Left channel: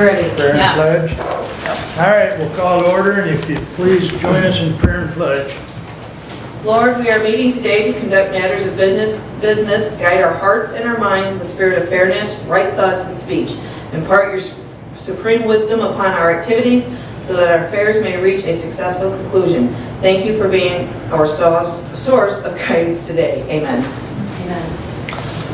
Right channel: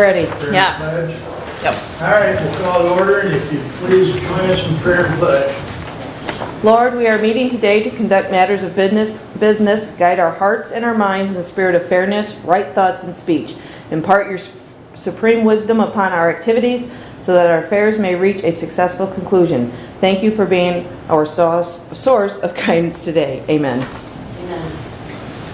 Ready? Prayer and Yes. pledge? Yep. All right, we'll call to order, and if you please join us in prayer and pledge. Lord, we are meeting today to conduct matters of business, guide our hearts and our minds in the spirit of fairness, right thoughts, and speech. Impart your supreme wisdom upon our activities so that our affairs may reach a successful conclusion. Thank you for being our source of guidance today. Amen. Amen.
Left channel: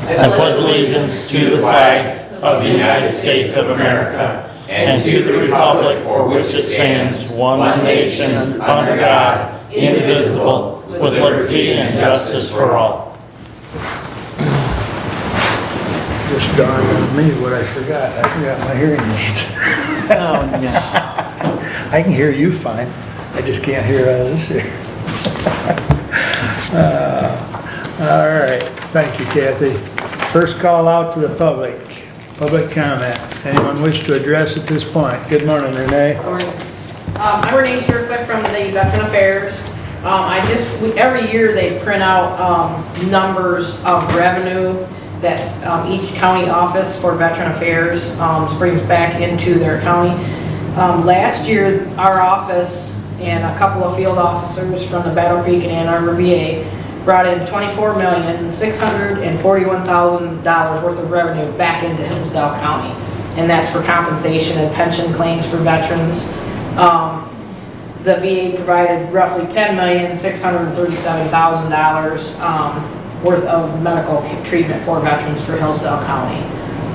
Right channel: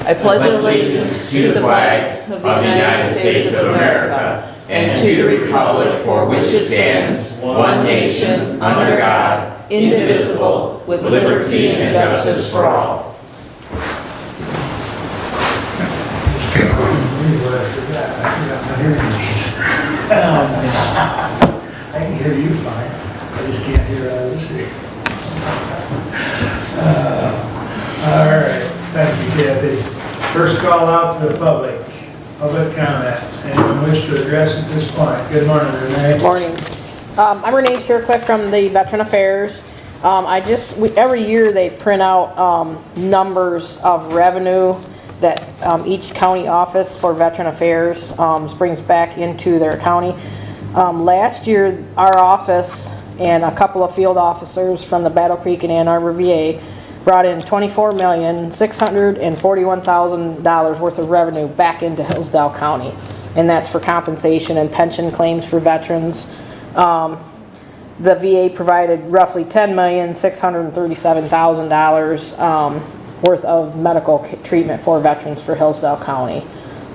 I pledge allegiance to the flag of the United States of America and to the republic for which it stands, one nation, under God, indivisible, with liberty and justice for all. Just dawned on me what I forgot. I got my hearing aids. I can hear you fine. I just can't hear others here. All right, thank you, Kathy. First call out to the public comment. Anyone wish to address at this point? Good morning, Renee. Good morning. I'm Renee Shercliffe from the Veteran Affairs. Every year they print out numbers of revenue that each county office for Veteran Affairs brings back into their county. Last year, our office and a couple of field officers from the Battle Creek and Ann Arbor VA brought in $24,641,000 worth of revenue back into Hillsdale County. And that's for compensation and pension claims for veterans. The VA provided roughly $10,637,000 worth of medical treatment for veterans for Hillsdale County.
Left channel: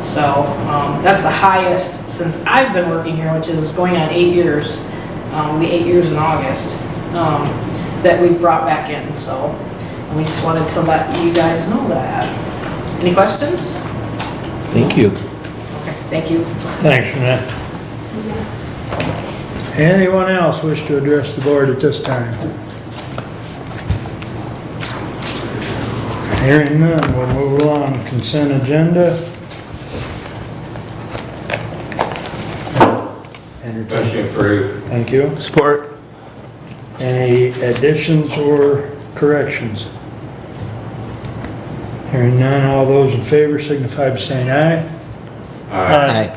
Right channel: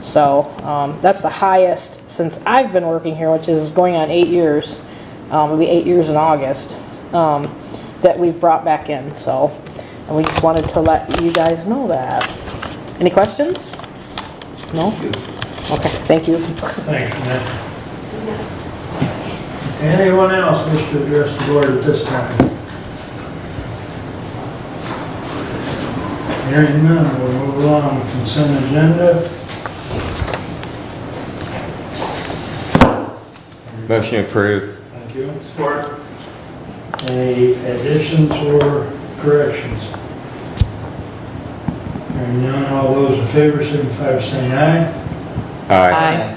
So that's the highest since I've been working here, which is going on 8 years. It'll be 8 years in August that we've brought back in. So we just wanted to let you guys know that. Any questions? Thank you. Okay, thank you. Thanks, Renee. Anyone else wish to address the board at this time? Hearing none, we'll move along. Consent agenda. Motion approved. Thank you. Support. Any additions or corrections? Hearing none, all those in favor signify by saying aye. Aye.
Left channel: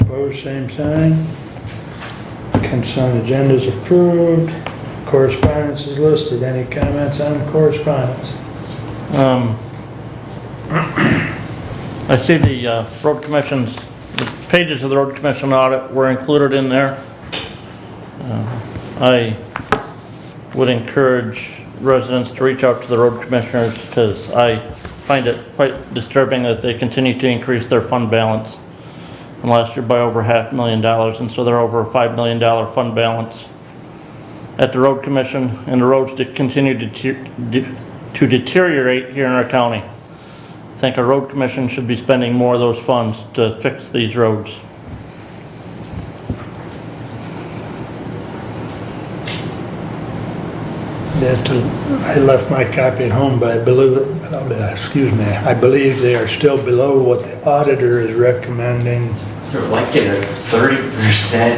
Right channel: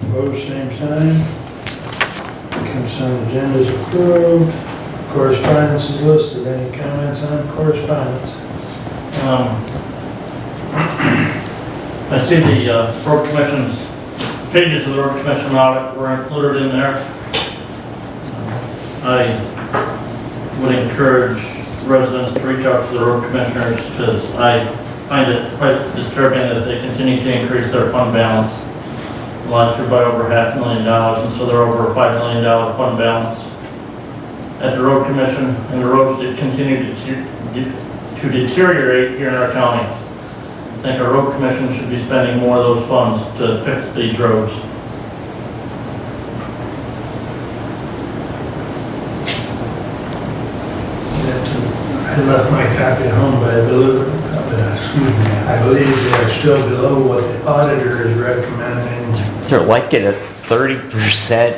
Opposed, same sign. Consent agenda is approved. Correspondence is listed. Any comments on correspondence? I see the road commission's pages of the road commission audit were included in there. I would encourage residents to reach out to the road commissioners because I find it quite disturbing that they continue to increase their fund balance. Last year by over $500,000, and so they're over a $5 million fund balance at the road commission, and the roads that continue to deteriorate here in our county. I think our road commission should be spending more of those funds to fix these roads. I left my copy at home, but I believe they are still below what the auditor is recommending. They're like at a 30%.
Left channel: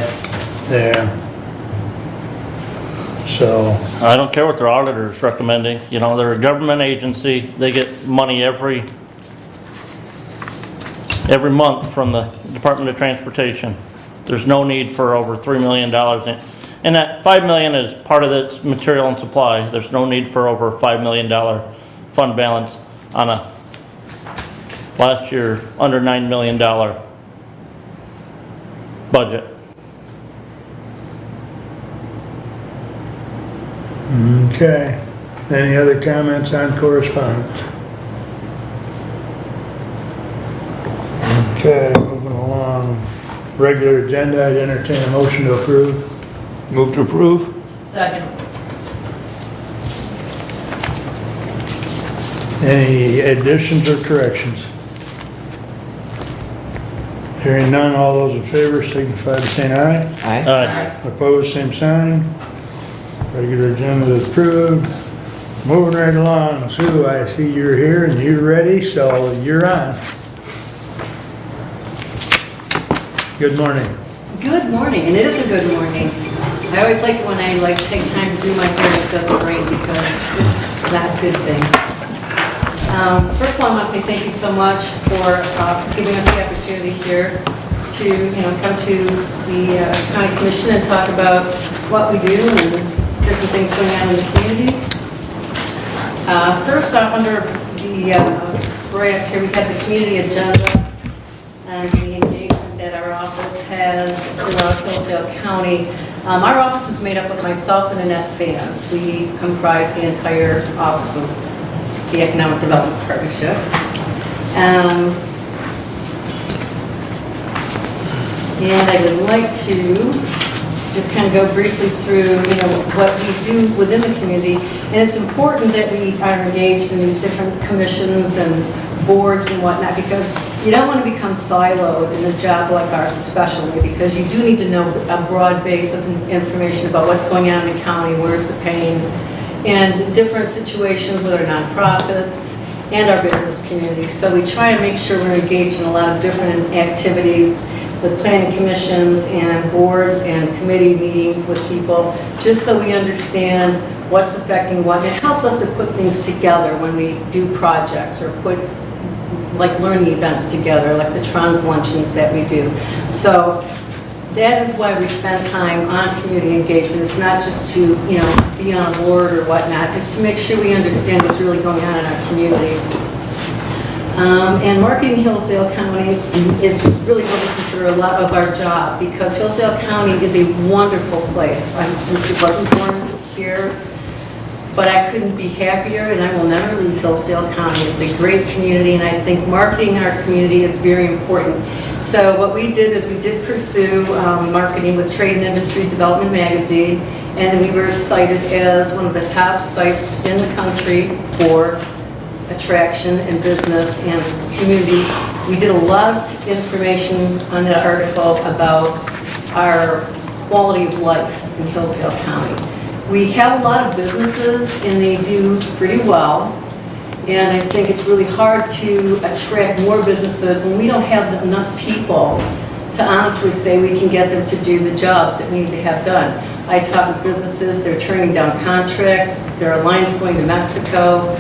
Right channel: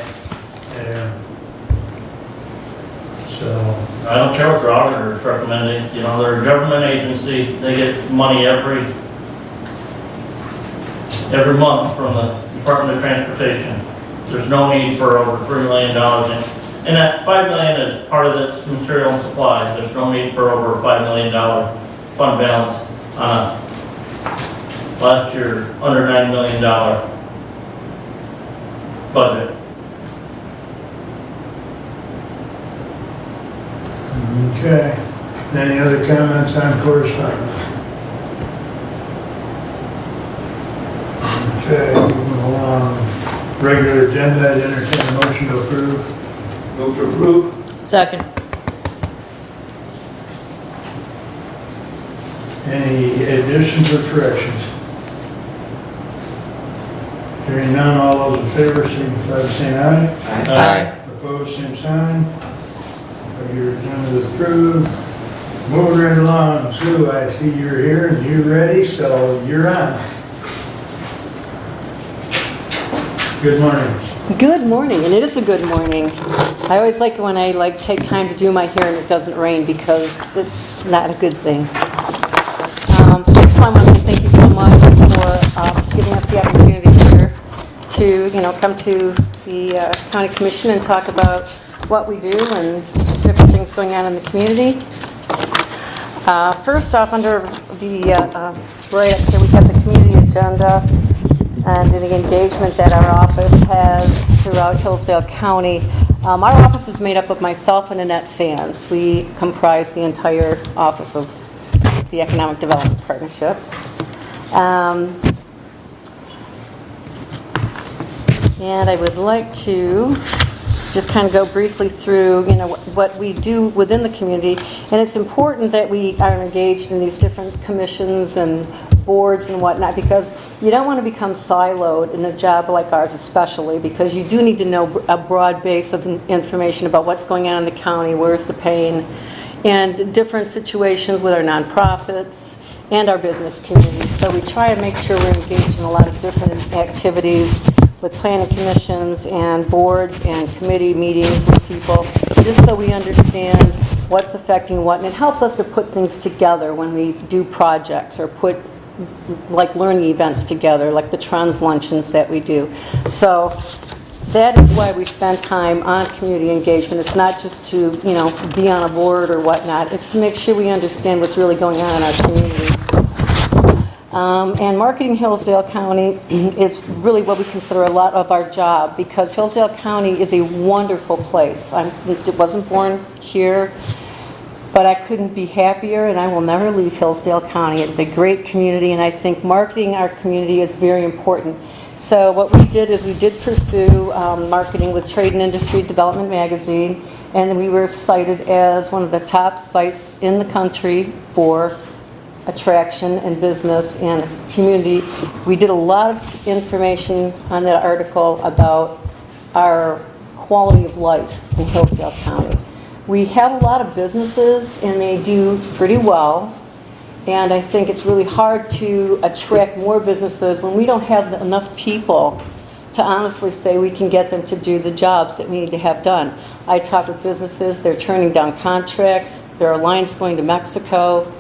Yeah. So, I don't care what their auditor is recommending. You know, they're a government agency. They get money every month from the Department of Transportation. There's no need for over $3 million. And that $5 million is part of the material and supply. There's no need for over a $5 million fund balance on a last year under $9 million budget. okay. Any other comments on correspondence? Okay, moving along. Regular agenda, I entertain a motion to approve. Move to approve. Second. Any additions or corrections? Hearing none, all those in favor signify by saying aye. Aye. Opposed, same sign. Regular agenda is approved. Moving right along, Sue, I see you're here and you're ready, so you're on. Good morning. Good morning, and it is a good morning. I always like when I take time to do my hair and it doesn't rain because it's not a good thing. First of all, I want to say thank you so much for giving us the opportunity here to come to the county commission and talk about what we do and different things going on in the community. First off, under the right up here, we have the community agenda and the engagement that our office has throughout Hillsdale County. Our office is made up of myself and Annette Sands. We comprise the entire office of the Economic Development Partnership. And I would like to just kind of go briefly through, what we do within the community. And it's important that we are engaged in these different commissions and boards and whatnot, because you don't want to become siloed in a job like ours, especially because you do need to know a broad base of information about what's going on in the county, where's the pain, and different situations with our nonprofits and our business community. So we try to make sure we're engaged in a lot of different activities with planning commissions and boards and committee meetings with people, just so we understand what's affecting what. It helps us to put things together when we do projects or put like learning events together, like the Trans luncheons that we do. So that is why we spend time on community engagement. It's not just to, be on a board or whatnot. It's to make sure we understand what's really going on in our community. And marketing Hillsdale County is really what we consider a lot of our job, because Hillsdale County is a wonderful place. I wasn't born here, but I couldn't be happier, and I will never leave Hillsdale County. It's a great community, and I think marketing our community is very important. So what we did is we did pursue marketing with Trade and Industry Development Magazine, and we were cited as one of the top sites in the country for attraction and business and community. We did a lot of information on that article about our quality of life in Hillsdale County. We have a lot of businesses and they do pretty well. And I think it's really hard to attract more businesses when we don't have enough people to honestly say we can get them to do the jobs that need to have done. I talk with businesses, they're turning down contracts, there are lines going to Mexico.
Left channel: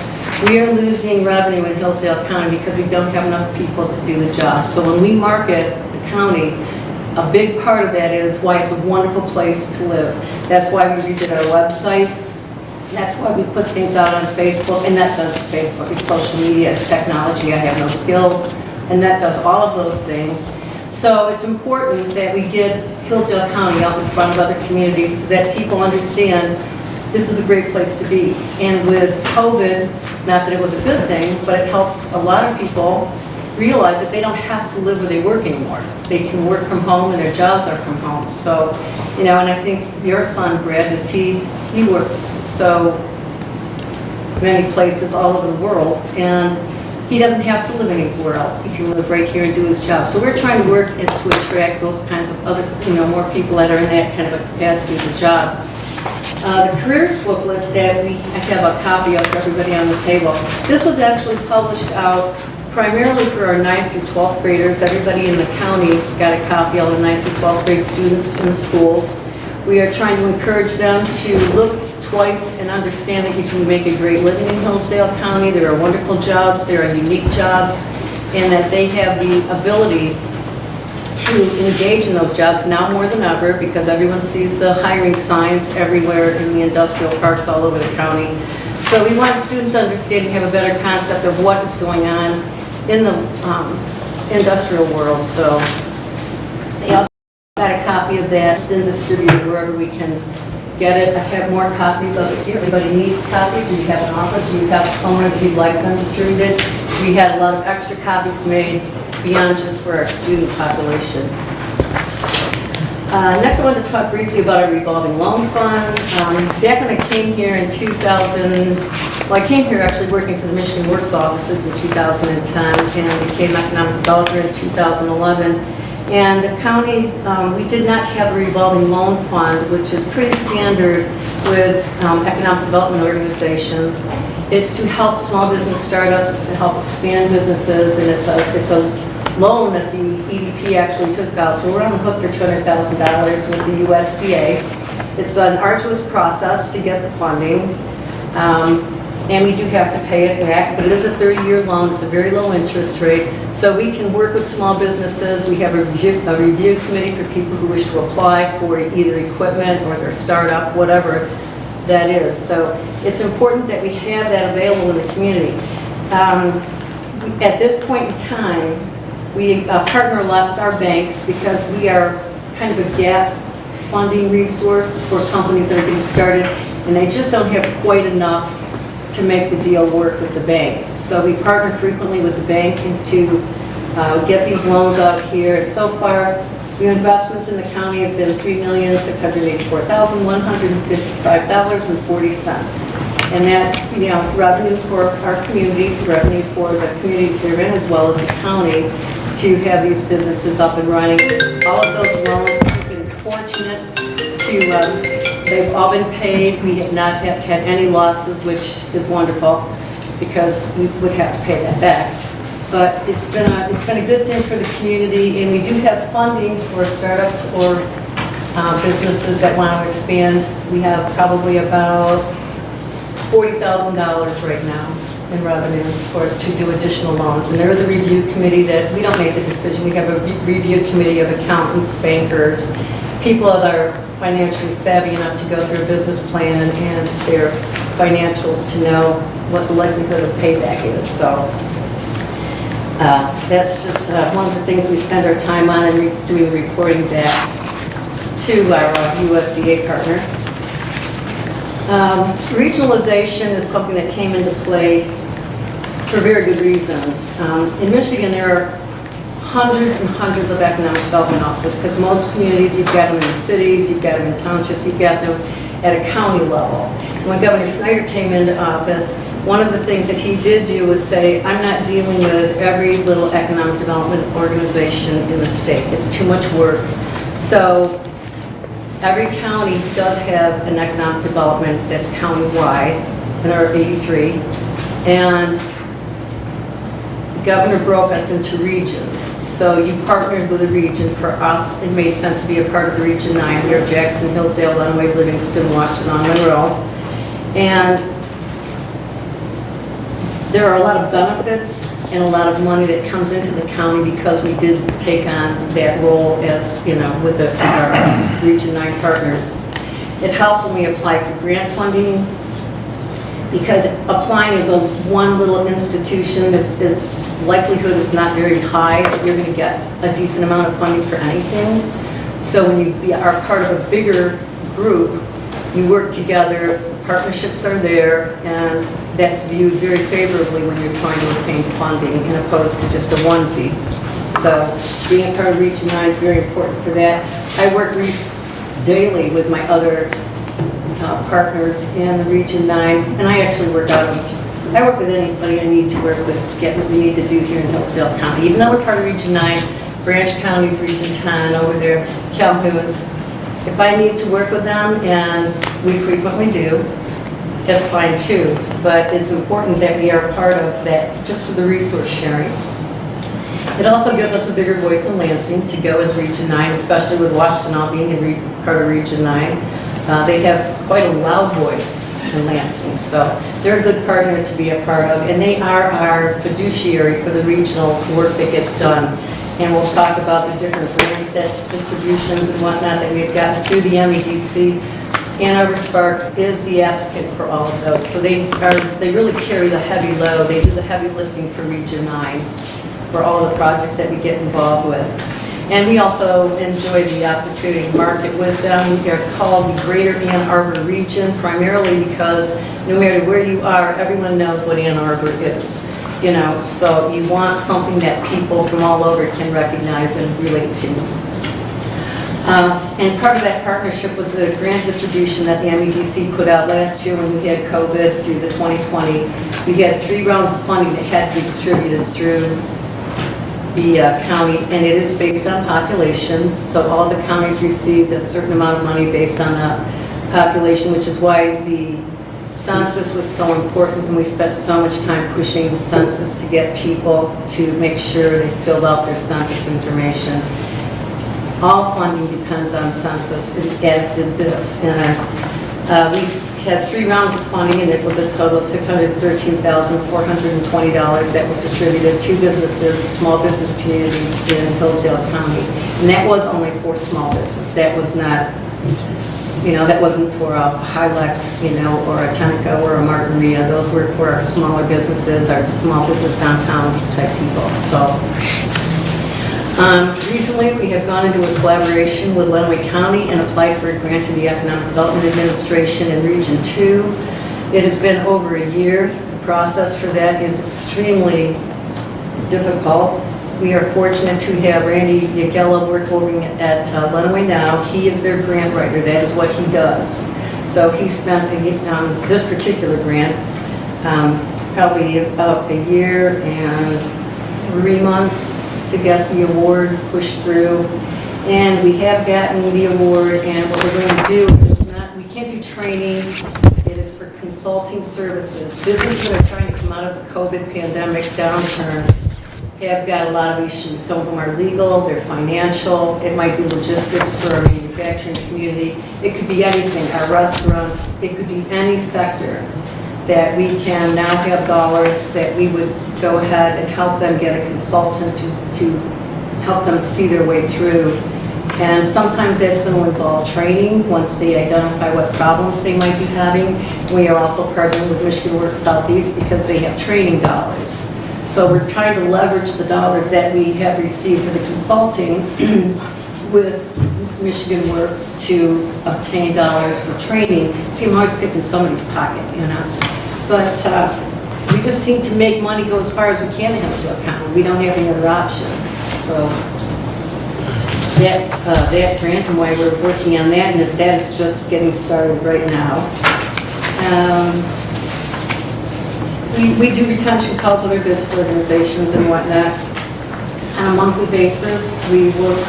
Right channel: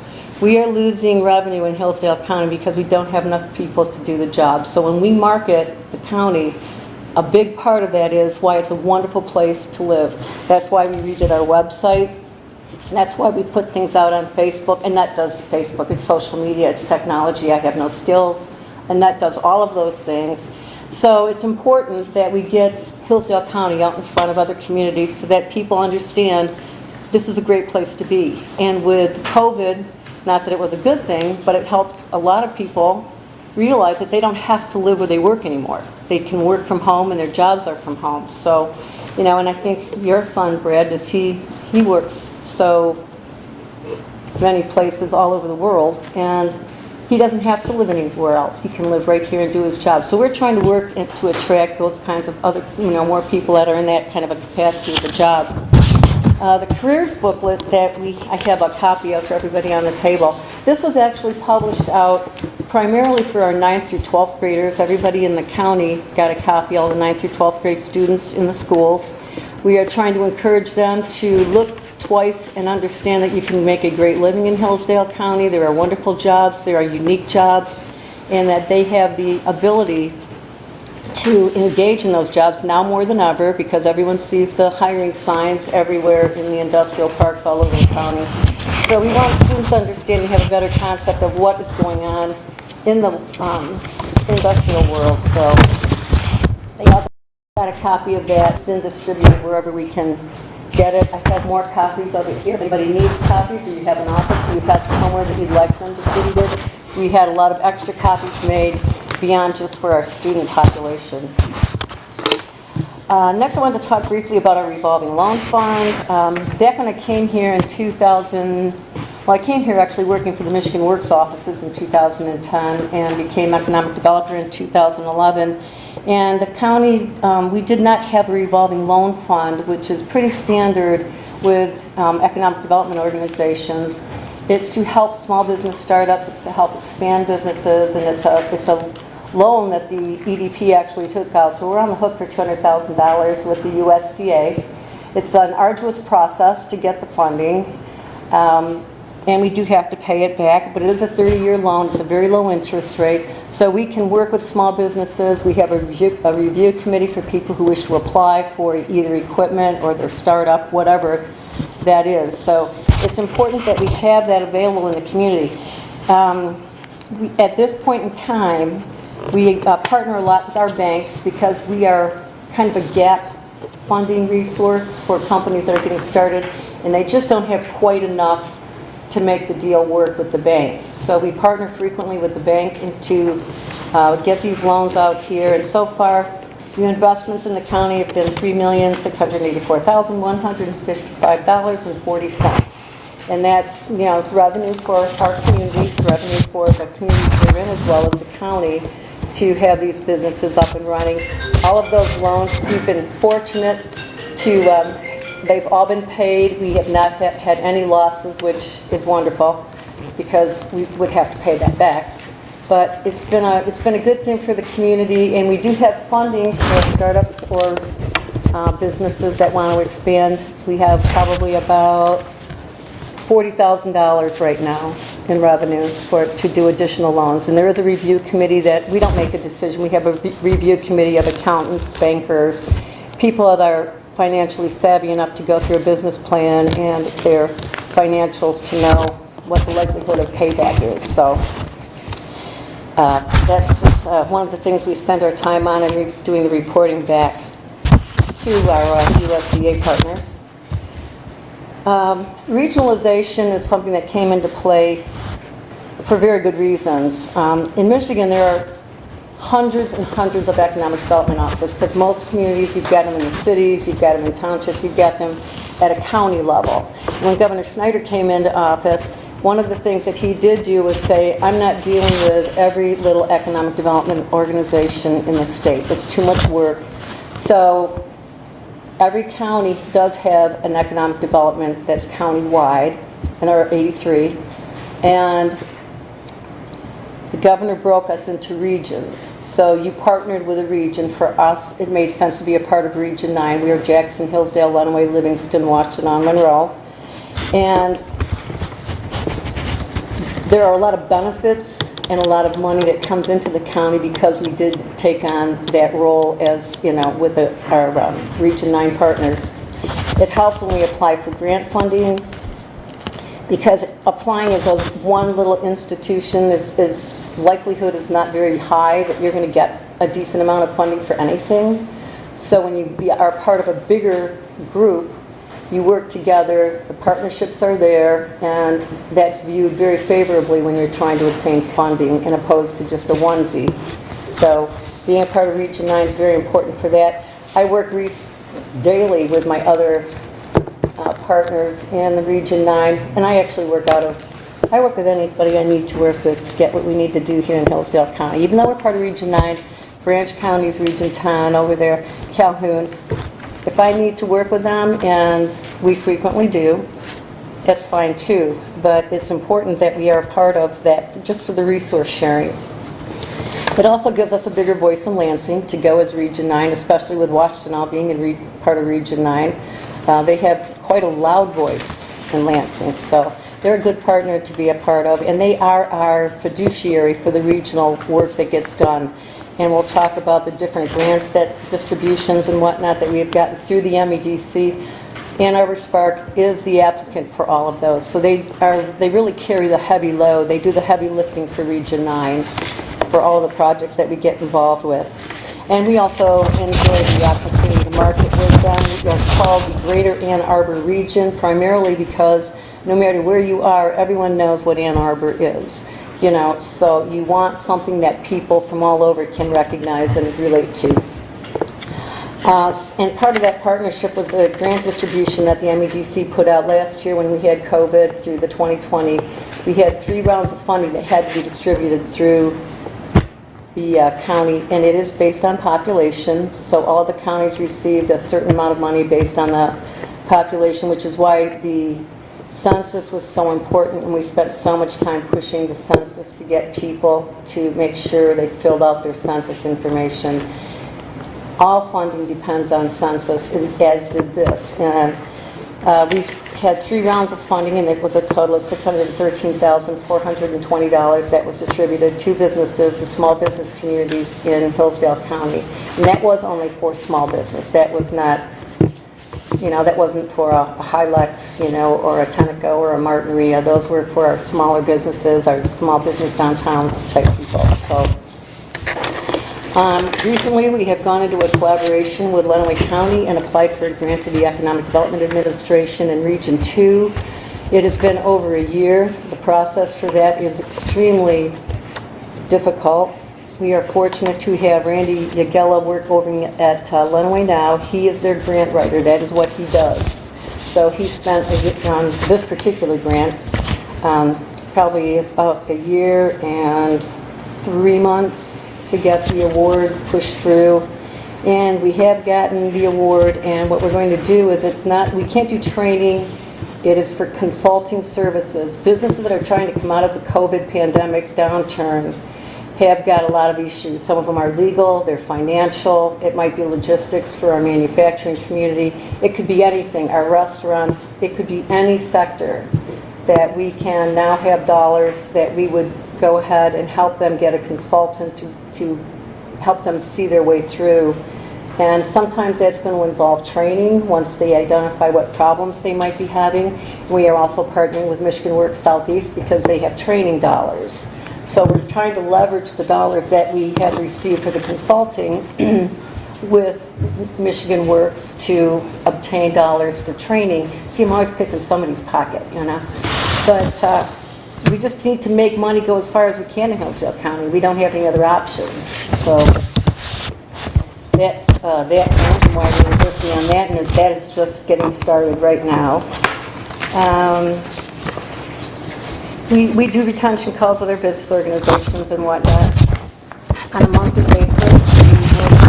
We are losing revenue in Hillsdale County because we don't have enough people to do the job. So when we market the county, a big part of that is why it's a wonderful place to live. That's why we redid our website. That's why we put things out on Facebook, and that does Facebook. It's social media, it's technology. I have no skills, and that does all of those things. So it's important that we get Hillsdale County out in front of other communities so that people understand this is a great place to be. And with COVID, not that it was a good thing, but it helped a lot of people realize that they don't have to live where they work anymore. They can work from home and their jobs are from home. So, and I think your son, Brad, he works so many places all over the world, and he doesn't have to live anywhere else. He can live right here and do his job. So we're trying to work to attract those kinds of other, more people that are in that kind of a capacity of a job. The Careers Booklet that I have a copy of for everybody on the table. This was actually published out primarily for our 9th through 12th graders. Everybody in the county got a copy, all the 9th through 12th grade students in the schools. We are trying to encourage them to look twice and understand that you can make a great living in Hillsdale County. There are wonderful jobs, there are unique jobs, and that they have the ability to engage in those jobs now more than ever, because everyone sees the hiring signs everywhere in the industrial parks all over the county. So we want students to understand and have a better concept of what is going on in the industrial world. So they also got a copy of that. It's been distributed wherever we can get it. I have more copies of it here. Everybody needs copies. You have an office, or you've got someone if you'd like them distributed. We had a lot of extra copies made beyond just for our student population. Next, I wanted to talk briefly about our revolving loan fund. Back when I came here in 2000, I came here actually working for the Michigan Works offices in 2010, and became economic developer in 2011. And the county, we did not have a revolving loan fund, which is pretty standard with economic development organizations. It's to help small business startups, it's to help expand businesses, and it's a loan that the EDP actually took out. So we're on the hook for $200,000 with the USDA. It's an arduous process to get the funding. and we do have to pay it back, but it is a 30-year loan, it's a very low interest rate, so we can work with small businesses. We have a review committee for people who wish to apply for either equipment or their startup, whatever that is. So it's important that we have that available in the community. At this point in time, we partner a lot with our banks because we are kind of a gap funding resource for companies that are getting started, and they just don't have quite enough to make the deal work with the bank. So we partner frequently with the bank to get these loans out here. And so far, the investments in the county have been $3,684,155.40. And that's, revenue for our community, revenue for the communities we're in, as well as the county, to have these businesses up and running. All of those loans, we've been fortunate to, they've all been paid. We have not had any losses, which is wonderful, because we would have to pay that back. But it's been a good thing for the community, and we do have funding for startups or businesses that want to expand. We have probably about $40,000 right now in revenue to do additional loans. And there is a review committee that, we don't make the decision, we have a review committee of accountants, bankers, people that are financially savvy enough to go through a business plan and their financials to know what the likelihood of payback is. So that's just one of the things we spend our time on, and doing reporting back to our USDA partners. Regionalization is something that came into play for very good reasons. In Michigan, there are hundreds and hundreds of economic development offices, because most communities, you've got them in the cities, you've got them in townships, you've got them at a county level. And when Governor Snyder came into office, one of the things that he did do was say, I'm not dealing with every little economic development organization in the state. It's too much work. So every county does have an economic development that's county-wide, and there are 83. And the governor broke us into regions. So you partnered with a region. For us, it made sense to be a part of the Region 9. We are Jackson, Hillsdale, Lenawee, Livingston, Washington, on Monroe. And there are a lot of benefits and a lot of money that comes into the county because we did take on that role as, with our Region 9 partners. It helps when we apply for grant funding, because applying as a one little institution is likelihood is not very high that you're going to get a decent amount of funding for anything. So when you are part of a bigger group, you work together, the partnerships are there, and that's viewed very favorably when you're trying to obtain funding, as opposed to just a onesie. So being a part of Region 9 is very important for that. I work daily with my other partners in the Region 9, and I actually work with anybody I need to work with to get what we need to do here in Hillsdale County. Even though we're part of Region 9, Branch County's Region 10 over there, Calhoun, if I need to work with them, and we frequently do, that's fine too. But it's important that we are part of that, just for the resource sharing. It also gives us a bigger voice in Lansing to go as Region 9, especially with Washington being part of Region 9. They have quite a loud voice in Lansing, so they're a good partner to be a part of, and they are our fiduciary for the regional work that gets done. And we'll talk about the different grants, that distributions and whatnot that we have gotten through the MEDC. Ann Arbor Spark is the applicant for all of those, so they really carry the heavy load. They do the heavy lifting for Region 9 for all the projects that we get involved with. And we also enjoy the opportunity to market with them. We are called the Greater Ann Arbor Region, primarily because no matter where you are, everyone knows what Ann Arbor is. So you want something that people from all over can recognize and relate to. And part of that partnership was the grant distribution that the MEDC put out last year when we had COVID through the 2020. We had 3 rounds of funding that had to be distributed through the county, and it is based on population. So all the counties received a certain amount of money based on the population, which is why the census was so important, and we spent so much time pushing the census to get people to make sure they filled out their census information. All funding depends on census, as did this. And we had 3 rounds of funding, and it was a total of $613,420 that was distributed to businesses, small business communities in Hillsdale County. And that was only for small business. That was not, that wasn't for a Hilux, or a Tenneco or a Margarita. Those were for our smaller businesses, our small business downtown type people. So recently, we have gone into a collaboration with Lenawee County and applied for a grant to the Economic Development Administration in Region 2. It has been over a year. The process for that is extremely difficult. We are fortunate to have Randy Yagella work over at Lenawee now. He is their grant writer. That is what he does. So he spent this particular grant probably about a year and 3 months to get the award pushed through, and we have gotten the award. And what we're going to do is we can't do training. It is for consulting services. Businesses that are trying to come out of the COVID pandemic downturn have got a lot of issues. Some of them are legal, they're financial, it might be logistics for our manufacturing community. It could be anything, our restaurants, it could be any sector that we can now have dollars that we would go ahead and help them get a consultant to help them see their way through. And sometimes that's going to involve training once they identify what problems they might be having. We are also partnering with Michigan Works Southeast because they have training dollars. So we're trying to leverage the dollars that we have received for the consulting with Michigan Works to obtain dollars for training. See, I'm always picking somebody's pocket, But we just need to make money go as far as we can in Hillsdale County. We don't have any other option. So that's that grant and why we're working on that, and that is just getting started right now. We do retention calls with our business organizations and whatnot on a monthly basis. We work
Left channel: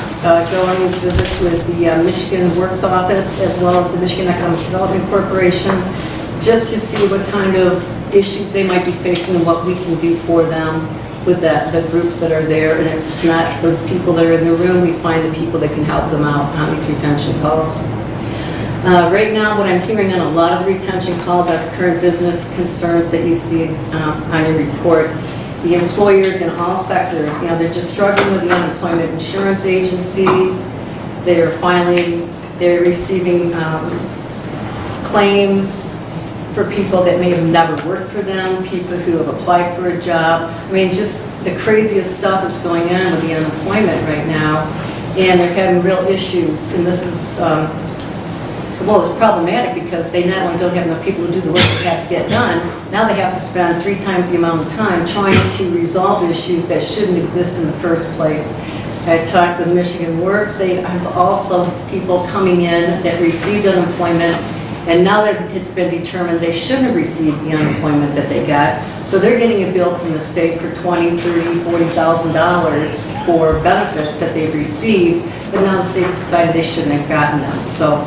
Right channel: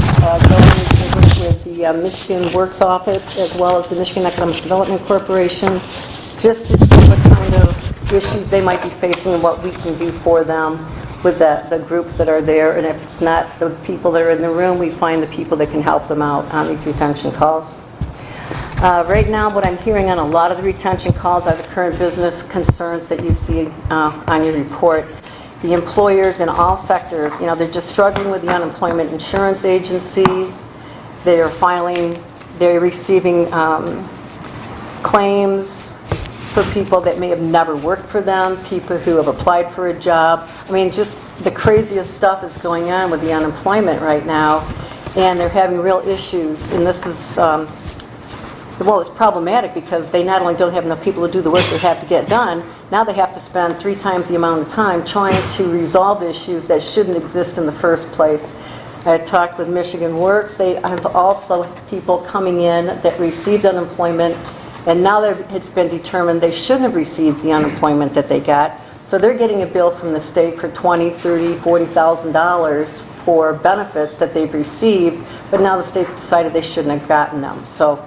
with the Michigan Works Office as well as the Michigan Economic Development Corporation just to see what kind of issues they might be facing and what we can do for them with the groups that are there. And if it's not the people that are in the room, we find the people that can help them out on these retention calls. Right now, what I'm hearing on a lot of the retention calls are current business concerns that you see on your report. The employers in all sectors, they're just struggling with the unemployment insurance agency. They're receiving claims for people that may have never worked for them, people who have applied for a job. I mean, just the craziest stuff that's going on with the unemployment right now. And they're having real issues. And this is, it's problematic because they not only don't have enough people to do the work they have to get done, now they have to spend 3 times the amount of time trying to resolve issues that shouldn't exist in the first place. I talked with Michigan Works. They have also people coming in that received unemployment, and now that it's been determined they shouldn't have received the unemployment that they got. So they're getting a bill from the state for $20,000, $30,000, $40,000 for benefits that they've received, but now the state decided they shouldn't have gotten them. So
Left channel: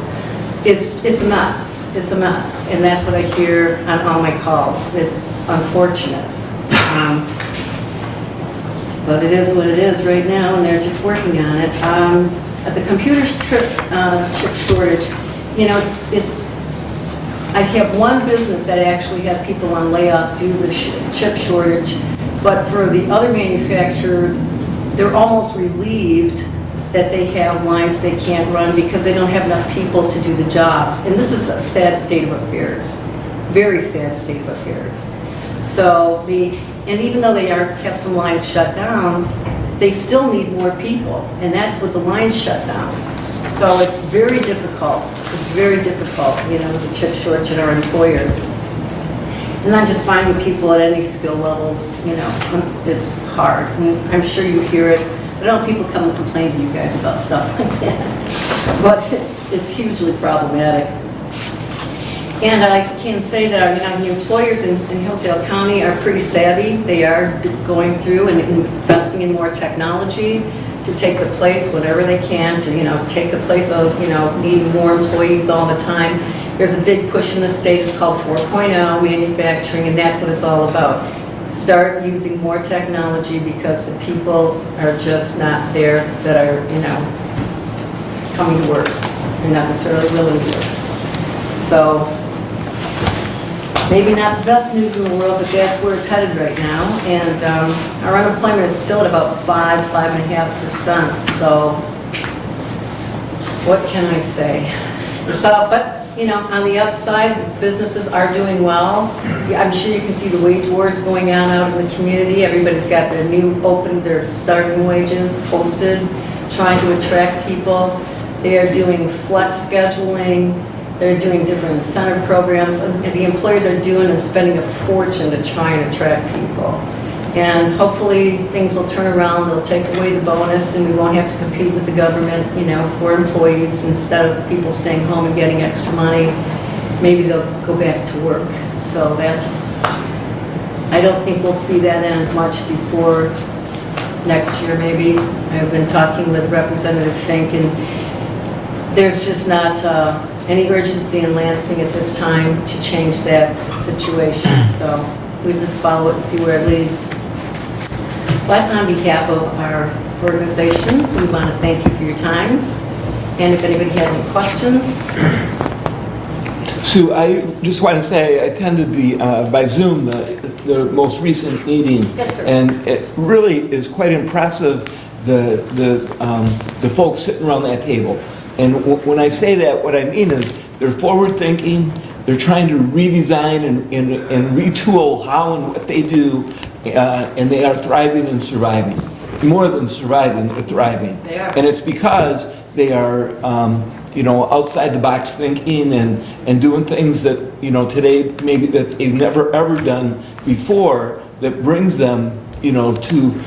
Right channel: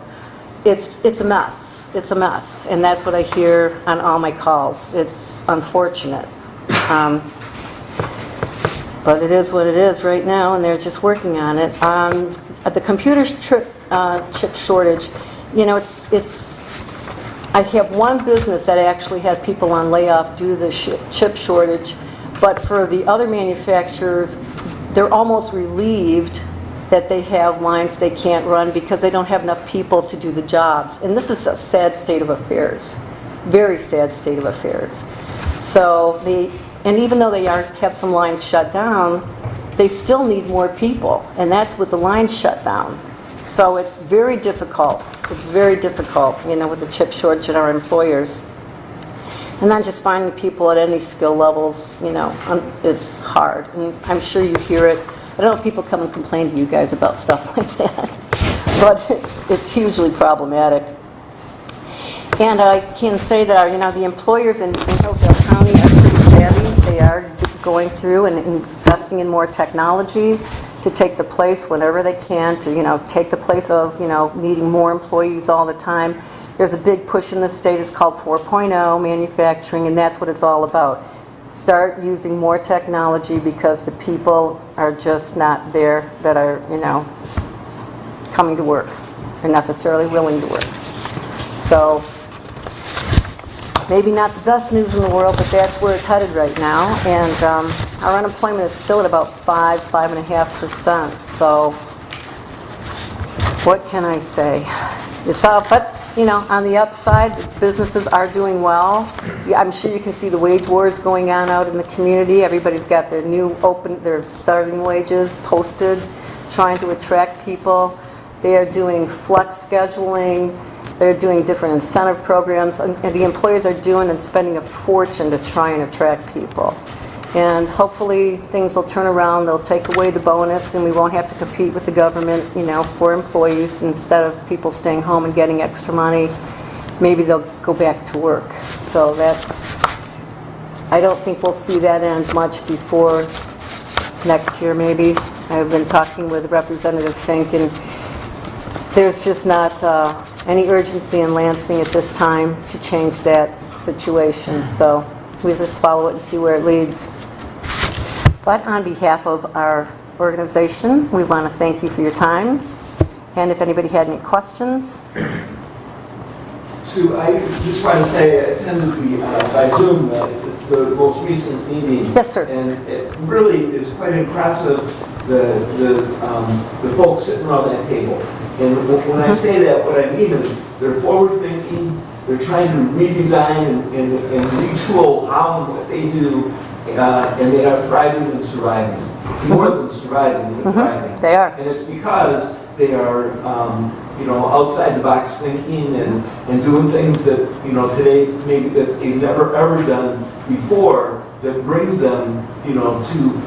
it's a mess. It's a mess, and that's what I hear on all my calls. It's unfortunate. But it is what it is right now, and they're just working on it. At the computer chip shortage, I have one business that actually has people on layoff due to the chip shortage, but for the other manufacturers, they're almost relieved that they have lines they can't run because they don't have enough people to do the jobs. And this is a sad state of affairs, very sad state of affairs. So and even though they have some lines shut down, they still need more people, and that's with the lines shut down. So it's very difficult. It's very difficult, with the chip shortage at our employers. And not just finding people at any skill levels, it's hard. And I'm sure you hear it. I don't know if people come and complain to you guys about stuff like that, but it's hugely problematic. And I can say that the employers in Hillsdale County are pretty savvy. They are going through and investing in more technology to take the place, whatever they can, to take the place of needing more employees all the time. There's a big push in the state. It's called 4.0 manufacturing, and that's what it's all about. Start using more technology because the people are just not there that are coming to work and necessarily willing to work. So maybe not the best news in the world, but that's where it's headed right now. And our unemployment is still at about 5.5%. So what can I say? So, but, you know, on the upside, businesses are doing well. I'm sure you can see the wage wars going on out in the community. Everybody's got their their starting wages posted, trying to attract people. They're doing flex scheduling. They're doing different incentive programs. And the employers are doing and spending a fortune to try and attract people. And hopefully things will turn around. They'll take away the bonus and we won't have to compete with the government, you know, for employees. Instead of people staying home and getting extra money, maybe they'll go back to work. So I don't think we'll see that end much before next year maybe. I've been talking with Representative Fink and there's just not any urgency in Lansing at this time to change that situation. So we just follow it and see where it leads. But on behalf of our organization, we want to thank you for your time. And if anybody had any questions. Sue, I just want to say I attended by Zoom the most recent meeting. Yes, sir. And it really is quite impressive, the folks sitting around that table. And when I say that, what I mean is they're forward thinking, they're trying to redesign and retool how and what they do, and they are thriving and surviving. More than surviving, they're thriving. They are. And it's because they are, you know, outside the box thinking and doing things that, you know, today maybe that they've never ever done before that brings them, you know, to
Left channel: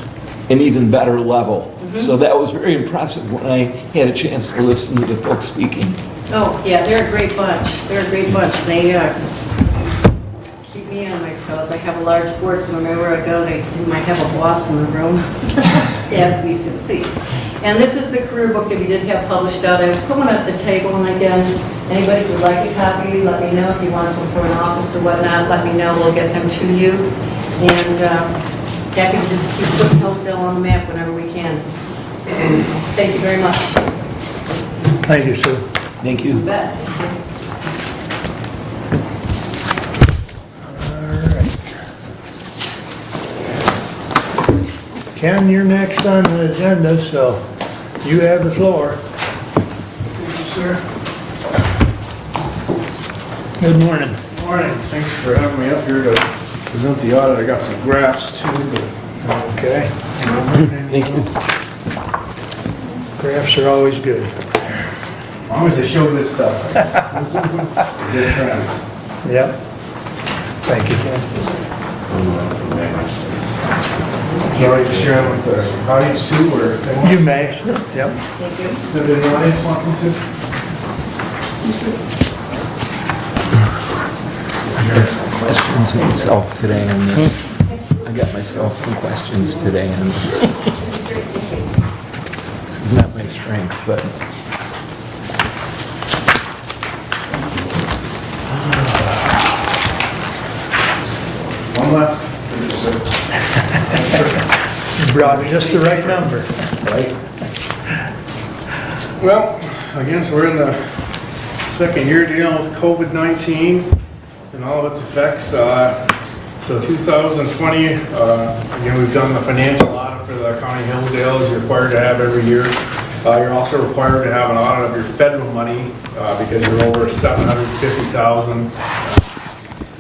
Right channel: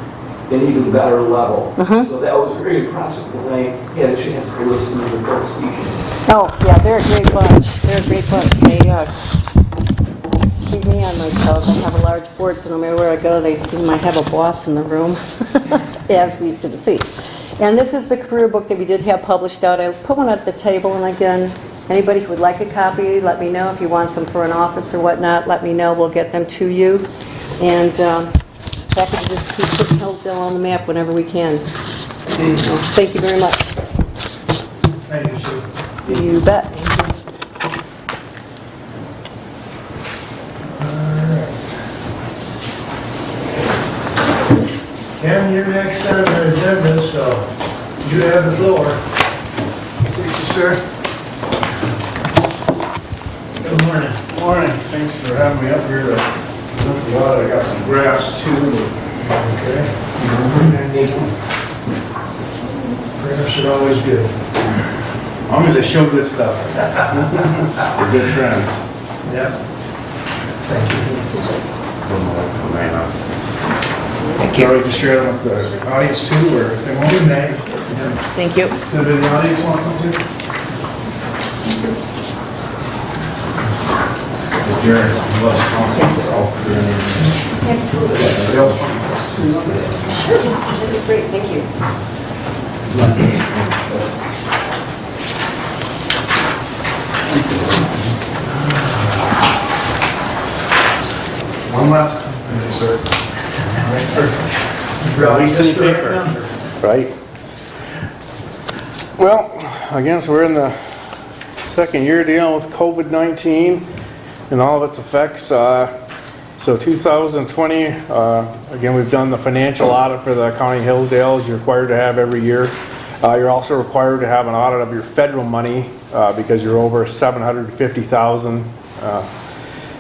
an even better level. So that was very impressive when I had a chance to listen to the folks speaking. Oh, yeah, they're a great bunch. They're a great bunch. They keep me on my toes. They have a large board, so wherever I go, they might have a boss in the room. They have to be see. And this is the career book that we did have published out. I put one at the table, and again, anybody who would like a copy, let me know. If you want some for an office or whatnot, let me know. We'll get them to you. And happy to just keep putting Hillsdale on the map whenever we can. Thank you very much. Thank you, sir. Thank You bet. All right. Ken, you're next on the agenda, so you have the floor. Thank you, sir. Good morning. Morning. Thanks for having me up here to present the audit. I got some graphs too. Okay. Graphs are always good. As long as they show good stuff. They're good trends. Yep. Thank you, Ken. Would you like to share them with the audience too, or if they want? You may. Yep. Thank you. Does the audience want some too? Yourself today. Questions today. That'd be great, thank you. This is not the strength, but One left. Probably just the right number. right? Well, again, so we're in the second year dealing with COVID-19 and all of its effects. So 2020, again, we've done the financial audit for the County of Hillsdale, as you're required to have every year. You're also required to have an audit of your federal money because you're over $750,000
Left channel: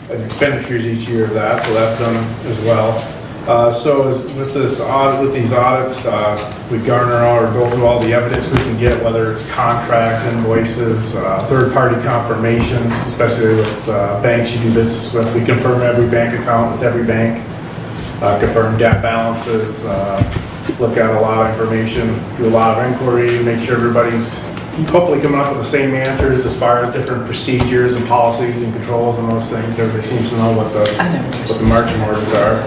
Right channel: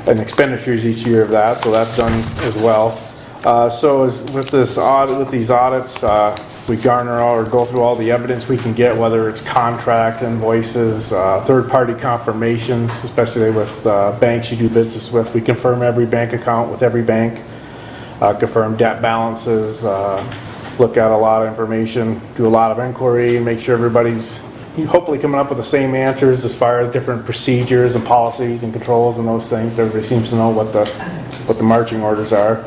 in expenditures each year of that, so that's done as well. With these audits, we garner or go through all the evidence we can get, whether it's contracts, invoices, third-party confirmations, especially with banks you do business with. We confirm every bank account with every bank, confirm debt balances, look at a lot of information, do a lot of inquiry, make sure everybody's hopefully coming up with the same answers as far as different procedures and policies and controls and those things. Everybody seems to know what the marching orders are.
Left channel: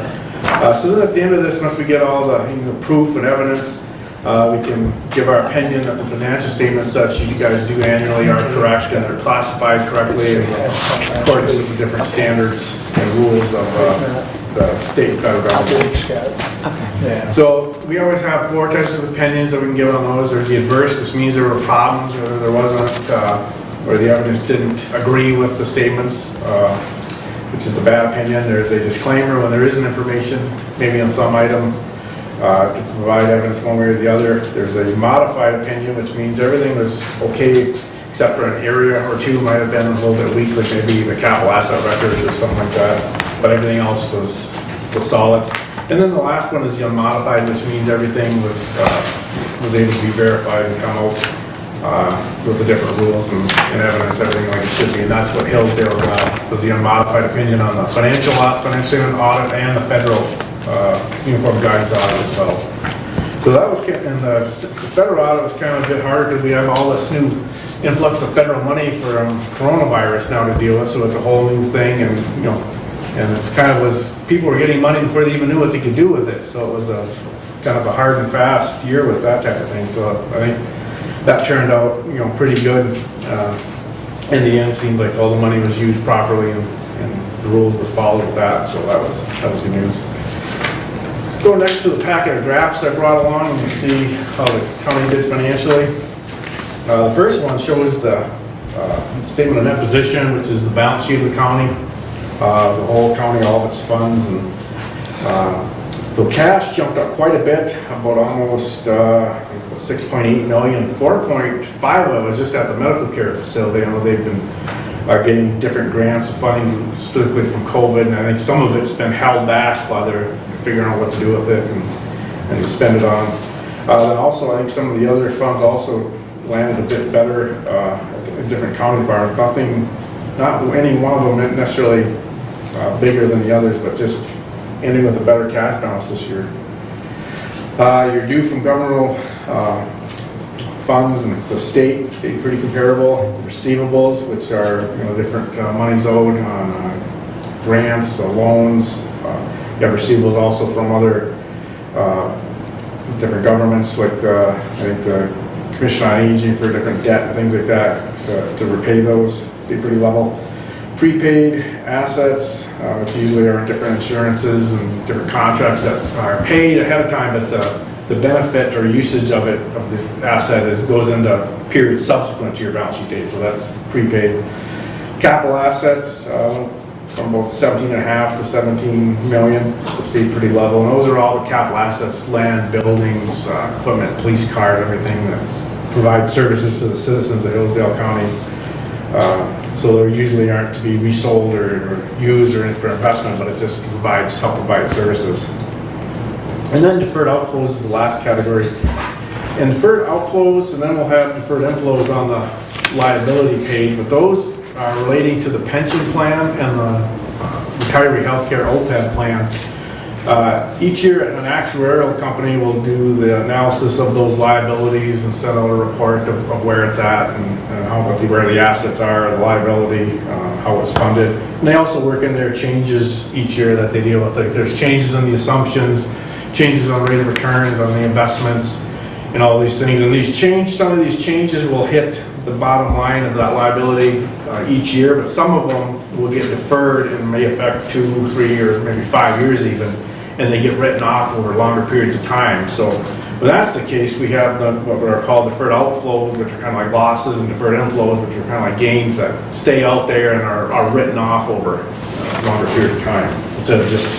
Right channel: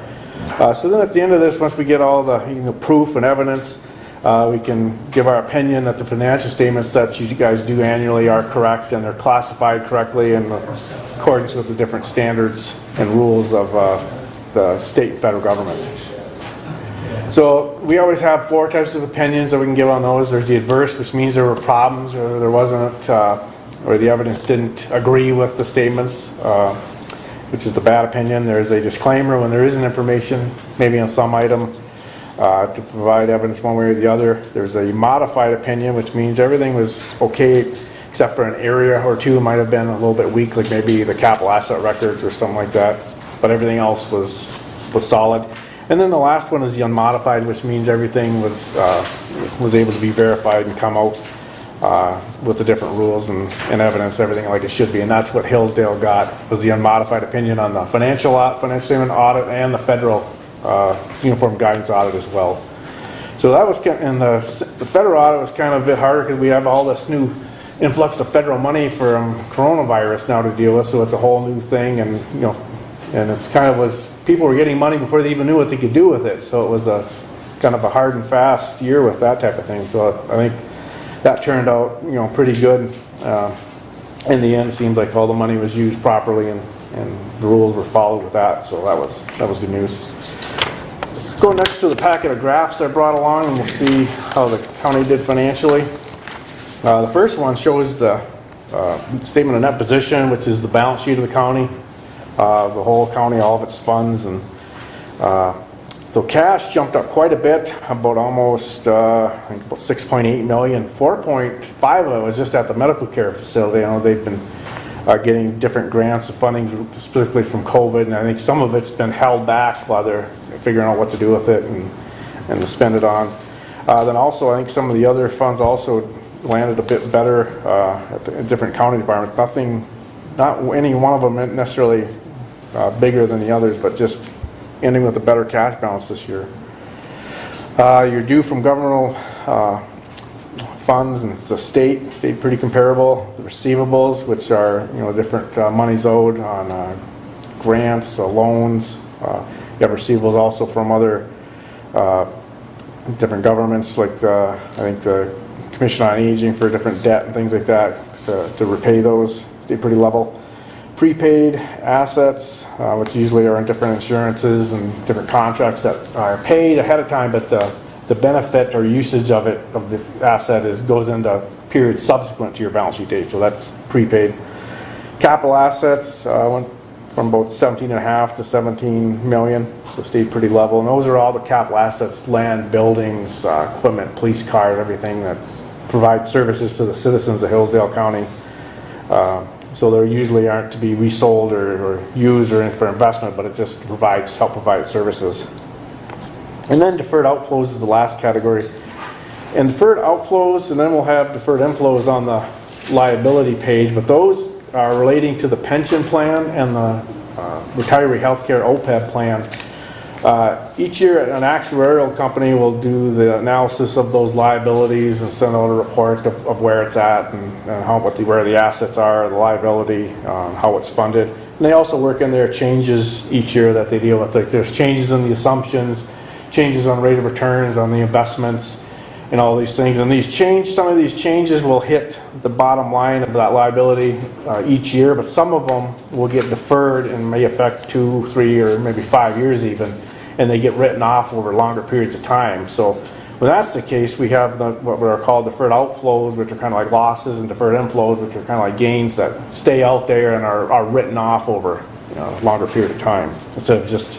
So then at the end of this, once we get all the proof and evidence, we can give our opinion that the financial statements that you guys do annually are correct and they're classified correctly in accordance with the different standards and rules of the state and federal government. Yeah. So we always have 4 types of opinions that we can give on those. There's the adverse, which means there were problems or there wasn't, or the evidence didn't agree with the statements. which is the bad opinion. There's a disclaimer when there isn't information, maybe on some item, to provide evidence one way or the other. There's a modified opinion, which means everything was okay except for an area or two might have been a little bit weak, like maybe the capital asset records or something like that. But everything else was solid. And then the last one is the unmodified, which means everything was able to be verified and come out with the different rules and evidence, everything like it should be. And that's what Hillsdale got, was the unmodified opinion on the financial audit and the federal uniform guidance audit as well. So that was, and the federal audit was kind of a bit harder because we have all this new influx of federal money for coronavirus now to deal with, so it's a whole new thing, and and it's kind of was, people were getting money before they even knew what they could do with it, so it was a kind of a hard and fast year with that type of thing. So I think that turned out, pretty good. In the end, it seemed like all the money was used properly and the rules were followed with that, so that was good news. Go next to the packet of graphs I brought along, and we'll see how the county did financially. The first one shows the statement of net position, which is the balance sheet of the county, the whole county, all of its funds, and so cash jumped up quite a bit, about almost about 6.8 million. 4.5 of it was just at the medical care facility. They've been getting different grants, funding specifically from COVID, and I think some of it's been held back while they're figuring out what to do with it and to spend it on. Then also, I think some of the other funds also landed a bit better in different county departments. Not any one of them necessarily bigger than the others, but just ending with a better cash balance this year. Your due from governmental funds and the state stayed pretty comparable. Receivables, which are different monies owed on grants, loans. You have receivables also from other different governments, like I think the Commission on Aging for different debt and things like that to repay those. Stay pretty level. Prepaid assets, which usually are different insurances and different contracts that are paid ahead of time, but the benefit or usage of it, of the asset, goes into periods subsequent to your balance sheet date. So that's prepaid. Capital assets went from about 17.5 to 17 million, so stayed pretty level. And those are all the capital assets: land, buildings, equipment, police cars, everything that provides services to the citizens of Hillsdale County. So they usually aren't to be resold or used or in for investment, but it just help provide services. And then deferred outflows is the last category. And deferred outflows, and then we'll have deferred inflows on the liability page, but those are relating to the pension plan and the retiree healthcare OPEB plan. Each year, an actuarial company will do the analysis of those liabilities and send out a report of where it's at and where the assets are, the liability, how it's funded. And they also work in their changes each year that they deal with. Like there's changes in the assumptions, changes on rate of returns, on the investments, and all these things. And some of these changes will hit the bottom line of that liability each year, but some of them will get deferred and may affect 2, 3, or maybe 5 years even, and they get written off over longer periods of time. So when that's the case, we have what are called deferred outflows, which are kind of like losses, and deferred inflows, which are kind of like gains that stay out there and are written off over a longer period of time, instead of just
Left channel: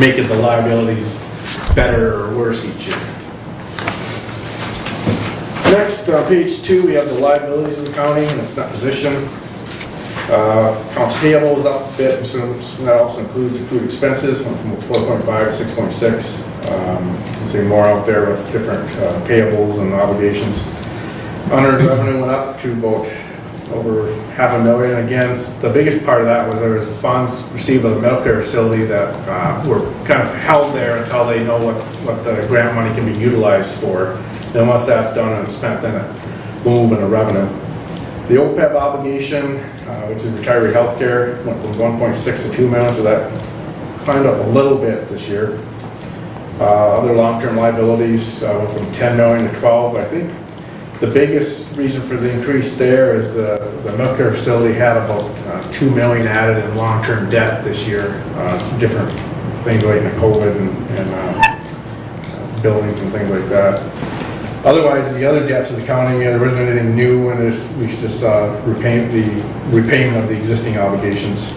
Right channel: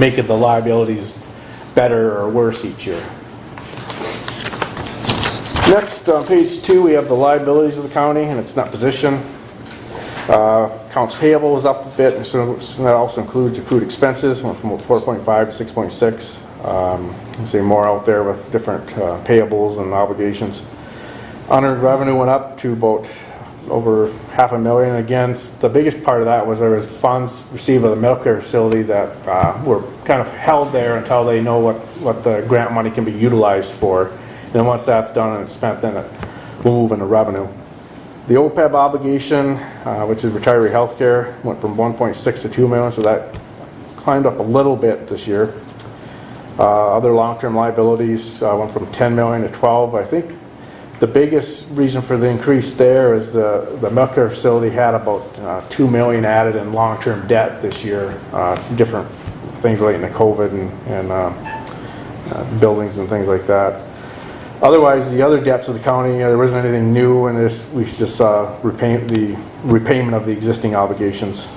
making the liabilities better or worse each year. Next, page 2, we have the liabilities of the county and its net position. Accounts payable is up a bit, and so that also includes accrued expenses, went from 4.5 to 6.6. You see more out there with different payables and obligations. Unearned revenue went up to about over $500,000. Again, the biggest part of that was there was funds received by the medical care facility that were kind of held there until they know what the grant money can be utilized for. Then once that's done and spent, then it move in the revenue. The OPEB obligation, which is retiree health care, went from 1.6 to 2 million, so that climbed up a little bit this year. Other long-term liabilities went from 10 million to 12, but I think the biggest reason for the increase there is the medical care facility had about 2 million added in long-term debt this year, different things like the COVID and buildings and things like that. Otherwise, the other debts of the county, there wasn't anything new, and we just repayment of the existing obligations.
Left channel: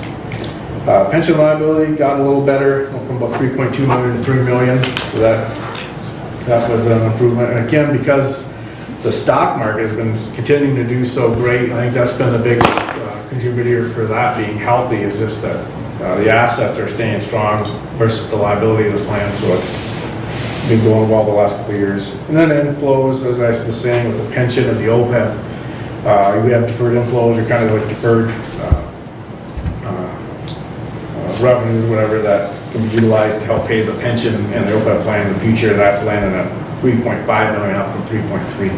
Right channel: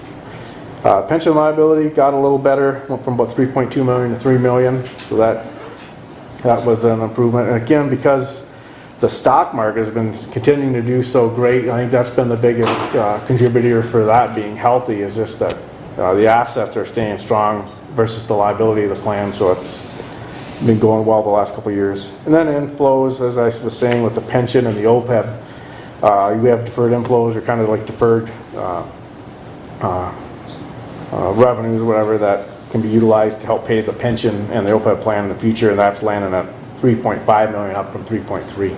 Pension liability got a little better, went from about 3.2 million to 3 million. So that was an improvement. And again, because the stock market has been continuing to do so great, I think that's been the biggest contributor for that being healthy, is just that the assets are staying strong versus the liability of the plan. So it's been going well the last couple of years. And then inflows, as I was saying, with the pension and the OPEB, we have deferred inflows, or kind of like deferred revenue, whatever, that can be utilized to help pay the pension and the OPEB plan in the future. That's landing at 3.5 million, up from 3.3.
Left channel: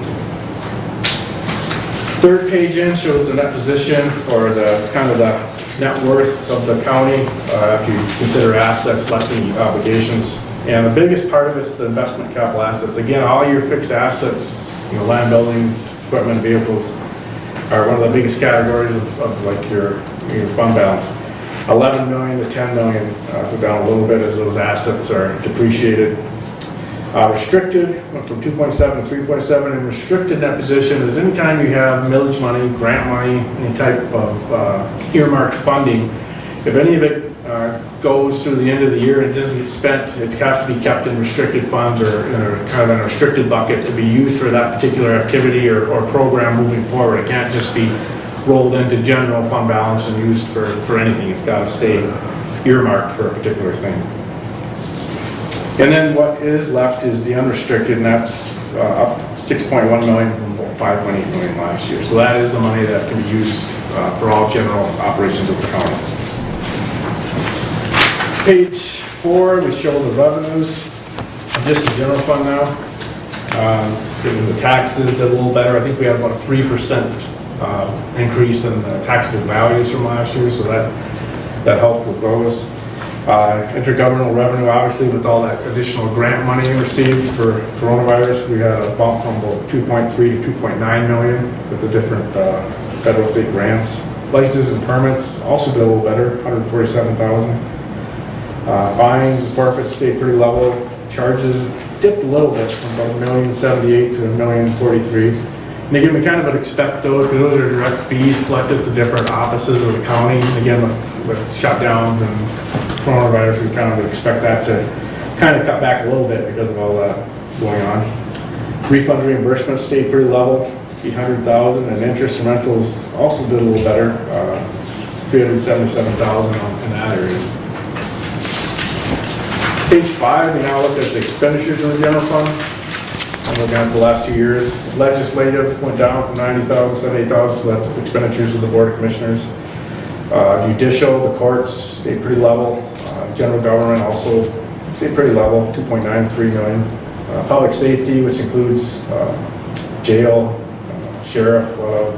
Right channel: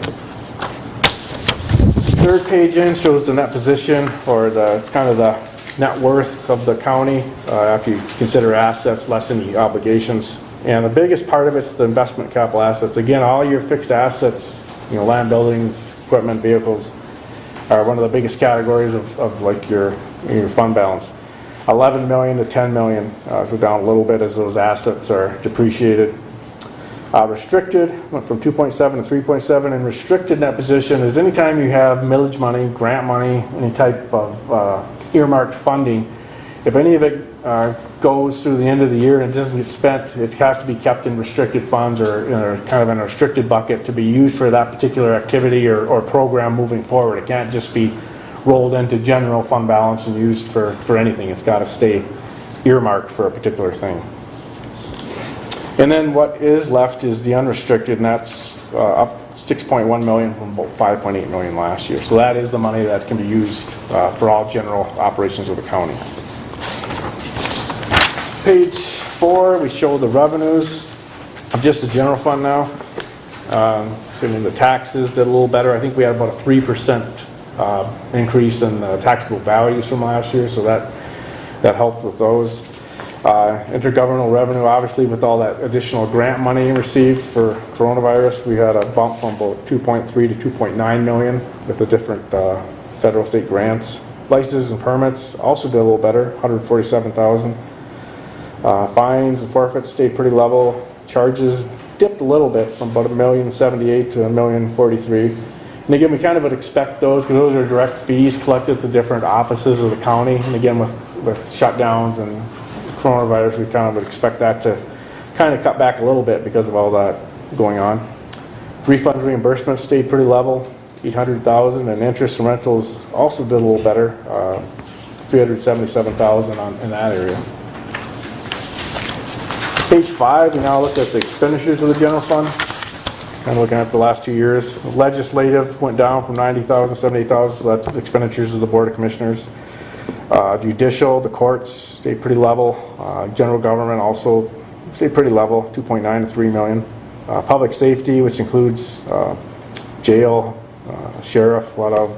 Third page in shows the net position, or it's kind of the net worth of the county if you consider assets less than the obligations. And the biggest part of it's the investment capital assets. Again, all your fixed assets, land buildings, equipment, vehicles, are one of the biggest categories of like your fund balance. 11 million to 10 million, so down a little bit as those assets are depreciated. Restricted went from 2.7 to 3.7, and restricted net position is anytime you have millage money, grant money, any type of earmarked funding. If any of it goes through the end of the year and doesn't get spent, it has to be kept in restricted funds, or kind of in a restricted bucket to be used for that particular activity or program moving forward. It can't just be rolled into general fund balance and used for anything. It's got to stay earmarked for a particular thing. And then what is left is the unrestricted, and that's up 6.1 million from about 5.8 million last year. So that is the money that can be used for all general operations of the county. Page 4, we show the revenues, just the general fund now. The taxes did a little better. I think we have about 3% increase in the taxable values from last year, so that helped with those. Intergovernmental revenue, obviously, with all that additional grant money received for coronavirus, we got a bump from about 2.3 to 2.9 million with the different federal state grants. Licenses and permits also did a little better, 147,000. Fines and forfeits stayed pretty level. Charges dipped a little bit from about $1,078,000 to $1,043,000. And again, we kind of would expect those, because those are direct fees collected at the different offices of the county. And again, with shutdowns and coronavirus, we kind of would expect that to kind of cut back a little bit because of all that going on. Refund reimbursement stayed pretty level, $800,000, and interest and rentals also did a little better, $377,000 in that area. Page 5, we now look at the expenditures of the general fund. I'm looking at the last 2 years. Legislative went down from 90,000 to 78,000, so that's expenditures of the Board of Commissioners. Judicial, the courts stayed pretty level. General government also stayed pretty level, 2.93 million. Public safety, which includes jail, sheriff, a lot of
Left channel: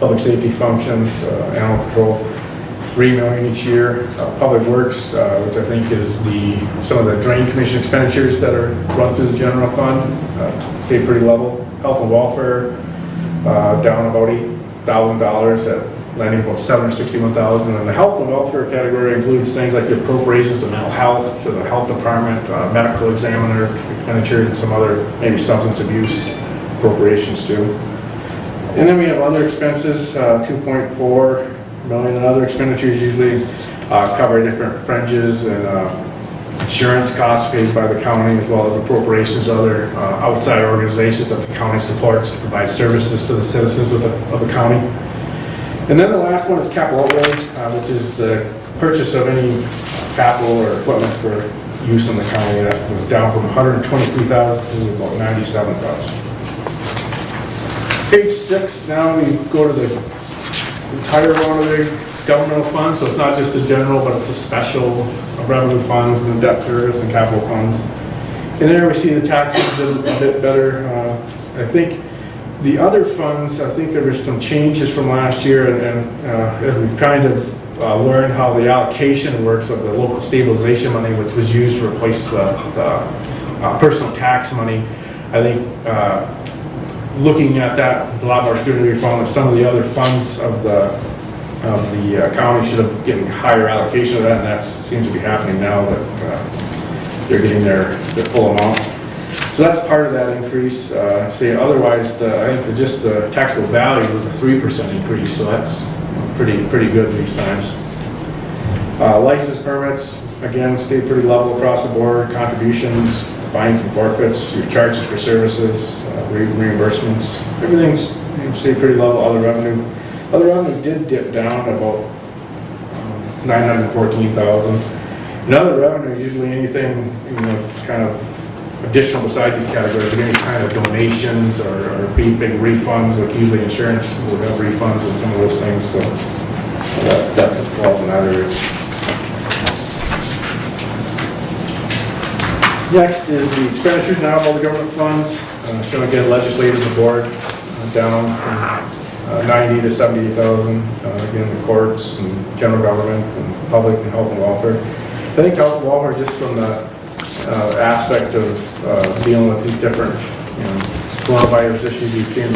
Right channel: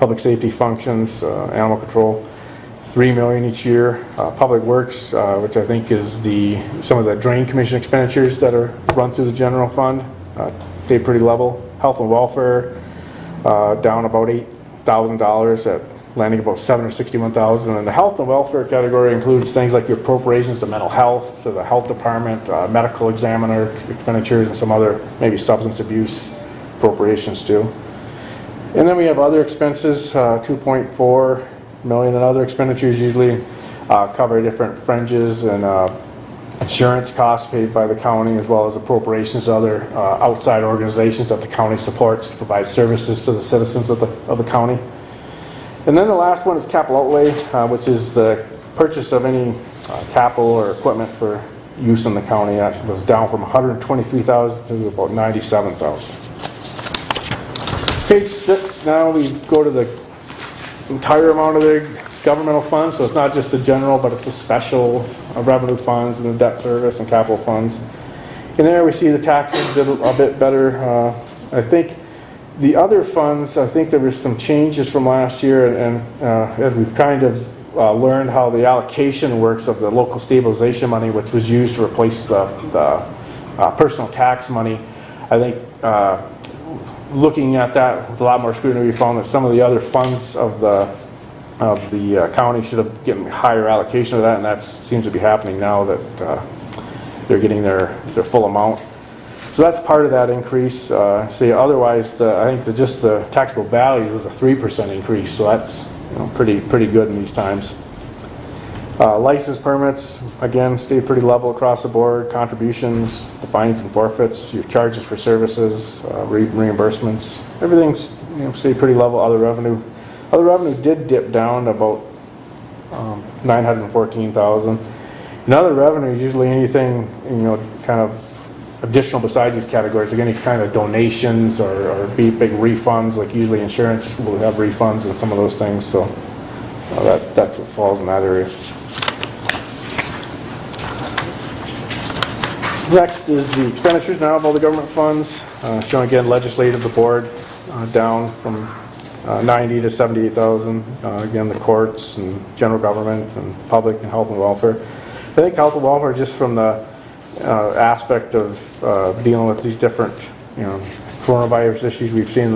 public safety functions, animal control, 3 million each year. Public works, which I think is some of the drain commission expenditures that are run through the general fund, stayed pretty level. Health and welfare, down about $8,000 at landing about $761,000. And the health and welfare category includes things like the appropriations to mental health, to the health department, medical examiner expenditures, and some other maybe substance abuse appropriations too. And then we have other expenses, 2.4 million, and other expenditures usually cover different fringes and insurance costs paid by the county, as well as appropriations to other outside organizations that the county supports to provide services to the citizens of the county. And then the last one is capital outlay, which is the purchase of any capital or equipment for use in the county. That was down from 123,000 to about 97,000. Page 6, now we go to the entire amount of the governmental funds, so it's not just the general, but it's the special revenue funds and the debt service and capital funds. And there we see the taxes did a bit better. I think the other funds, I think there were some changes from last year, and as we've kind of learned how the allocation works of the local stabilization money, which was used to replace the personal tax money, I think looking at that with a lot more scrutiny, we found that some of the other funds of the county should have given higher allocation of that, and that seems to be happening now that they're getting their full amount. So that's part of that increase. Otherwise, I think just the taxable value was a 3% increase, so that's pretty good in these times. License permits, again, stay pretty level across the board. Contributions, fines and forfeits, your charges for services, reimbursements, everything's stayed pretty level. Other revenue did dip down to about 914,000. And other revenue is usually anything, kind of additional besides these categories, any kind of donations or big refunds, like usually insurance will have refunds and some of those things, so that falls in that area. Next is the expenditures now on all the government funds, showing again legislative and board down 90 to 78,000. Again, the courts and general government and public and health and welfare. I think health and welfare, just from the aspect of dealing with these different, coronavirus issues, you've seen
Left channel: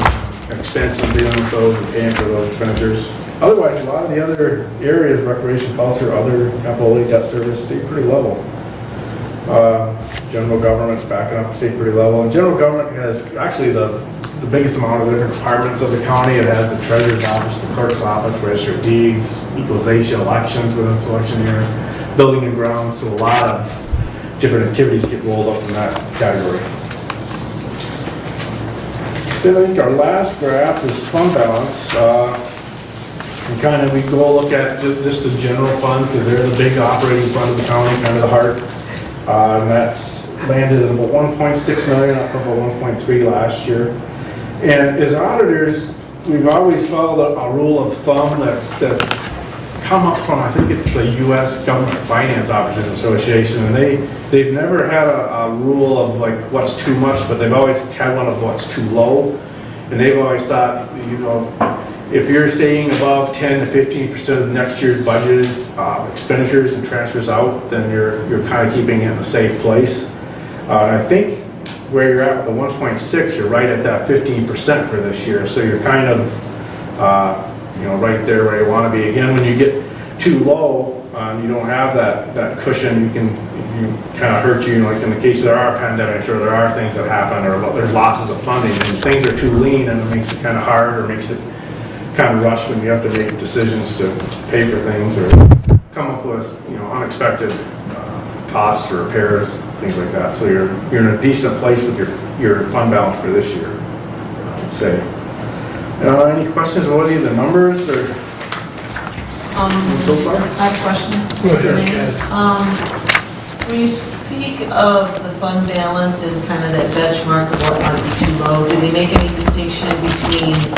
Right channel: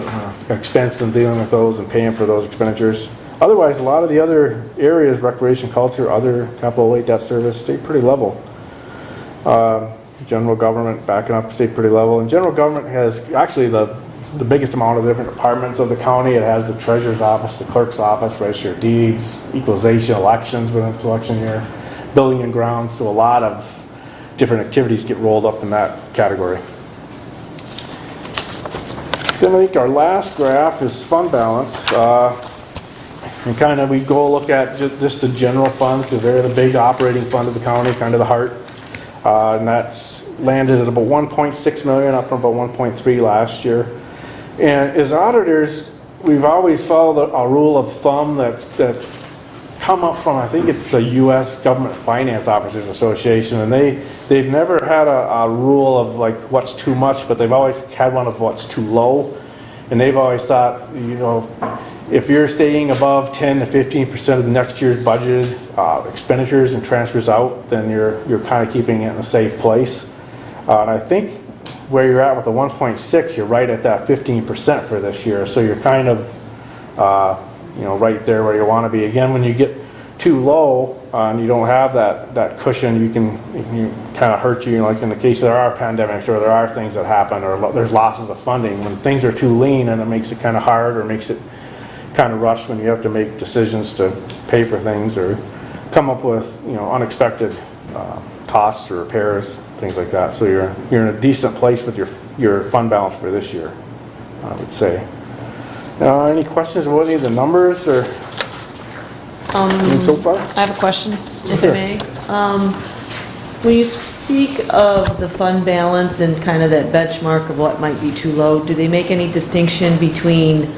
expenses dealing with those and paying for those expenditures. Otherwise, a lot of the other areas, recreation, culture, other capital outlay, debt service, stay pretty level. General government's backing up, stay pretty level. And general government has actually the biggest amount of different departments of the county. It has the treasurer's office, the clerk's office, register of deeds, equalization, elections within its election year, building and grounds. So a lot of different activities get rolled up in that category. Then I think our last graph is fund balance. We go look at just the general fund, because they're the big operating fund of the county, kind of the heart. And that's landed at about 1.6 million, up from about 1.3 last year. And as auditors, we've always followed a rule of thumb that's come up from, I think it's the U.S. Government Finance Officers Association, and they've never had a rule of like what's too much, but they've always had one of what's too low. And they've always thought, if you're staying above 10 to 15% of next year's budgeted expenditures and transfers out, then you're kind of keeping it in a safe place. And I think where you're at with the 1.6, you're right at that 15% for this year. So you're kind of, right there where you want to be. Again, when you get too low and you don't have that cushion, you kind of hurt you. Like in the case there are pandemics or there are things that happen or there's losses of funding and things are too lean, and it makes it kind of hard or makes it kind of rushed when you have to make decisions to pay for things or come up with unexpected costs or repairs, things like that. So you're in a decent place with your fund balance for this year, I would say. Any questions about any of the numbers or so far? I have a question. Go ahead. When you speak of the fund balance and kind of that benchmark of what might be too low, do they make any distinction between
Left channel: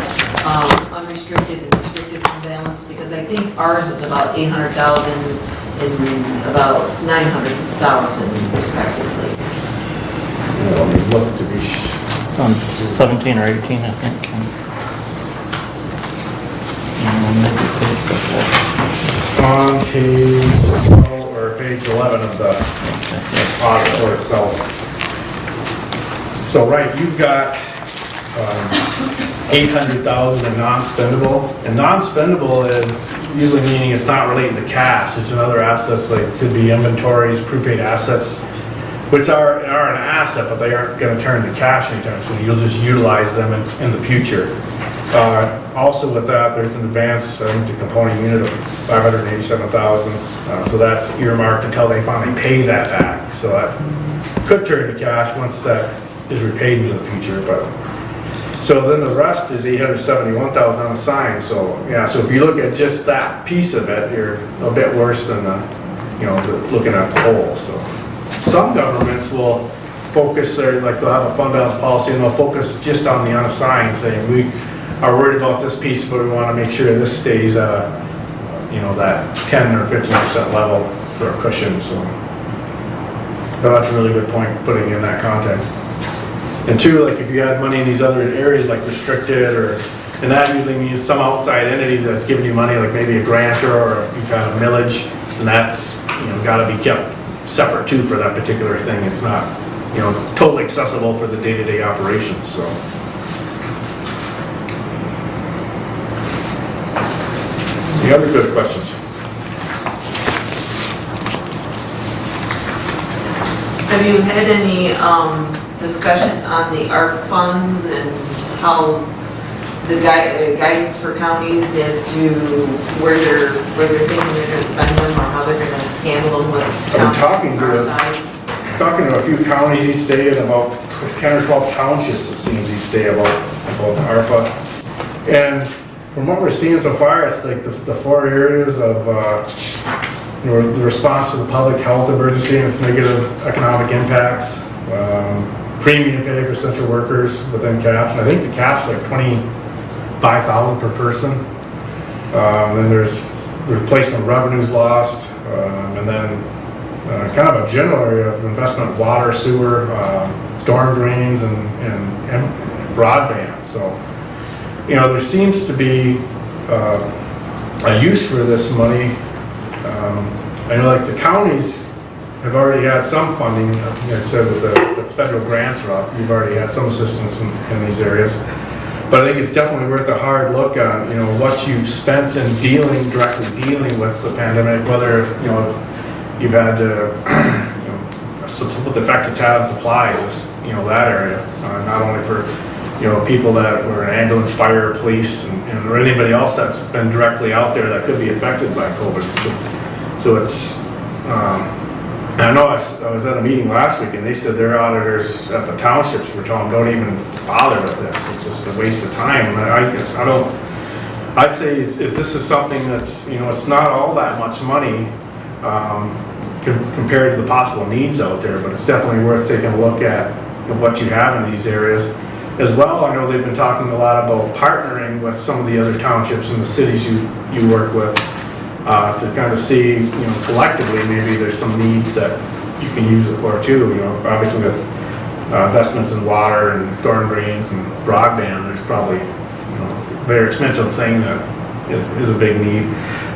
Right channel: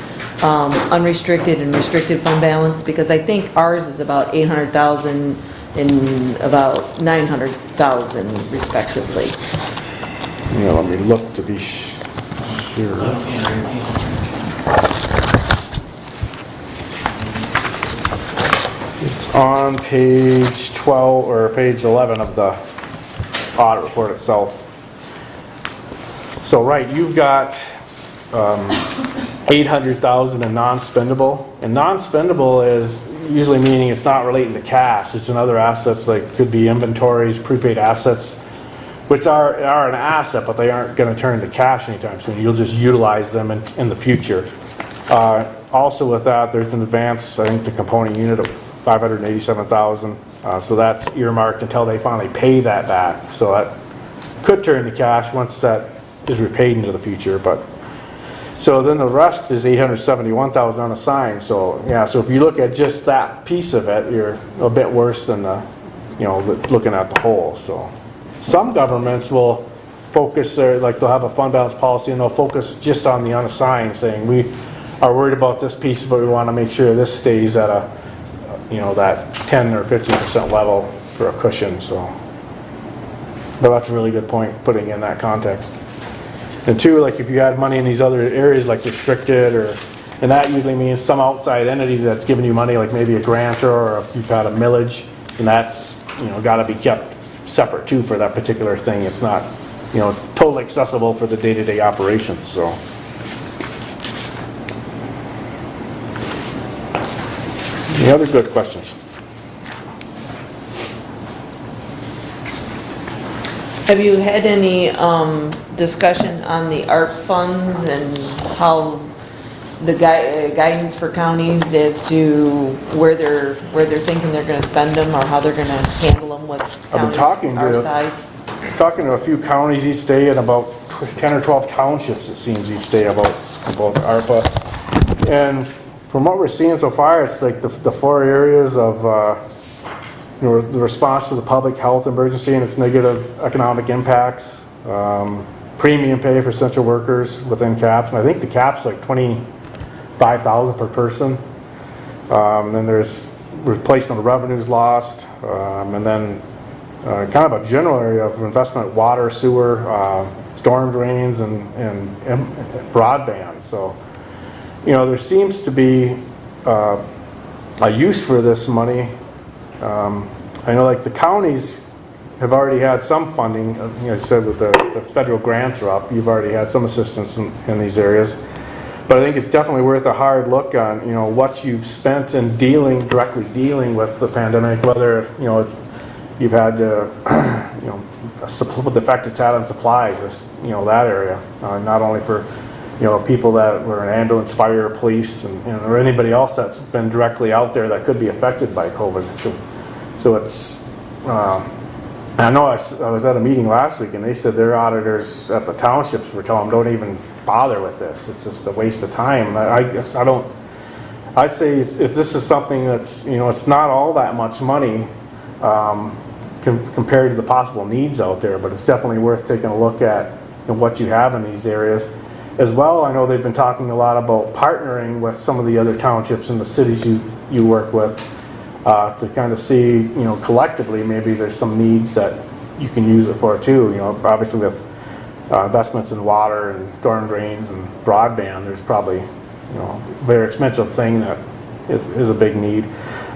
unrestricted and restricted fund balance? Because I think ours is about 800,000 and about 900,000 respectively. Let me look to be 17 or 18, I think. on page 12 or page 11 of the audit for itself. So you've got 800,000 in non-spendable, and non-spendable is usually meaning it's not relating to cash. It's in other assets, like could be inventories, prepaid assets, which are an asset, but they aren't going to turn to cash anytime soon. You'll just utilize them in the future. Also with that, there's an advance into component unit of 587,000. So that's earmarked until they finally pay that back. So that could turn to cash once that is repaid into the future. But so then the rest is 871,000 unassigned. So so if you look at just that piece of it, you're a bit worse than looking at the whole. So some governments will focus they'll have a fund balance policy and they'll focus just on the unassigned, saying we are worried about this piece, but we want to make sure this stays at that 10 or 15% level for a cushion. So, but that's a really good point, putting it in that context. And two, if you got money in these other areas like restricted, and that usually means some outside entity that's giving you money, like maybe a grantor or you've got a millage, and that's got to be kept separate too for that particular thing. It's not totally accessible for the day-to-day operations. So. Any other good questions? Have you had any discussion on the ARC funds and how the guidance for counties as to where they're thinking they're gonna spend them or how they're gonna handle them with I'm talking counties our to- size? Talking to a few counties each day and about 10 or 12 townships, it seems, each day about ARPA. And from what we're seeing so far, it's like the four areas of the response to the public health emergency and its negative economic impacts, premium pay for essential workers within caps. And I think the cap's like $25,000 per person. Then there's replacement revenues lost, and then kind of a general area of investment in water, sewer, storm drains, and broadband. So, there seems to be a use for this money. I know like the counties have already had some funding. Like I said, that the federal grants are up. You've already had some assistance in these areas. But I think it's definitely worth a hard look on, what you've spent in directly dealing with the pandemic, whether, you've had what the effect it's had on supplies, that area, not only for, people that were in ambulance, fire, police, and, or anybody else that's been directly out there that could be affected by COVID. So it's, I know I was at a meeting last week and they said their auditors at the townships were telling them, don't even bother with this. It's just a waste of time. And I'd say if this is something that's, it's not all that much money, compared to the possible needs out there, but it's definitely worth taking a look at what you have in these areas. As well, I know they've been talking a lot about partnering with some of the other townships and the cities you work with to kind of see, collectively maybe there's some needs that you can use it for too. Obviously with investments in water and storm drains and broadband, there's probably, a very expensive thing that is a big need.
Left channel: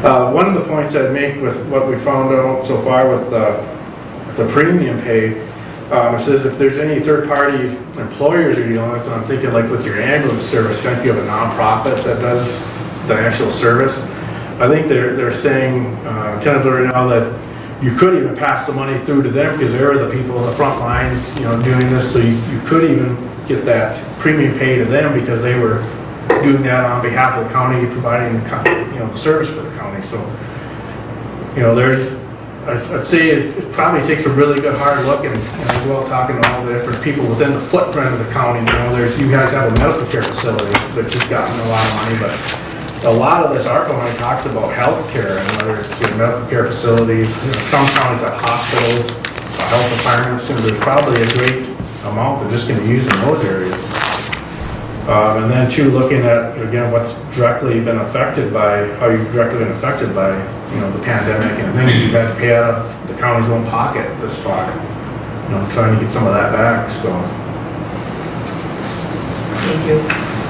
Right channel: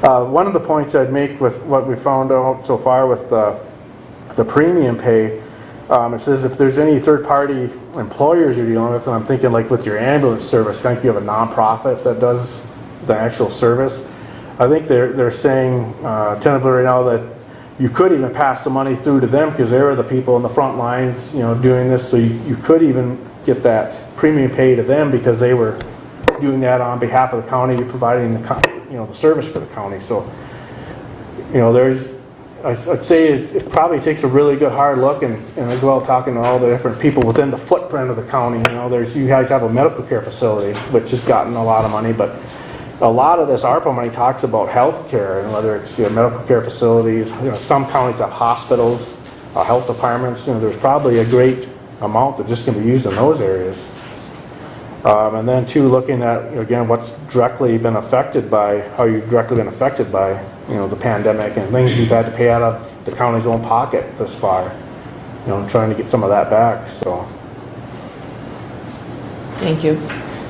One of the points I'd make with what we found out so far with the premium pay, it says if there's any third-party employers you're dealing with, and I'm thinking like with your ambulance service, I think you have a nonprofit that does the actual service. I think they're saying tentatively right now that you could even pass the money through to them because they were the people in the front lines, doing this. So you could even get that premium pay to them because they were doing that on behalf of the county, providing the service for the county. So, I'd say it probably takes a really good hard look, and as well talking to all the different people within the footprint of the county. You guys have a medical care facility, which has gotten a lot of money, but a lot of this ARPA money talks about health care, and whether it's medical care facilities, some counties have hospitals, health departments, there's probably a great amount that's just going to be used in those areas. And then too, looking at, again, what's directly been affected by, how you've directly been affected by, the pandemic and things you've had to pay out of the county's own pocket this far. Trying to get some of that back, so. Thank you.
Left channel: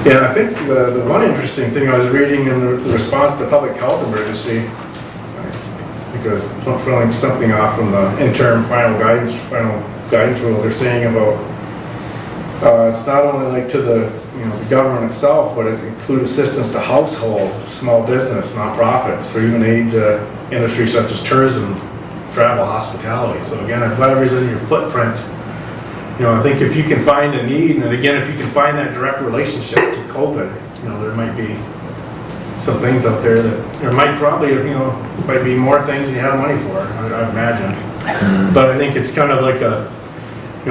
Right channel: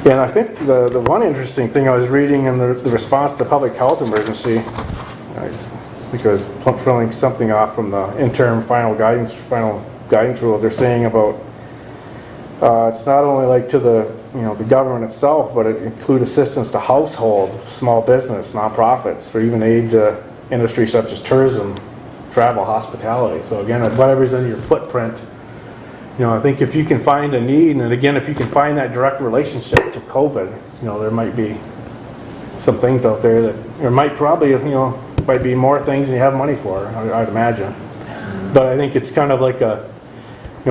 Yeah, I think the one interesting thing I was reading in the response to public health emergency, because I'm filling something off from the interim final guidance rule, they're saying about, it's not only like to the government itself, but it includes assistance to household, small business, nonprofits, or even aid to industries such as tourism, travel, hospitality. So again, if whatever's in your footprint, I think if you can find a need, and again, if you can find that direct relationship to COVID, there might be some things out there that there might probably, might be more things than you have money for, I imagine. But I think it's kind of like a,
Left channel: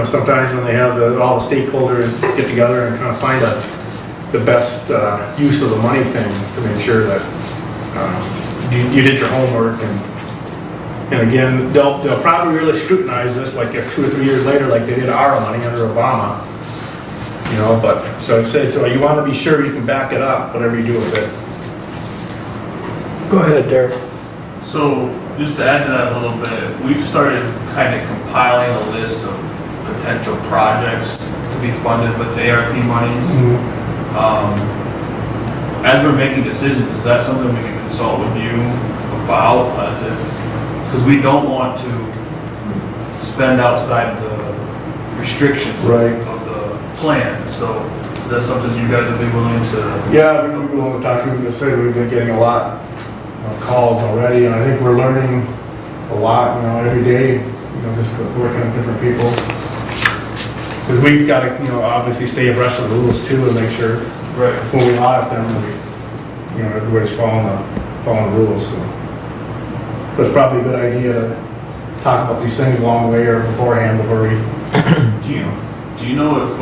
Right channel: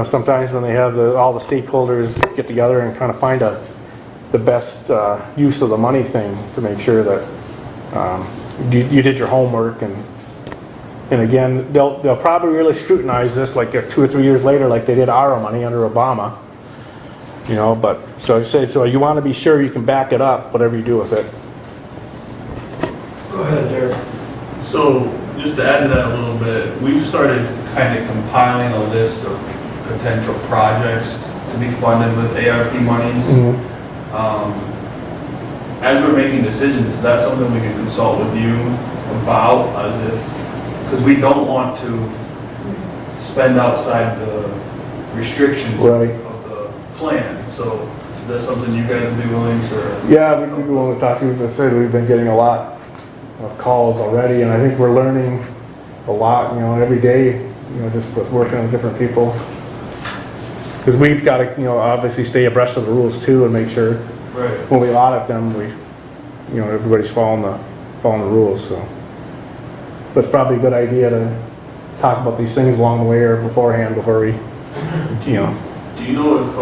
sometimes when they have all the stakeholders get together and kind of find the best use of the money thing to make sure that you did your homework, and again, they'll probably really scrutinize this like if 2 or 3 years later, like they did our money under Obama, but so I said, so you want to be sure you can back it up, whatever you do with it. Go ahead, Derek. So just to add to that a little bit, we've started kind of compiling a list of potential projects to be funded with ARP monies. As we're making decisions, is that something we can consult with you about, because we don't want to spend outside the restrictions Right. of the plan. So that's something you guys would be willing to. Yeah, we will. Dr. Rubin said we've been getting a lot of calls already, and I think we're learning a lot, every day, just working with different people. Because we've got to, obviously stay abreast of the rules too and make sure, Right. when we audit them, everybody's following the rules, so. But it's probably a good idea to talk about these things a long way or beforehand before we, Do you know if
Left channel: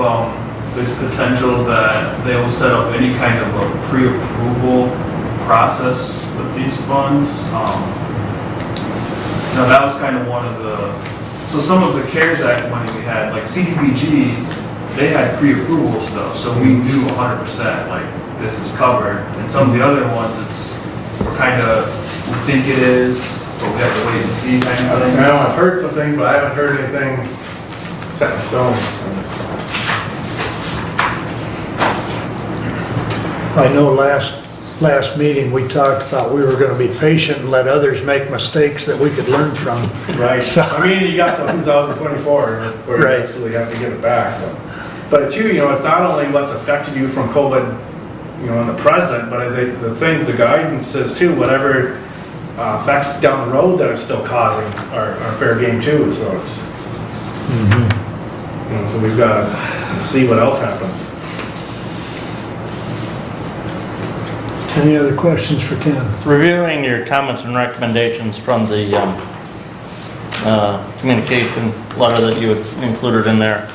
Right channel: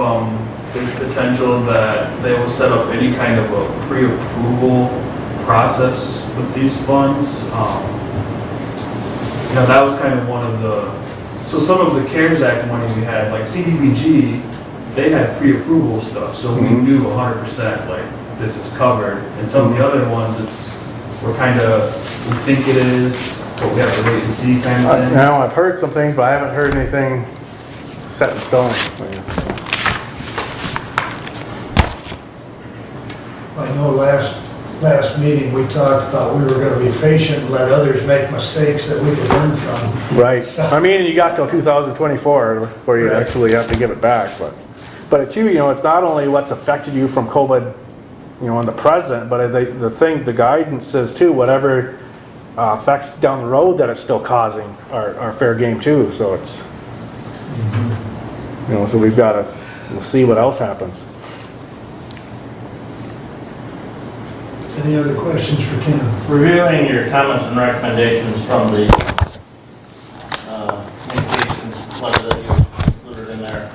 there's potential that they will set up any kind of a pre-approval process with these funds? Now that was kind of one of so some of the CARES Act money we had, like CDBG, they had pre-approval stuff, so we knew 100% like this is covered. And some of the other ones, we're kind of, we think it is, but we have to wait and see kind of thing. now I've heard some things, but I haven't heard anything set in stone. I know last meeting, we talked about we were gonna be patient and let others make mistakes that we could learn from. Right. So- I mean, you got till 2024 before you Right. actually have to give it back. But too, it's not only what's affected you from COVID, in the present, but the guidance says too, whatever effects down the road that are still causing are fair game too. So it's, so we've got to see what else happens. Any other questions for Ken? Reviewing your comments and recommendations from the communications letter that you included in there,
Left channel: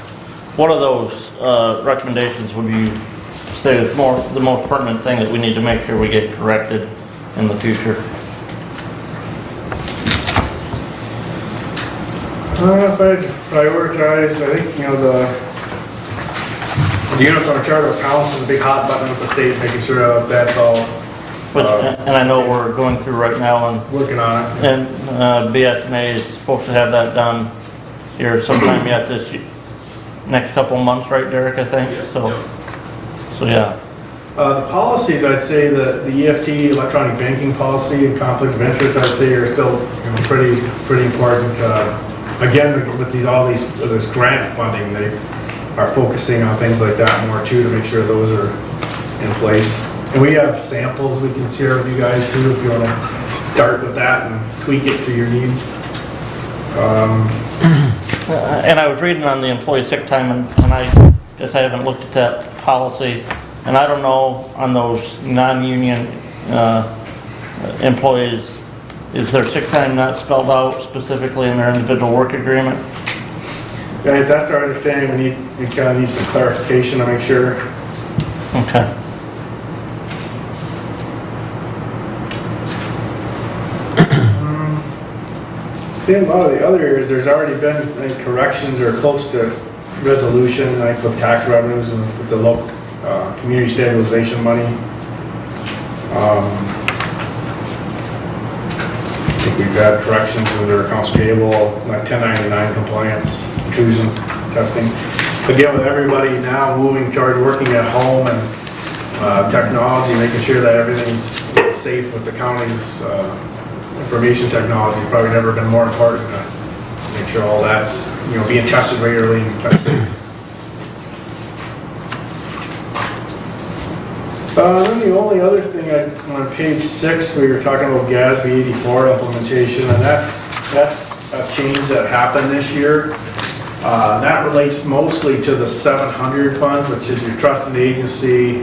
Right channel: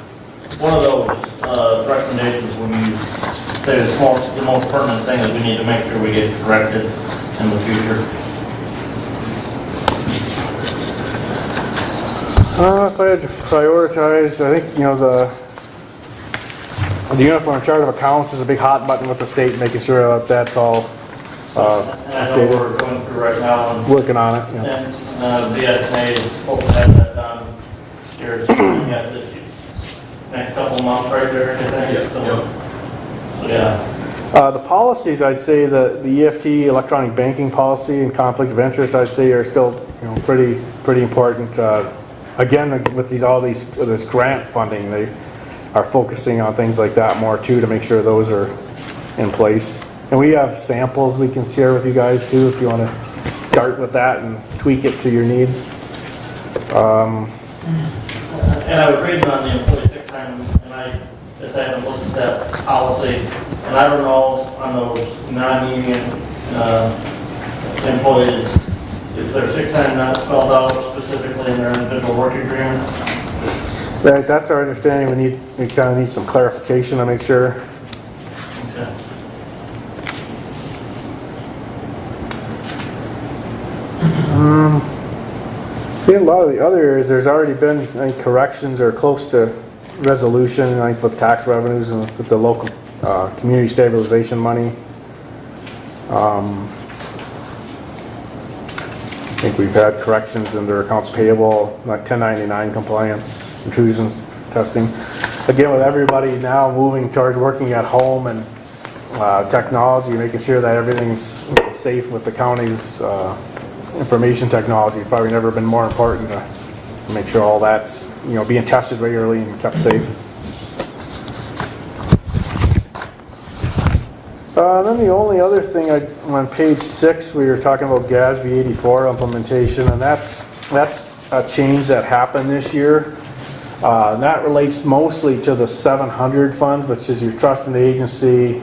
one of those recommendations would you say is the most pertinent thing that we need to make sure we get corrected in the future? If I had to prioritize, I think, the Uniform Charter of Accounts is a big hot button with the state, making sure that's all And I know we're going through right now, working on it. and BSNA is supposed to have that done here sometime yet this year, next couple of months, right, Derek, I think? Yeah. So yeah. The policies, I'd say the EFT, electronic banking policy, and conflict of interest, I'd say are still pretty important. Again, with this grant funding, they are focusing on things like that more too, to make sure those are in place. And we have samples we can share with you guys too, if you want to start with that and tweak it for your needs. And I was reading on the employee sick time, and I guess I haven't looked at that policy, and I don't know on those non-union employees, is their sick time not spelled out specifically in their individual work agreement? But if that's our understanding, we kind of need some clarification to make sure. Okay. I think a lot of the other areas, there's already been corrections or close to resolution, like with tax revenues and with the local community stabilization money. I think we've had corrections under accounts payable, like 1099 compliance, intrusion testing. Again, with everybody now moving towards working at home and technology, making sure that everything's safe with the county's information technology has probably never been more important to make sure all that's, being tested regularly and kept safe. Then the only other thing on page 6, we were talking about Gatsby 84 implementation, and that's a change that happened this year. That relates mostly to the 700 funds, which is your trust and agency.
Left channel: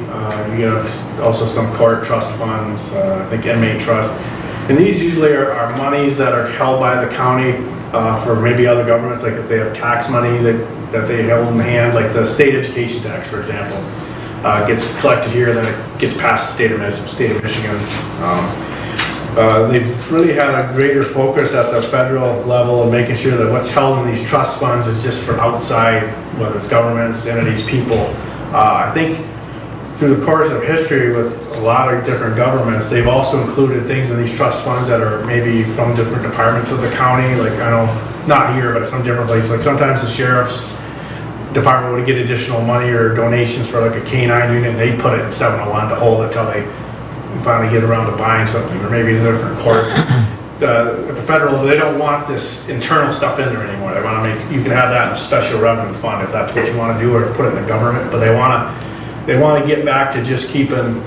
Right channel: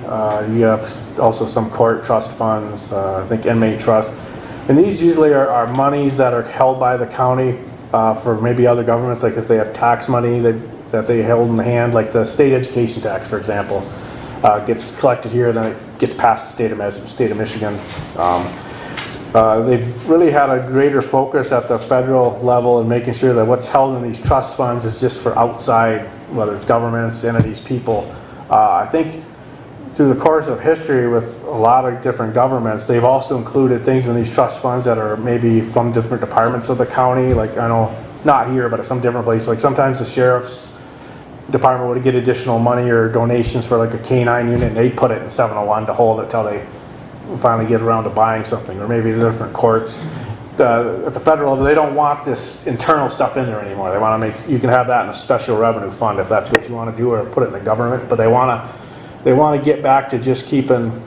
You have also some court trust funds, I think inmate trust. And these usually are monies that are held by the county for maybe other governments, like if they have tax money that they hold in hand, like the state education tax, for example, gets collected here, then it gets past the state of Michigan. They've really had a greater focus at the federal level of making sure that what's held in these trust funds is just for outside, whether it's governments, entities, people. I think through the course of history with a lot of different governments, they've also included things in these trust funds that are maybe from different departments of the county, like not here, but some different places. Like sometimes the sheriff's department would get additional money or donations for like a K-9 unit, and they put it in 701 to hold it until they finally get around to buying something, or maybe the different courts. At the federal, they don't want this internal stuff in there anymore. They want to you can have that in a special revenue fund if that's what you want to do, or put it in the government, but they want to get back to just keeping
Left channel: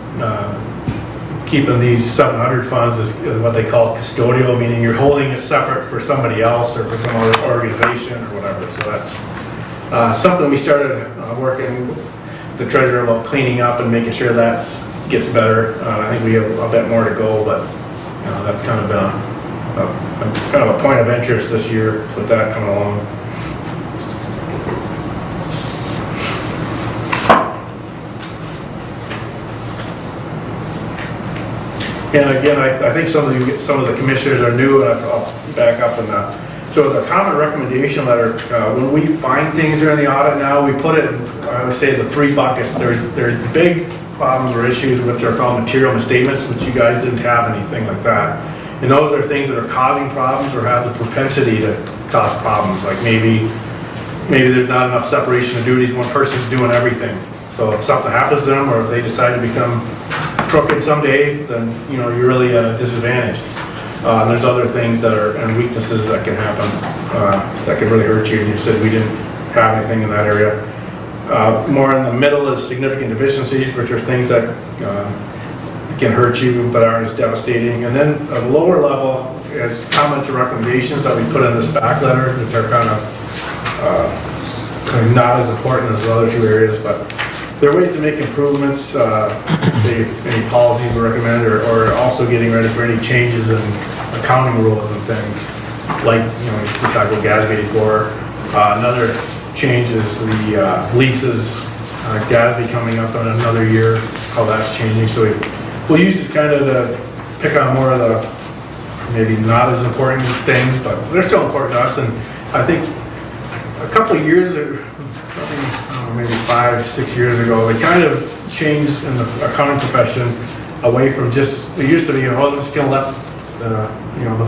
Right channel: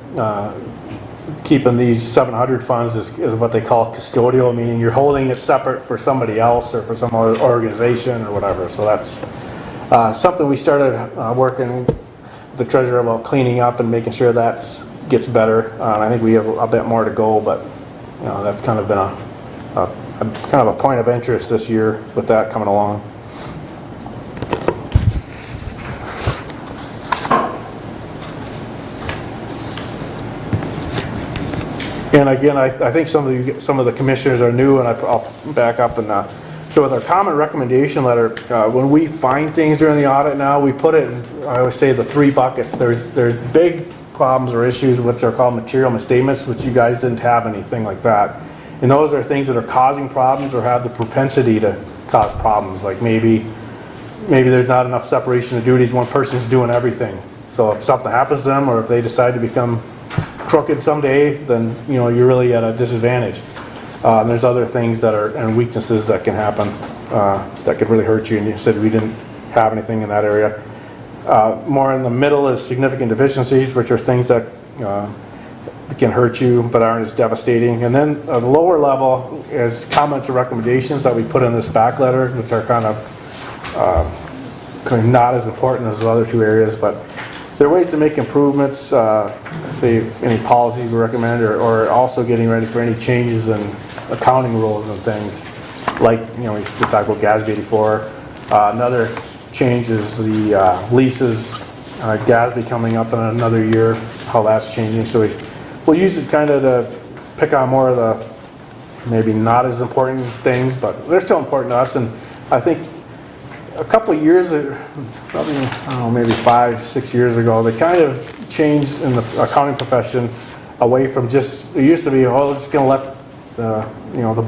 these 700 funds is what they call custodial, meaning you're holding it separate for somebody else or for some other organization or whatever. So that's something we started working the treasurer about cleaning up and making sure that gets better. I think we have a bit more to go, but you know, that's kind of been kind of a point of interest this year with that coming along. And again, I think some of the commissioners are new, and I'll back up and so the common recommendation letter, when we find things during the audit now, we put it, I would say, the 3 buckets. There's big problems or issues which are called material misstatements, which you guys didn't have anything like that. And those are things that are causing problems or have the propensity to cause problems. Like maybe there's not enough separation of duties, one person's doing everything. So if something happens to them, or if they decide to become crooked someday, then you know you're really disadvantaged. And there's other things that are and weaknesses that can happen that can really hurt you. And you said we didn't have anything in that area. More in the middle is significant deficiencies, which are things that can hurt you but aren't as devastating. And then at the lower level is comments or recommendations that we put in this back letter, which are kind of not as important as the other 2 areas, but there are ways to make improvements, say any policies we recommend, or also getting ready for any changes in accounting rules and things. Like, you know, we talked about Gatsby before. Another change is the leases, Gatsby coming up in another year, how that's changing. So we'll use it kind of to pick on more of the maybe not as important things, but they're still important to us. And I think a couple of years ago, probably, I don't know, maybe 5-6 years ago, they kind of changed in the accounting profession away from just, it used to be, well, this is going to let the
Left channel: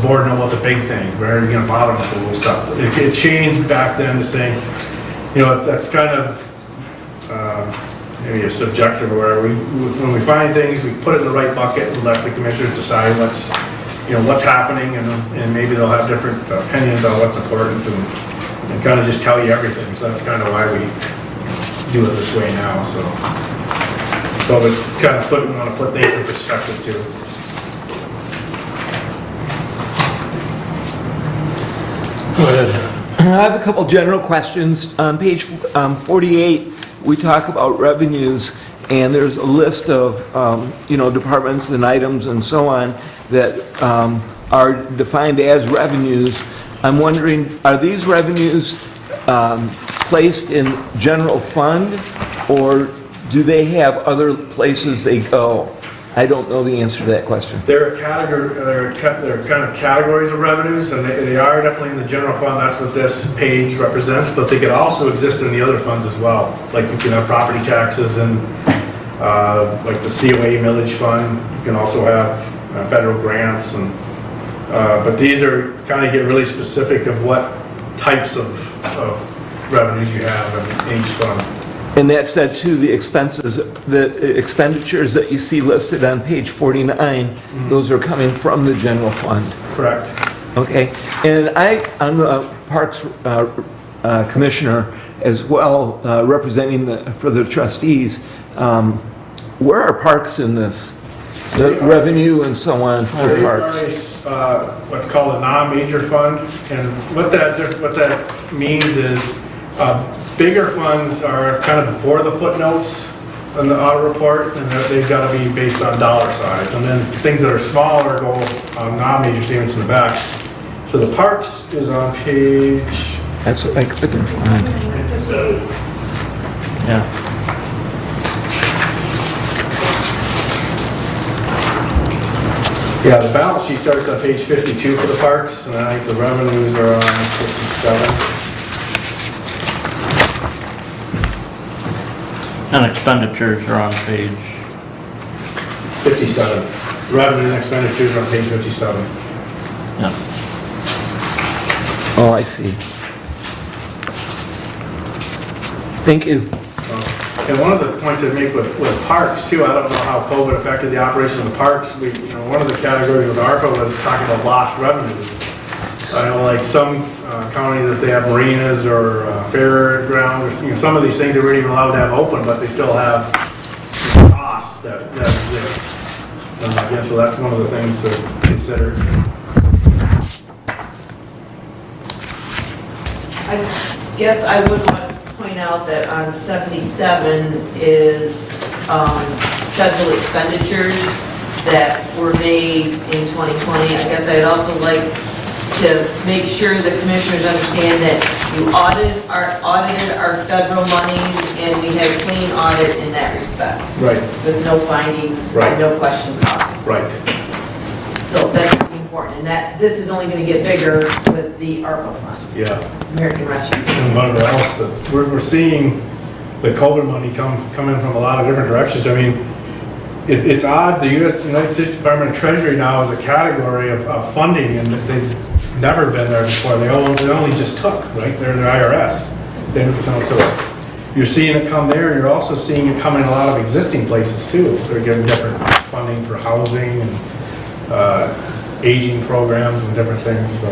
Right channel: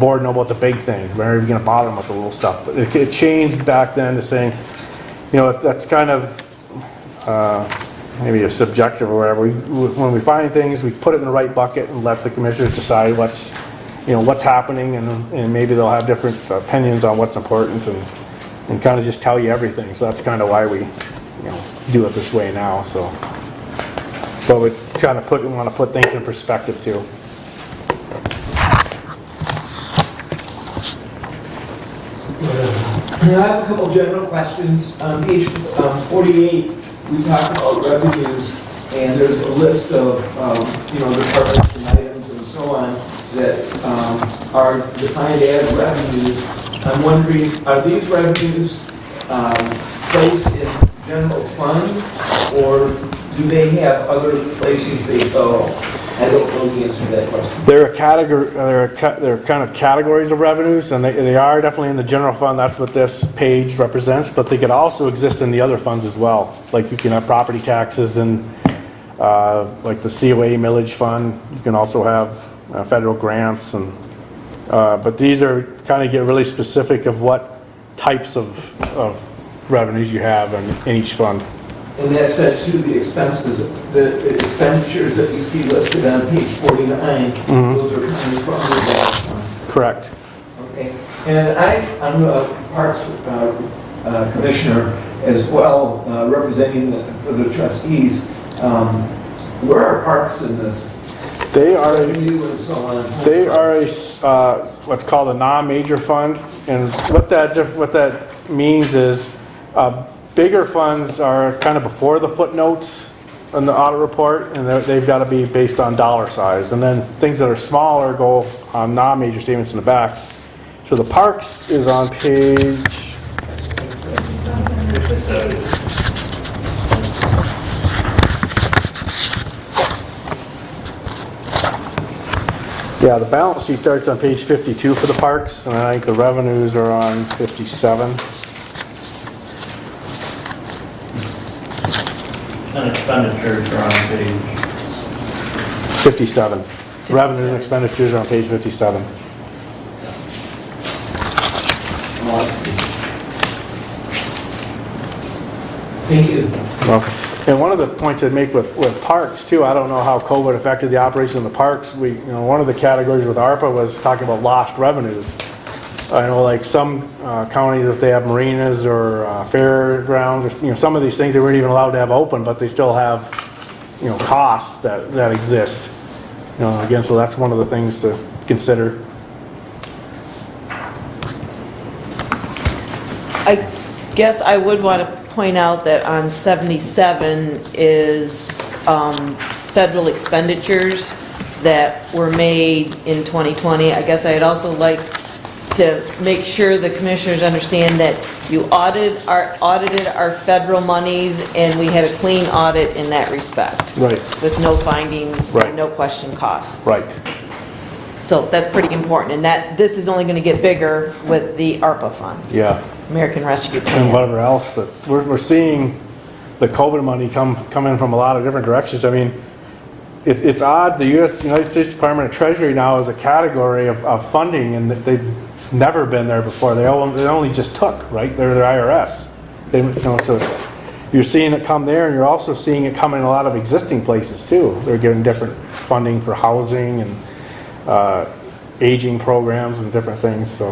board know what the big things, we're going to bother them with the little stuff. It changed back then to saying, you know, that's kind of maybe a subjective or whatever. When we find things, we put it in the right bucket and let the commissioners decide what's happening, and maybe they'll have different opinions on what's important and kind of just tell you everything. So that's kind of why we do it this way now. So, but we kind of want to put things in perspective too. I have a couple general questions. On page 48, we talk about revenues, and there's a list of departments and items and so on that are defined as revenues. I'm wondering, are these revenues placed in general fund, or do they have other places they go? I don't know the answer to that question. They're kind of categories of revenues, and they are definitely in the general fund. That's what this page represents, but they can also exist in the other funds as well. Like you can have property taxes and like the COA millage fund. You can also have federal grants, and but these are kind of get really specific of what types of revenues you have in each fund. And that said too, the expenditures that you see listed on page 49, those are coming from the general fund. Correct. Okay. And I'm a Parks Commissioner as well, representing for the trustees. Where are parks in this? Revenue and so on. They are what's called a non-major fund, and what that means is bigger funds are kind of before the footnotes in the audit report, and they've got to be based on dollar size. And then things that are smaller go on non-major statements in the back. So the parks is on page. That's what I couldn't find. Yeah, the balance sheet starts on page 52 for the parks, and I think the revenues are on 57. And expenditures are on page 57. Revenue and expenditures are on page 57. Yeah. Oh, I see. Thank you. Welcome. And one of the points I'd make with parks too, I don't know how COVID affected the operation of the parks. One of the categories with ARPA was talking about lost revenues. I know like some counties, if they have marinas or fairgrounds, or some of these things they weren't even allowed to have open, but they still have costs that exist. Again, so that's one of the things to consider. I guess I would want to point out that on 77 is federal expenditures that were made in 2020. I guess I'd also like to make sure the commissioners understand that you audited our federal monies, and we had a clean audit in that respect. Right. With no findings, Right. and no question costs. Right. So that's pretty important, and that, this is only gonna get bigger with the ARPA funds. Yeah. American Rescue And Plan. whatever else that's, we're seeing the COVID money come in from a lot of different directions. I mean, it's odd, the United States Department of Treasury now is a category of funding, and that they've never been there before. They only just took, right? They're the IRS. They, you know, so you're seeing it come there, and you're also seeing it come in a lot of existing places too. They're getting different funding for housing and aging programs and different things, so.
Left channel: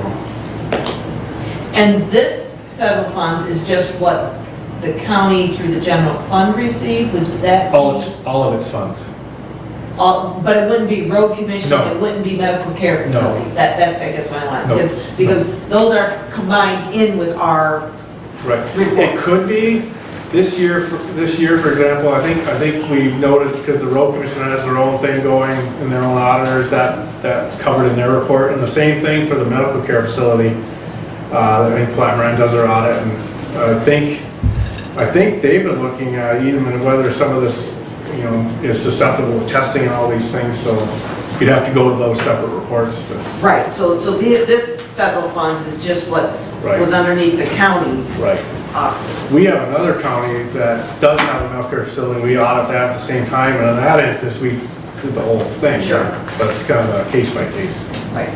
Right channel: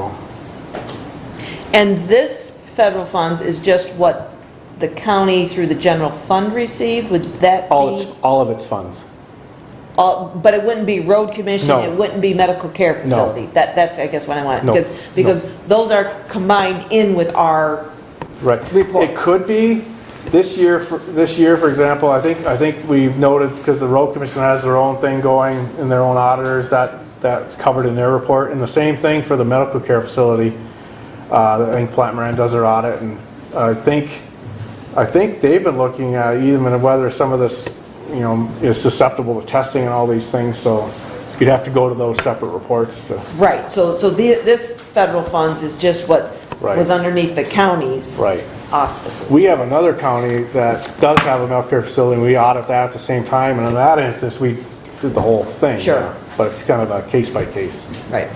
And this federal funds is just what the county through the general fund received, would that be? All of its funds. But it wouldn't be road commission, No. it wouldn't be medical care facility? That's, I guess, what I want, No. because those are combined in with our Right. report. It could be this year, for example, I think we noted, because the road commission has their own thing going and their own auditors, that's covered in their report. And the same thing for the medical care facility. I think Platte Moran does their audit, and I think they've been looking at even whether some of this, you know, is susceptible to testing and all these things, so you'd have to go to those separate reports to. Right, so this federal funds is just what Right. was underneath the county's Right. auspices. We have another county that does have a medical care facility, and we audit that at the same time, and in that instance, we did the whole thing. Sure. But it's kind of a case by case. Right.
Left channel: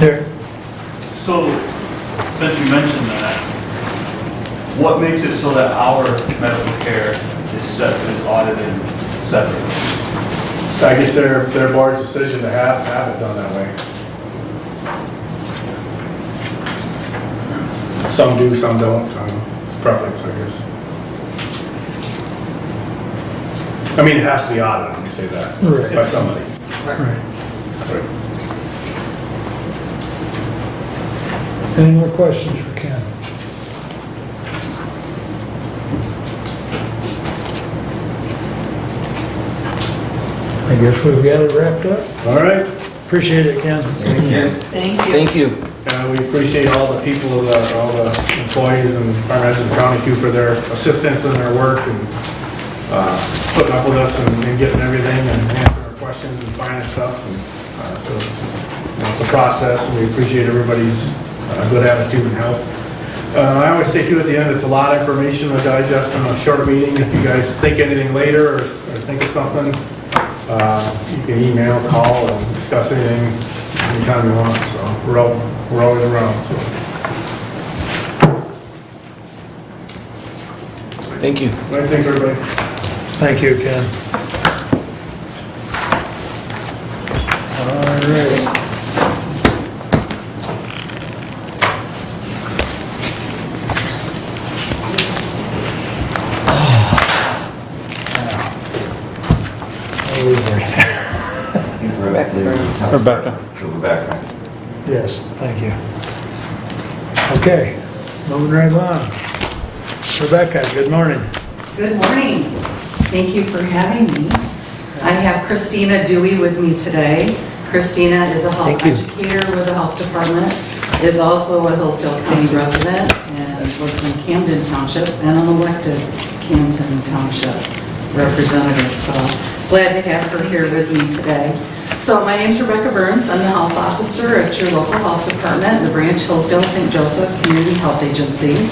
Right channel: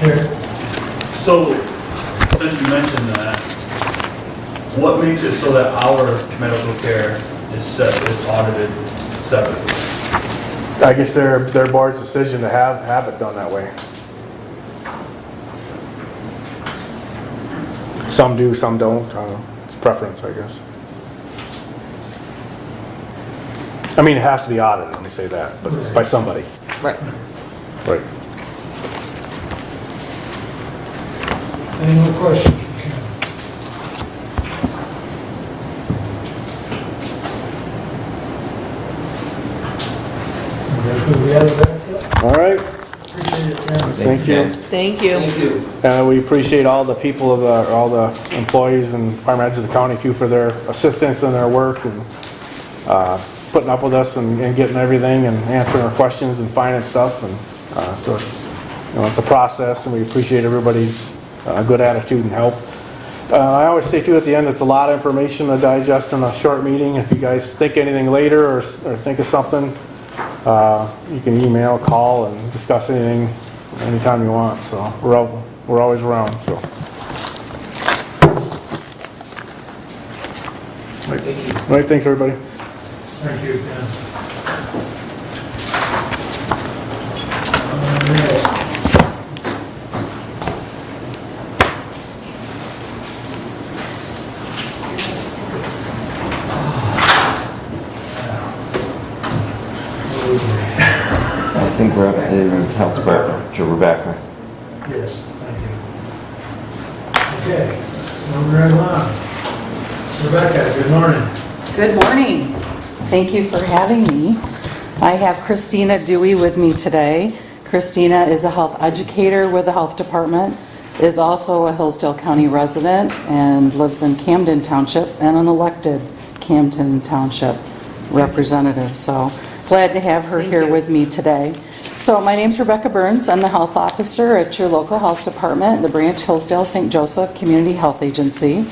There. So, since you mentioned that, what makes it so that our medical care is audited separately? I guess their board's decision to have it done that way. Some do, some don't. It's preference, I guess. I mean, it has to be audited, let me say that, Right. by somebody. Right. Right. Any more questions for Ken? I guess we've got it wrapped up. All right. Appreciate it, Ken. Thanks, Ken. Thank you. Thank you. And we appreciate all the people, all the employees and departments and county you for their assistance and their work and putting up with us and getting everything and answering our questions and finding stuff. And so it's a process, and we appreciate everybody's good attitude and help. I always say too at the end, it's a lot of information to digest in a short meeting. If you guys think anything later or think of something, you can email, call, and discuss anything anytime you want. So we're always around. So Thank you. all right, thanks everybody. Thank you, Ken. All right. I think we're up to Rebecca. Yes, thank you. Okay, moving right along. Rebecca, good morning. Good morning. Thank you for having me. I have Christina Dewey with me today. Christina is a health educator with the health department, is also a Hillsdale County resident, and lives in Camden Township, and an elected Camden Township representative. So glad to have her here with me today. So my name's Rebecca Burns. I'm the health officer at your local health department, the Brainchillsdale St. Joseph Community Health Agency.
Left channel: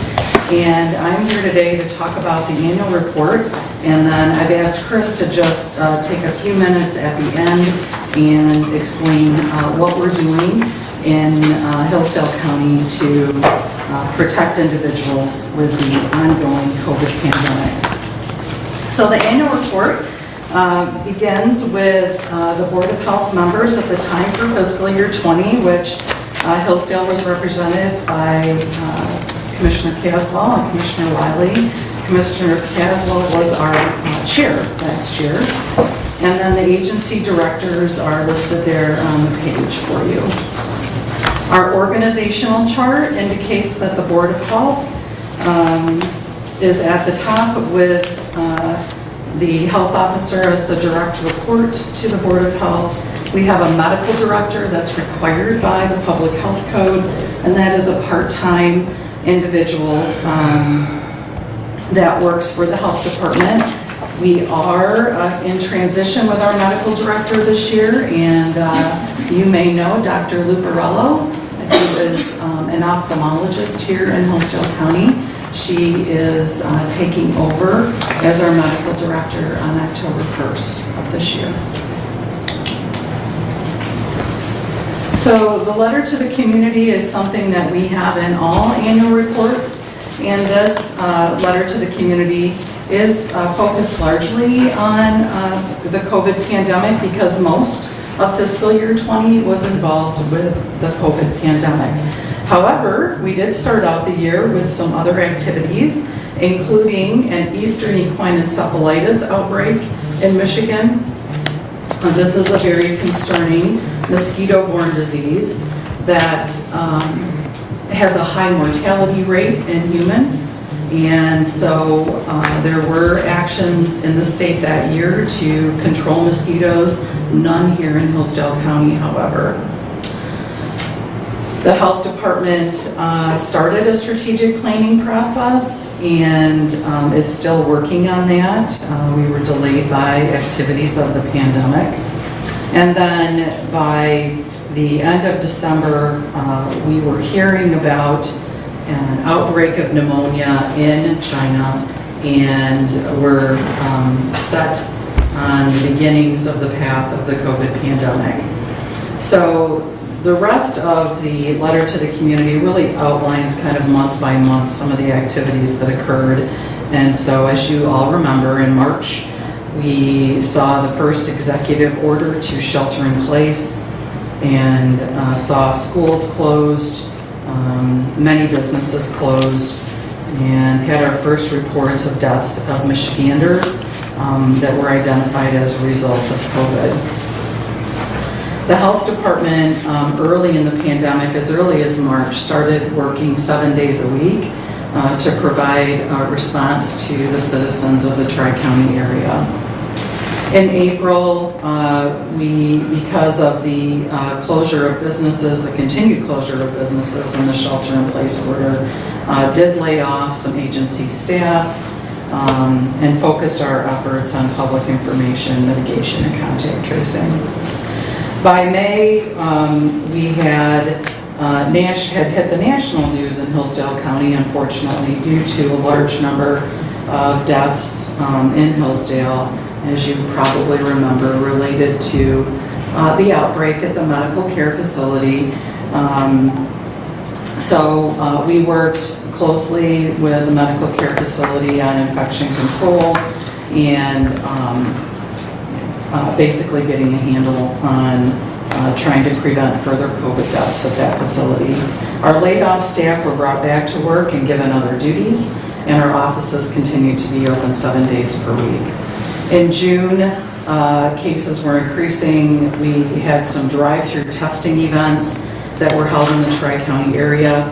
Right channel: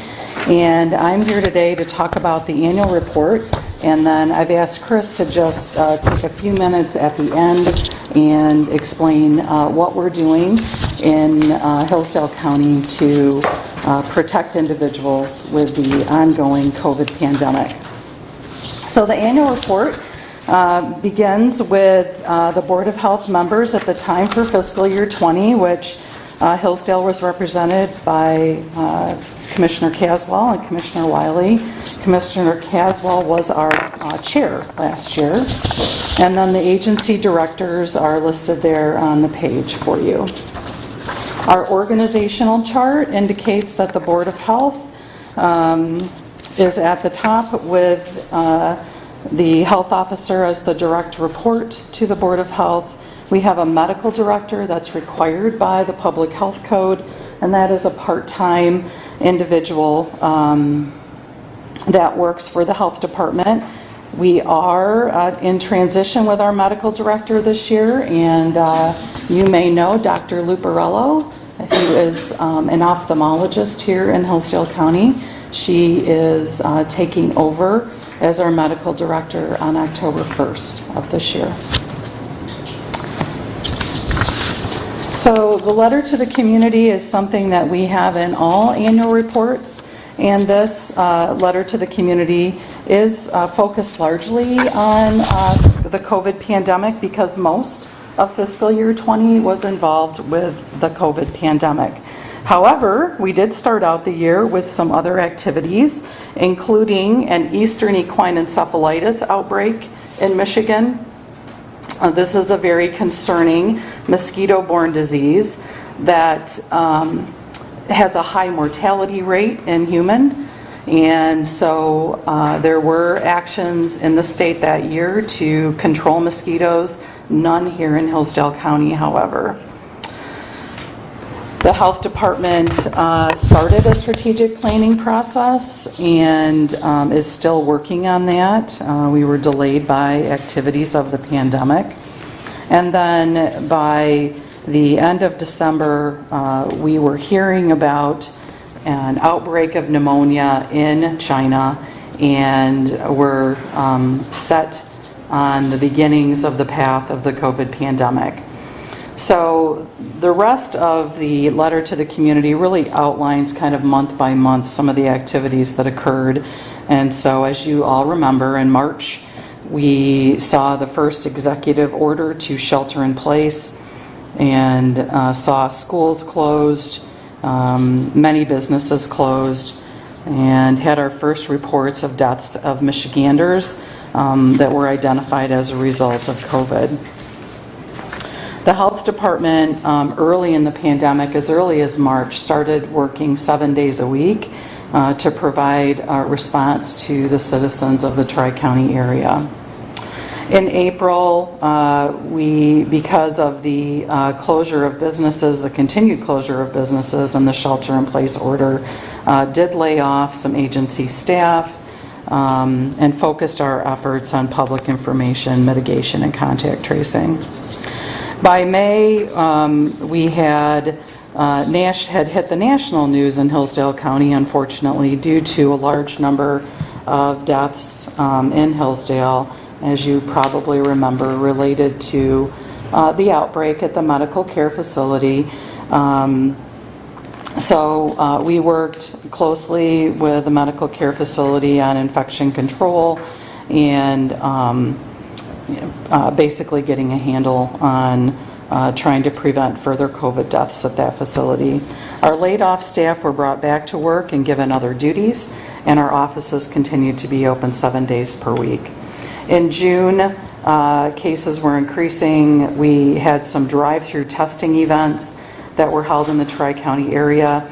And I'm here today to talk about the annual report. And then I've asked Chris to just take a few minutes at the end and explain what we're doing in Hillsdale County to protect individuals with the ongoing COVID pandemic. So the annual report begins with the Board of Health members at the time for fiscal year 20, which Hillsdale was represented by Commissioner Caswell and Commissioner Wiley, Commissioner Caswell was our chair last year. And then the agency directors are listed there on the page for you. Our organizational chart indicates that the Board of Health is at the top with the health officer as the direct report to the Board of Health. We have a medical director that's required by the Public Health Code, and that is a part-time individual that works for the health department. We are in transition with our medical director this year, and you may know Dr. Luparello, who is an ophthalmologist here in Hillsdale County. She is taking over as our medical director on October 1st of this year. So the letter to the community is something that we have in all annual reports, and this letter to the community is focused largely on the COVID pandemic because most of fiscal year 20 was involved with the COVID pandemic. However, we did start out the year with some other activities, including an Eastern equine encephalitis outbreak in Michigan. This is a very concerning mosquito-borne disease that has a high mortality rate in human. And so there were actions in the state that year to control mosquitoes, none here in Hillsdale County, however. The health department started a strategic planning process and is still working on that. We were delayed by activities of the pandemic. And then by the end of December, we were hearing about an outbreak of pneumonia in China, and we're set on the beginnings of the path of the COVID pandemic. So the rest of the letter to the community really outlines kind of month by month some of the activities that occurred. And so as you all remember, in March, we saw the first executive order to shelter in place and saw schools closed, many businesses closed, and had our first reports of deaths of Michiganders that were identified as a result of COVID. The health department early in the pandemic, as early as March, started working 7 days a week to provide a response to the citizens of the Tri-County area. In April, because of the closure of businesses, the continued closure of businesses and the shelter-in-place order, did lay off some agency staff and focused our efforts on public information, mitigation, and contact tracing. By May, we had hit the national news in Hillsdale County, unfortunately, due to a large number of deaths in Hillsdale, as you probably remember, related to the outbreak at the medical care facility. So we worked closely with the medical care facility on infection control and basically getting a handle on trying to prevent further COVID deaths at that facility. Our laid-off staff were brought back to work and given other duties, and our offices continued to be open 7 days per week. In June, cases were increasing. We had some drive-through testing events that were held in the Tri-County area.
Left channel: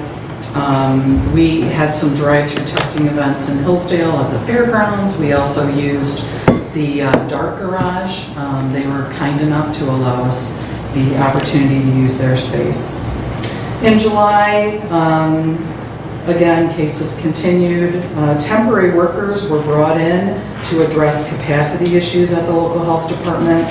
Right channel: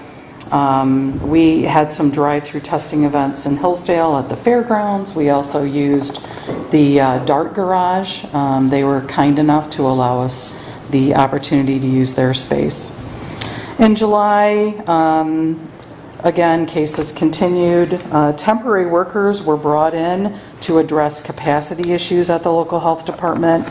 We had some drive-through testing events in Hillsdale at the fairgrounds. We also used the Dart Garage. They were kind enough to allow us the opportunity to use their space. In July, again, cases continued. Temporary workers were brought in to address capacity issues at the local health department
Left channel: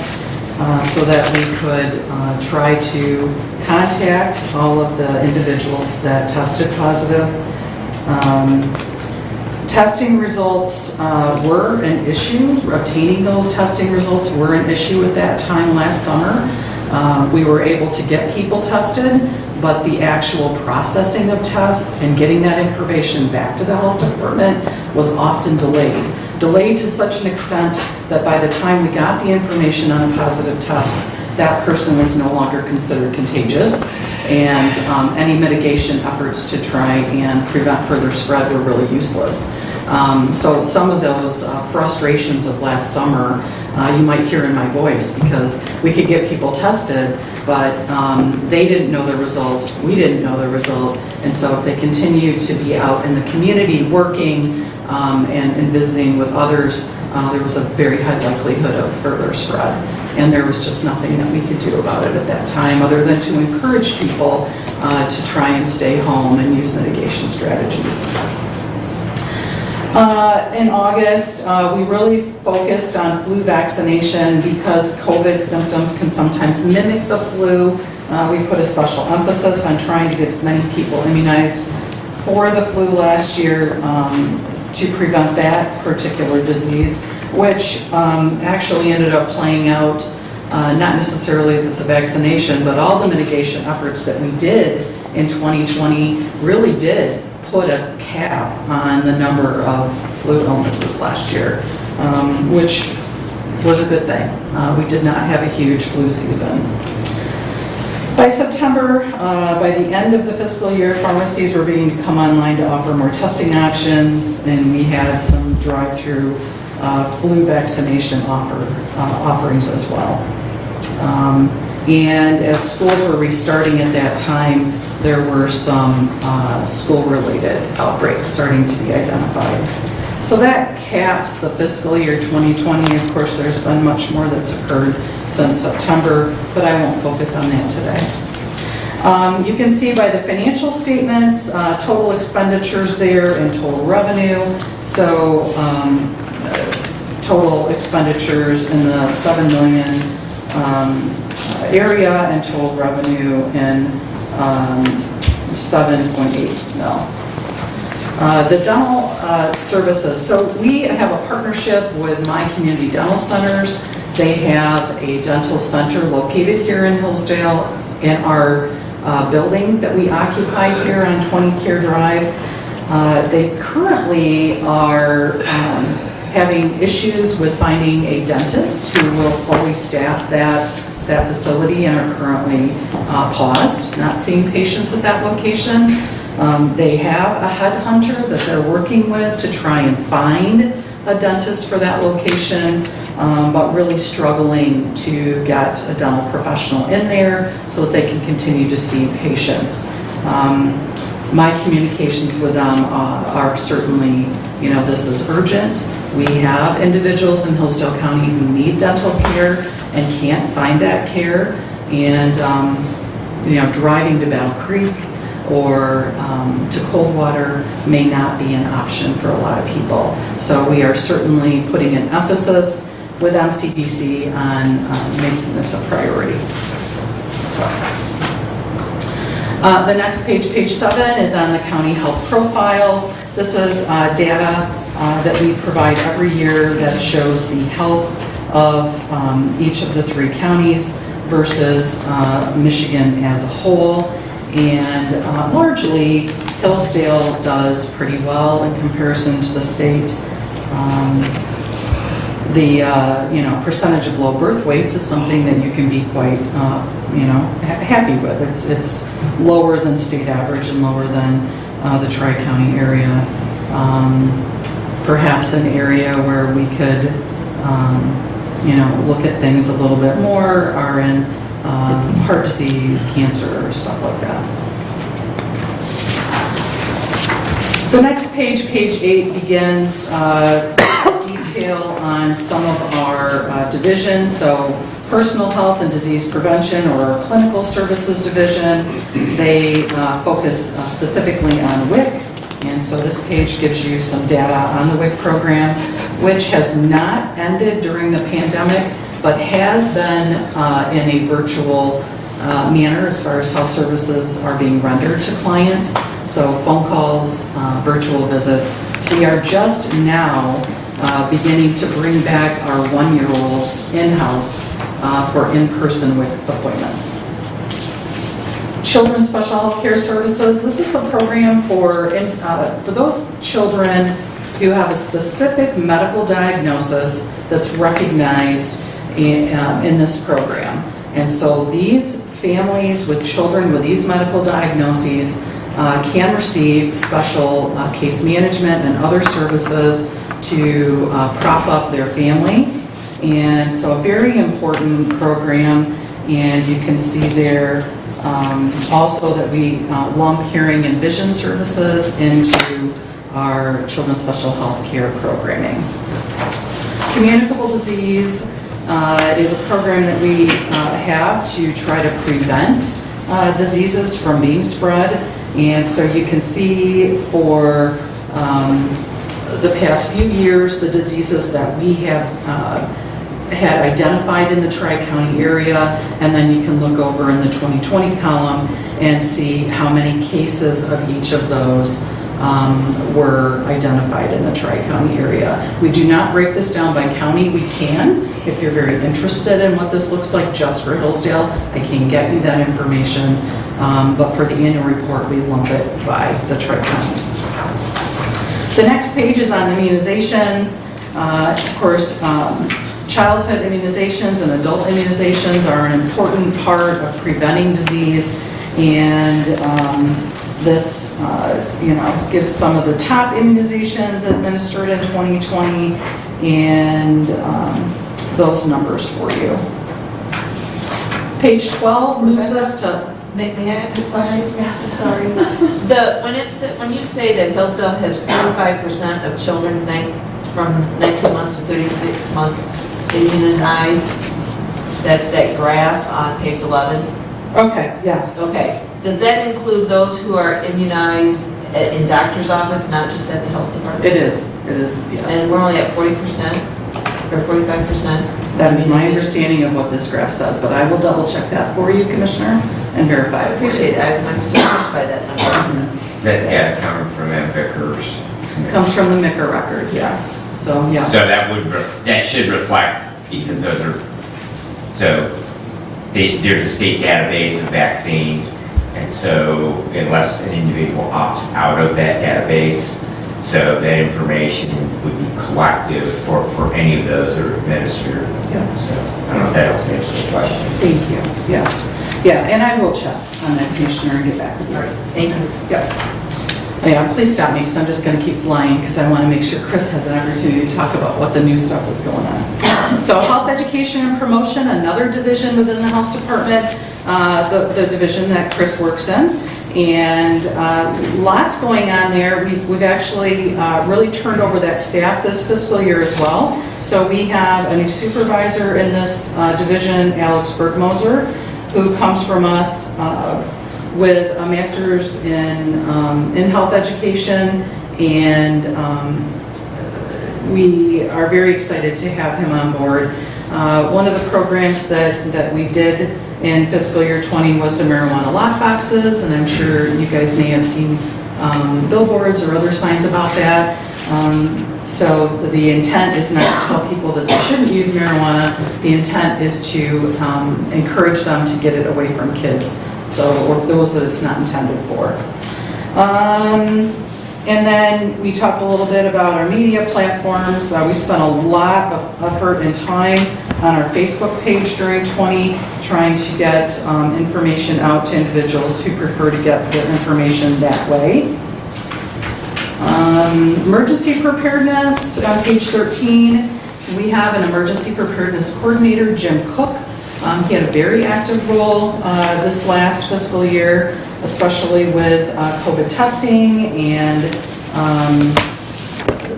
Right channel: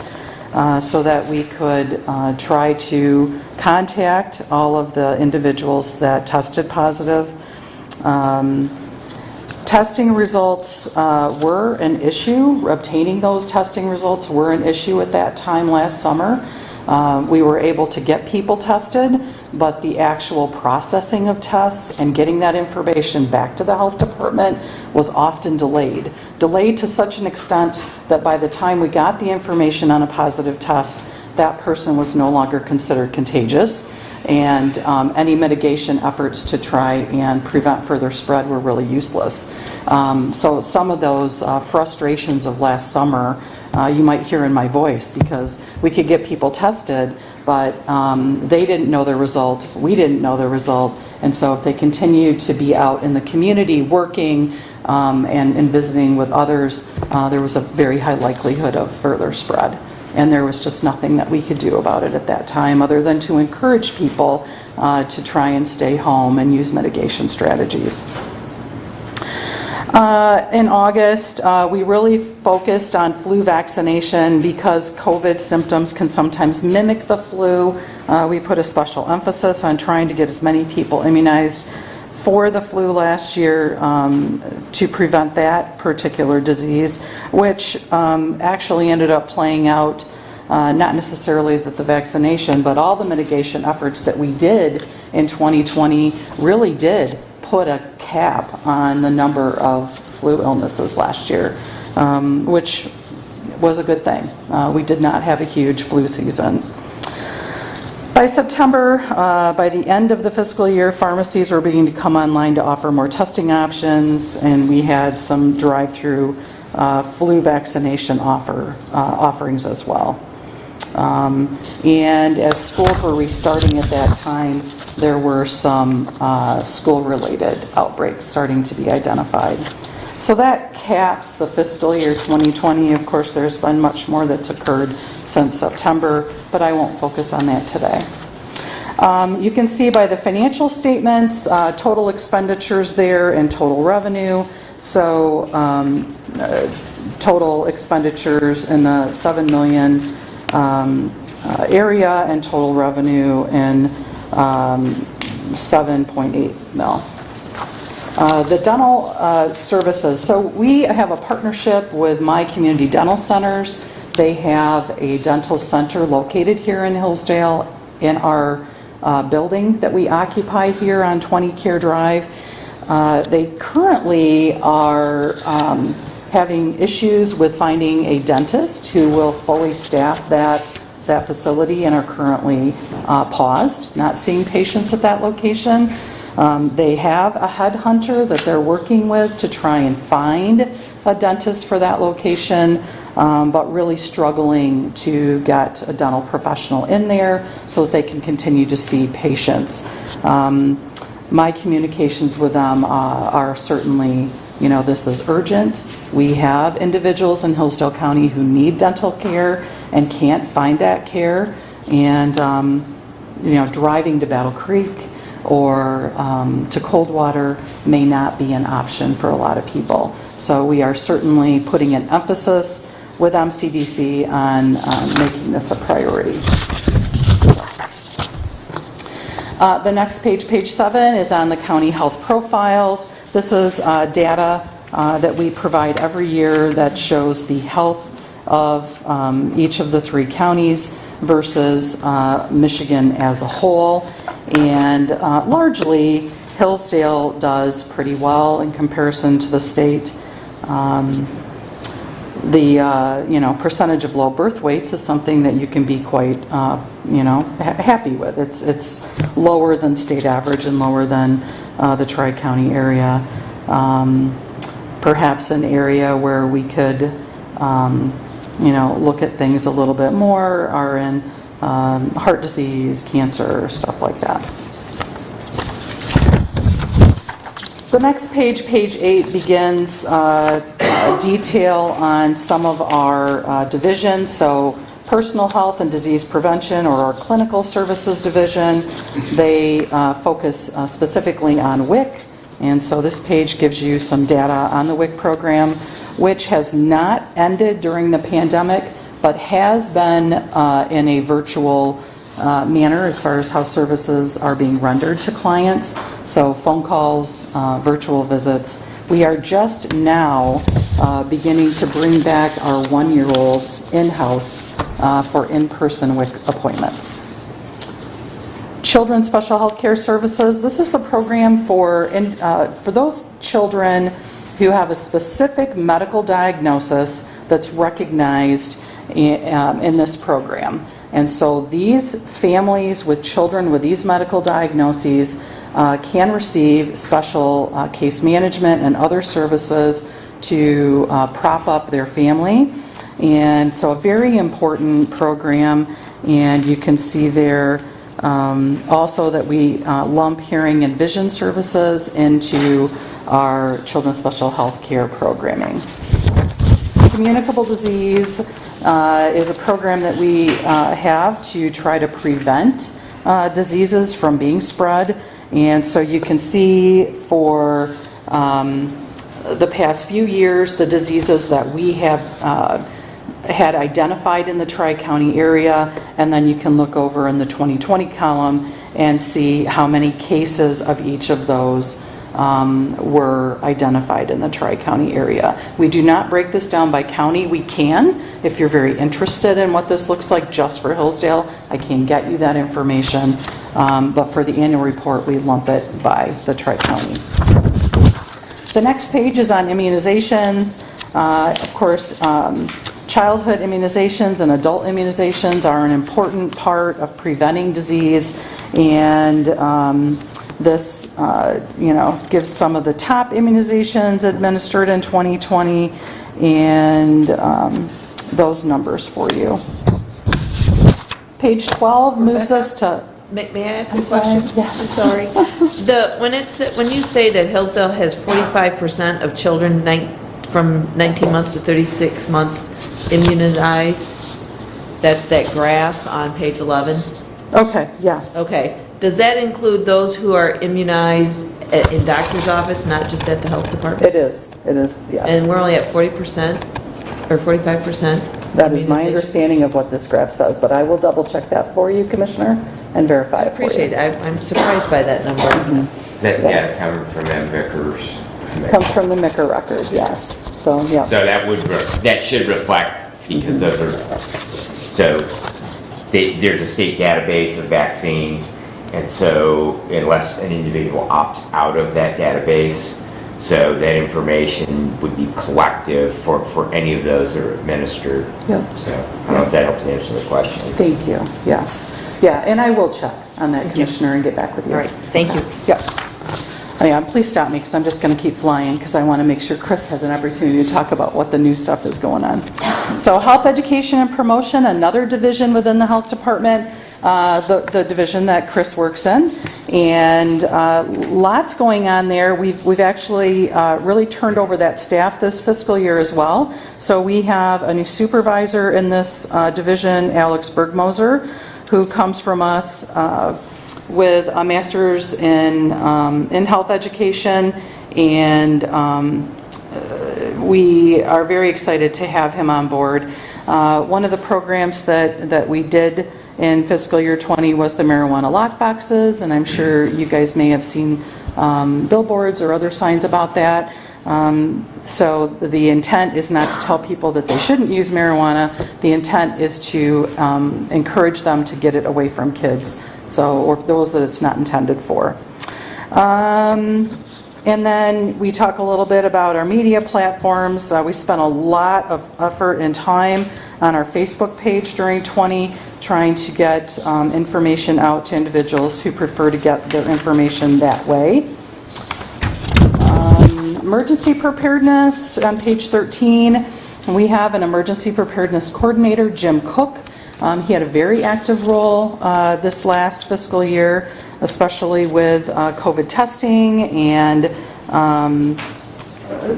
so that we could try to contact all of the individuals that tested positive. Testing results were an issue. Obtaining those testing results were an issue at that time last summer. We were able to get people tested, but the actual processing of tests and getting that information back to the health department was often delayed. Delayed to such an extent that by the time we got the information on a positive test, that person was no longer considered contagious. and any mitigation efforts to try and prevent further spread were really useless. So some of those frustrations of last summer, you might hear in my voice, because we could get people tested, but they didn't know the result, we didn't know the result, and so if they continue to be out in the community working and visiting with others, there was a very high likelihood of further spread. And there was just nothing that we could do about it at that time other than to encourage people to try and stay home and use mitigation strategies. In August, we really focused on flu vaccination because COVID symptoms can sometimes mimic the flu. We put a special emphasis on trying to get as many people immunized for the flu last year to prevent that particular disease, which actually ended up playing out not necessarily the vaccination, but all the mitigation efforts that we did in 2020 really did put a cap on the number of flu illnesses last year, which was a good thing. We did not have a huge flu season. By September, by the end of the fiscal year, pharmacies were beginning to come online to offer more testing options, and we had some drive-through flu vaccination offerings as well. And as schools were restarting at that time, there were some school-related outbreaks starting to be identified. So that caps the fiscal year 2020. Of course, there's been much more that's occurred since September, but I won't focus on that today. You can see by the financial statements, total expenditures there and total revenue. So total expenditures in the 7 million area and total revenue in 7.8 mil. The dental services. So we have a partnership with My Community Dental Centers. They have a dental center located here in Hillsdale in our building that we occupy here on 20 Care Drive. They currently are having issues with finding a dentist who will fully staff that facility and are currently paused, not seeing patients at that location. They have a headhunter that they're working with to try and find a dentist for that location, but really struggling to get a dental professional in there so that they can continue to see patients. My communications with them are certainly, this is urgent. We have individuals in Hillsdale County who need dental care and can't find that care, and driving to Battle Creek or to Coldwater may not be an option for a lot of people. So we are certainly putting an emphasis with MCDC on making this a priority. The next page, page 7, is on the county health profiles. This is data that we provide every year that shows the health of each of the 3 counties versus Michigan as a whole. And largely, Hillsdale does pretty well in comparison to the state. The percentage of low birth weights is something that you can be quite happy with. It's lower than state average and lower than the Tri-County area. Perhaps an area where we could look at things a little bit more are in heart disease, cancer, stuff like that. The next page, page 8, begins detail on some of our divisions. So personal health and disease prevention, or our clinical services division, they focus specifically on WIC. And so this page gives you some data on the WIC program, which has not ended during the pandemic, but has been in a virtual manner as far as how services are being rendered to clients. So phone calls, virtual visits. We are just now beginning to bring back our 1-year-olds in-house for in-person WIC appointments. Children's Special Health Care Services. This is the program for those children who have a specific medical diagnosis that's recognized in this program. And so these families with children with these medical diagnoses can receive special case management and other services to prop up their family. And so a very important program, and you can see there also that we lump hearing and vision services into our children's special health care programming. Communicable Disease is a program that we have to try to prevent diseases from being spread. And so you can see for the past few years, the diseases that we have had identified in the Tri-County area, and then you can look over in the 2020 column and see how many cases of each of those were identified in the Tri-County area. We do not break this down by county. We can, if you're very interested in what this looks like just for Hillsdale, I can get you that information. But for the annual report, we lump it by the Tri-County. The next page is on immunizations. Of course, childhood immunizations and adult immunizations are an important part of preventing disease, and this gives some of the top immunizations administered in 2020 and those numbers for you. Page 12 moves us to... May I ask a question? Yes. Sorry. When you say that Hillsdale has 45% of children from 19 months to 36 months immunized, that's that graph on page 11? Okay, yes. Okay. Does that include those who are immunized in doctor's office, not just at the health department? It is, yes. And we're only at 40% or 45%? That is my understanding of what this graph says, but I will double check that for you, Commissioner, and verify it for you. Appreciate it. I'm surprised by that number. That coming from that Vickers. Comes from the MICR record, yes. So, yeah. So that should reflect, because of there's a state database of vaccines, and so unless an individual opts out of that database, so that information would be collective for any of those that are administered. Yeah. So I don't know if that helps answer the question. Thank you, yes. Yeah, and I will check on that, Commissioner, and get back with you. All right, thank you. Yeah. Oh, yeah, please stop me, because I'm just going to keep flying, because I want to make sure Chris has an opportunity to talk about what the new stuff is going on. So health education and promotion, another division within the health department, the division that Chris works in. And lots going on there. We've actually really turned over that staff this fiscal year as well. So we have a new supervisor in this division, Alex Bergmoser, who comes from us with a master's in health education, and we are very excited to have him on board. One of the programs that we did in fiscal year 20 was the marijuana lockboxes, and I'm sure you guys may have seen billboards or other signs about that. So the intent is not to tell people that they shouldn't use marijuana. The intent is to encourage them to get it away from kids, or those that it's not intended for. And then we talk a little bit about our media platforms. We spent a lot of effort and time on our Facebook page during 20, trying to get information out to individuals who prefer to get their information that way. Emergency preparedness, on page 13, we have an emergency preparedness coordinator, Jim Cook. He had a very active role this last fiscal year, especially with COVID testing and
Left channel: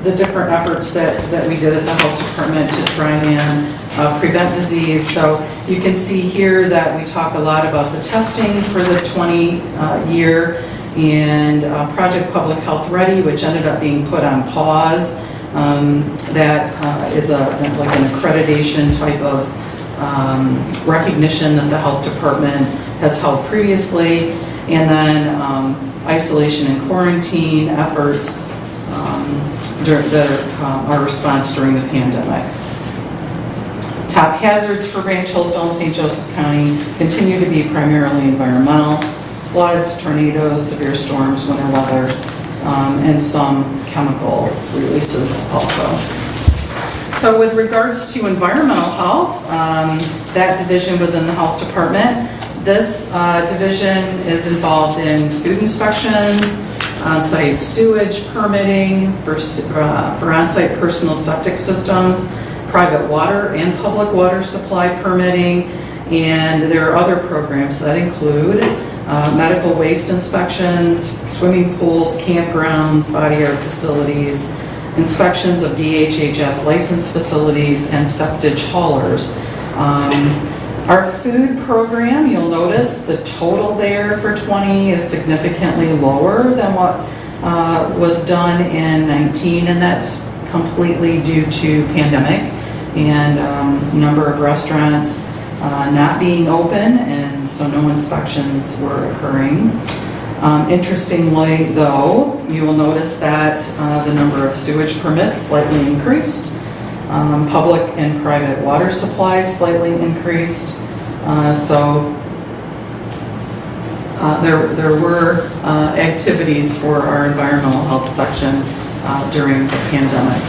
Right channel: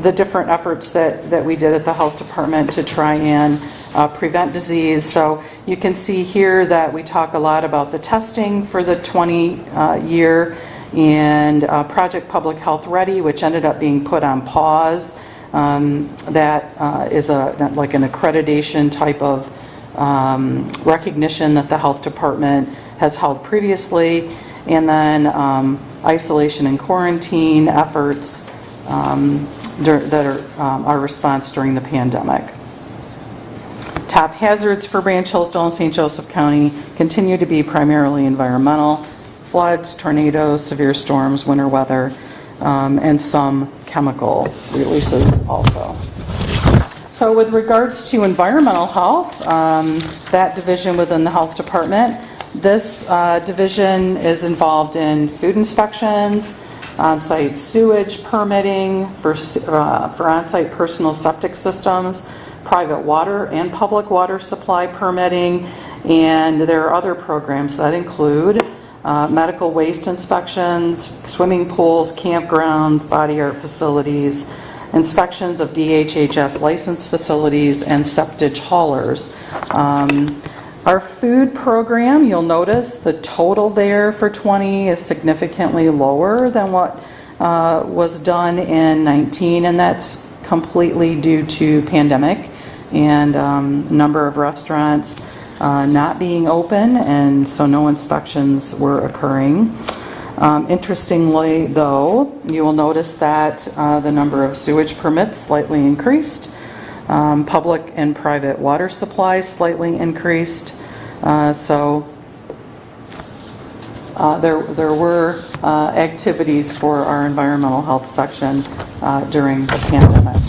the different efforts that we did at the health department to try and prevent disease. So you can see here that we talk a lot about the testing for the 20 year and Project Public Health Ready, which ended up being put on pause. That is like an accreditation type of recognition that the health department has held previously, and then isolation and quarantine efforts that are our response during the pandemic. Top hazards for Brainchillsdale and St. Joseph County continue to be primarily environmental: floods, tornadoes, severe storms, winter weather, and some chemical releases also. So with regards to environmental health, that division within the health department, this division is involved in food inspections, on-site sewage permitting for on-site personal septic systems, private water and public water supply permitting, and there are other programs that include medical waste inspections, swimming pools, campgrounds, body art facilities, inspections of DHHS licensed facilities, and septage haulers. Our food program, you'll notice the total there for 20 is significantly lower than what was done in 19, and that's completely due to pandemic and number of restaurants not being open, and so no inspections were occurring. Interestingly, though, you will notice that the number of sewage permits slightly increased. Public and private water supplies slightly increased. So there were activities for our environmental health section during the pandemic.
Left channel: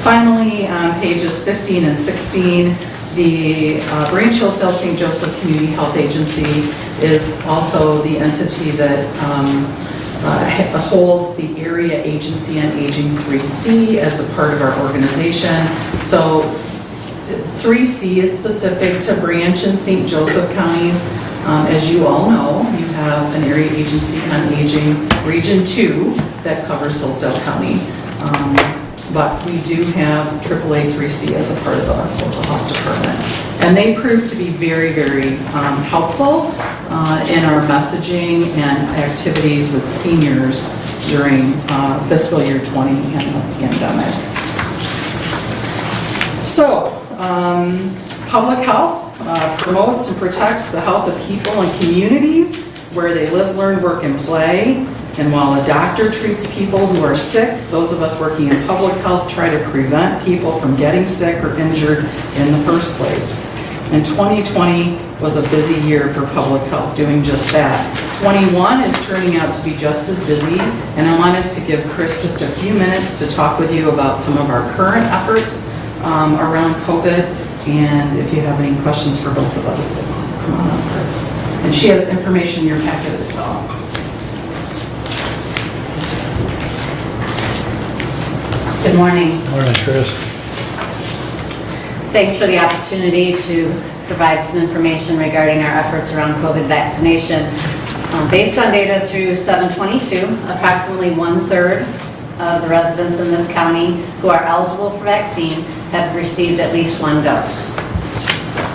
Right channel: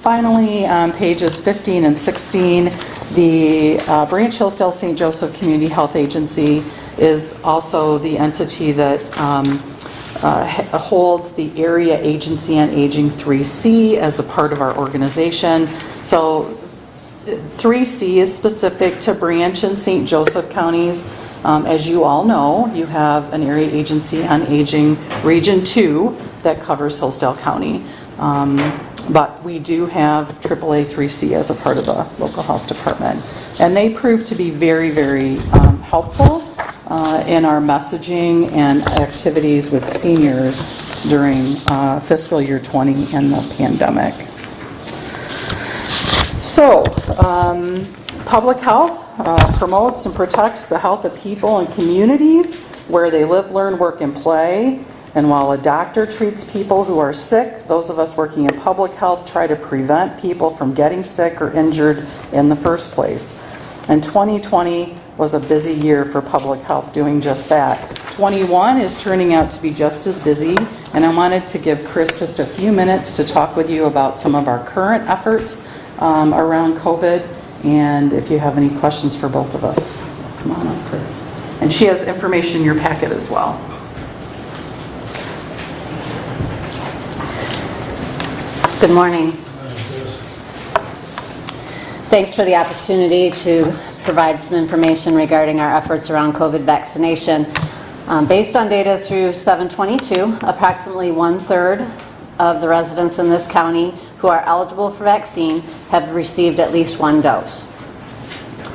Finally, on pages 15 and 16, the Brainchillsdale St. Joseph Community Health Agency is also the entity that holds the Area Agency on Aging 3C as a part of our organization. So 3C is specific to Branch and St. Joseph counties. As you all know, you have an Area Agency on Aging Region 2 that covers Hillsdale County. But we do have AAA 3C as a part of our local health department. And they proved to be very, very helpful in our messaging and activities with seniors during fiscal year 20 and the pandemic. So, public health promotes and protects the health of people and communities where they live, learn, work, and play. And while a doctor treats people who are sick, those of us working in public health try to prevent people from getting sick or injured in the first place. And 2020 was a busy year for public health doing just that. 21 is turning out to be just as busy, and I wanted to give Chris just a few minutes to talk with you about some of our current efforts around COVID, and if you have any questions for both of us, so come on up, Chris. And she has information in your packet as well. Good morning. Morning, Chris. Thanks for the opportunity to provide some information regarding our efforts around COVID vaccination. Based on data through 7/22, approximately 1/3 of the residents in this county who are eligible for vaccine have received at least one dose.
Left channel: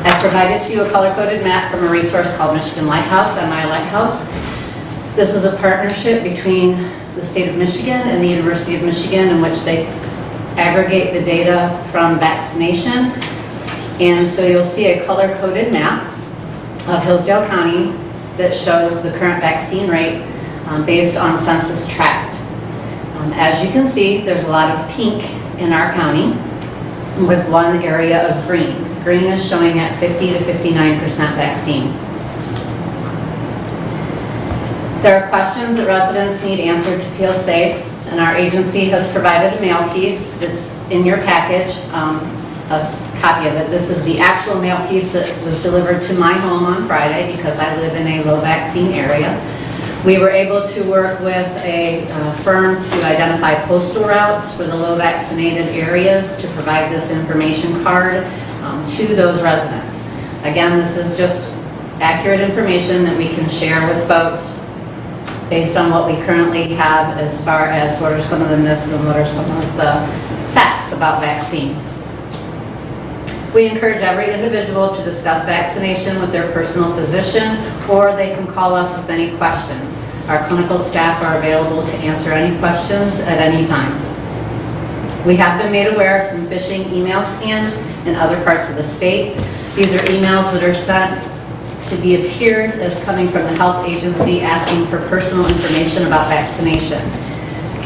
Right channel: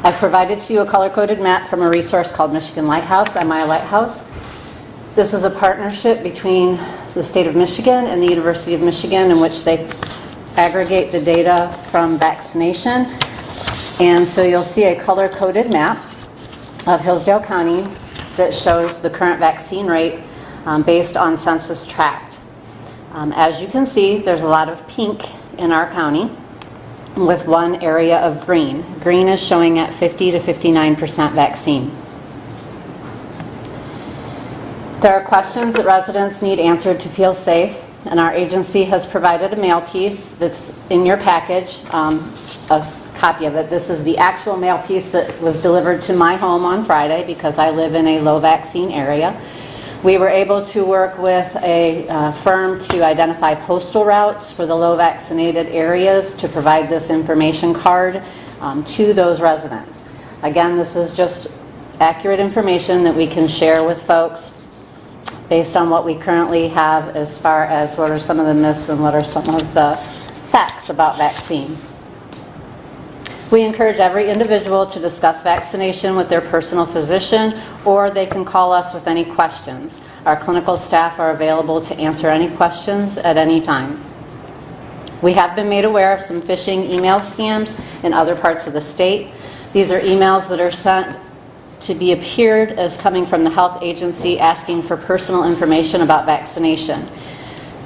I've provided to you a color-coded map from a resource called Michigan Lighthouse, MI Lighthouse. This is a partnership between the state of Michigan and the University of Michigan, in which they aggregate the data from vaccination. And so you'll see a color-coded map of Hillsdale County that shows the current vaccine rate based on census tract. As you can see, there's a lot of pink in our county with one area of green. Green is showing at 50 to 59% vaccine. There are questions that residents need answered to feel safe, and our agency has provided a mail piece. It's in your package, a copy of it. This is the actual mail piece that was delivered to my home on Friday because I live in a low vaccine area. We were able to work with a firm to identify postal routes for the low vaccinated areas to provide this information card to those residents. Again, this is just accurate information that we can share with folks based on what we currently have as far as what are some of the myths and what are some of the facts about vaccine. We encourage every individual to discuss vaccination with their personal physician, or they can call us with any questions. Our clinical staff are available to answer any questions at any time. We have been made aware of some phishing email scams in other parts of the state. These are emails that are sent to be appeared as coming from the health agency asking for personal information about vaccination.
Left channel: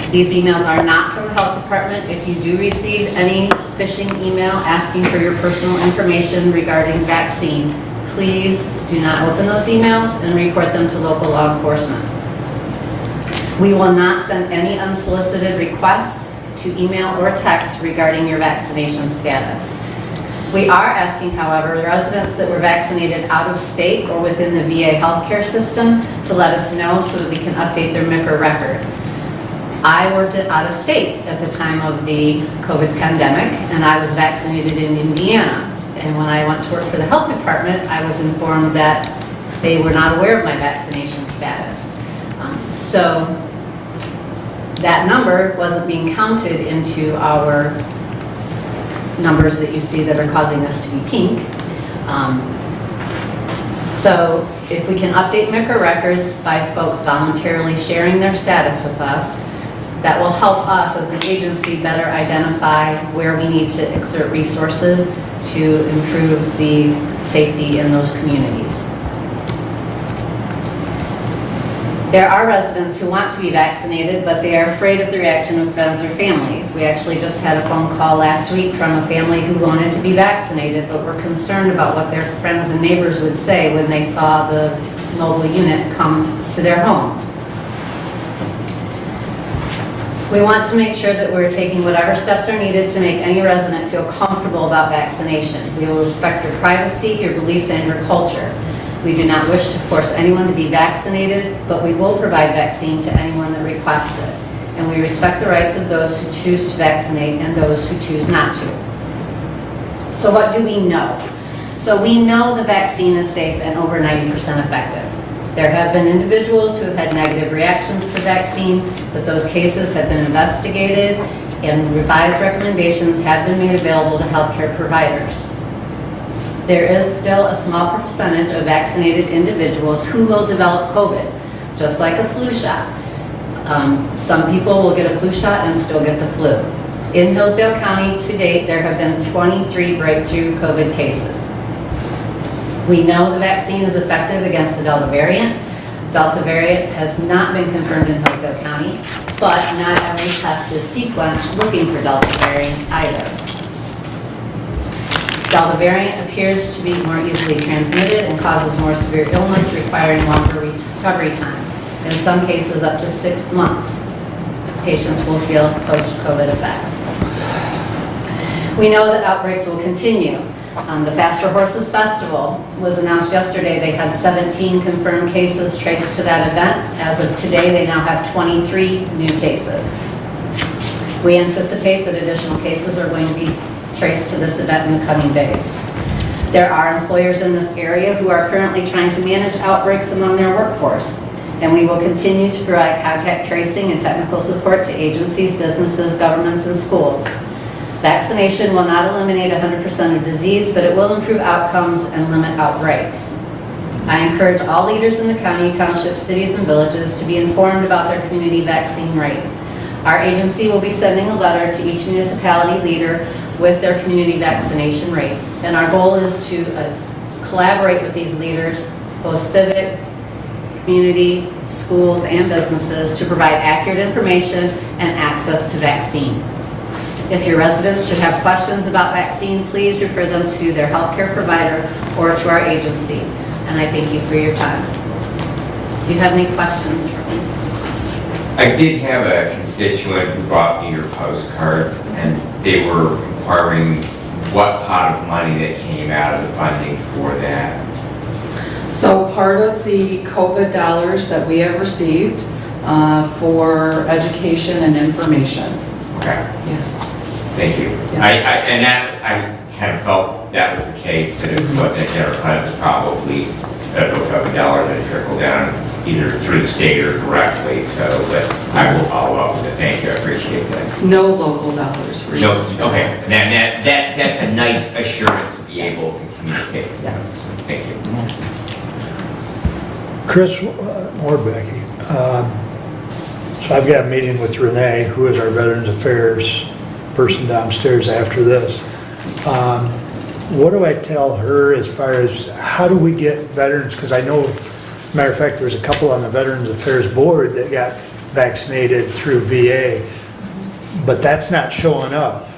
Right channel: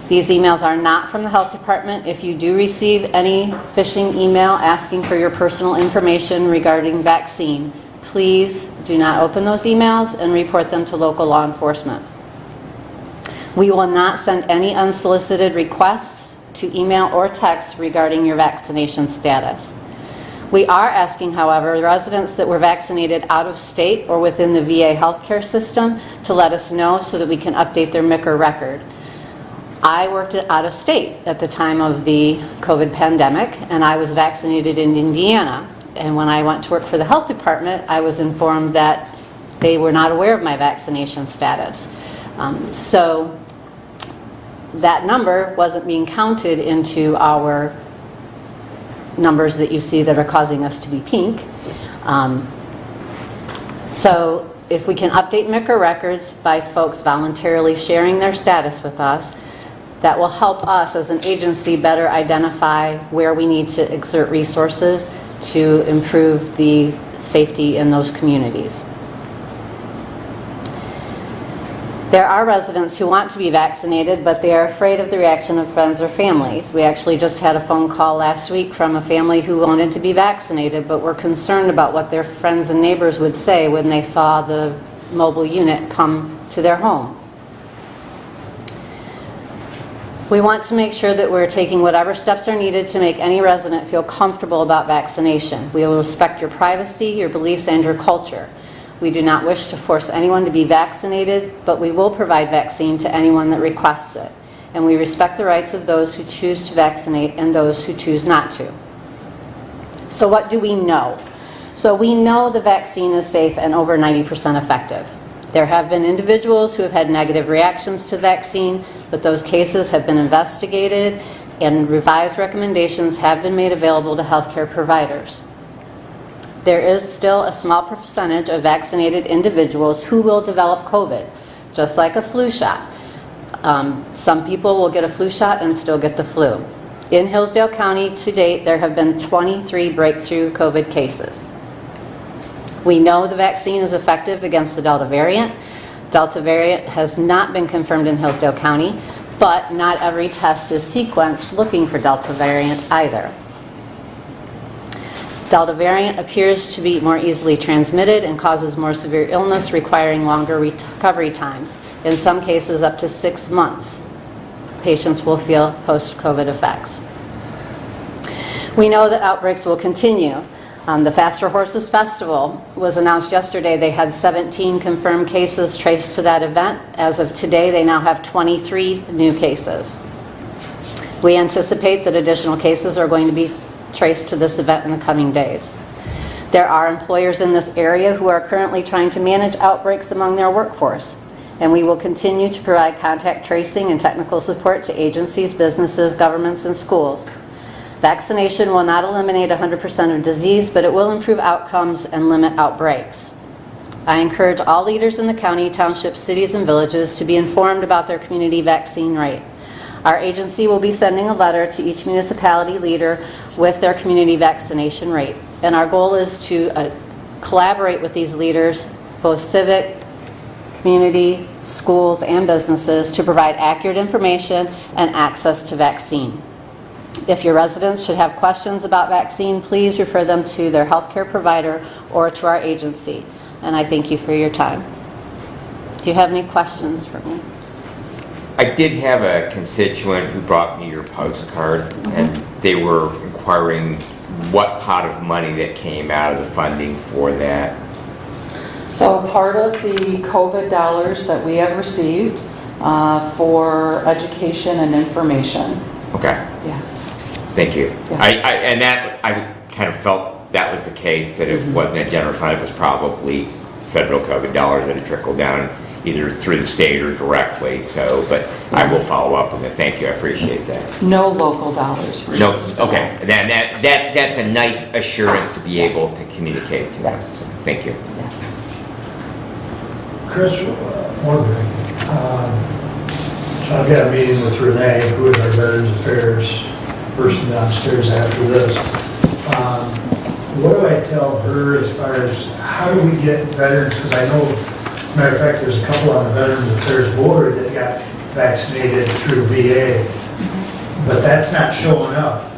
These emails are not from the health department. If you do receive any phishing email asking for your personal information regarding vaccine, please do not open those emails and report them to local law enforcement. We will not send any unsolicited requests to email or text regarding your vaccination status. We are asking, however, the residents that were vaccinated out of state or within the VA healthcare system to let us know so that we can update their MICR record. I worked out of state at the time of the COVID pandemic, and I was vaccinated in Indiana. And when I went to work for the health department, I was informed that they were not aware of my vaccination status. So that number wasn't being counted into our numbers that you see that are causing us to be pink. So if we can update MICR records by folks voluntarily sharing their status with us, that will help us as an agency better identify where we need to exert resources to improve the safety in those communities. There are residents who want to be vaccinated, but they are afraid of the reaction of friends or families. We actually just had a phone call last week from a family who wanted to be vaccinated, but were concerned about what their friends and neighbors would say when they saw the mobile unit come to their home. We want to make sure that we're taking whatever steps are needed to make any resident feel comfortable about vaccination. We will respect your privacy, your beliefs, and your culture. We do not wish to force anyone to be vaccinated, but we will provide vaccine to anyone that requests it. And we respect the rights of those who choose to vaccinate and those who choose not to. So what do we know? So we know the vaccine is safe and over 90% effective. There have been individuals who have had negative reactions to vaccine, but those cases have been investigated and revised recommendations have been made available to healthcare providers. There is still a small percentage of vaccinated individuals who will develop COVID, just like a flu shot. Some people will get a flu shot and still get the flu. In Hillsdale County to date, there have been 23 breakthrough COVID cases. We know the vaccine is effective against the Delta variant. Delta variant has not been confirmed in Hillsdale County, but not every test is sequenced looking for Delta variant either. Delta variant appears to be more easily transmitted and causes more severe illness requiring longer recovery times. In some cases, up to 6 months, patients will feel post-COVID effects. We know that outbreaks will continue. The Faster Horses Festival was announced yesterday. They had 17 confirmed cases traced to that event. As of today, they now have 23 new cases. We anticipate that additional cases are going to be traced to this event in the coming days. There are employers in this area who are currently trying to manage outbreaks among their workforce, and we will continue to provide contact tracing and technical support to agencies, businesses, governments, and schools. Vaccination will not eliminate 100% of disease, but it will improve outcomes and limit outbreaks. I encourage all leaders in the county, townships, cities, and villages to be informed about their community vaccine rate. Our agency will be sending a letter to each municipality leader with their community vaccination rate. And our goal is to collaborate with these leaders, both civic, community, schools, and businesses, to provide accurate information and access to vaccine. If your residents should have questions about vaccine, please refer them to their healthcare provider or to our agency. And I thank you for your time. Do you have any questions for me? I did have a constituent who brought me your postcard, and they were inquiring what pot of money that came out of the funding for that. So part of the COVID dollars that we have received for education and information. Okay. Yeah. Thank you. Yeah. I kind of felt that was the case, that it wasn't a general fund, it was probably federal COVID dollars that had trickled down either through the state or directly, so, but I will follow up with it. Thank you, I appreciate that. No local dollars. No, okay, then that's a nice assurance to be able to communicate to us. Thank you. Yes. Chris or Becky, so I've got a meeting with Renee, who is our Veterans Affairs person downstairs after this. What do I tell her as far as how do we get veterans? Because I know, matter of fact, there's a couple on the Veterans Affairs board that got vaccinated through VA, but that's not showing up,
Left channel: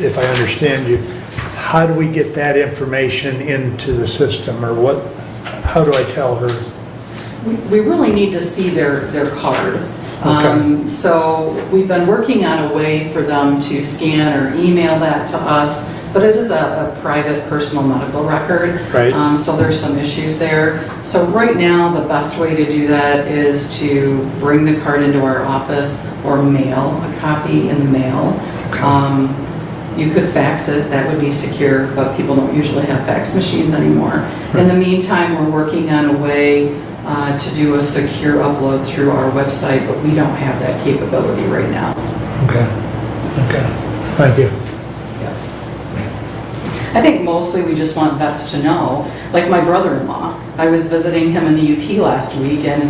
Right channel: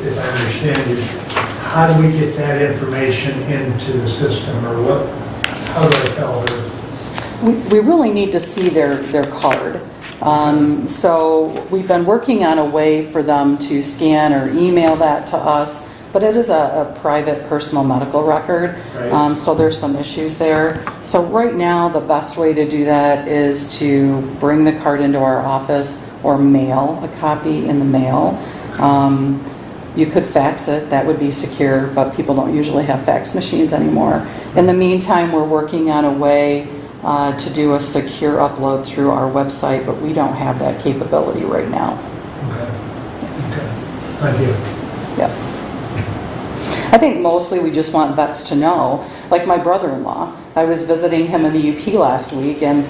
if I understand you. How do we get that information into the system, or what? How do I tell her? We really need to see their card. So we've been working on a way for them to scan or email that to us, but it is a private personal medical record. Right. So there's some issues there. So right now, the best way to do that is to bring the card into our office or mail a copy in the mail. You could fax it, that would be secure, but people don't usually have fax machines anymore. In the meantime, we're working on a way to do a secure upload through our website, but we don't have that capability right now. Okay. Thank you. Yeah. I think mostly we just want vets to know, like my brother-in-law, I was visiting him in the UP last week, and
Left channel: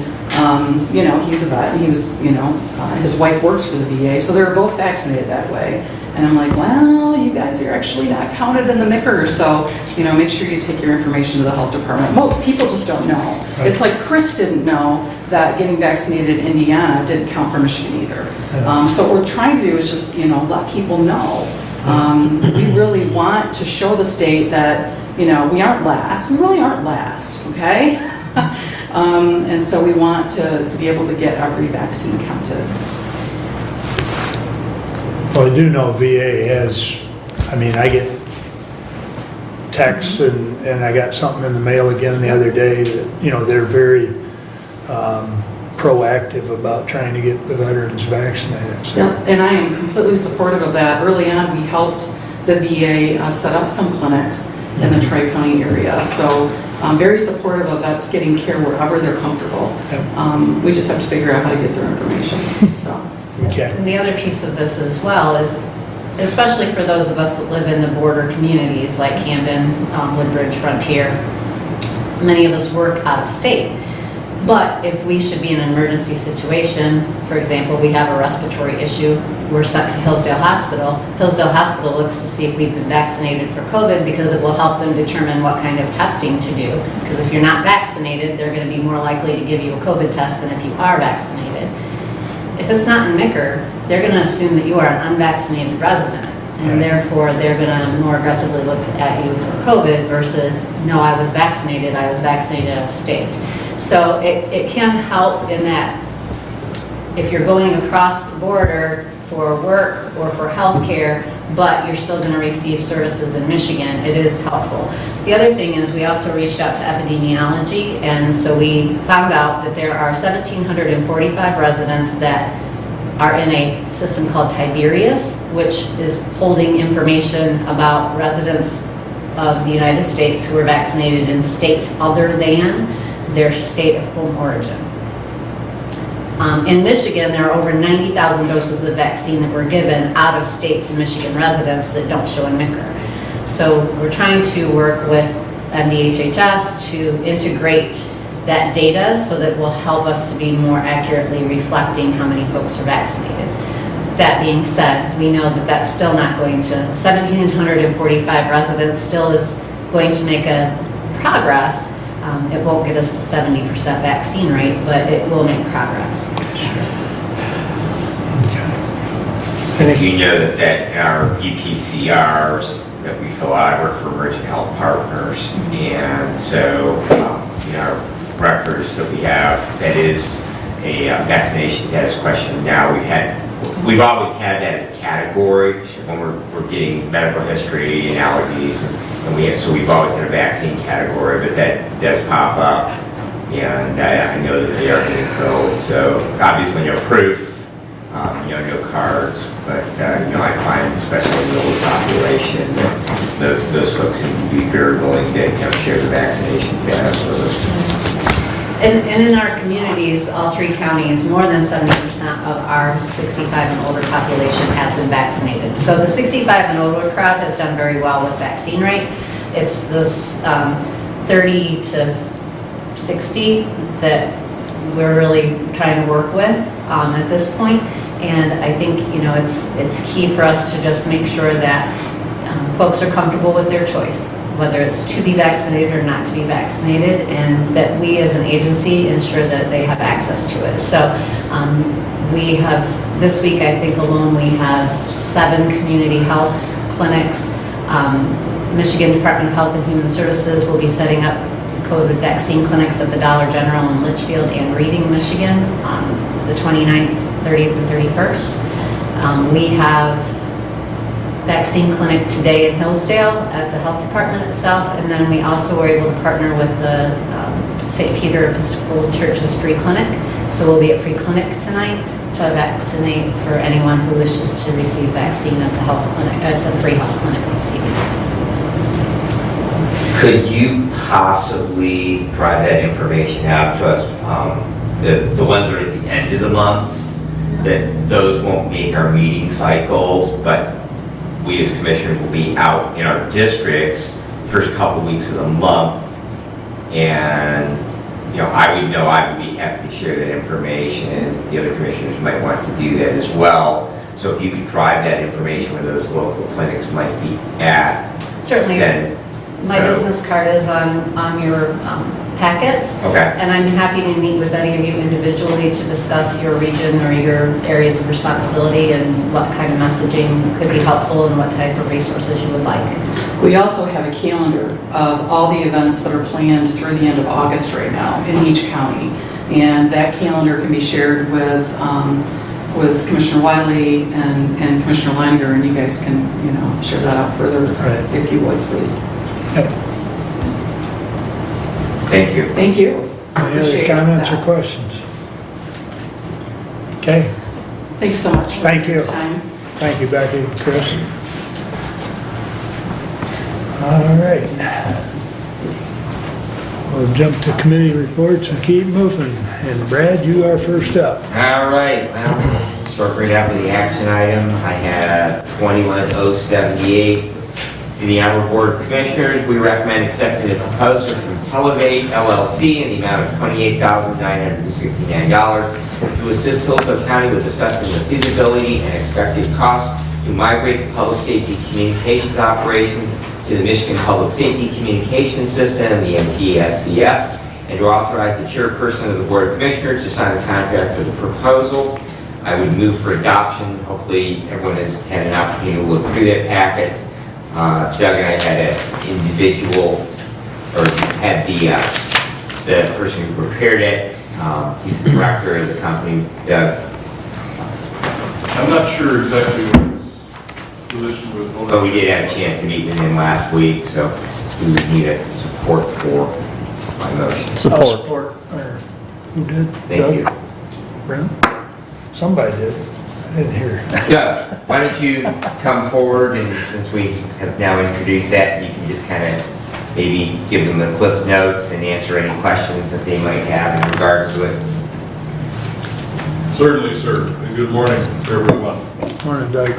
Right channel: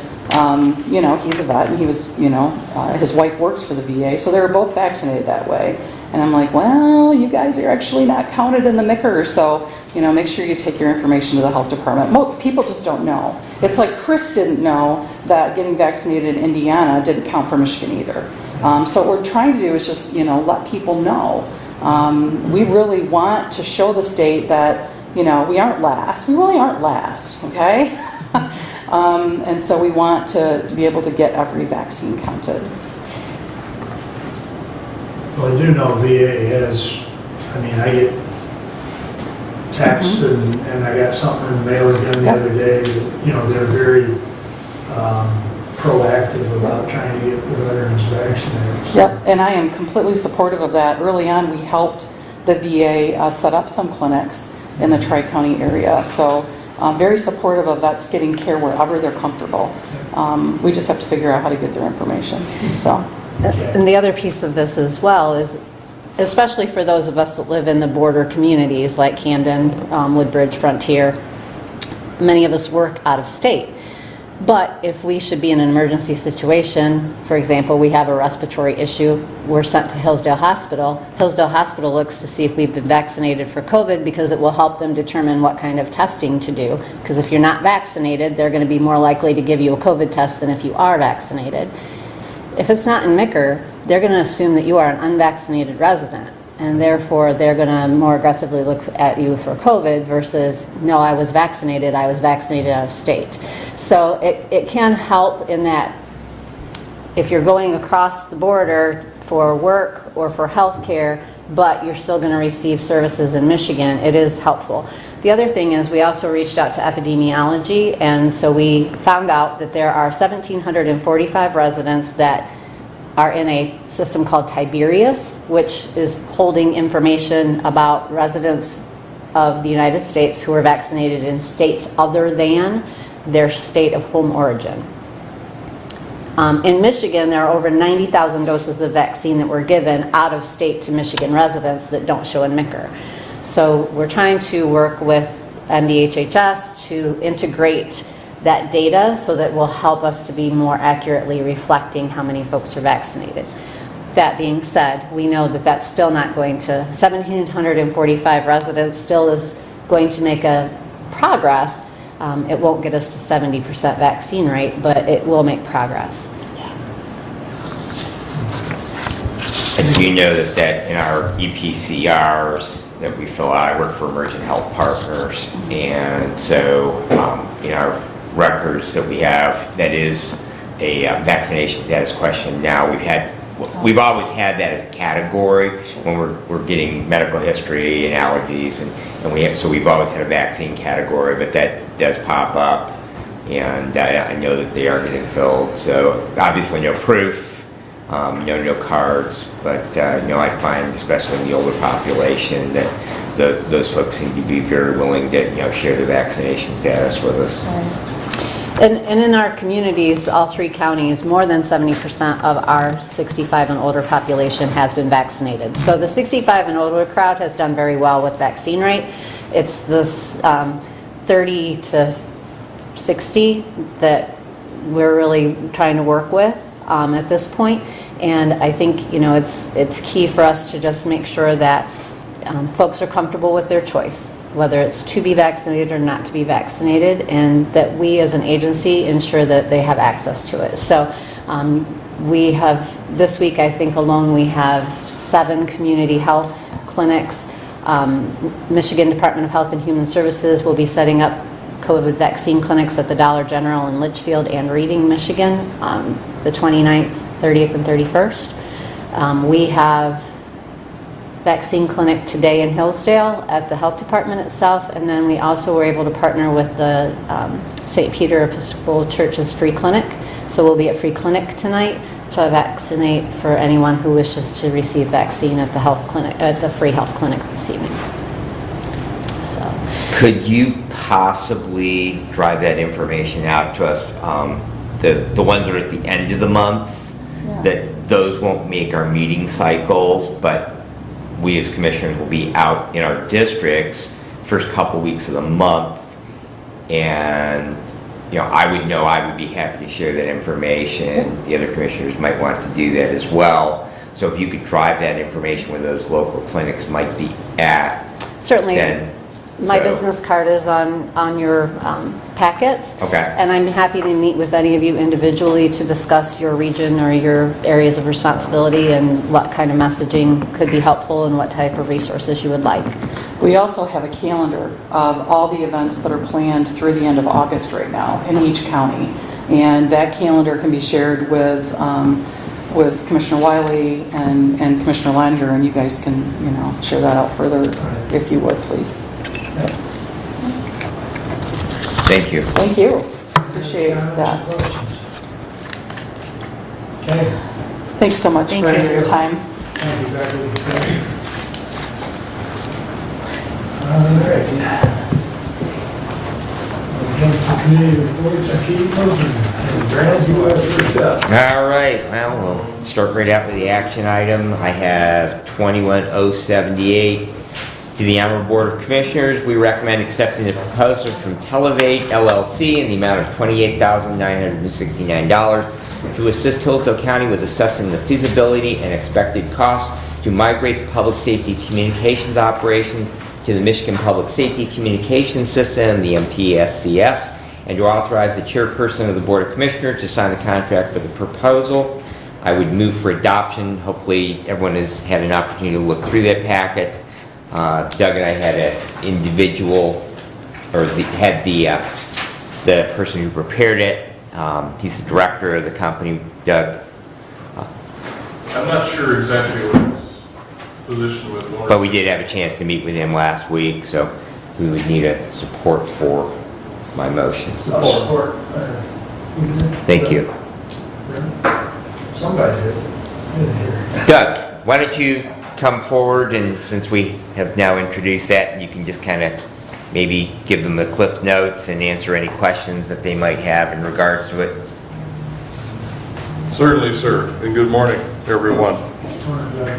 you know, he's a vet, and he was, you know, his wife works for the VA, so they were both vaccinated that way. And I'm like, well, you guys are actually not counted in the MICR, so, you know, make sure you take your information to the health department. Well, people just don't know. It's like Chris didn't know that getting vaccinated in Indiana didn't count for Michigan either. So what we're trying to do is just, you know, let people know. We really want to show the state that, you know, we aren't last. We really aren't last, okay? And so we want to be able to get every vaccine counted. Well, I do know VA has, I mean, I get texts and I got something in the mail again the other day that, you know, they're very proactive about trying to get the veterans vaccinated. So. Yep, and I am completely supportive of that. Early on, we helped the VA set up some clinics in the Tri-County area. So I'm very supportive of vets getting care wherever they're comfortable. Yep. We just have to figure out how to get their information, so. Okay. And the other piece of this as well is, especially for those of us that live in the border communities like Camden, Woodbridge, Frontier, many of us work out of state. But if we should be in an emergency situation, for example, we have a respiratory issue, we're sent to Hillsdale Hospital. Hillsdale Hospital looks to see if we've been vaccinated for COVID because it will help them determine what kind of testing to do. Because if you're not vaccinated, they're going to be more likely to give you a COVID test than if you are vaccinated. If it's not in MICR, they're going to assume that you are an unvaccinated resident. And therefore, they're going to more aggressively look at you for COVID versus, no, I was vaccinated out of state. So it can help in that if you're going across the border for work or for health care, but you're still going to receive services in Michigan, it is helpful. The other thing is we also reached out to epidemiology, and so we found out that there are 1,745 residents that are in a system called Tiberius, which is holding information about residents of the United States who are vaccinated in states other than their state of home origin. In Michigan, there are over 90,000 doses of vaccine that were given out of state to Michigan residents that don't show in MICR. So we're trying to work with NDHHS to integrate that data so that will help us to be more accurately reflecting how many folks are vaccinated. That being said, we know that that's still not going to, 1,745 residents still is going to make a progress. It won't get us to 70% vaccine rate, but it will make progress. And you know that in our EPCRs that we fill out, I work for Emerging Health Partners, and so in our records that we have, that is a vaccination status question. Now we've always had that as a category when we're getting medical history and allergies, and so we've always had a vaccine category, but that does pop up, and I know that they are getting filled. So obviously no proof. No cards, but I find, especially in the older population, that those folks seem to be very willing to share the vaccination status with us. And in our communities, all three counties, more than 70% of our 65 and older population has been vaccinated. So the 65 and older crowd has done very well with vaccine rate. It's this 30 to 60 that we're really trying to work with at this point. And I think, it's key for us to just make sure that folks are comfortable with their choice, whether it's to be vaccinated or not to be vaccinated, and that we as an agency ensure that they have access to it. So we have, this week I think alone, we have 7 community health clinics. Michigan Department of Health and Human Services will be setting up COVID vaccine clinics at the Dollar General in Litchfield and Reading, Michigan. the 29th, 30th, and 31st. We have vaccine clinic today in Hillsdale at the health department itself, and then we also were able to partner with the St. Peter Episcopal Church's free clinic. So we'll be at free clinic tonight to vaccinate for anyone who wishes to receive vaccine at the health clinic, at the free health clinic this evening. So, Could you possibly drive that information out to us? The ones that are at the end of the month, that those won't make our meeting cycles, but we as commissioners will be out in our districts first couple weeks of the month. And, I would be happy to share that information. The other commissioners might want to do that as well. So if you could drive that information where those local clinics might be at. certainly, then my so- business card is on your packets. Okay. And I'm happy to meet with any of you individually to discuss your region or your areas of responsibility and what kind of messaging could be helpful and what type of resources you would like. We also have a calendar of all the events that are planned through the end of August right now in each county. And that calendar can be shared with Commissioner Wiley and Commissioner Langer, and you guys can, share that out further Right. if you would, please. Thank you. Thank you. Any Appreciate other comments or that. questions? Okay, Thanks so much Thank for you. your time. thank you, Becky and Chris. All right. We'll jump to committee reports and keep moving. And Brad, you are first up. All right, well, we'll start right out with the action item. I have 21078. To the Honorable Board of Commissioners, we recommend accepting the proposal from Televate LLC in the amount of $28,969 to assist Hillsdale County with assessing the feasibility and expected costs to migrate the public safety communications operation to the Michigan Public Safety Communications System, the MPSCS, and to authorize the chairperson of the Board of Commissioners to sign the contract for the proposal. I would move for adoption. Hopefully, everyone has had an opportunity to look through that packet. Doug and I had an individual, or had the person who prepared it. He's the director of the company, Doug. I'm not sure exactly what his position was. But we did have a chance to meet with him last week, so we would need a support for my motion. I'll support. Who did? Thank you. Brent? Somebody did. I didn't hear. Doug, why don't you come forward, and since we have now introduced that, you can just kind of maybe give them the cliff notes and answer any questions that they might have in regards with. Certainly, sir, and good morning, everyone. Morning, Doug.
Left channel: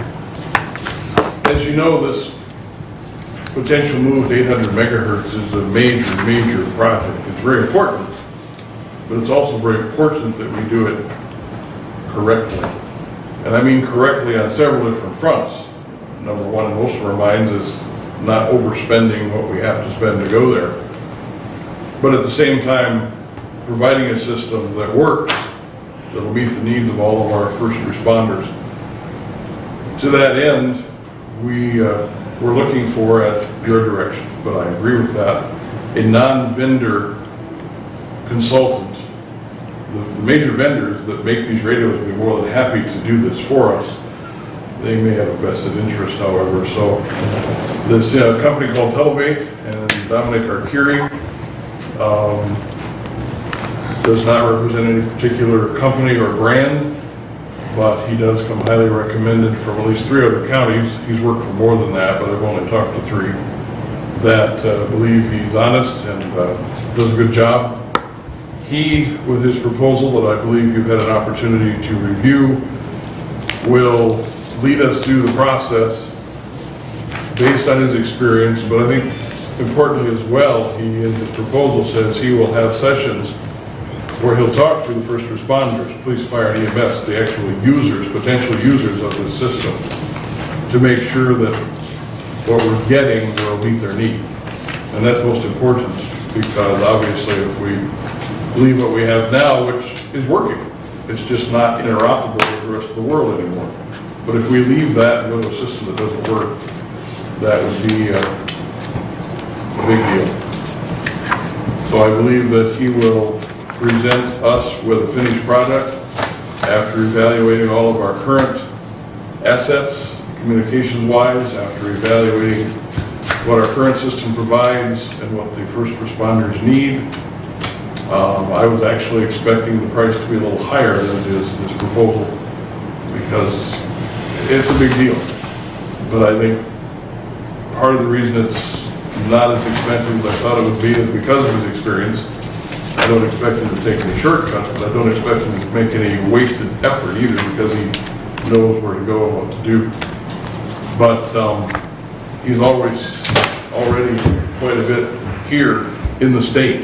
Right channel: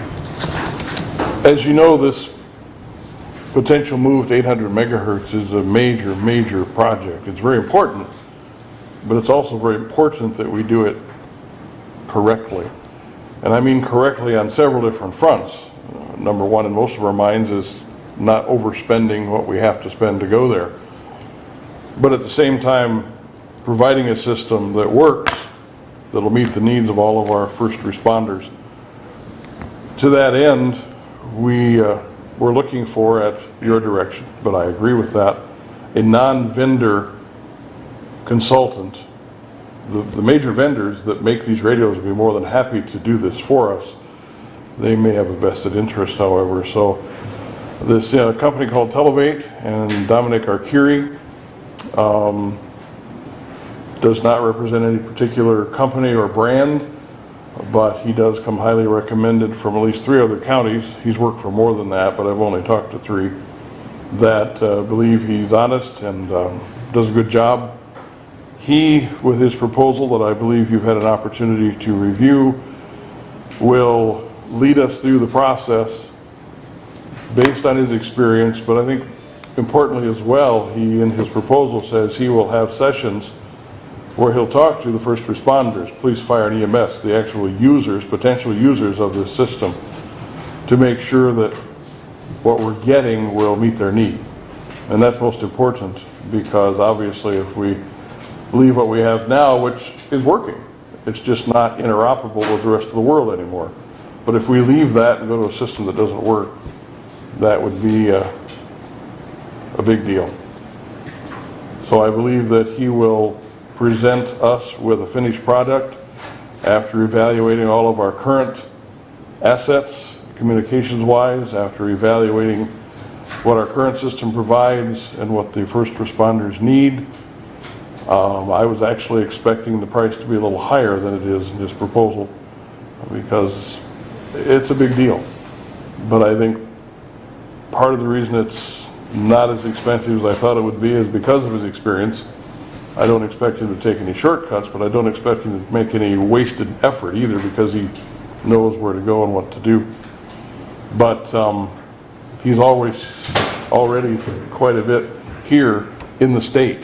As you know, this potential move to 800 megahertz is a major, major project. It's very important, but it's also very important that we do it correctly. And I mean correctly on several different fronts. Number one in most of our minds is not overspending what we have to spend to go there. But at the same time, providing a system that works, that'll meet the needs of all of our first responders. To that end, we're looking for, at your direction, but I agree with that, a non-vendor consultant. The major vendors that make these radios will be more than happy to do this for us. They may have a vested interest, however. So this company called Televate and Dominic Arcuri does not represent any particular company or brand, but he does come highly recommended from at least 3 other counties. He's worked for more than that, but I've only talked to 3 that believe he's honest and does a good job. He, with his proposal that I believe you've had an opportunity to review, will lead us through the process based on his experience, but I think importantly as well, he in his proposal says he will have sessions where he'll talk to the first responders, police, fire, and EMS, the actual users, potential users of the system, to make sure that what we're getting will meet their need. And that's most important, because obviously if we believe what we have now, which is working, it's just not interoperable with the rest of the world anymore. But if we leave that and go to a system that doesn't work, that would be a big deal. So I believe that he will present us with a finished product after evaluating all of our current assets, communications-wise, after evaluating what our current system provides and what the first responders need, I was actually expecting the price to be a little higher than it is in this proposal, because it's a big deal. But I think part of the reason it's not as expensive as I thought it would be is because of his experience. I don't expect him to take any shortcuts, but I don't expect him to make any wasted effort either, because he knows where to go and what to do. But he's already quite a bit here in the state,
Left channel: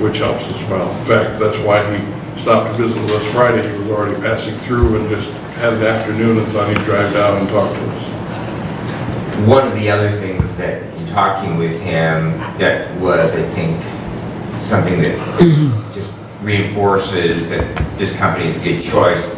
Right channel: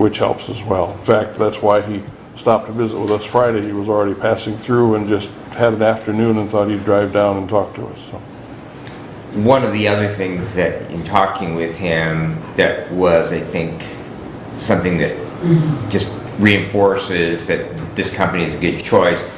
which helps as well. In fact, that's why he stopped to visit with us Friday. He was already passing through and just had an afternoon and thought he'd drive down and talk to us. One of the other things that in talking with him that was, I think, something that just reinforces that this company is a good choice,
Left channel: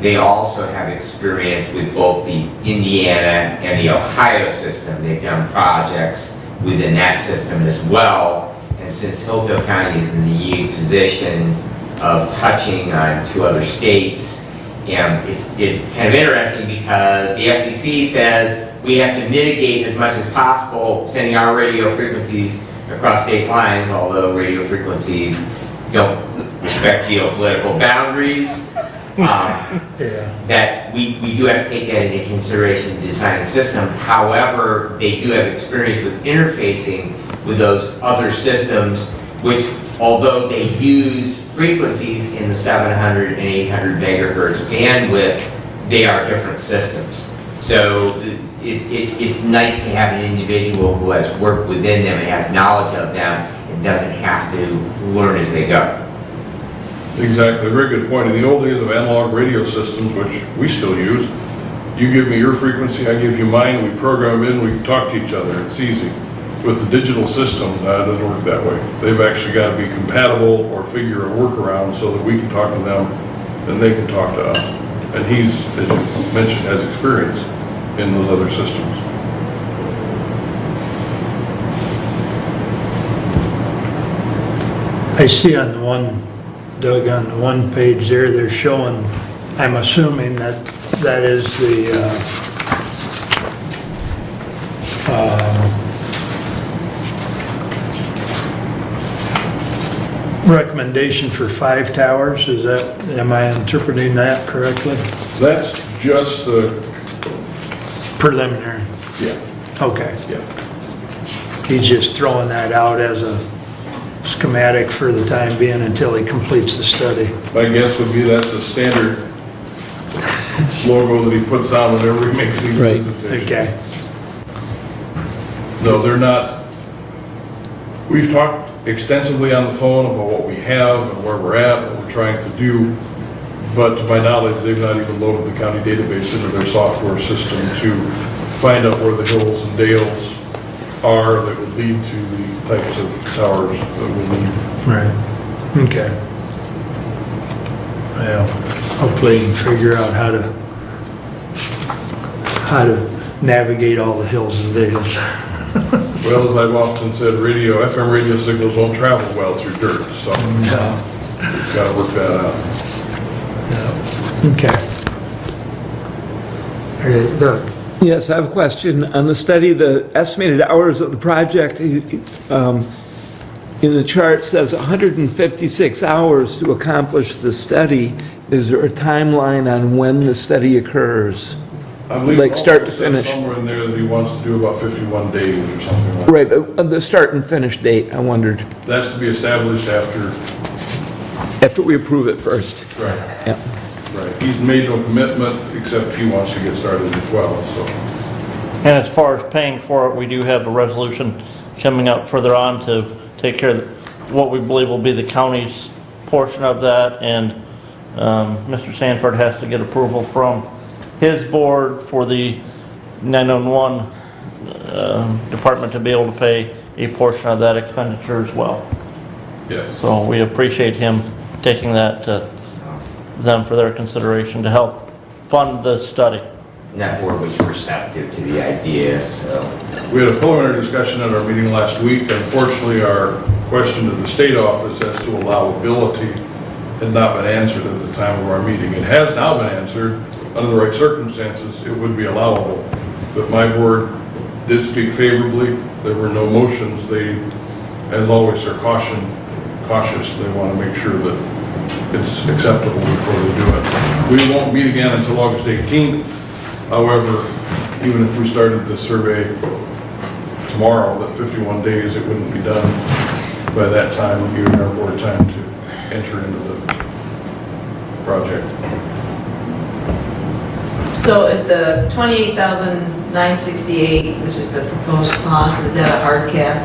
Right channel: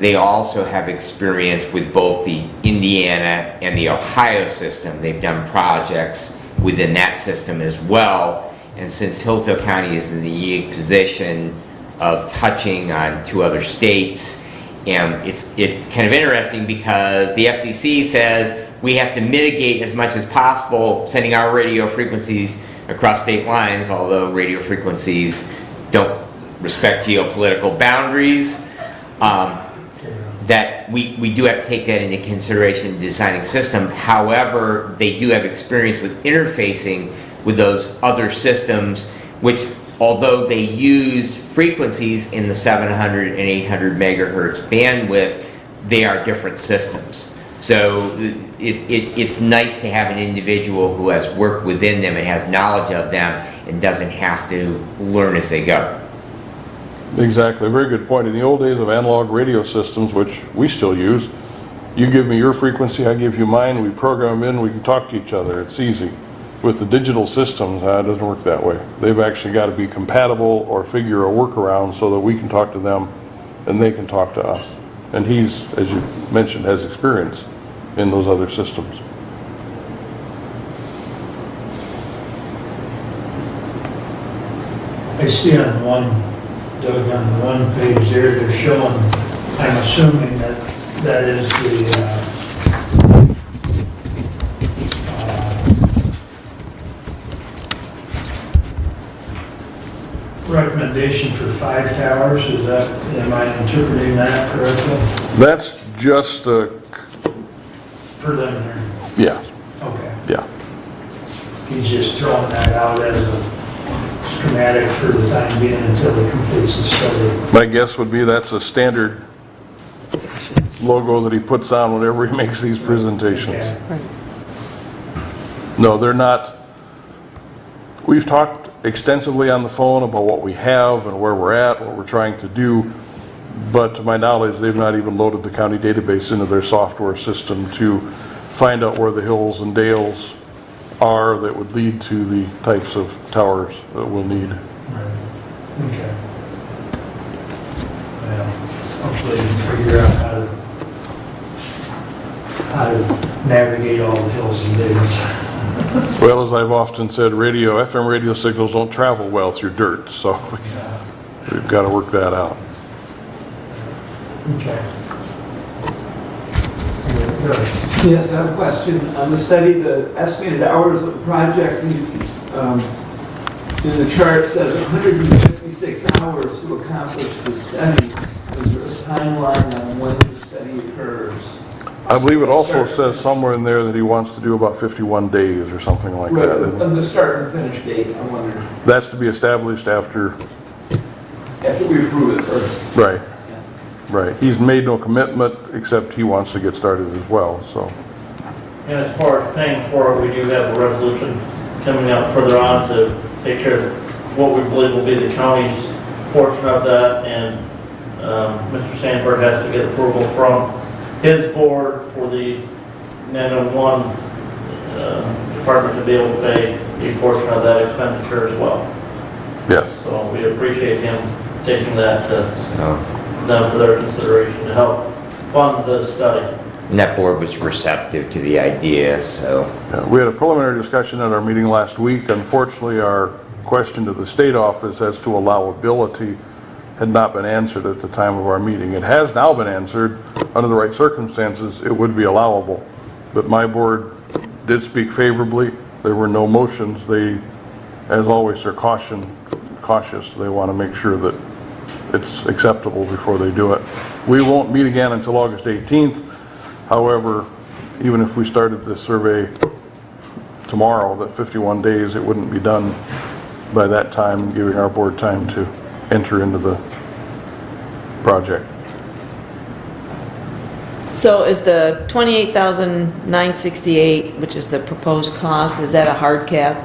they also have experience with both the Indiana and the Ohio system. They've done projects within that system as well. And since Hillsdale County is in the unique position of touching on 2 other states, and it's kind of interesting because the FCC says we have to mitigate as much as possible sending our radio frequencies across state lines, although radio frequencies don't respect geopolitical boundaries. That we do have to take that into consideration in designing the system. However, they do have experience with interfacing with those other systems, which, although they use frequencies in the 700 and 800 megahertz bandwidth, they are different systems. So it's nice to have an individual who has worked within them and has knowledge of them and doesn't have to learn as they go. Exactly, a very good point. In the old days of analog radio systems, which we still use, you give me your frequency, I give you mine, we program in, we talk to each other, it's easy. With the digital systems, it doesn't work that way. They've actually got to be compatible or figure a workaround so that we can talk to them and they can talk to us. And he's, as you mentioned, has experience in those other systems. I see on the one, Doug, on the one page there, they're showing, I'm assuming that that is the recommendation for 5 towers. Is that, am I interpreting that correctly? That's just the, Preliminary. yeah, Okay. yeah. He's just throwing that out as a schematic for the time being until he completes the study. My guess would be that's a standard logo that he puts on whenever he makes these presentations. Okay. No, they're not. We've talked extensively on the phone about what we have and where we're at, what we're trying to do, but to my knowledge, they've not even loaded the county database into their software system to find out where the hills and dales are that would lead to the types of towers that we need. Right. Okay. Well, hopefully he can figure out how to navigate all the hills and dales. Well, as I've often said, FM radio signals don't travel well through dirt, so Yeah. we've got to work that out. Yeah. Okay. Okay, Doug. Yes, I have a question. On the study, the estimated hours of the project, in the chart says 156 hours to accomplish the study. Is there a timeline on when the study occurs? I believe it Like also start to says finish. somewhere in there that he wants to do about 51 days or something like Right, that. the start and finish date, I wondered. That's to be established after. After we approve it first. Right. Yeah. Right. He's made no commitment, except he wants to get started as well, so. And as far as paying for it, we do have a resolution coming up further on to take care of what we believe will be the county's portion of that, and Mr. Sanford has to get approval from his board for the 911 department to be able to pay a portion of that expenditure as well. Yes. So we appreciate him taking that to So, them for their consideration to help fund the study. and that board was receptive to the idea, so. We had a preliminary discussion in our meeting last week. Unfortunately, our question to the state office as to allowability had not been answered at the time of our meeting. It has now been answered. Under the right circumstances, it would be allowable. But my board did speak favorably. There were no motions. They, as always, are cautious. They want to make sure that it's acceptable before they do it. We won't meet again until August 18th. However, even if we started the survey tomorrow, that 51 days, it wouldn't be done by that time, giving our board time to enter into the project. So is the $28,968, which is the proposed cost, is that a hard cap?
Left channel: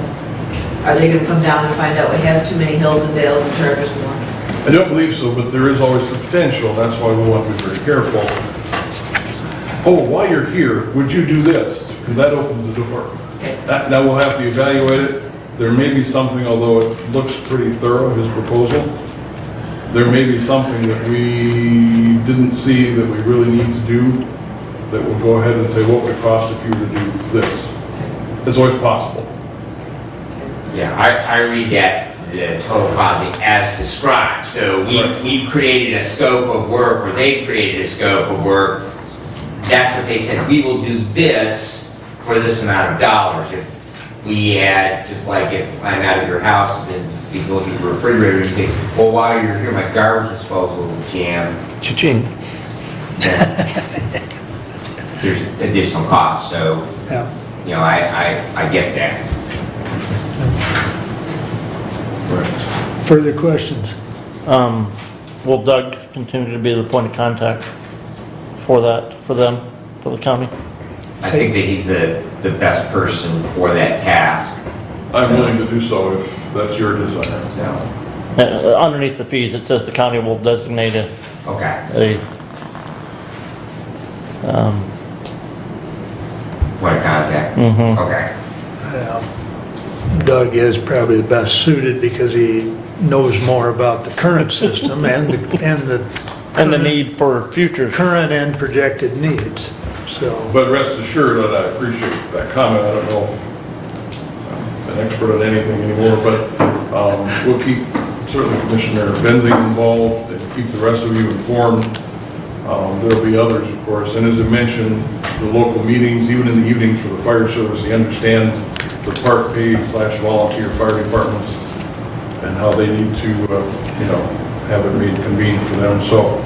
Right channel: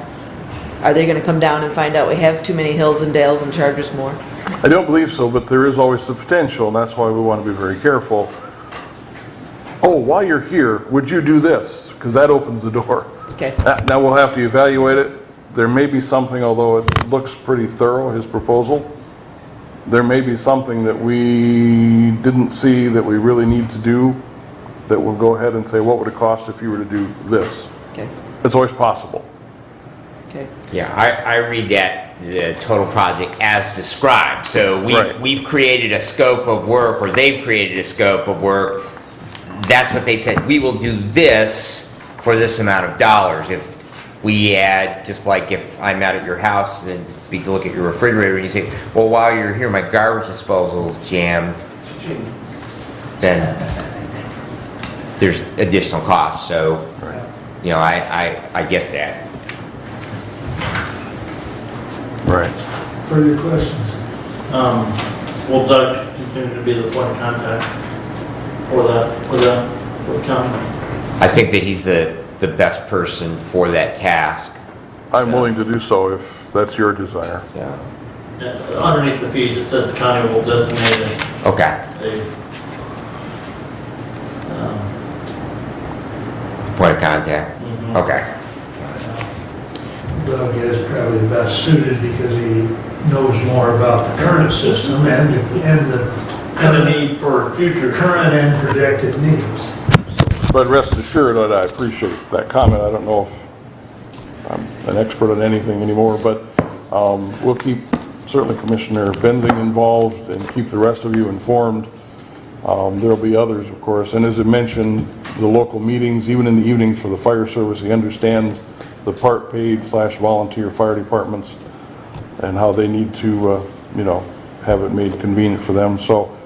Are they gonna come down and find out we have too many hills and dales and charge us more? I don't believe so, but there is always the potential. That's why we want to be very careful. Oh, while you're here, would you do this? Because that opens the door. Okay. Now we'll have to evaluate it. There may be something, although it looks pretty thorough, his proposal, there may be something that we didn't see that we really need to do that we'll go ahead and say, what would it cost if you were to do this? Okay. It's always possible. Yeah, I read that, the total project as described. So we've created a scope of work, or they've created a scope of work. That's what they've said. We will do this for this amount of dollars. If we add, just like if I'm out of your house, then we can look at your refrigerator and say, well, while you're here, my garbage disposal is jammed. Cha-ching. Then there's additional costs. So, Yeah. you know, I get that. Right. Further questions? Will Doug continue to be the point of contact for that, for the county? I think that he's the best person for that task. I'm willing to do so if that's your desire. So, Underneath the fees, it says the county will designate okay. a, Point of contact. Okay. Doug is probably the best suited because he knows more about the current system and and the need for future. current and projected needs. So, But rest assured that I appreciate that comment. I don't know if I'm an expert at anything anymore, but we'll keep certainly Commissioner Bending involved and keep the rest of you informed. There'll be others, of course. And as I mentioned, the local meetings, even in the evenings for the fire service, he understands the park pay/volunteer fire departments and how they need to, have it made convenient for them. So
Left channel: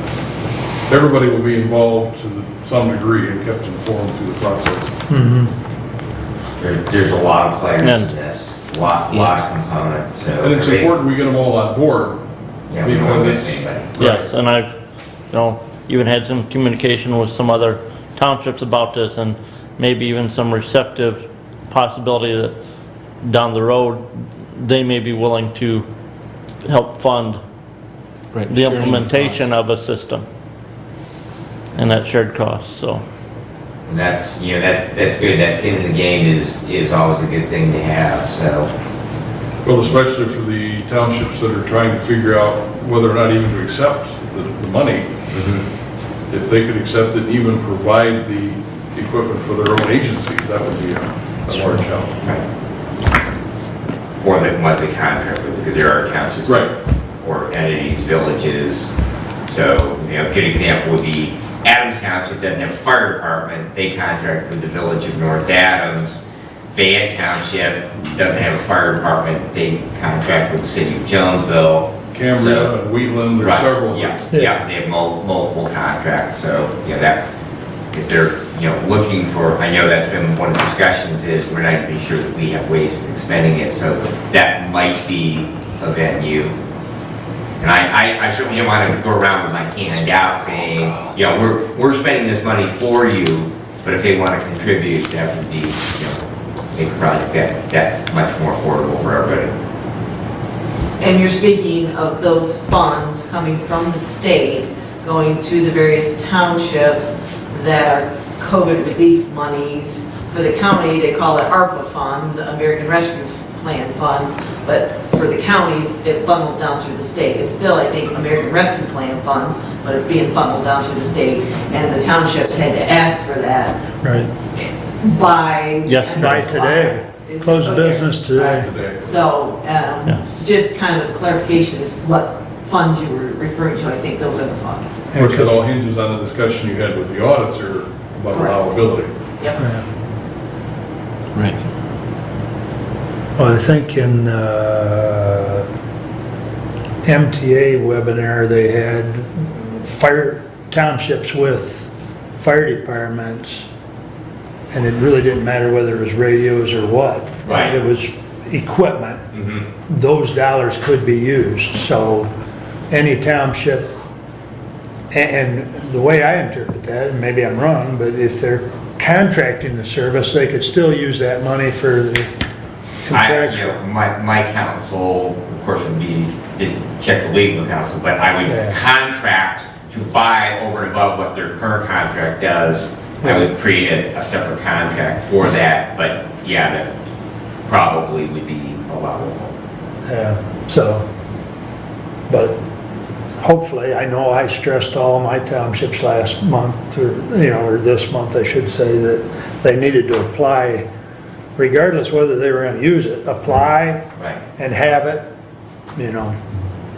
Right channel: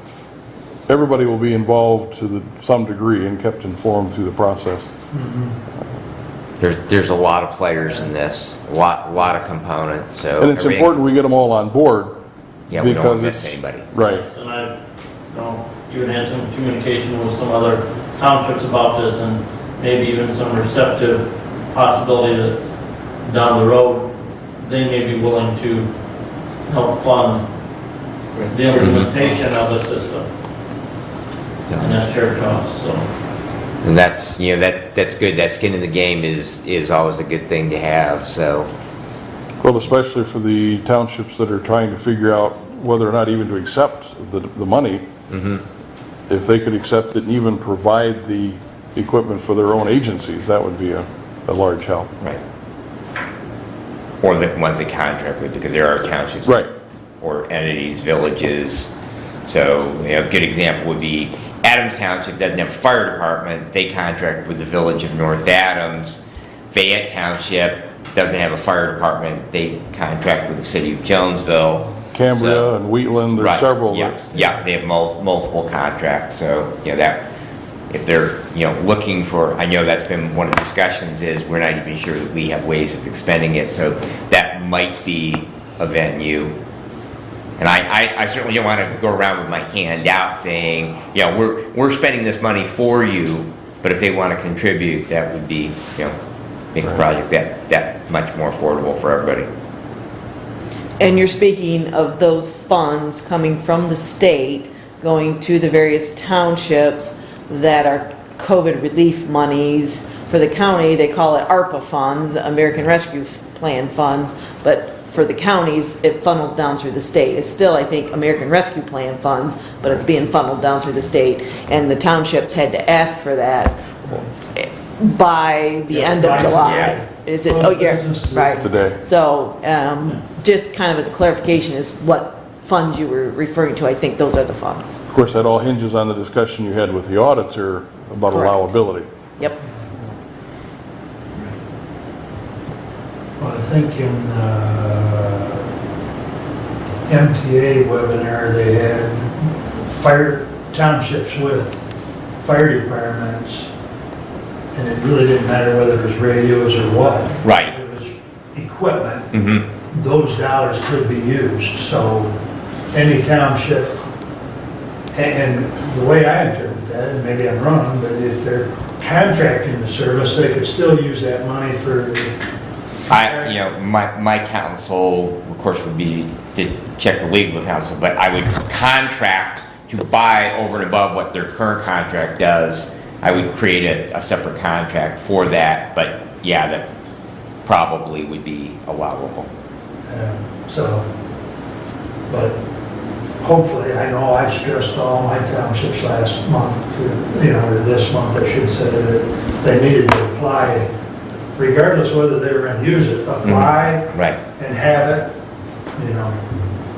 everybody will be involved to some degree and kept informed through the process. There's a lot of players in this, a lot of components. So And it's important we get them all on board. Yeah, we don't want to because miss anybody. Right. Yes, and I've, even had some communication with some other townships about this, and maybe even some receptive possibility that down the road, they may be willing to help fund the implementation of a system and that shared cost, so. And that's, that's good. That skin in the game is always a good thing to have, so. Well, especially for the townships that are trying to figure out whether or not even to accept the money. If they could accept it, even provide the equipment for their own agencies, that would be a large help. Right. Or the ones that contract with, because there are townships. Right. Or entities, villages. So, a good example would be Adams Township doesn't have a fire department. They contract with the village of North Adams. Fayette Township doesn't have a fire department. They contract with the city of Jonesville. Cambria and Wheatland, there's Right, several. yeah, they have multiple contracts, so, that, if they're, looking for, I know that's been one of the discussions, is we're not even sure that we have ways of expending it, so that might be a venue. And I certainly don't want to go around with my hand out saying, we're spending this money for you, but if they want to contribute, that would be, make the project that much more affordable for everybody. And you're speaking of those funds coming from the state, going to the various townships that are COVID relief monies. For the county, they call it ARPA funds, American Rescue Plan funds, but for the counties, it funnels down through the state. It's still, I think, American Rescue Plan funds, but it's being funneled down through the state, and the townships had to ask for that right. by the Yes, end by of July. today. Is Close it? business today. Right. Today. So, just kind of as clarification is what funds you were referring to, I think those are the funds. Of course, it all hinges on the discussion you had with the auditor about Correct. allowability. Yep. Right. Well, I think in MTA webinar, they had fire townships with fire departments, and it really didn't matter whether it was radios or what. Right. It was equipment. Mhm. Those dollars could be used, so any township, and the way I interpret that, and maybe I'm wrong, but if they're contracting the service, they could still use that money for the My counsel, of course, would be to check the legal counsel, but I would contract to buy over and above what their current contract does. I would create a separate contract for that, but yeah, that probably would be allowable. Yeah, so, but hopefully, I know I stressed all my townships last month, or this month, I should say, that they needed to apply, regardless whether they were going to use it, apply Right. and have it,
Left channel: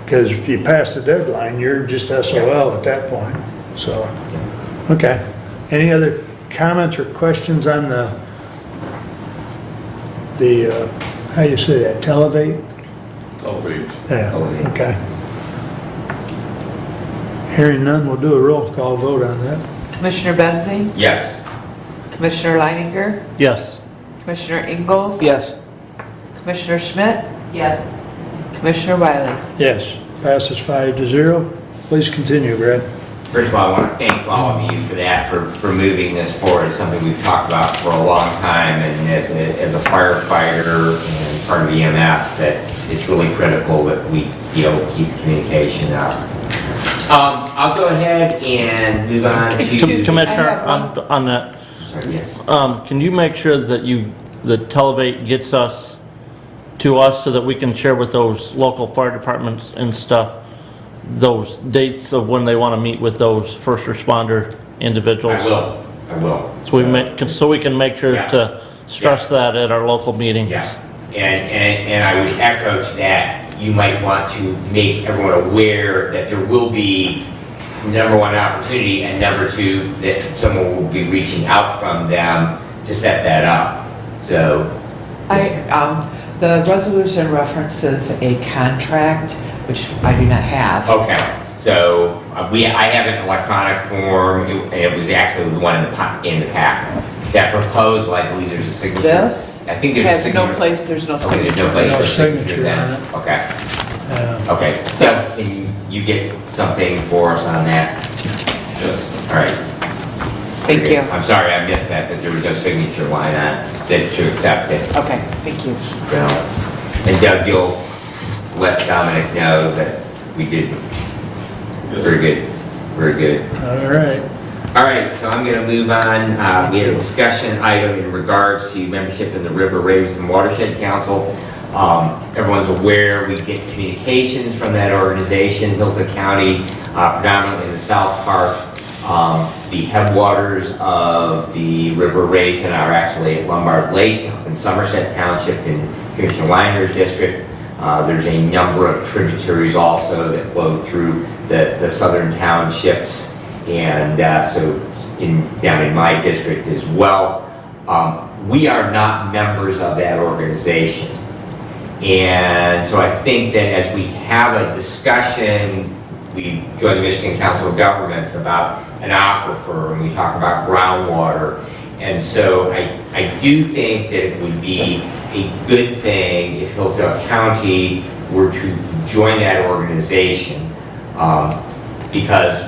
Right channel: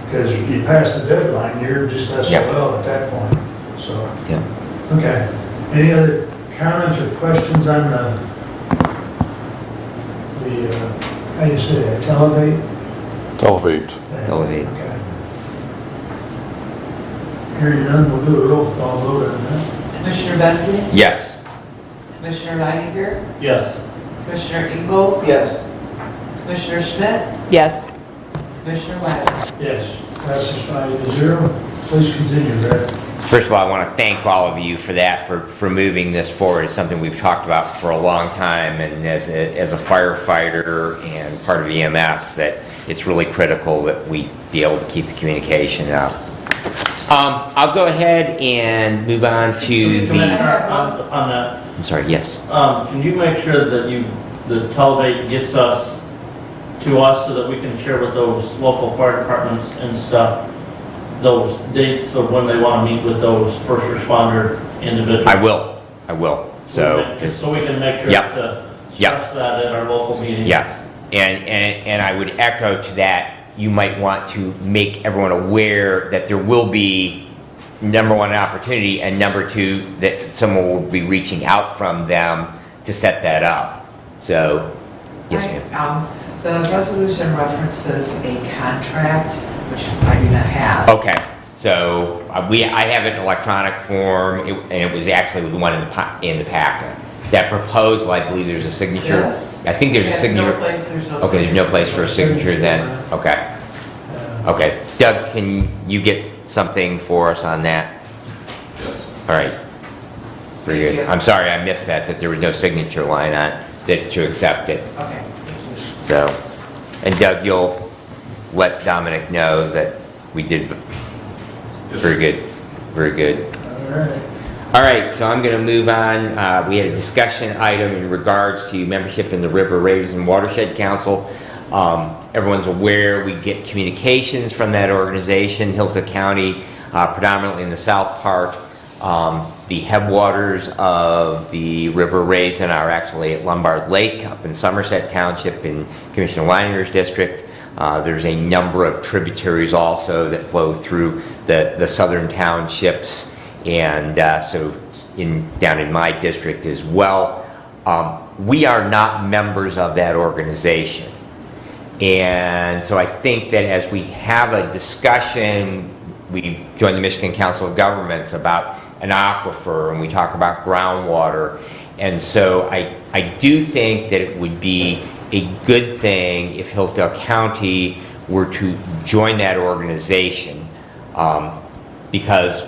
because if you pass the deadline, you're just SOL at that point, so. Yeah. Okay. Any other comments or questions on the how you say that, Televate? Elevate. Yeah, Elevate. okay. Hearing none, we'll do a roll call vote on that. Commissioner Bensy? Yes. Commissioner Leininger? Yes. Commissioner Ingalls? Yes. Commissioner Schmidt? Yes. Commissioner Wiley? Yes, passes 5-0. Please continue, Brad. First of all, I want to thank all of you for that, for moving this forward. It's something we've talked about for a long time, and as a firefighter and part of EMS, that it's really critical that we be able to keep the communication out. I'll go ahead and move on to Commissioner, on that, I'm sorry, yes. can you make sure that that Televate gets to us so that we can share with those local fire departments and stuff, those dates of when they want to meet with those first responder individuals? I will. So we can make sure Yeah. to stress that at our local meeting. Yeah, and I would echo to that, you might want to make everyone aware that there will be, number one, an opportunity, and number two, that someone will be reaching out from them to set that up. So, The resolution references a contract, which I do not have. okay, so I have an electronic form, and it was actually the one in the packet. That proposal, I believe there's a signature. Yes. I think there's a signature. There's no Okay, there's no place for a signature then, okay. Okay, Doug, can you get something for us on that? All right. Thank you. I'm sorry, I missed that there was no signature line on that to accept it. Okay, thank you. So, and Doug, you'll let Dominic know that we did very good, very good. All right. All right, so I'm going to move on. We had a discussion item in regards to membership in the River Raves and Watershed Council. Everyone's aware we get communications from that organization, Hillsdale County, predominantly in the south part. The headwaters of the River Raisin are actually at Lombard Lake up in Somerset Township in Commissioner Weiner's district. There's a number of tributaries also that flow through the southern townships, and so down in my district as well. We are not members of that organization. And so I think that as we have a discussion, we joined the Michigan Council of Governments about an aquifer, and we talk about groundwater. And so I do think that it would be a good thing if Hillsdale County were to join that organization, because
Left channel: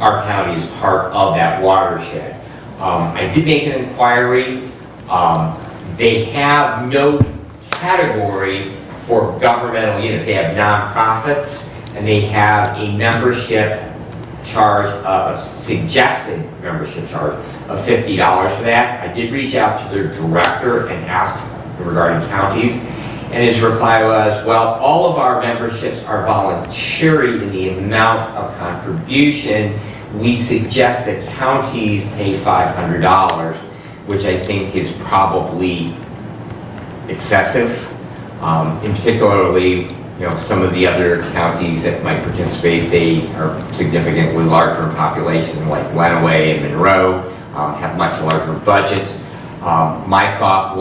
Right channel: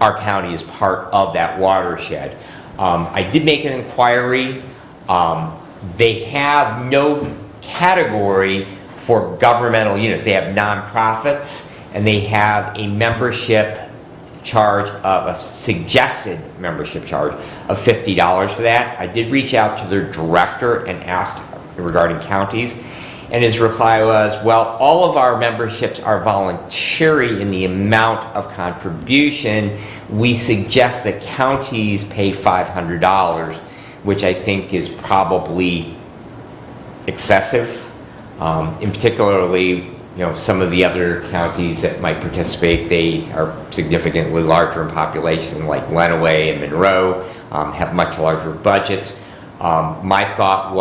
our county is part of that watershed. I did make an inquiry. They have no category for governmental units. They have nonprofits, and they have a membership charge of a suggested membership charge of $50 for that. I did reach out to their director and ask regarding counties, and his reply was, well, all of our memberships are voluntary in the amount of contribution. We suggest that counties pay $500, which I think is probably excessive. In particularly, some of the other counties that might participate, they are significantly larger in population, like Lenawee and Monroe, have much larger budgets. My thought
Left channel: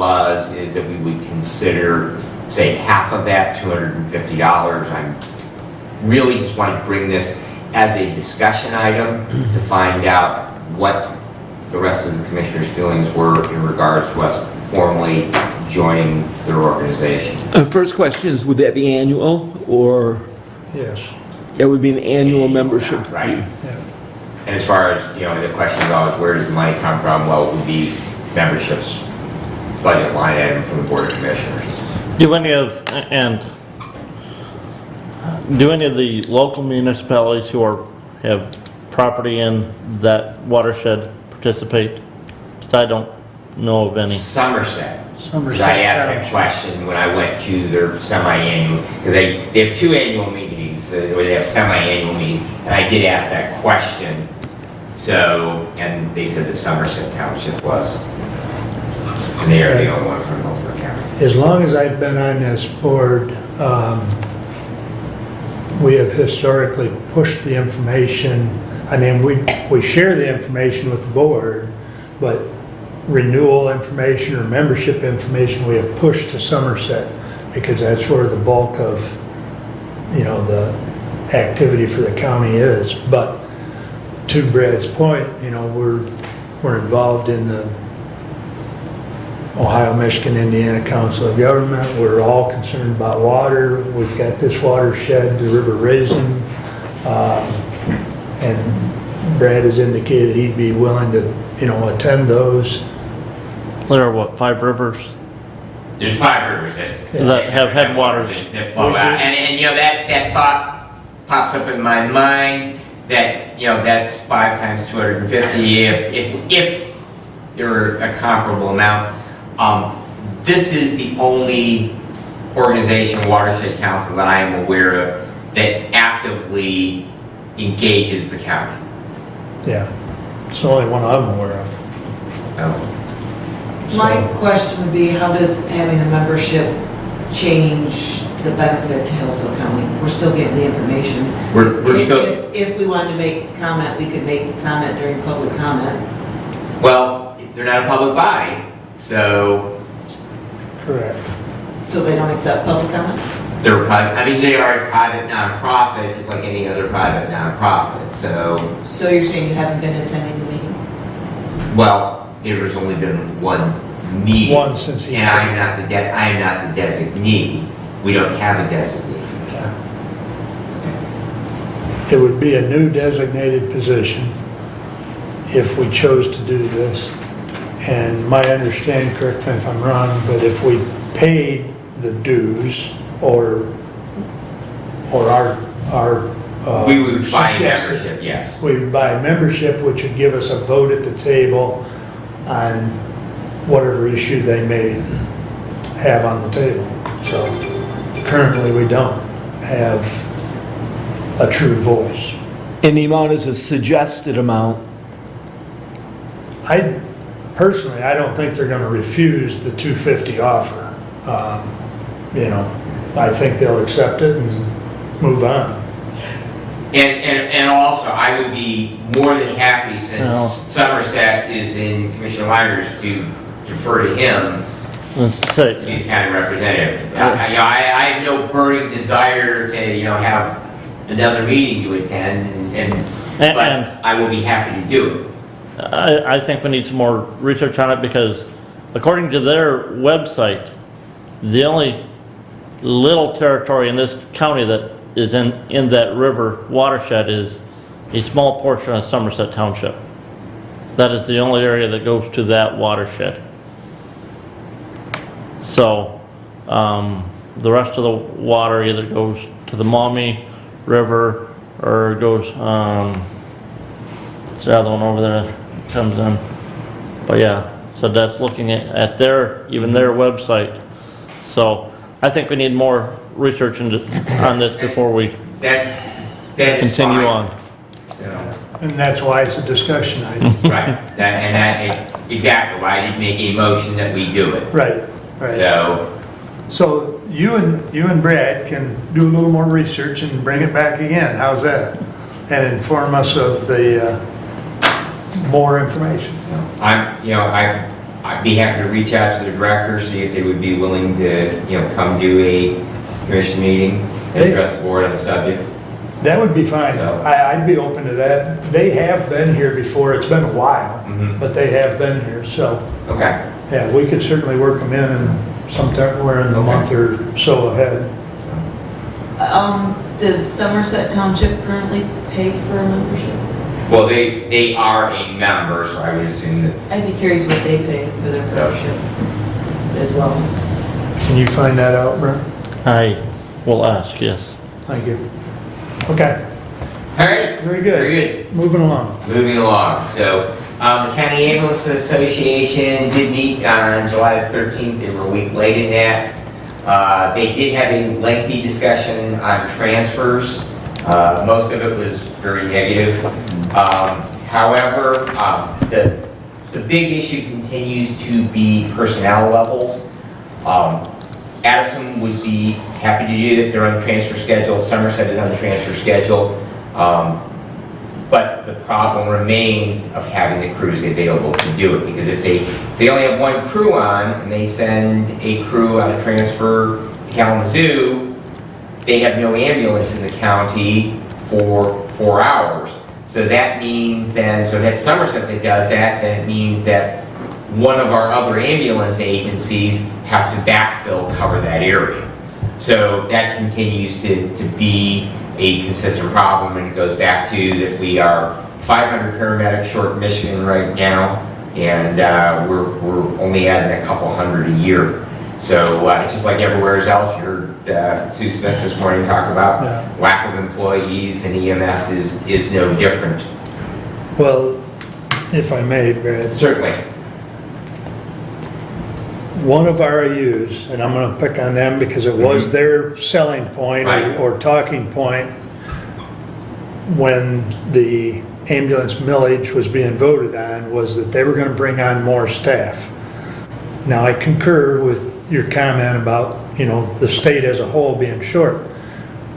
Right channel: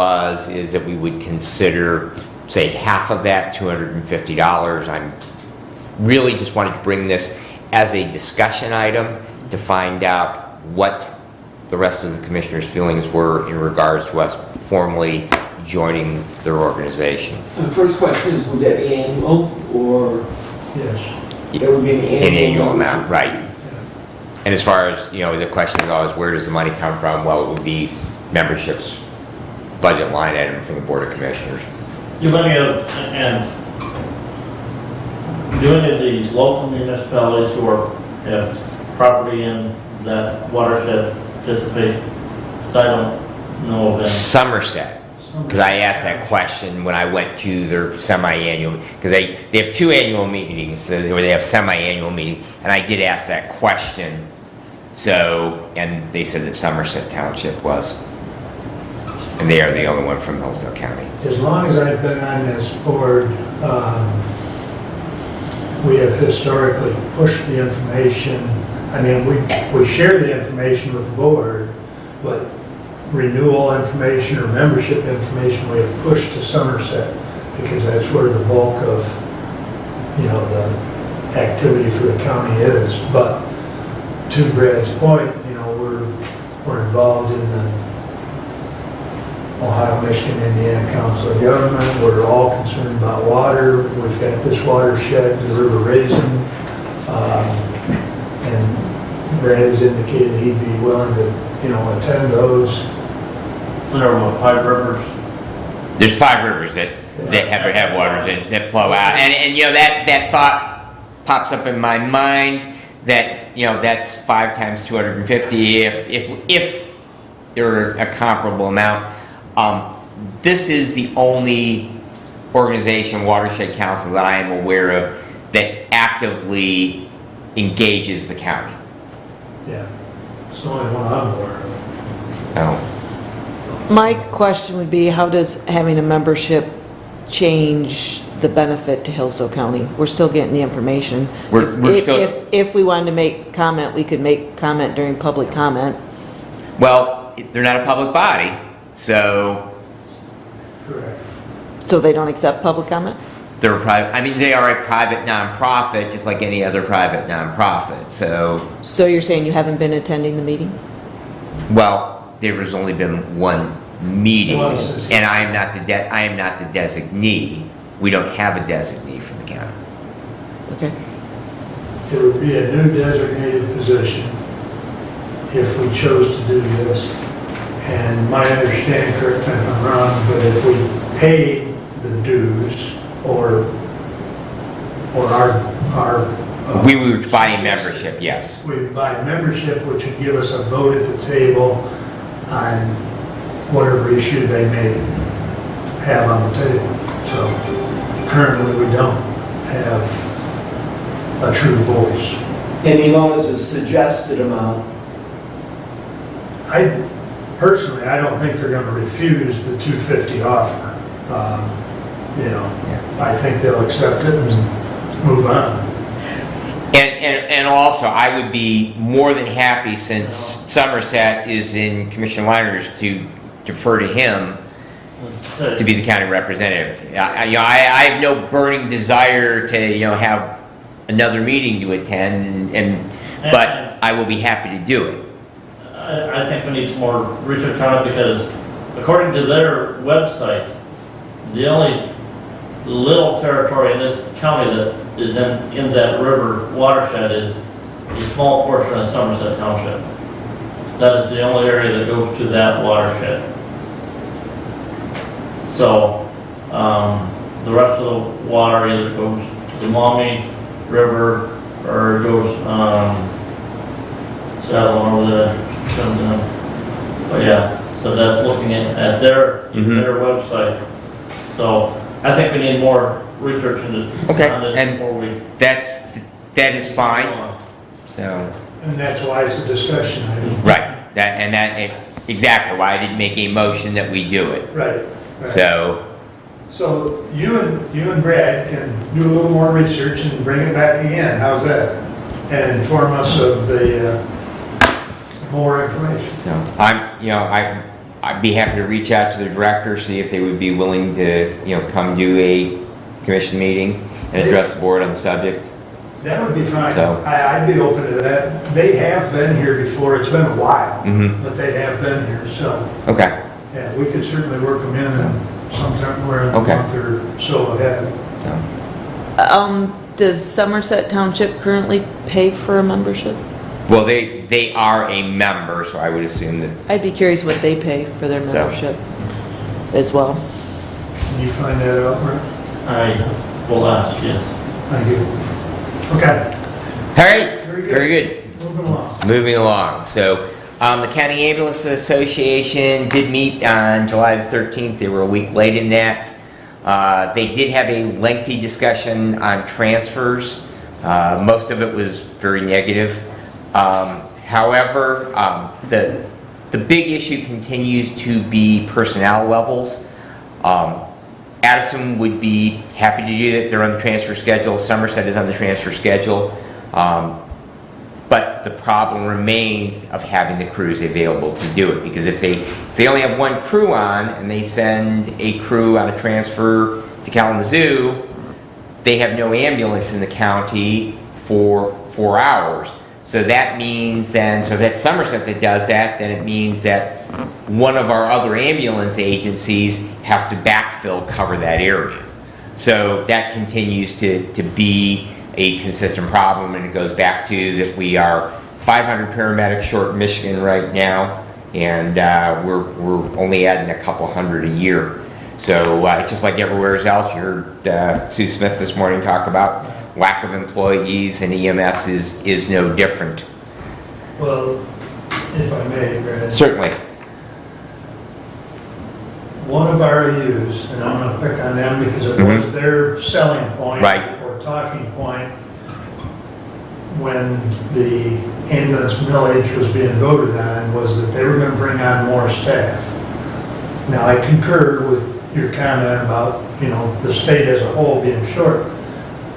is that we would consider, say, half of that, $250. I'm really just wanted to bring this as a discussion item to find out what the rest of the commissioners' feelings were in regards to us formally joining their organization. First question is, would that be annual or? Yes. Yeah, it would be an An annual annual membership. amount, right? And as far as, the question goes, where does the money come from? Well, it would be memberships, budget line item from the Board of Commissioners. Do any of the local municipalities who have property in that watershed participate? 'Cause I don't know of any. Somerset. Because I asked that question when I went to their semi-annual, because they have 2 annual meetings, or they have semi-annual meetings, and I did ask that question. So, and they said that Somerset Township was, and they are the only one from Hillsdale County. As long as I've been on this board, we have historically pushed the information. I mean, we share the information with the board, but renewal information or membership information we have pushed to Somerset because that's where the bulk of, the activity for the county is. But to Brad's point, we're involved in the Ohio, Michigan, Indiana Council of Government. We're all concerned about water. We've got this watershed, the River Raisin, and Brad has indicated he'd be willing to, attend those. There are what, 5 rivers? There's 5 rivers that have headwaters that flow out. And that thought pops up in my mind that, that's 5 times 250 if there were a comparable amount. This is the only organization, Watershed Council, that I am aware of that actively engages the county. Yeah, it's the only one I'm aware of. Oh. My question would be, how does having a membership change the benefit to Hillsdale County? We're still getting the information. If we wanted to make comment, we could make the comment during public comment. Well, they're not a public body, so Correct. So they don't accept public comment? they're private. I mean, they are a private nonprofit, just like any other private nonprofit. So you're saying you haven't been attending the meetings? Well, there's only been one meeting, One since and I am not the designee. We don't have a designee for the county. Okay. It would be a new designated position if we chose to do this. And my understanding, correct me if I'm wrong, but if we paid the dues or our We would buy suggested- membership, yes. We would buy membership, which would give us a vote at the table on whatever issue they may have on the table. So currently, we don't have a true voice. And the amount is a suggested amount. I don't think they're going to refuse the 250 offer. I think they'll accept it and move on. And also, I would be more than happy, since Somerset is in Commissioner Liner's, to defer to him to be the county representative. I have no burning desire to have another meeting to attend, but I will be happy to do it. I think we need some more research on it, because according to their website, the only little territory in this county that is in that river watershed is a small portion of Somerset Township. That is the only area that goes to that watershed. So the rest of the water either goes to the Monavie River or goes it's the other one over there comes in. But yeah, so that's looking at their their website. So I think we need more research on this before we that is continue fine. on. So And that's why it's a discussion item. right, exactly why I didn't make a motion that we do it. Right. So So you and Brad can do a little more research and bring it back again. How's that? And inform us of the more information. So I'd be happy to reach out to the director, see if they would be willing to, come do a commission meeting and address the board on the subject. That would be fine. So- I'd be open to that. They have been here before. It's been a while, but they have been here. So, Okay. yeah, we could certainly work them in sometime, we're in a Okay. month or so ahead. Does Somerset Township currently pay for a membership? Well, they are a member, so I would assume that. I'd be curious what they pay for their So- membership as well. Can you find that out, Brent? I will ask, yes. Thank you. Okay, All right. very good. Very good. Moving along. Moving along. So the County Ambulance Association did meet on July the 13th. They were a week late in that. They did have a lengthy discussion on transfers. Most of it was very negative. However, the big issue continues to be personnel levels. Addison would be happy to do it if they're on the transfer schedule. Somerset is on the transfer schedule. But the problem remains of having the crews available to do it, because if they only have one crew on and they send a crew on a transfer to Kalamazoo, they have no ambulance in the county for 4 hours. So that means then, so that's Somerset that does that, then it means that one of our other ambulance agencies has to backfill, cover that area. So that continues to be a consistent problem, and it goes back to that we are 500 paramedics short in Michigan right now, and we're only adding a couple hundred a year. So just like everywhere else, you heard Sue Smith this morning talk about lack of employees, and EMS is no different. Well, if I may, Brad. Certainly. One of our RUs, and I'm going to pick on them because it was their selling point Right. or talking point when the ambulance millage was being voted on, was that they were going to bring on more staff. Now, I concur with your comment about, the state as a whole being short,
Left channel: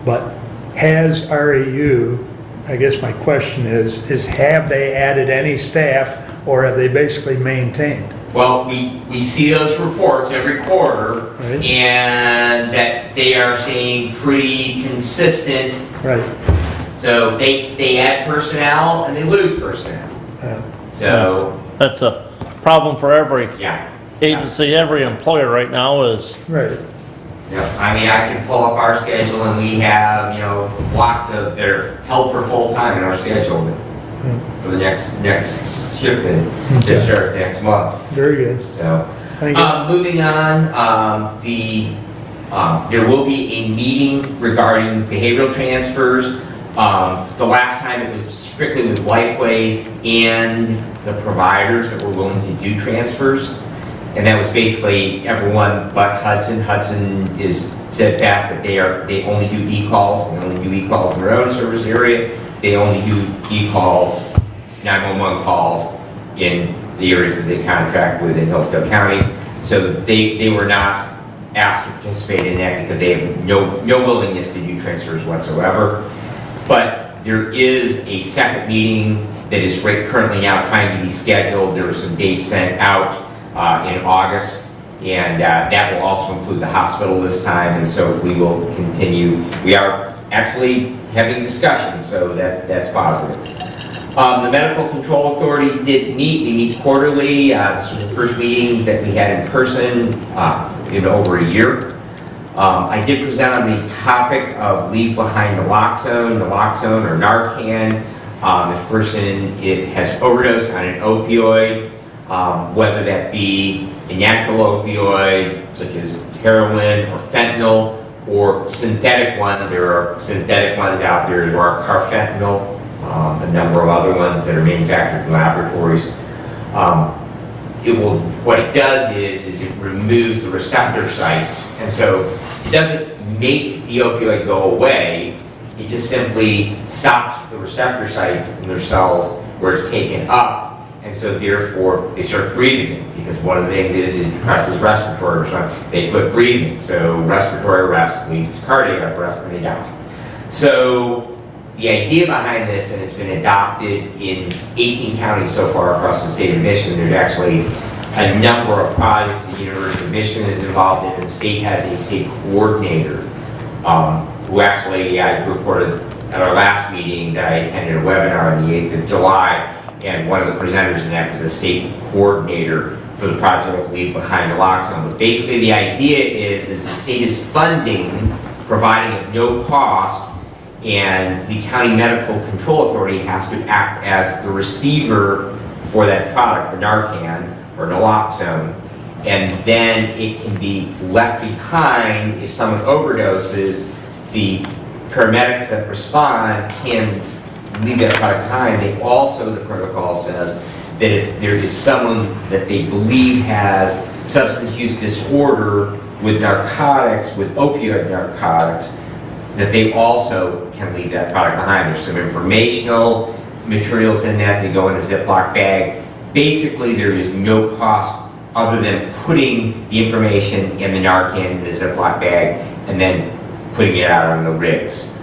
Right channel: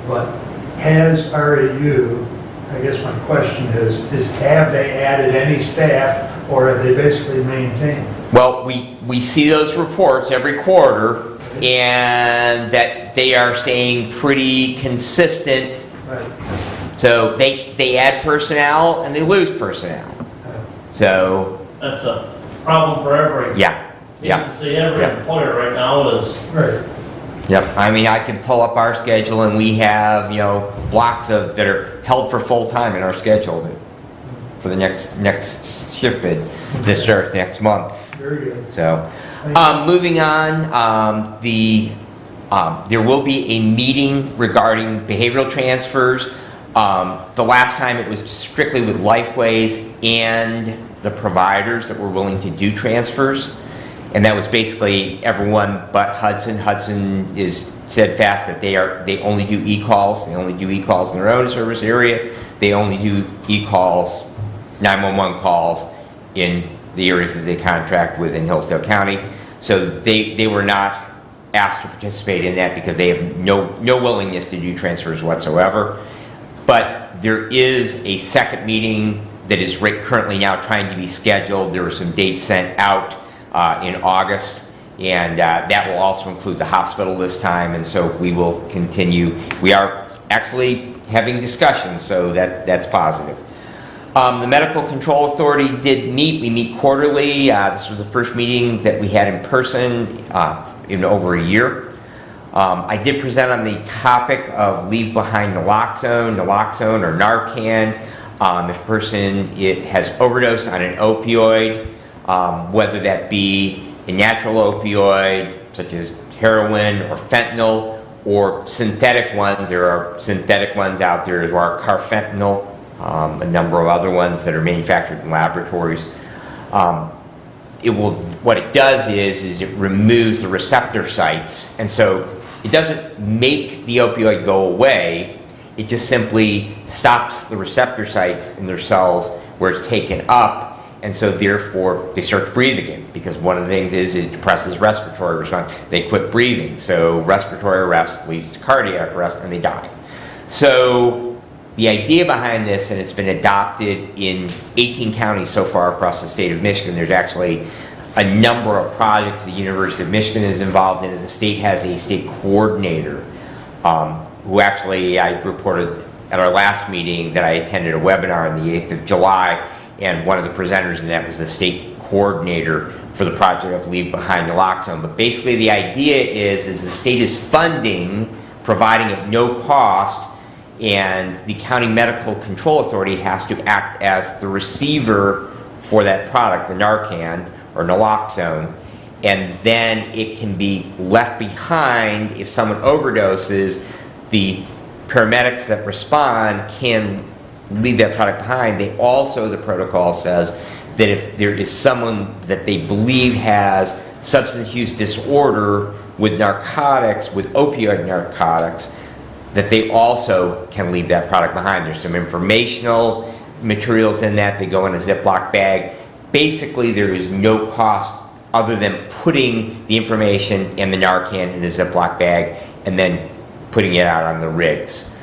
but has RAU, I guess my question is have they added any staff, or have they basically maintained? Well, we see those reports every quarter, Right. and that they are staying pretty consistent. Right. So they add personnel and they lose personnel. So, That's a problem for every yeah. agency, every employer right now is. Right. Yep. I mean, I can pull up our schedule, and we have, lots of, they're held for full time in our schedule for the next shift bid, this start next month. Very good. So, Thank you. moving on, there will be a meeting regarding behavioral transfers. The last time it was strictly with Lifeways and the providers that were willing to do transfers. And that was basically everyone but Hudson. Hudson is steadfast that they only do e-calls. They only do e-calls in their own service area. They only do e-calls, 911 calls in the areas that they contract with in Hillsdale County. So they were not asked to participate in that because they have no willingness to do transfers whatsoever. But there is a second meeting that is currently now trying to be scheduled. There were some dates sent out in August, and that will also include the hospital this time, and so we will continue. We are actually having discussions, so that's positive. The Medical Control Authority did meet. We meet quarterly. This was the first meeting that we had in person in over a year. I did present on the topic of leave behind naloxone or Narcan. If a person has overdosed on an opioid, whether that be a natural opioid such as heroin or fentanyl, or synthetic ones. There are synthetic ones out there. There are carfentanil, a number of other ones that are manufactured in laboratories. What it does is it removes the receptor sites, and so it doesn't make the opioid go away. It just simply stops the receptor sites in their cells where it's taken up, and so therefore they start breathing again, because one of the things is it depresses respiratory response. They quit breathing, so respiratory arrest leads to cardiac arrest, and they die. So the idea behind this, and it's been adopted in 18 counties so far across the state of Michigan. There's actually a number of projects the University of Michigan is involved in, and the state has a state coordinator who actually, I reported at our last meeting that I attended a webinar on the 8th of July, and one of the presenters in that was the state coordinator for the project Leave Behind Naloxone. But basically the idea is the state is funding, providing at no cost, and the county medical control authority has to act as the receiver for that product, the Narcan or naloxone, and then it can be left behind if someone overdoses. The paramedics that respond can leave that product behind. They also, the protocol says that if there is someone that they believe has substance use disorder with narcotics, with opioid narcotics, that they also can leave that product behind. There's some informational materials in that. They go in a Ziploc bag. Basically, there is no cost other than putting the information and the Narcan in a Ziploc bag and then putting it out on the rigs.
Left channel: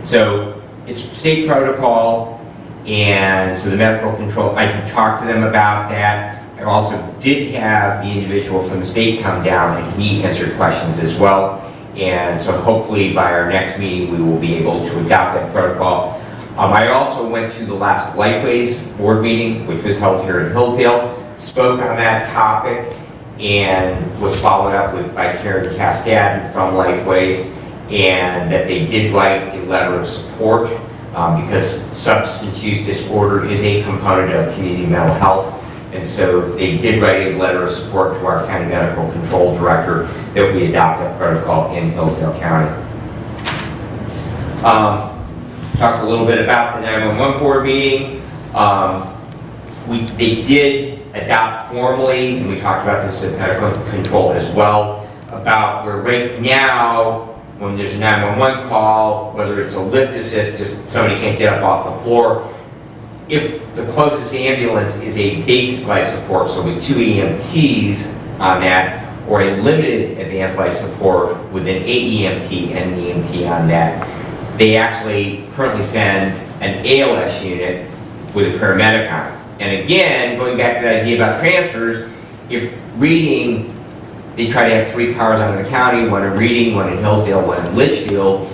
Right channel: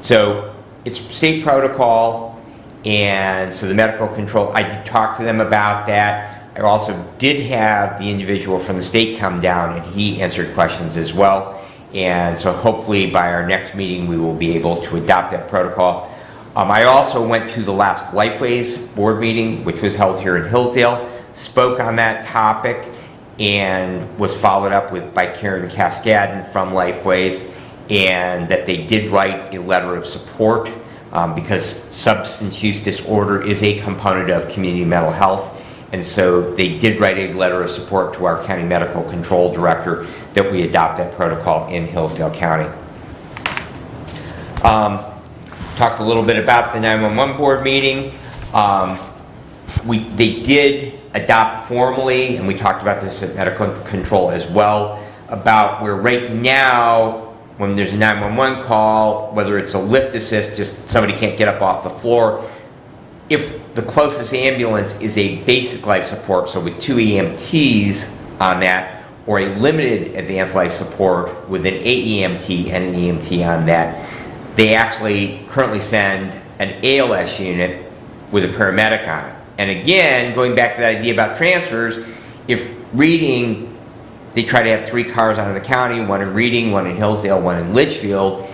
So it's state protocol, and so the medical control, I could talk to them about that. I also did have the individual from the state come down, and he answered questions as well. And so hopefully by our next meeting, we will be able to adopt that protocol. I also went to the last Lifeways board meeting, which was held here in Hillsdale, spoke on that topic, and was followed up with by Karen Cascadden from Lifeways, and that they did write a letter of support because substance use disorder is a component of community mental health. And so they did write a letter of support to our county medical control director that we adopt that protocol in Hillsdale County. Talked a little bit about the 911 board meeting. They did adopt formally, and we talked about this at medical control as well, about where right now, when there's a 911 call, whether it's a lift assist, just somebody can't get up off the floor, if the closest ambulance is a basic life support, so with 2 EMTs on that, or a limited advanced life support with an 8 EMT and an EMT on that, they actually currently send an ALS unit with a paramedic on it. And again, going back to that idea about transfers, if Reading, they try to have 3 cars out of the county, one in Reading, one in Hillsdale, one in Litchfield,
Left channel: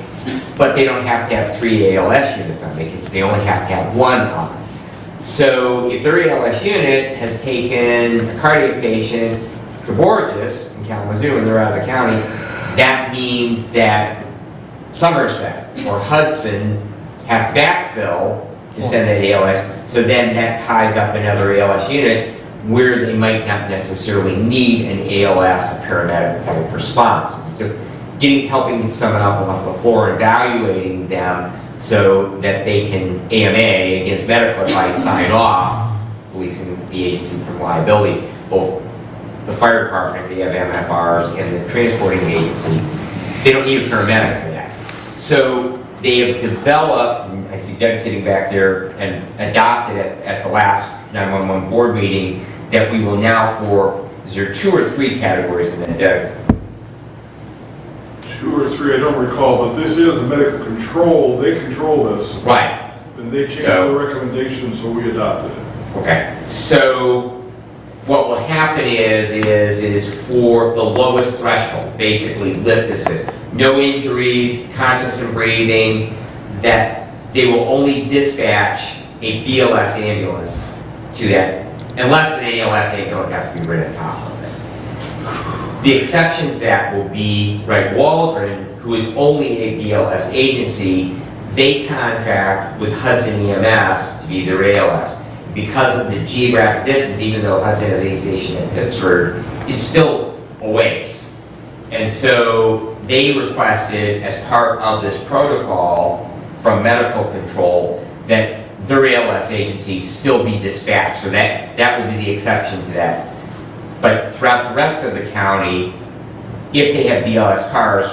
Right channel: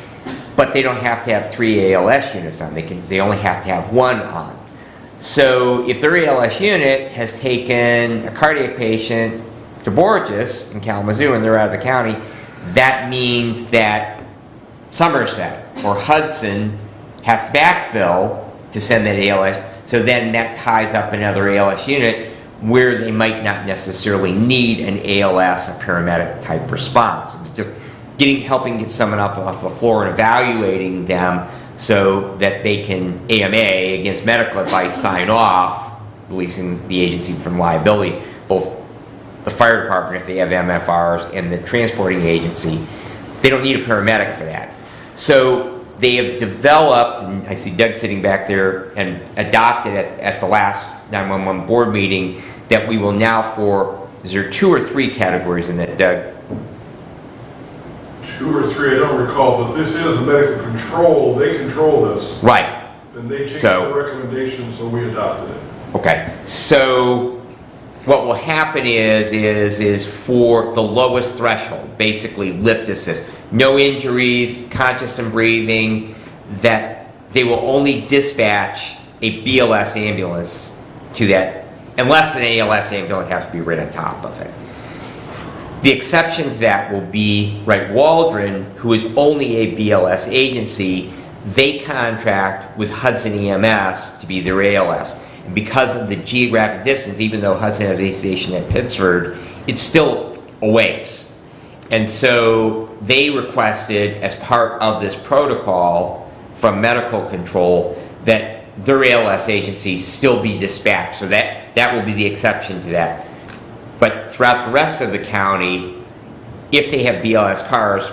but they don't have to have 3 ALS units on. They only have to have 1 on. So if their ALS unit has taken a cardiac patient to Borges in Kalamazoo and they're out of the county, that means that Somerset or Hudson has to backfill to send that ALS. So then that ties up another ALS unit where they might not necessarily need an ALS, a paramedic type response. It's just helping get someone up off the floor and evaluating them so that they can AMA, against medical advice, sign off, releasing the agency from liability, both the fire department if they have MFRs and the transporting agency. They don't need a paramedic for that. So they have developed, and I see Doug sitting back there, and adopted it at the last 911 board meeting, that we will now is there 2 or 3 categories in that, Doug? 2 or 3, I don't recall, but this is a medical control. They control this. Right. And they changed the recommendation, so we adopted it. Okay. So what will happen is for the lowest threshold, basically lift assist, no injuries, conscious and breathing, that they will only dispatch a BLS ambulance to that, unless an ALS ambulance has to be right on top of it. The exception to that will be, Waldron, who is only a BLS agency. They contract with Hudson EMS to be their ALS. Because of the geographic distance, even though Hudson has a station at Pittsford, it's still a ways. And so they requested, as part of this protocol from medical control, that their ALS agency still be dispatched. So that will be the exception to that. But throughout the rest of the county, if they have BLS cars,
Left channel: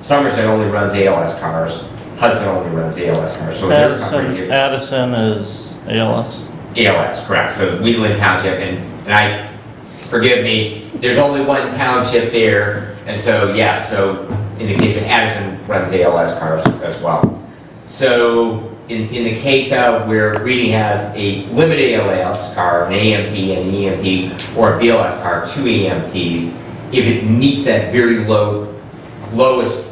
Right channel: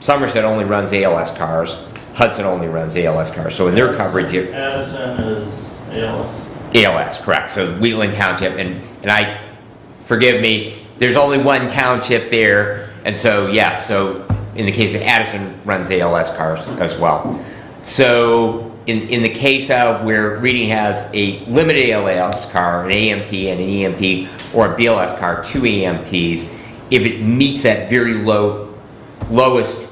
Somerset only runs ALS cars, Hudson only runs ALS cars, so their coverage... Addison is ALS. ALS, correct. So Wheatland Township, and forgive me, there's only one township there, and so yes, so in the case of Addison runs ALS cars as well. So in the case of where Reedy has a limited ALS car, an AMT and an EMT, or a BLS car, 2 AMTs, if it meets that very lowest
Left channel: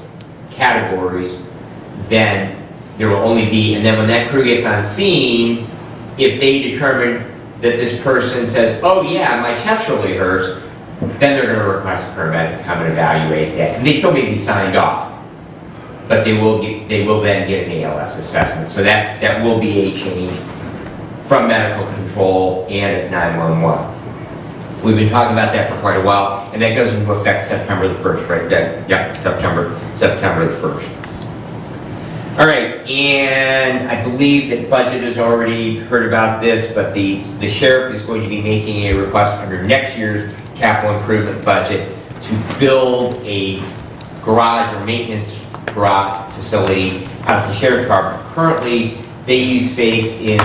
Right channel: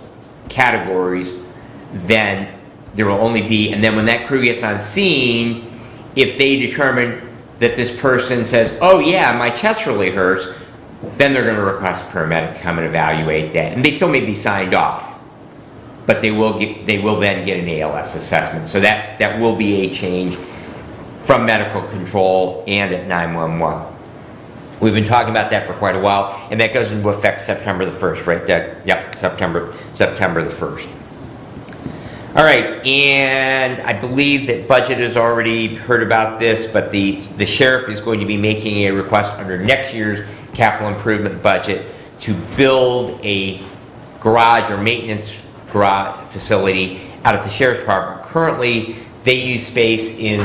categories, then there will only be, and then when that crew gets on scene, if they determine that this person says, oh yeah, my chest really hurts, then they're going to request a paramedic to come and evaluate that. And they still may be signed off, but they will then get an ALS assessment. So that will be a change from medical control and at 911. We've been talking about that for quite a while, and that goes into effect September the 1st, right? Yeah, September the 1st. All right, and I believe that budget has already heard about this, but the sheriff is going to be making a request under next year's capital improvement budget to build a garage or maintenance garage facility out of the sheriff's department. Currently, they use space in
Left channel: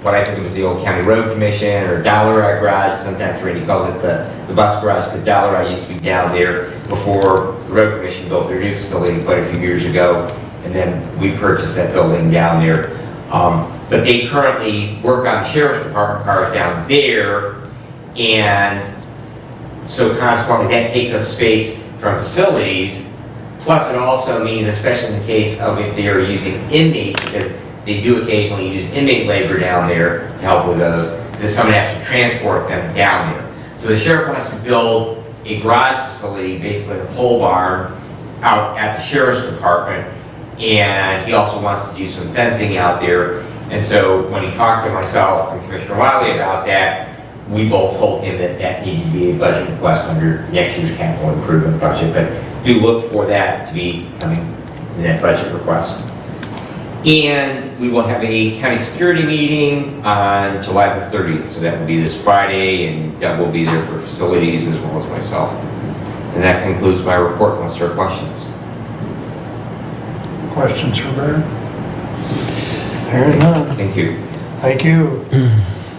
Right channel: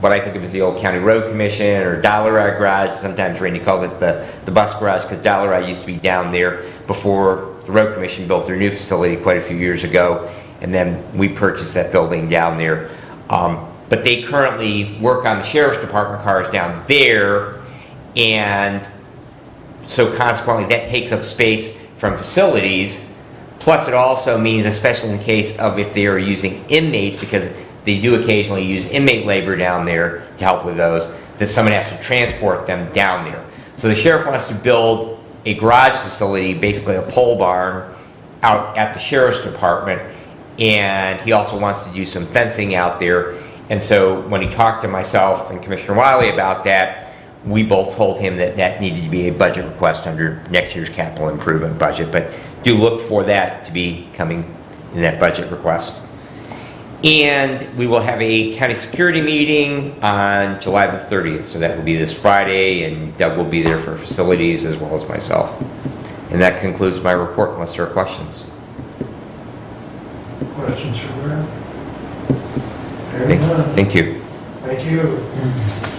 what I think it was the old county road commission or Dollar garage. Sometimes Randy calls it the bus garage, because Dollar used to be down there before the road commission built their new facility quite a few years ago. And then we purchased that building down there. But they currently work on the sheriff's department cars down there, and so consequently that takes up space from facilities. Plus it also means, especially in the case of if they are using inmates, because they do occasionally use inmate labor down there to help with those, that someone has to transport them down there. So the sheriff wants to build a garage facility, basically a pole barn, out at the sheriff's department. And he also wants to do some fencing out there. And so when he talked to myself and Commissioner Wiley about that, we both told him that that needed to be a budget request under next year's capital improvement budget. But do look for that to be coming in that budget request. And we will have a county security meeting on July the 30th. So that will be this Friday, and Doug will be there for facilities as well as myself. And that concludes my report, unless there are questions. Questions for Bert? Hearing none. Thank you. Thank you.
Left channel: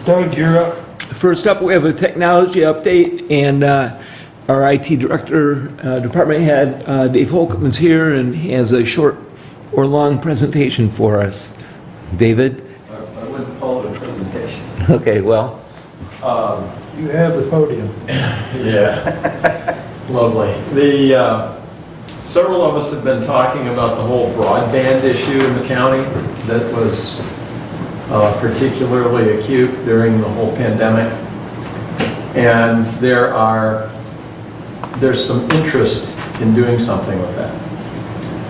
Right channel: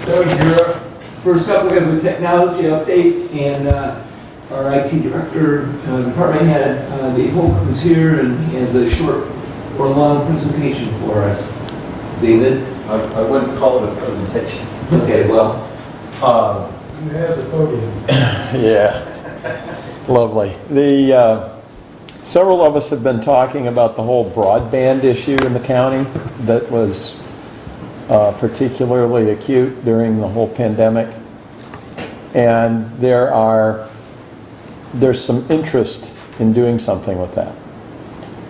Doug, you're up. First up, we have a technology update, and our IT director, department head, Dave Holcomb's here and has a short or long presentation for us. David? I wouldn't call it a presentation. Okay, well. You have the podium. Yeah, lovely. Several of us have been talking about the whole broadband issue in the county that was particularly acute during the whole pandemic. And there's some interest in doing something with that.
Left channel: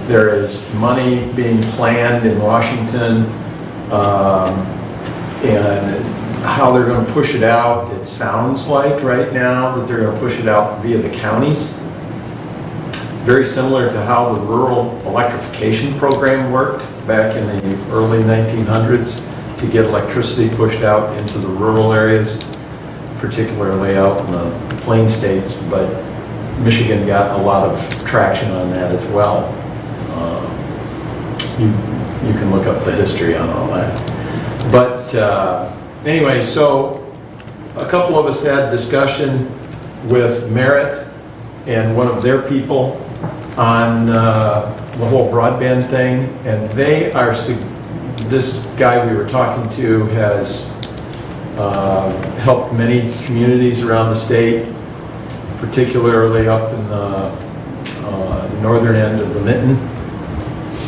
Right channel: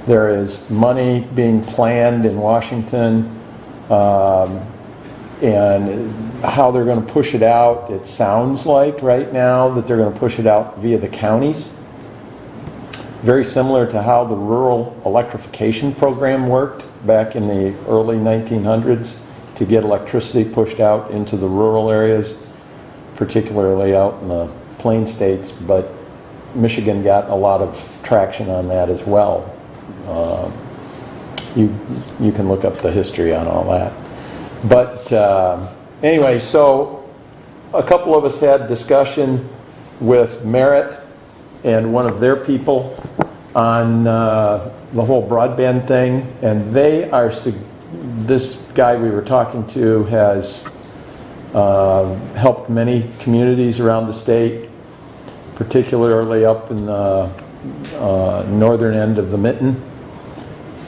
There is money being planned in Washington, and how they're going to push it out, it sounds like right now that they're going to push it out via the counties. Very similar to how the rural electrification program worked back in the early 1900s to get electricity pushed out into the rural areas, particularly out in the plain states, but Michigan got a lot of traction on that as well. You can look up the history on all that. But anyway, so a couple of us had discussion with Merit and one of their people on the whole broadband thing, and they are, this guy we were talking to has helped many communities around the state, particularly up in the northern end of the Mitten,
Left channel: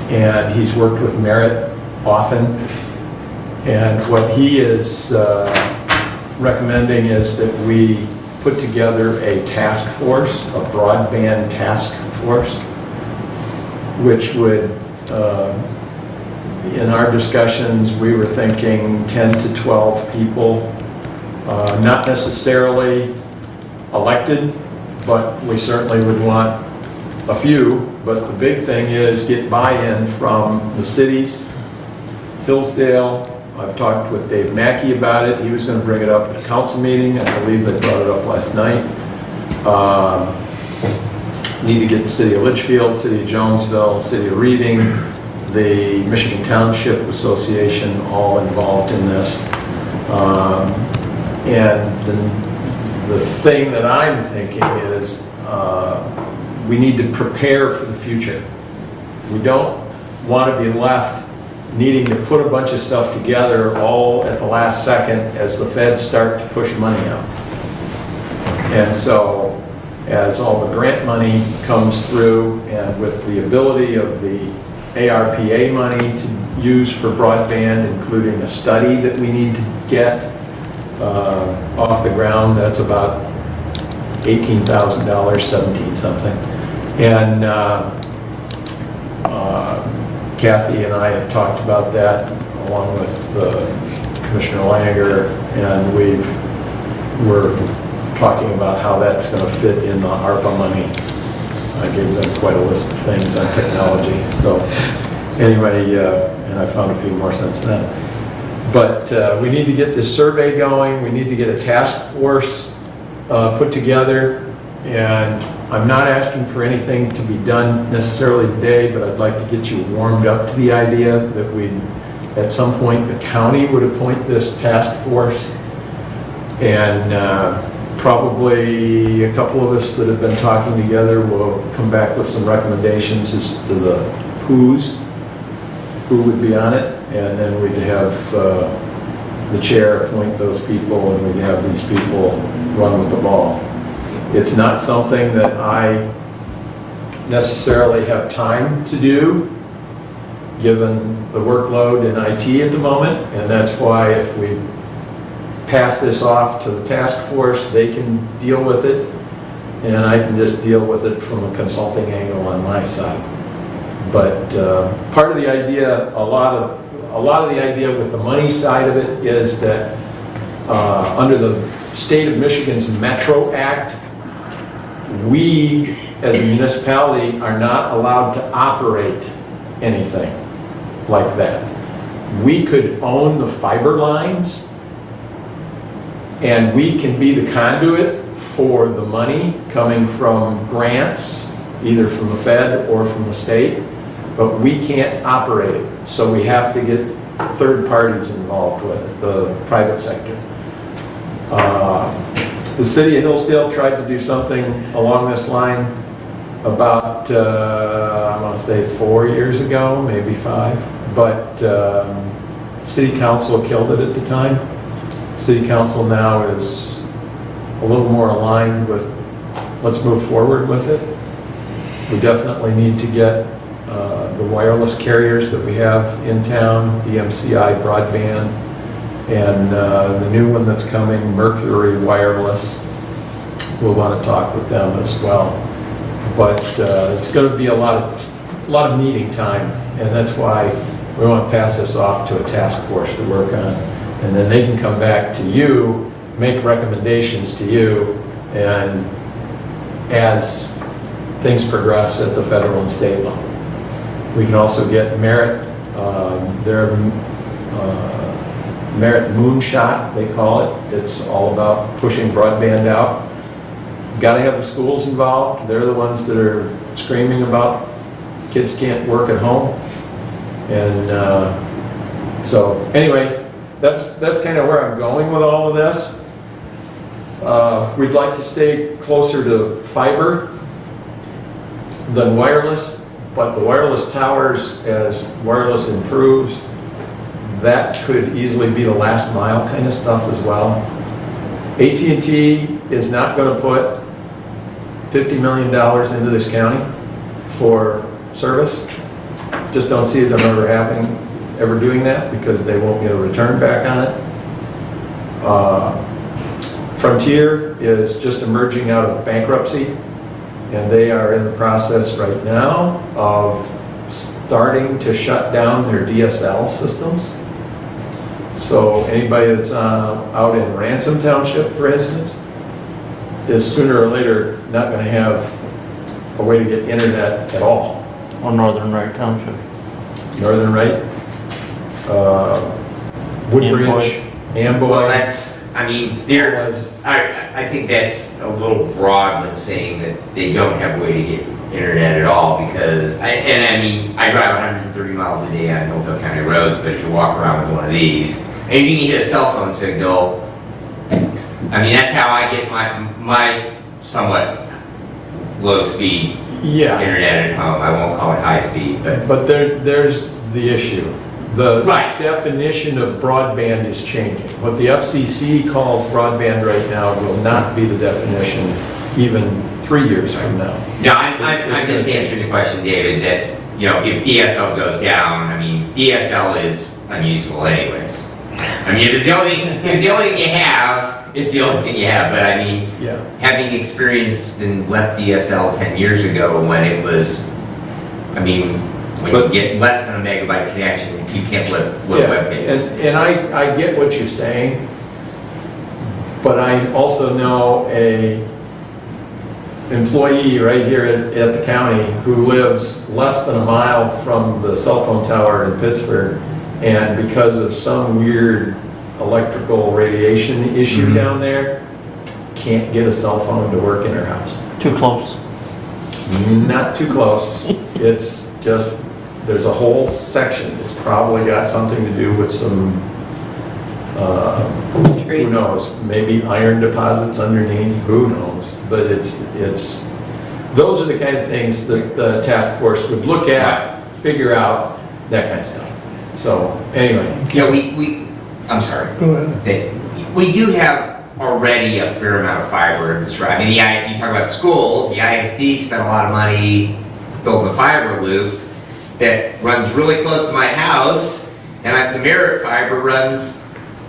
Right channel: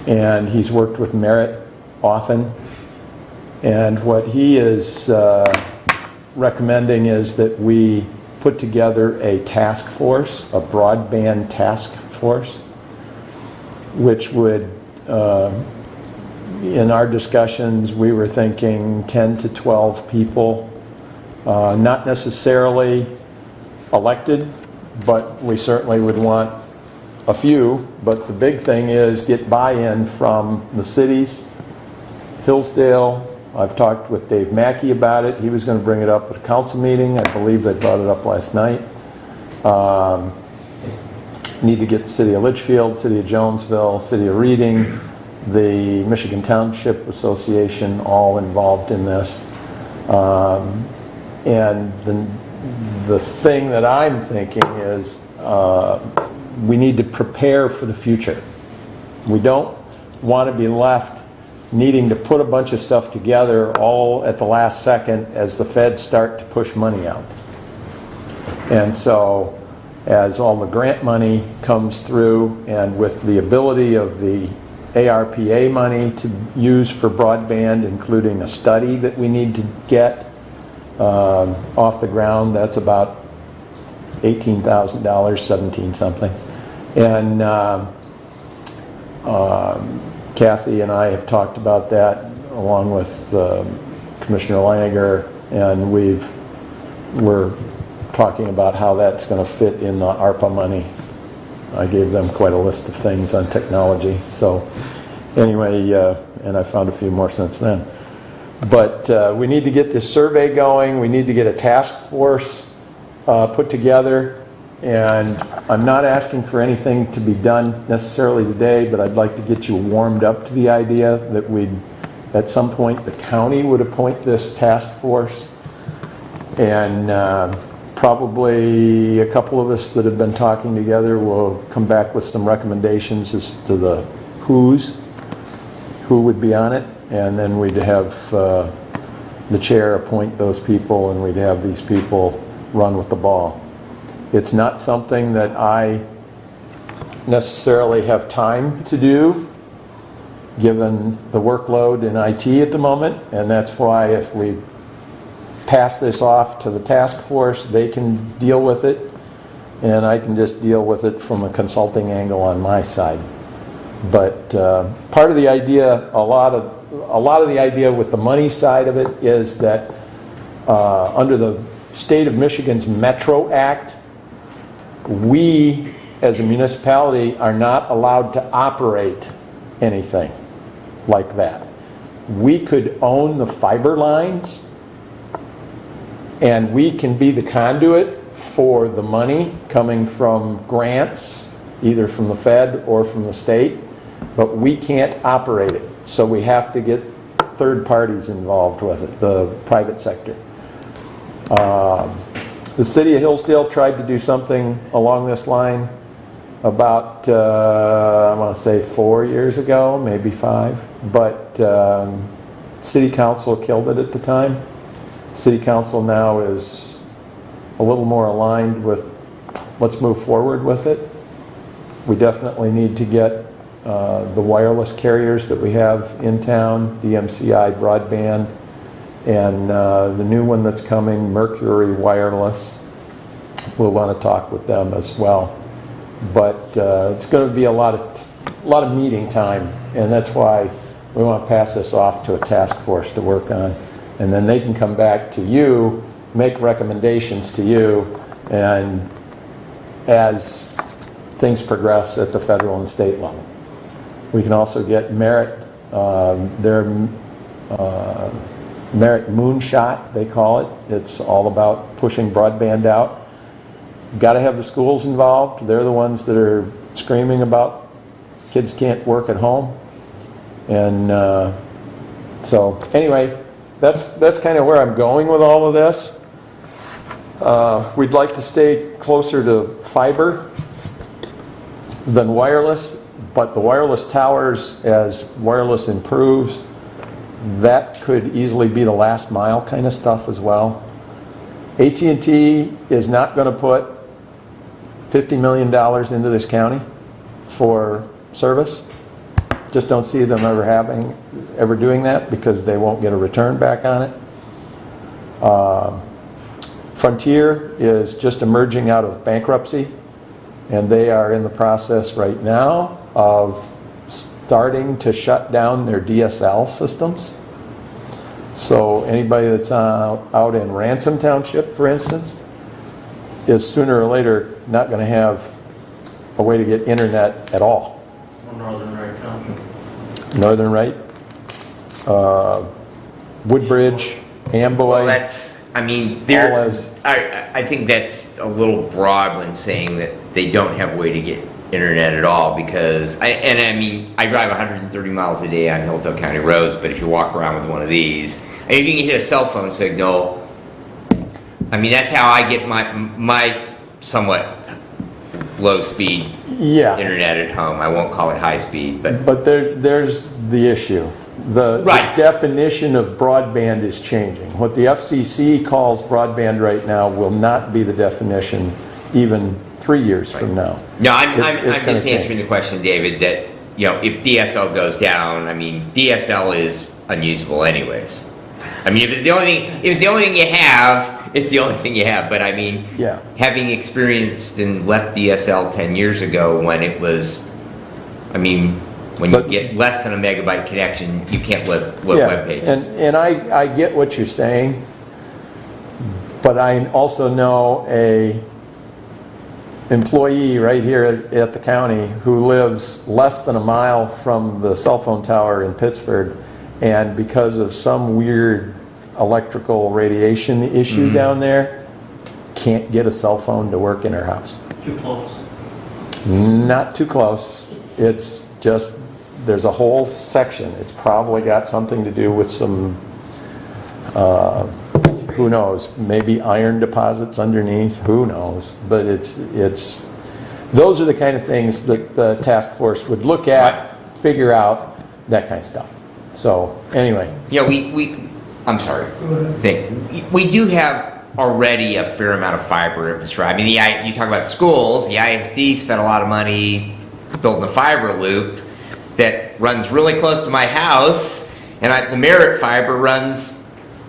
and he's worked with Merit often. And what he is recommending is that we put together a task force, a broadband task force, which would, in our discussions, we were thinking 10 to 12 people, not necessarily elected, but we certainly would want a few. But the big thing is get buy-in from the cities. Hillsdale, I've talked with Dave Mackey about it. He was going to bring it up at the council meeting. I believe they brought it up last night. Need to get the city of Litchfield, city of Jonesville, city of Reading, the Michigan Township Association all involved in this. And the thing that I'm thinking is we need to prepare for the future. We don't want to be left needing to put a bunch of stuff together all at the last second as the feds start to push money out. And so as all the grant money comes through and with the ability of the ARPA money to use for broadband, including a study that we need to get off the ground, that's about $18,000, 17 something. And Kathy and I have talked about that along with Commissioner Langer, and we're talking about how that's going to fit in the ARPA money. I gave them quite a list of things on technology. So anyway, and I found a few more since then. But we need to get this survey going. We need to get a task force put together. And I'm not asking for anything to be done necessarily today, but I'd like to get you warmed up to the idea that at some point, the county would appoint this task force. And probably a couple of us that have been talking together will come back with some recommendations as to the who would be on it. And then we'd have the chair appoint those people, and we'd have these people run with the ball. It's not something that I necessarily have time to do, given the workload in IT at the moment, and that's why if we pass this off to the task force, they can deal with it, and I can just deal with it from a consulting angle on my side. But part of the idea, a lot of the idea with the money side of it is that under the state of Michigan's Metro Act, we as a municipality are not allowed to operate anything like that. We could own the fiber lines, and we can be the conduit for the money coming from grants, either from the Fed or from the state, but we can't operate it. So we have to get third parties involved with it, the private sector. The city of Hillsdale tried to do something along this line about, I want to say 4 years ago, maybe 5, but city council killed it at the time. City council now is a little more aligned with let's move forward with it. We definitely need to get the wireless carriers that we have in town, EMCI broadband, and the new one that's coming, Mercury Wireless. We'll want to talk with them as well. But it's going to be a lot of meeting time, and that's why we want to pass this off to a task force to work on. And then they can come back to you, make recommendations to you, and as things progress at the federal and state level. We can also get Merit, their Merit Moonshot, they call it. It's all about pushing broadband out. Got to have the schools involved. They're the ones that are screaming about kids can't work at home. And so anyway, that's kind of where I'm going with all of this. We'd like to stay closer to fiber than wireless, but the wireless towers, as wireless improves, that could easily be the last mile kind of stuff as well. AT&T is not going to put $50 million into this county for service. Just don't see them ever doing that, because they won't get a return back on it. Frontier is just emerging out of bankruptcy, and they are in the process right now of starting to shut down their DSL systems. So anybody that's out in Ransom Township, for instance, is sooner or later not going to have a way to get internet at all. Or Northern Wright Township. Northern Wright, Woodbridge, Amboy. Well, I think that's a little broad when saying that they don't have a way to get internet at all because, I mean, I drive 130 miles a day on Hillsdale County roads, but if you walk around with one of these, and if you can hit a cell phone signal, I mean, that's how I get my somewhat low-speed Yeah, internet at home. I won't call it high-speed, but but there's the issue. The Right. definition of broadband is changing. What the FCC calls broadband right now will not be the definition even 3 years from now. no, I'm It's just gonna answering change. the question, David, that, you know, if DSL goes down, I mean, DSL is unusable anyways. I mean, if it's the only thing you have, it's the only thing you have, but I mean, Yeah. having experienced and left DSL 10 years ago when it was, I mean, when you get less than a megabyte connection, you can't load Yeah, web pages. and I get what you're saying, but I also know a employee right here at the county who lives less than a mile from the cell phone tower in Pittsburgh, and because of some weird electrical radiation issue down there, can't get a cell phone to work in her house. Too close. Not too close. It's just, there's a whole section. It's probably got something to do with some, who knows, maybe iron deposits underneath, who knows? But it's, those are the kind of things that the task force would look at, figure out, that kind of stuff. So, anyway. You know, I'm sorry. Go ahead. We do have already a fair amount of fiber infrastructure. I mean, you talk about schools, the ISD spent a lot of money building a fiber loop that runs really close to my house, and the Merritt fiber runs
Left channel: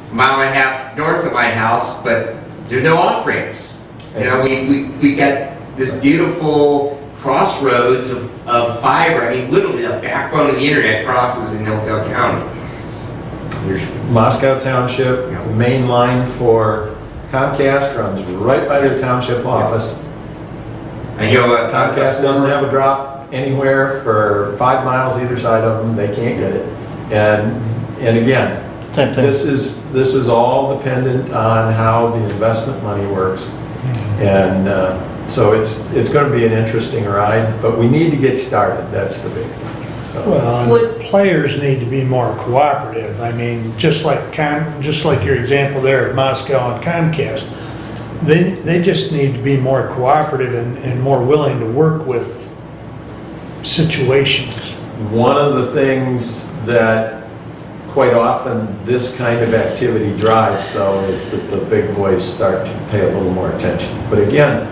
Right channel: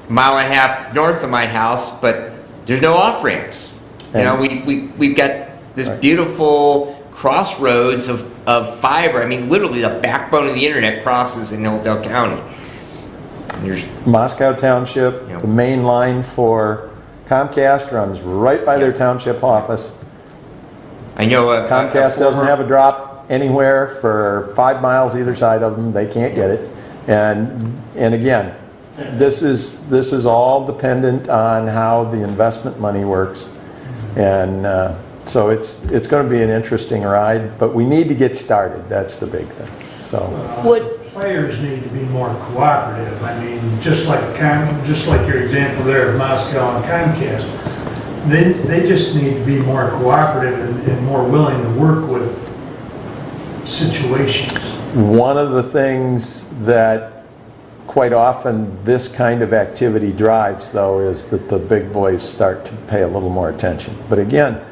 a mile and a half north of my house, but there's no off-ramps. You know, we've got this beautiful crossroads of fiber. I mean, literally the backbone of the internet crosses in Hillsdale County. Moscow Township, the main line for Comcast runs right by their township office. I know Comcast doesn't have a drop anywhere for 5 miles either side of them. They can't get it. And again, Same thing. this is all dependent on how the investment money works. And so it's going to be an interesting ride, but we need to get started. That's the big thing. So. Well, players need to be more cooperative. I mean, just like your example there at Moscow and Comcast, they just need to be more cooperative and more willing to work with situations. One of the things that quite often this kind of activity drives, though, is that the big boys start to pay a little more attention. But again,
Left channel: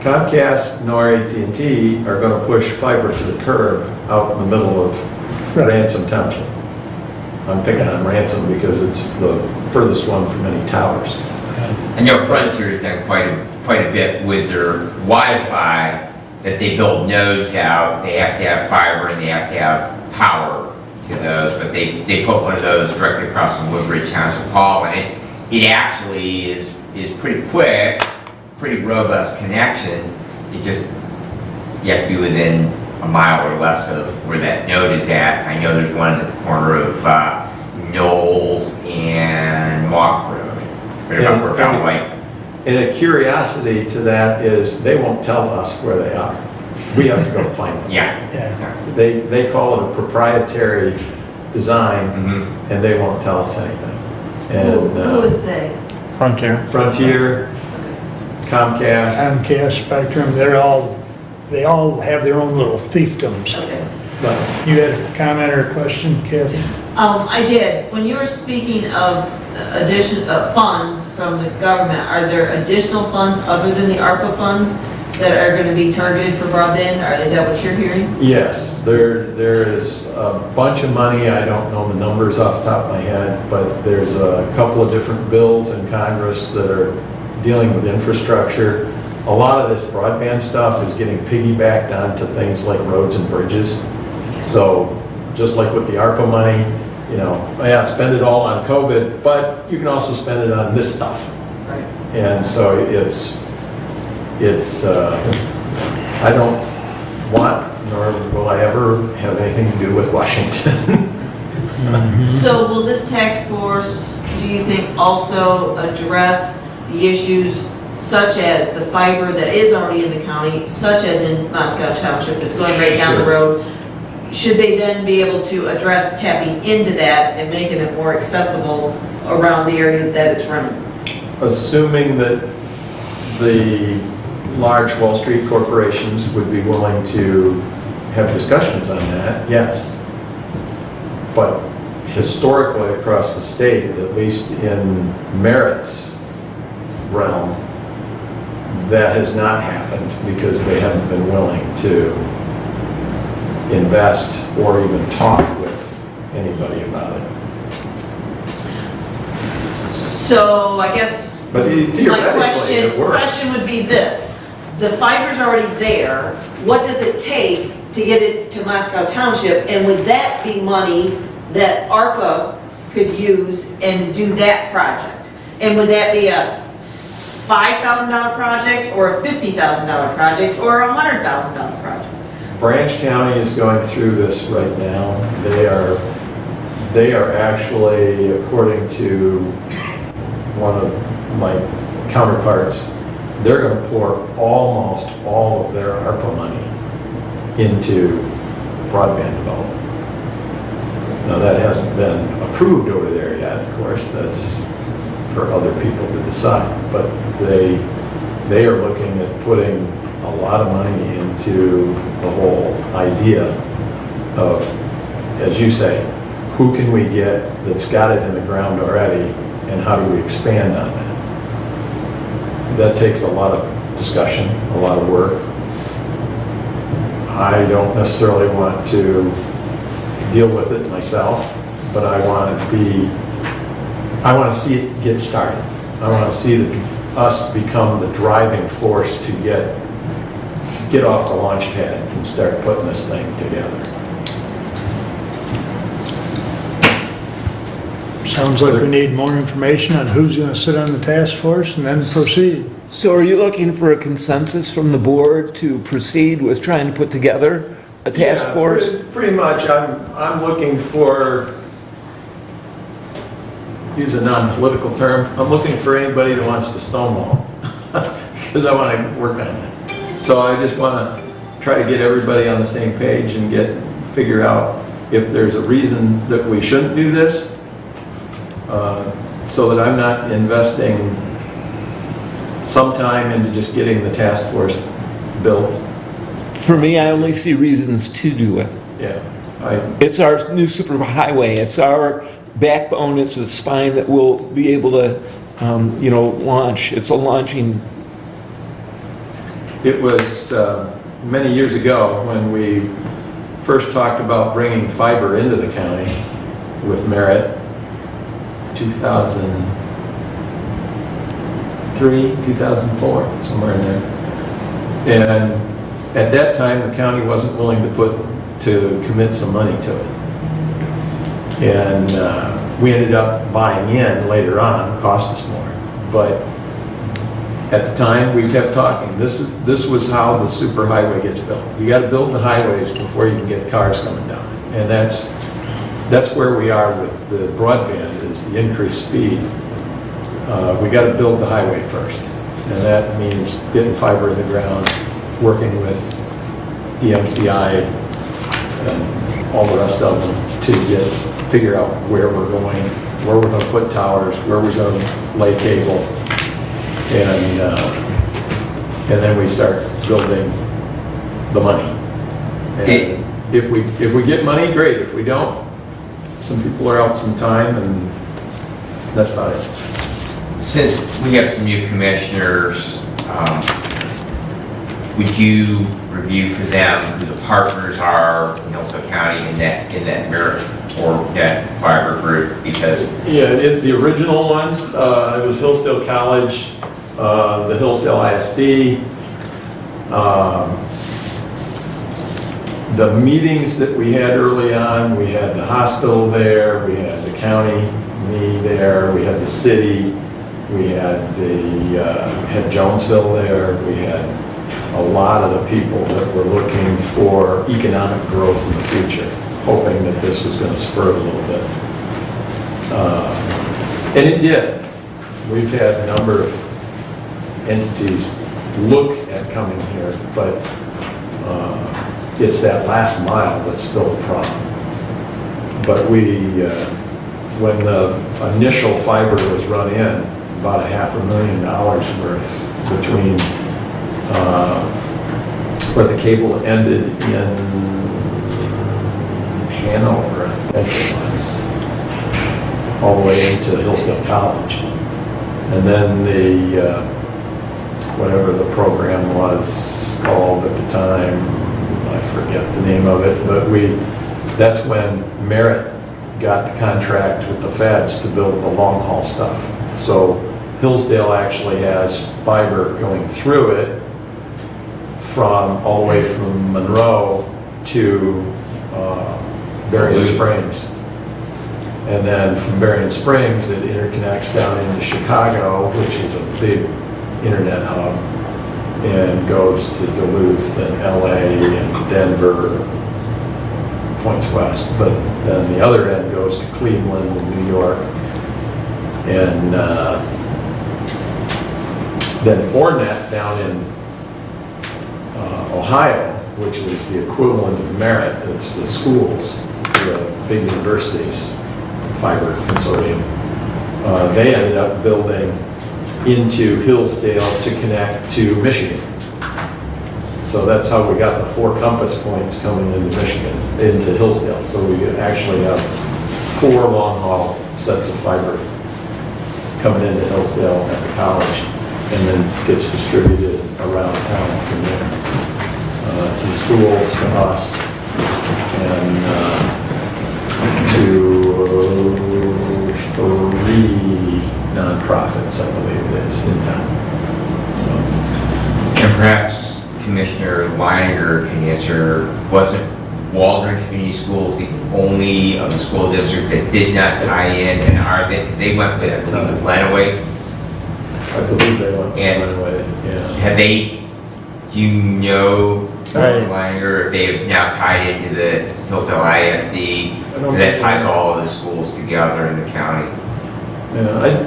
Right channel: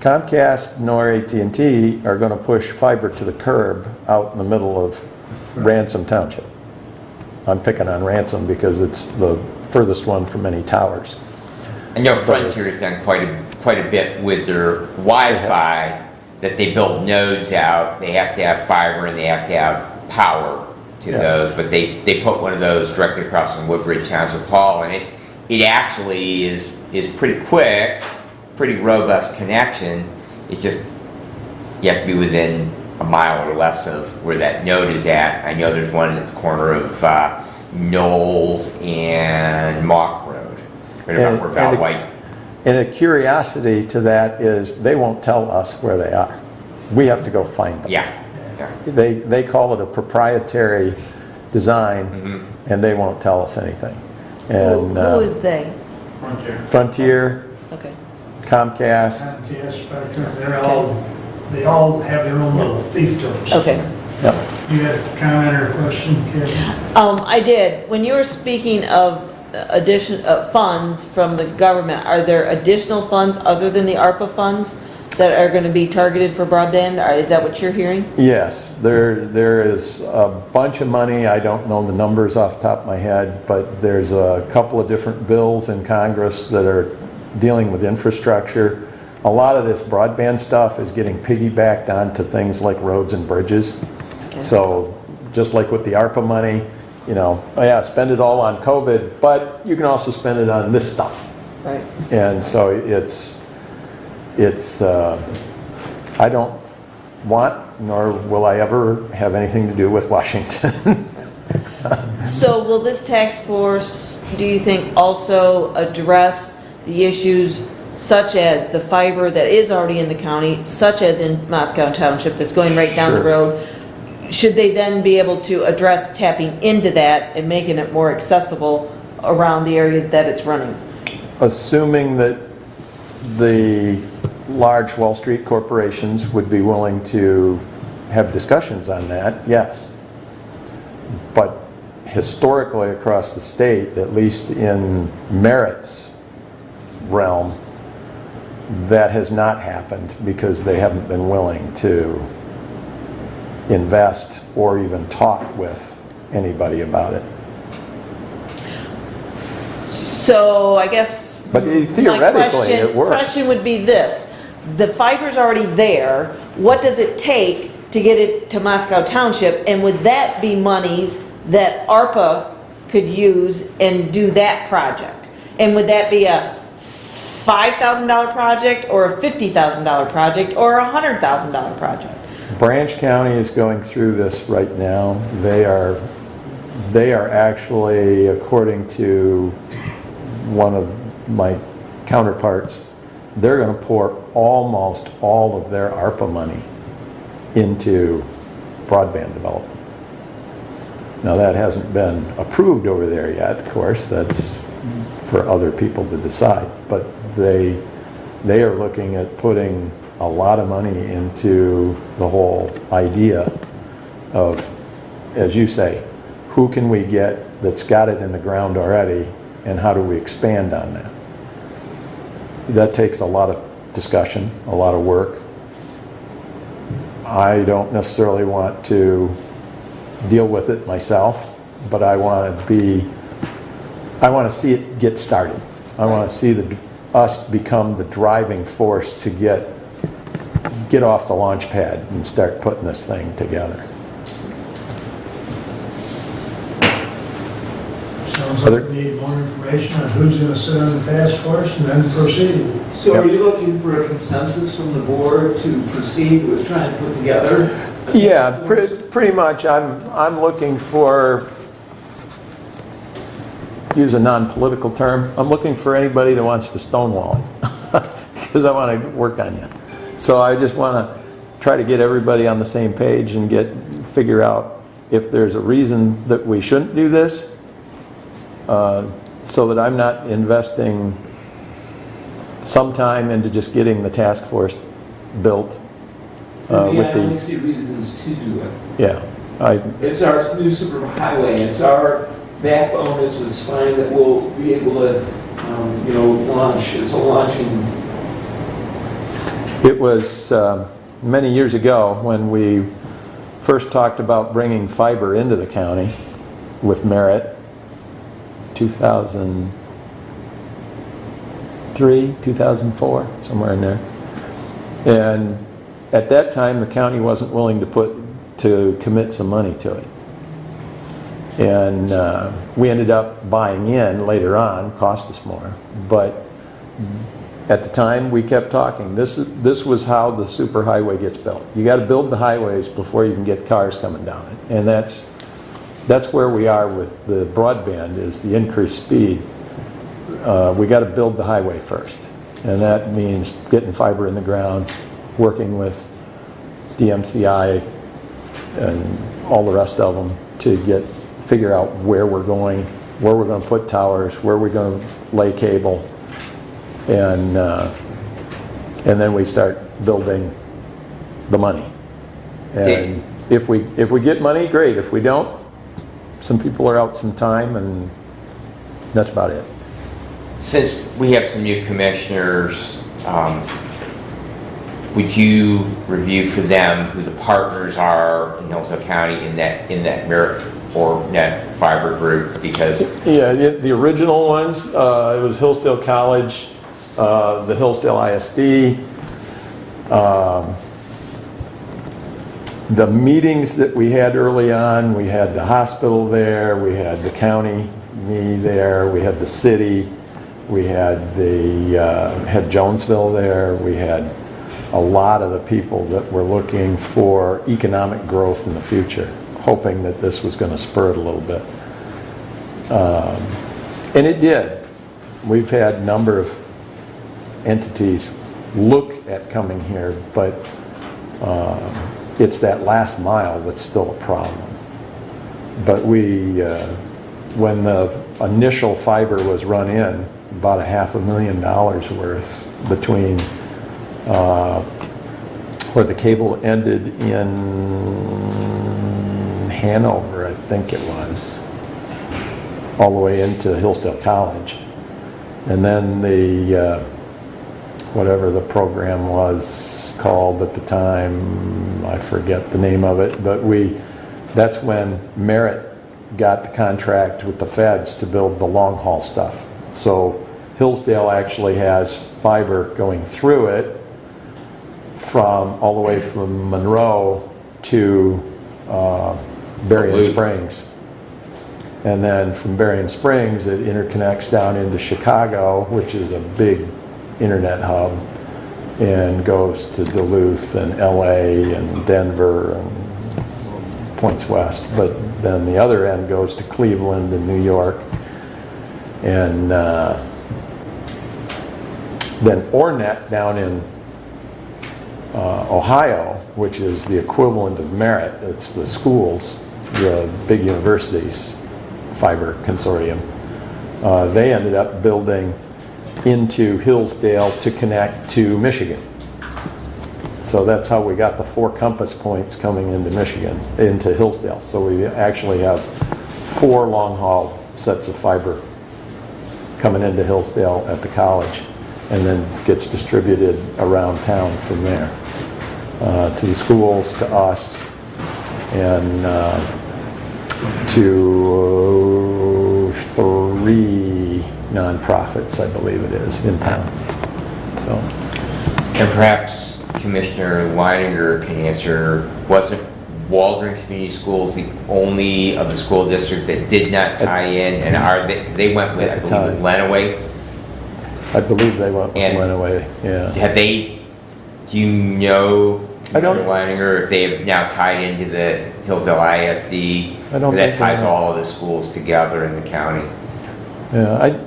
Comcast nor AT&T are going to push fiber to the curb out in the middle of Ransom Township. I'm picking on Ransom because it's the furthest one from any towers. I know Frontier has done quite a bit with their Wi-Fi, that they build nodes out. They have to have fiber and they have to have power to those, but they put one of those directly across from Woodbridge Township Hall, and it actually is pretty quick, pretty robust connection. You have to be within a mile or less of where that node is at. I know there's one at the corner of Knowles and Mock Road. Right about where Val White. And a curiosity to that is they won't tell us where they are. We have to go find them. Yeah. They call it a proprietary design, and they won't tell us anything. And Who is they? Frontier. Frontier, Comcast. Comcast, Spectrum, they all have their own little fiefdoms. Okay. You had a comment or a question, Kevin? I did. When you were speaking of addition of funds from the government, are there additional funds other than the ARPA funds that are going to be targeted for broadband? Is that what you're hearing? Yes, there is a bunch of money. I don't know the numbers off the top of my head, but there's a couple of different bills in Congress that are dealing with infrastructure. A lot of this broadband stuff is getting piggybacked onto things like roads and bridges. So just like with the ARPA money, spend it all on COVID, but you can also spend it on this stuff. Right. And so I don't want, nor will I ever have anything to do with Washington. So will this task force, do you think, also address the issues such as the fiber that is already in the county, such as in Moscow Township that's going right down the road, should they then be able to address tapping into that and making it more accessible around the areas that it's running? Assuming that the large Wall Street corporations would be willing to have discussions on that, yes. But historically across the state, at least in Merit's realm, that has not happened because they haven't been willing to invest or even talk with anybody about it. So I guess But my theoretically, it works. question would be this. The fiber's already there. What does it take to get it to Moscow Township? And would that be monies that ARPA could use and do that project? And would that be a $5,000 project or a $50,000 project or a $100,000 project? Branch County is going through this right now. They are actually, according to one of my counterparts, they're going to pour almost all of their ARPA money into broadband development. Now, that hasn't been approved over there yet, of course. That's for other people to decide. But they are looking at putting a lot of money into the whole idea of, as you say, who can we get that's got it in the ground already, and how do we expand on that? That takes a lot of discussion, a lot of work. I don't necessarily want to deal with it myself, but I want to see it get started. I want to see us become the driving force to get off the launch pad and start putting this thing together. Sounds like we need more information on who's going to sit on the task force and then proceed. So are you looking for a consensus from the board to proceed with trying to put together a task force? Pretty much. I'm looking for, use a non-political term, I'm looking for anybody that wants to stonewall, because I want to work on it. So I just want to try to get everybody on the same page and figure out if there's a reason that we shouldn't do this, so that I'm not investing some time into just getting the task force built. For me, I only see reasons to do it. Yeah. It's our new superhighway. It's our backbone. It's the spine that will be able to, launch. It's a launching. It was many years ago when we first talked about bringing fiber into the county with Merit, 2003, 2004, somewhere in there. And at that time, the county wasn't willing to commit some money to it. And we ended up buying in later on, it cost us more. But at the time, we kept talking. This was how the superhighway gets built. You got to build the highways before you can get cars coming down. And that's where we are with the broadband, is the increased speed. We got to build the highway first. And that means getting fiber in the ground, working with the MCI and all the rest of them to figure out where we're going, where we're going to put towers, where we're going to lay cable. And then we start building the money. And if we get money, great. If we don't, some people are out some time, and that's about it. Since we have some new commissioners, would you review for them who the partners are in Hillsdale County in that Merit or net fiber group? Because the original ones, it was Hillsdale College, the Hillsdale ISD. The meetings that we had early on, we had the hospital there, we had the county me there, we had the city, we had had Jonesville there, we had a lot of the people that were looking for economic growth in the future, hoping that this was going to spur it a little bit. And it did. We've had a number of entities look at coming here, but it's that last mile that's still a problem. But when the initial fiber was run in, about $500,000 worth between where the cable ended in Hanover, I think it was, all the way into Hillsdale College. And then the, whatever the program was called at the time, I forget the name of it, but that's when Merit got the contract with the feds to build the long haul stuff. So Hillsdale actually has fiber going through it all the way from Monroe to Berrien Springs. And then from Berrien Springs, it interconnects down into Chicago, which is a big internet hub, and goes to Duluth and LA and Denver, points west. But then the other end goes to Cleveland and New York. And then Ornet down in Ohio, which is the equivalent of Merit, it's the schools, the big universities, fiber consortium. They ended up building into Hillsdale to connect to Michigan. So that's how we got the 4 compass points coming into Michigan, into Hillsdale. So we actually have 4 long haul sets of fiber coming into Hillsdale at the college, and then gets distributed around town from there to the schools, to us, and to 3 nonprofits, I believe it is, in town. So. And perhaps Commissioner Leininger can answer, wasn't Waldron Community Schools the only of the school districts that did not tie in, and are they, because they went with, I believe, with Lenawee? I believe they went with Lenawee, yeah. Have they, do you know, Leininger, if they have now tied into the Hillsdale ISD, that ties all of the schools together in the county? Yeah,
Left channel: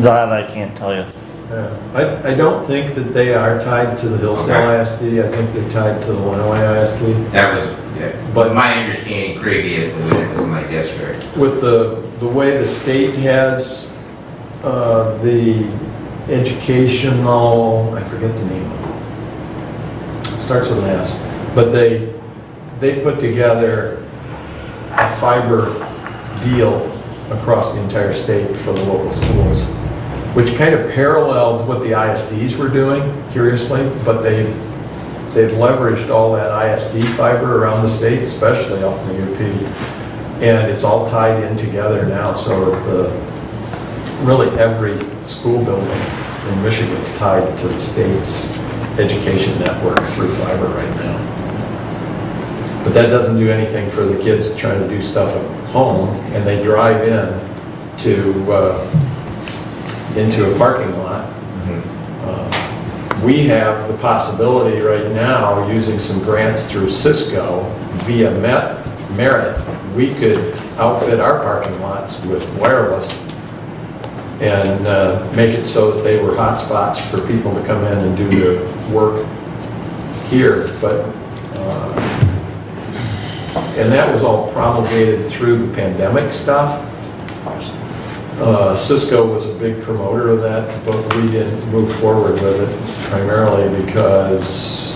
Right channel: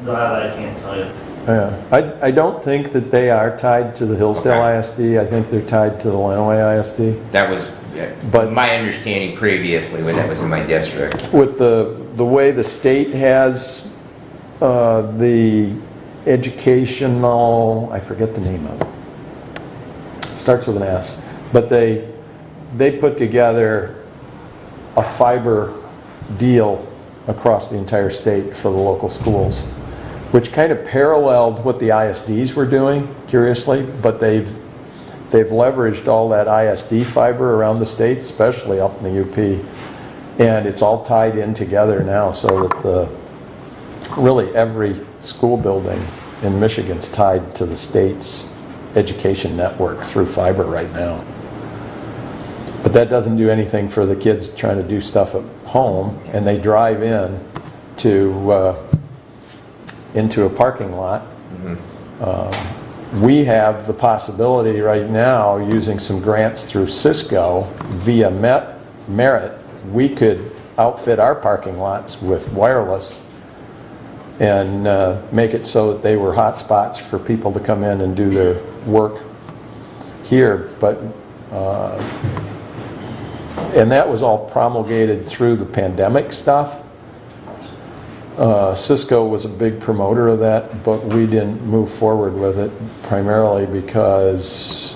That I can't tell you. Yeah, I don't think that they are tied to the Hillsdale ISD. I think they're tied to the Lenawee ISD. That was but my understanding previously when it was in my district. With the way the state has the educational, I forget the name of it. It starts with an S, but they put together a fiber deal across the entire state for the local schools, which kind of paralleled what the ISDs were doing, curiously, but they've leveraged all that ISD fiber around the state, especially up in the UP, and it's all tied in together now, so really every school building in Michigan is tied to the state's education network through fiber right now. But that doesn't do anything for the kids trying to do stuff at home, and they drive in into a parking lot. We have the possibility right now, using some grants through Cisco via Merit, we could outfit our parking lots with wireless and make it so that they were hot spots for people to come in and do their work here. But and that was all promulgated through the pandemic stuff. Cisco was a big promoter of that, but we didn't move forward with it primarily because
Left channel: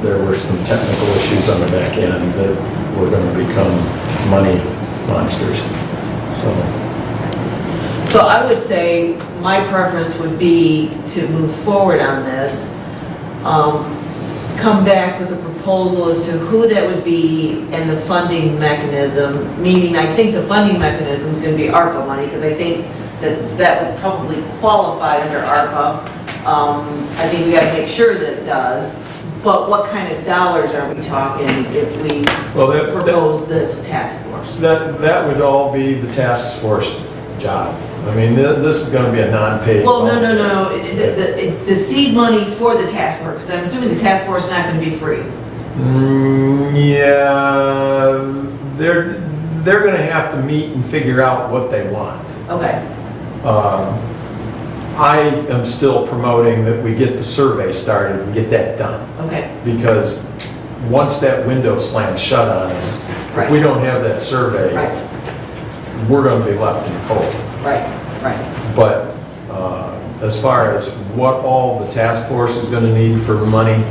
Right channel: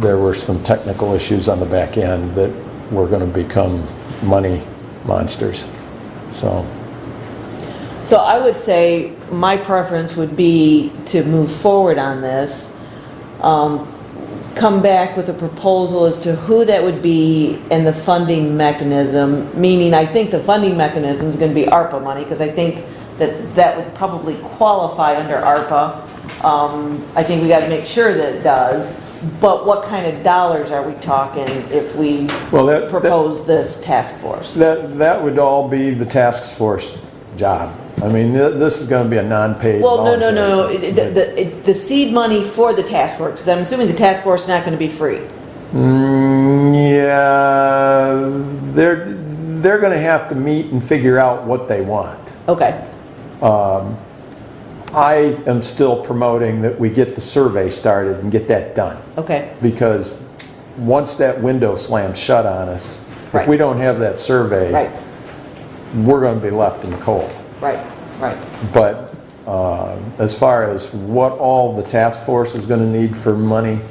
there were some technical issues on the back end that were going to become money monsters. So I would say my preference would be to move forward on this, come back with a proposal as to who that would be and the funding mechanism, meaning I think the funding mechanism is going to be ARPA money, because I think that would probably qualify under ARPA. I think we got to make sure that it does, but what kind of dollars are we talking if we propose this task force? That would all be the task force job. I mean, this is going to be a non-paid. Well, no. The seed money for the task force, because I'm assuming the task force is not going to be free. Yeah, they're going to have to meet and figure out what they want. Okay. I am still promoting that we get the survey started and get that done. Okay, Because once that window slams shut on us, if we don't have that survey, right, we're going to be left in the cold. right, right. But as far as what all the task force is going to need for money,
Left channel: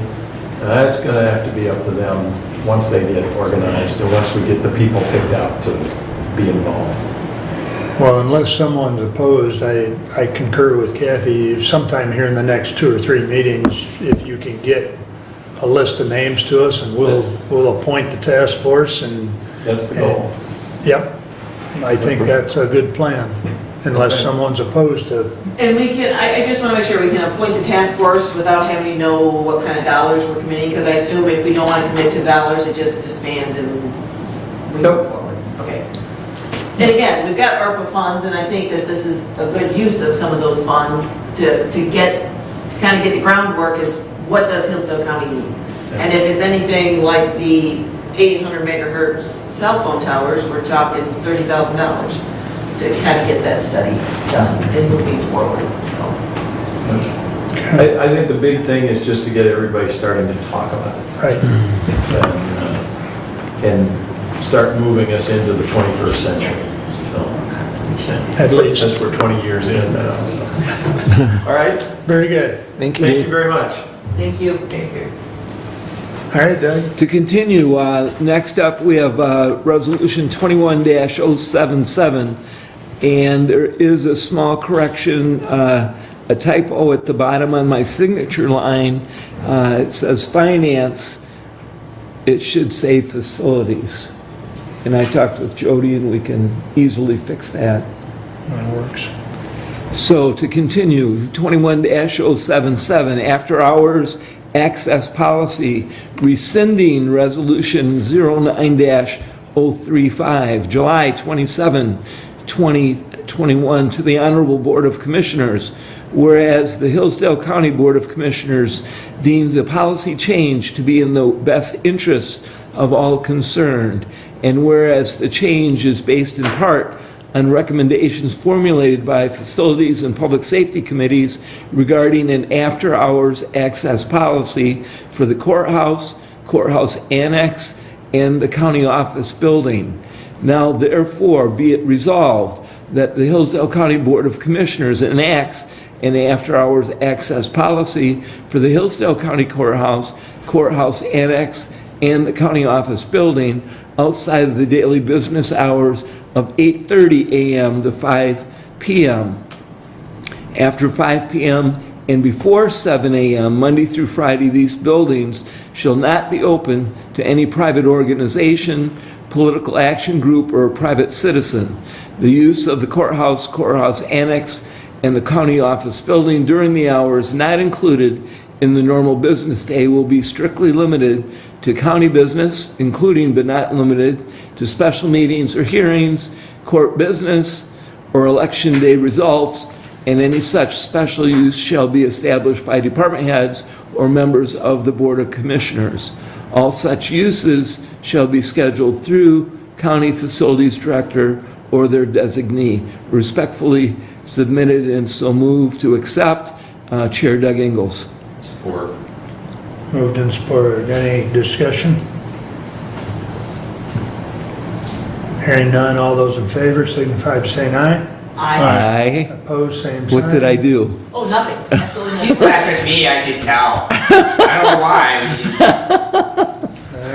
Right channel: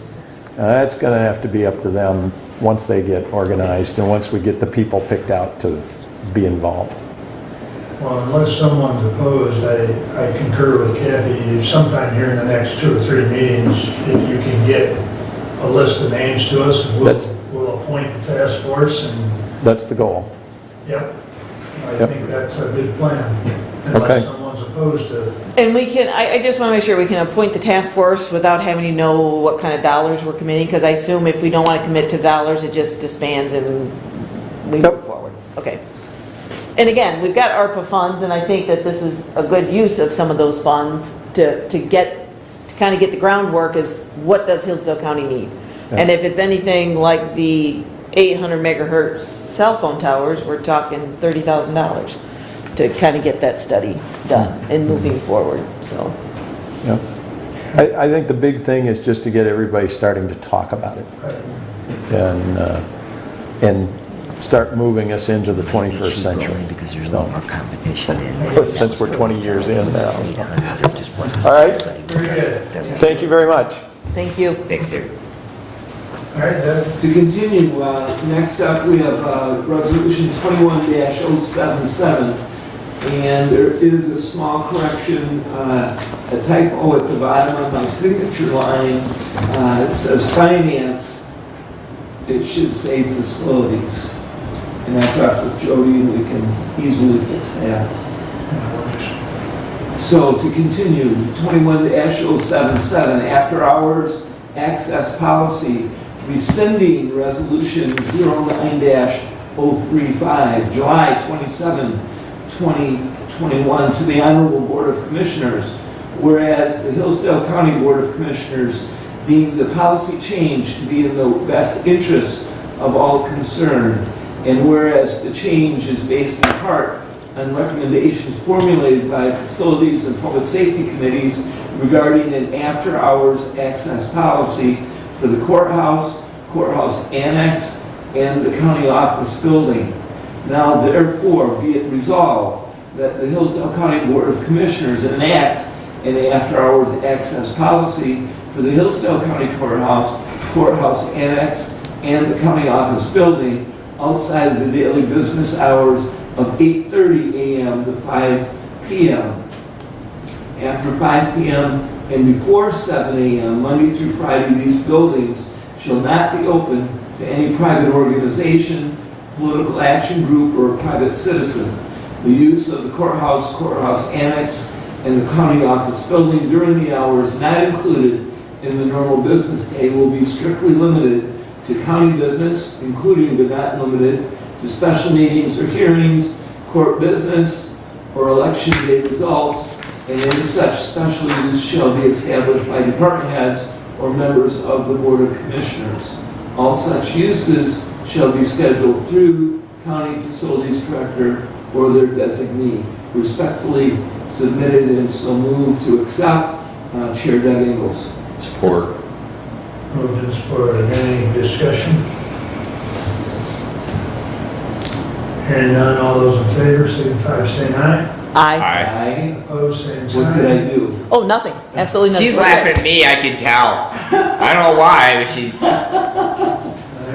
that's going to have to be up to them once they get organized and once we get the people picked out to be involved. Well, unless someone's opposed, I concur with Kathy, sometime here in the next 2 or 3 meetings, if you can get a list of names to us, and we'll appoint the task force and... That's the goal. Yep, I think that's a good plan, unless Okay. someone's opposed to... And we can, I just want to make sure we can appoint the task force without having to know what kind of dollars we're committing, because I assume if we don't want to commit to dollars, it just disbands and we move forward. Okay. And again, we've got ARPA funds, and I think that this is a good use of some of those funds to kind of get the groundwork is what does Hillsdale County need? And if it's anything like the 800 megahertz cell phone towers, we're talking $30,000 to kind of get that study done and moving forward, so. I think the big thing is just to get everybody starting to talk about it. Right. And start moving us into the 21st century. At least. Since we're 20 years in now. All right? Very good. Thank you very much. Thank you. Thanks, Dave. All right, Doug. To continue, next up we have Resolution 21-077, and there is a small correction, a typo at the bottom on my signature line. It says finance, it should say facilities. And I talked with Jody and we can easily fix that. That works. So to continue, 21-077, after hours access policy, rescinding resolution 09-035, July 27, 2021, to the Honorable Board of Commissioners. Whereas the Hillsdale County Board of Commissioners deems a policy change to be in the best interest of all concerned. And whereas the change is based in part on recommendations formulated by facilities and public safety committees regarding an after-hours access policy for the courthouse, courthouse annex, and the county office building. Now therefore be it resolved that the Hillsdale County Board of Commissioners enacts an after-hours access policy for the Hillsdale County Courthouse, courthouse annex, and the county office building outside of the daily business hours of 8:30 a.m. to 5 p.m. After 5 p.m. and before 7 a.m., Monday through Friday, these buildings shall not be open to any private organization, political action group, or private citizen. The use of the courthouse, courthouse annex, and the county office building during the hours not included in the normal business day will be strictly limited to county business, including but not limited to special meetings or hearings, court business, or election day results, and any such special use shall be established by department heads or members of the Board of Commissioners. All such uses shall be scheduled through County Facilities Director or their designee. Respectfully submitted and so moved to accept, Chair Doug Ingles. Support. Moved and supported. Any discussion? Hearing none, all those in favor signify by saying aye. Aye. Opposed, same sign. What did I do? Oh, nothing, absolutely nothing. She's laughing at me, I can tell. I don't know why, but she...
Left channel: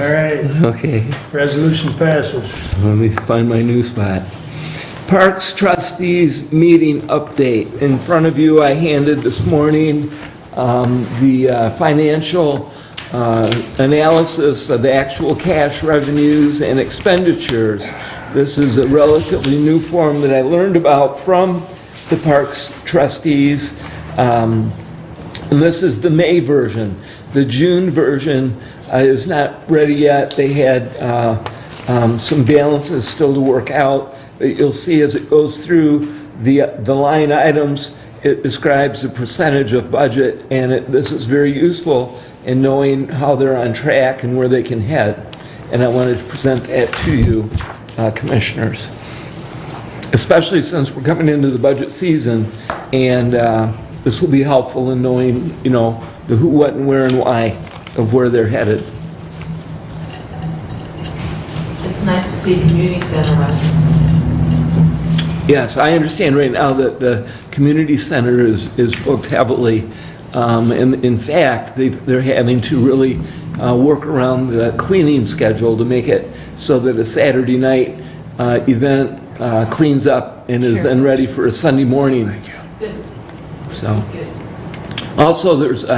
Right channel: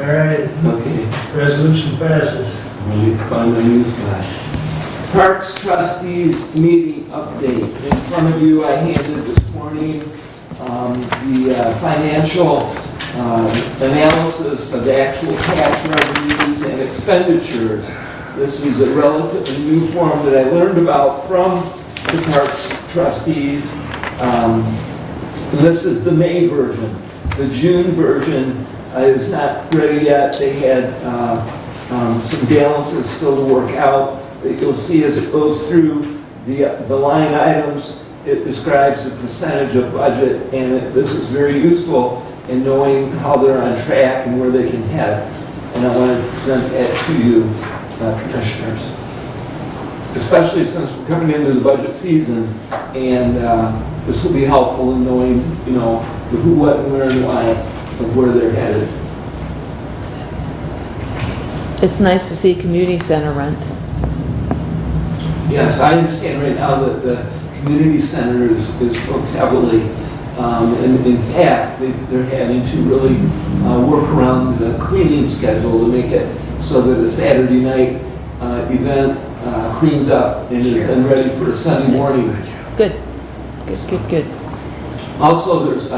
All right, Okay. resolution passes. Let me find my new spot. Parks Trustees Meeting Update. In front of you, I handed this morning the financial analysis of the actual cash revenues and expenditures. This is a relatively new form that I learned about from the Parks Trustees. And this is the May version. The June version is not ready yet. They had some balances still to work out. You'll see as it goes through the line items, it describes the percentage of budget, and this is very useful in knowing how they're on track and where they can head. And I wanted to present that to you, Commissioners. especially since we're coming into the budget season, and this will be helpful in knowing, you know, the who, what, and where, and why of where they're headed. It's nice to see community center run. Yes, I understand right now that the community center is booked heavily. And in fact, they're having to really work around the cleaning schedule to make it so that a Saturday night event cleans up and is then ready for a Sunday morning. Good. So. Good. Also, there's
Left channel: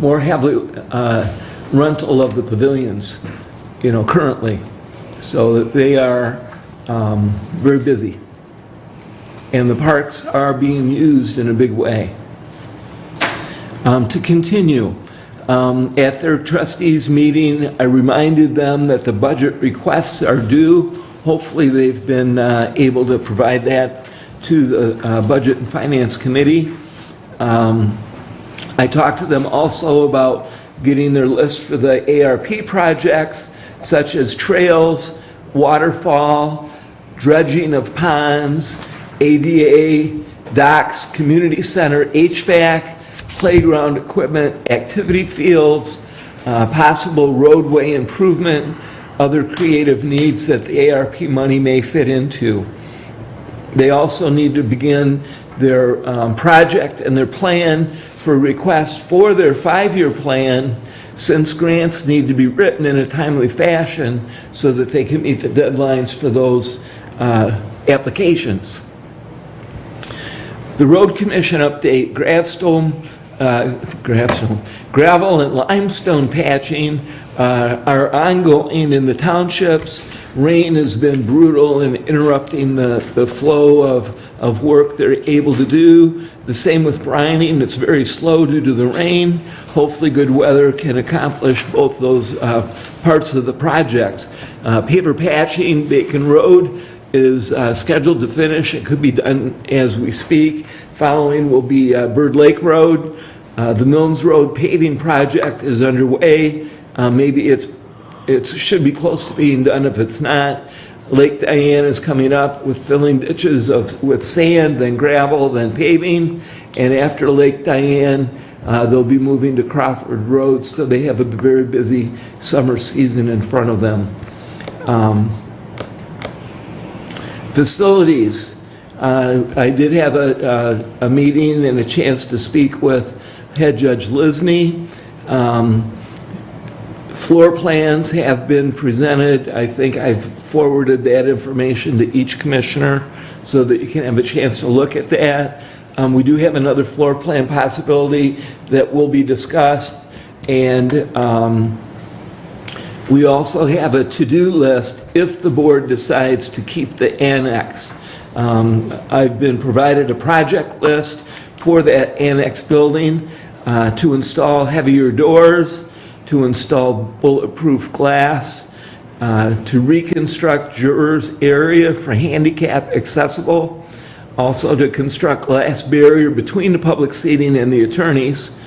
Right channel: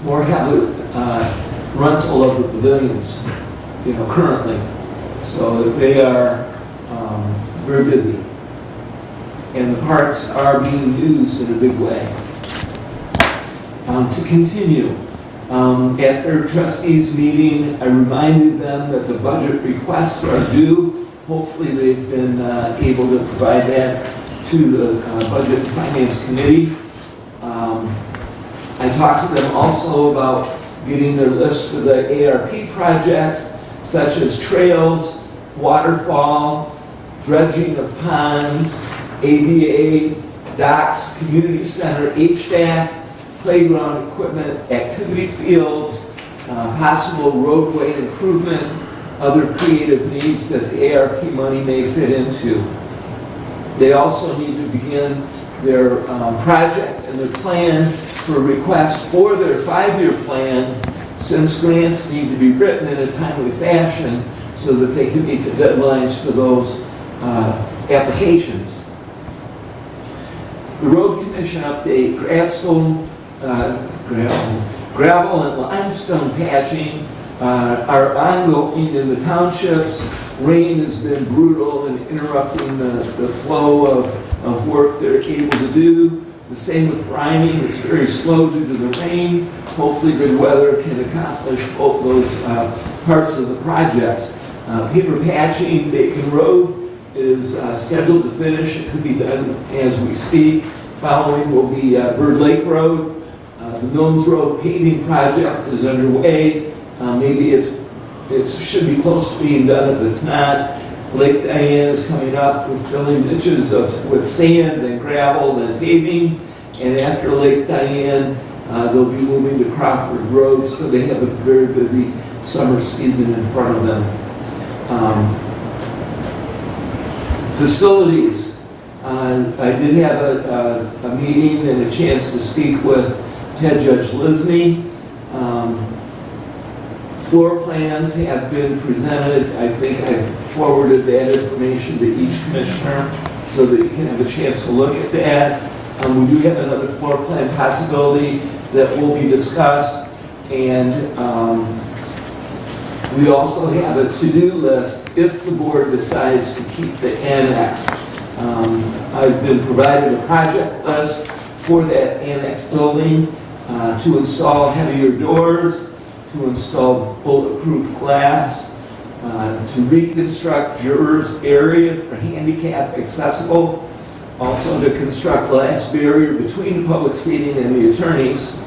more heavy rental of the pavilions, you know, currently. So they are very busy. And the parks are being used in a big way. To continue, at their trustees meeting, I reminded them that the budget requests are due. Hopefully they've been able to provide that to the Budget and Finance Committee. I talked to them also about getting their list for the ARP projects, such as trails, waterfall, dredging of ponds, ADA, docks, community center, HVAC, playground equipment, activity fields, possible roadway improvement, other creative needs that the ARP money may fit into. They also need to begin their project and their plan for request for their 5-year plan, since grants need to be written in a timely fashion so that they can meet the deadlines for those applications. The Road Commission update, gravel and limestone patching are ongoing in the townships. Rain has been brutal and interrupting the flow of work they're able to do. The same with brining. It's very slow due to the rain. Hopefully good weather can accomplish both those parts of the project. Paver patching, Bacon Road is scheduled to finish. It could be done as we speak. Following will be Bird Lake Road. The Mills Road paving project is underway. Maybe it should be close to being done if it's not. Lake Diane is coming up with filling ditches with sand, then gravel, then paving. And after Lake Diane, they'll be moving to Crawford Road, so they have a very busy summer season in front of them. Facilities. I did have a meeting and a chance to speak with Head Judge Lisney. Floor plans have been presented. I think I've forwarded that information to each commissioner so that you can have a chance to look at that. We do have another floor plan possibility that will be discussed, and we also have a to-do list if the board decides to keep the annex. I've been provided a project list for that annex building to install heavier doors, to install bulletproof glass, to reconstruct jurors' area for handicap accessible, also to construct glass barrier between the public seating and the attorneys,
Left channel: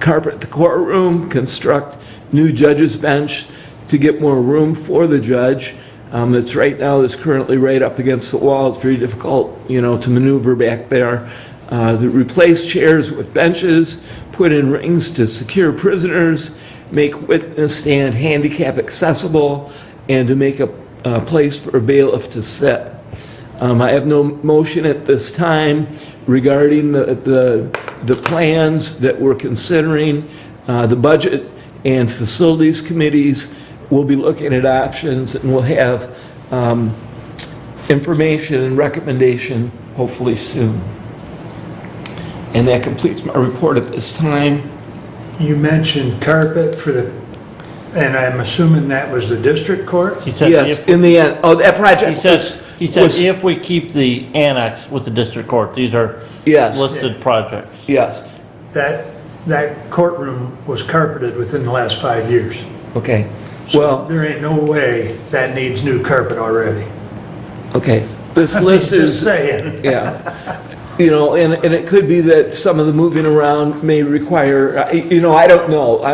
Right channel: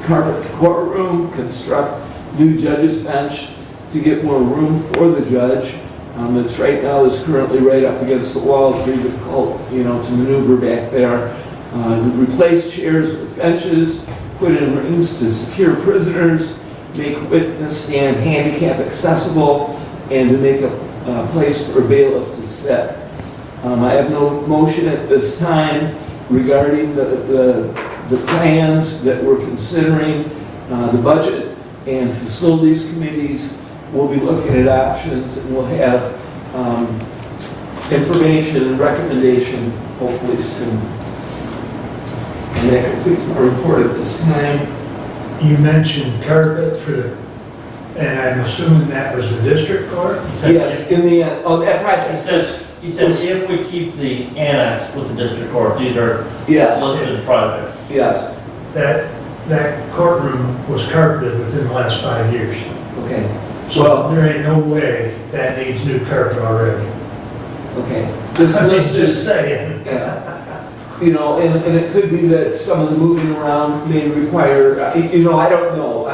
carpet the courtroom, construct new judge's bench to get more room for the judge. It's right now is currently right up against the wall. It's very difficult, you know, to maneuver back there. To replace chairs with benches, put in rings to secure prisoners, make witness stand handicap accessible, and to make a place for a bailiff to sit. I have no motion at this time regarding the plans that we're considering. The budget and facilities committees will be looking at options, and we'll have information and recommendation hopefully soon. And that completes my report at this time. You mentioned carpet for the, and I'm assuming that was the district court? He said Yes, if- in the end. Oh, that project. He said if we keep the annex with the district court, these are Yes, listed projects. yes. That courtroom was carpeted within the last 5 years. Okay. So Well, there ain't no way that needs new carpet already. okay. This I'm list just is, saying. yeah. You know, and it could be that some of the moving around may require, you know, I don't know.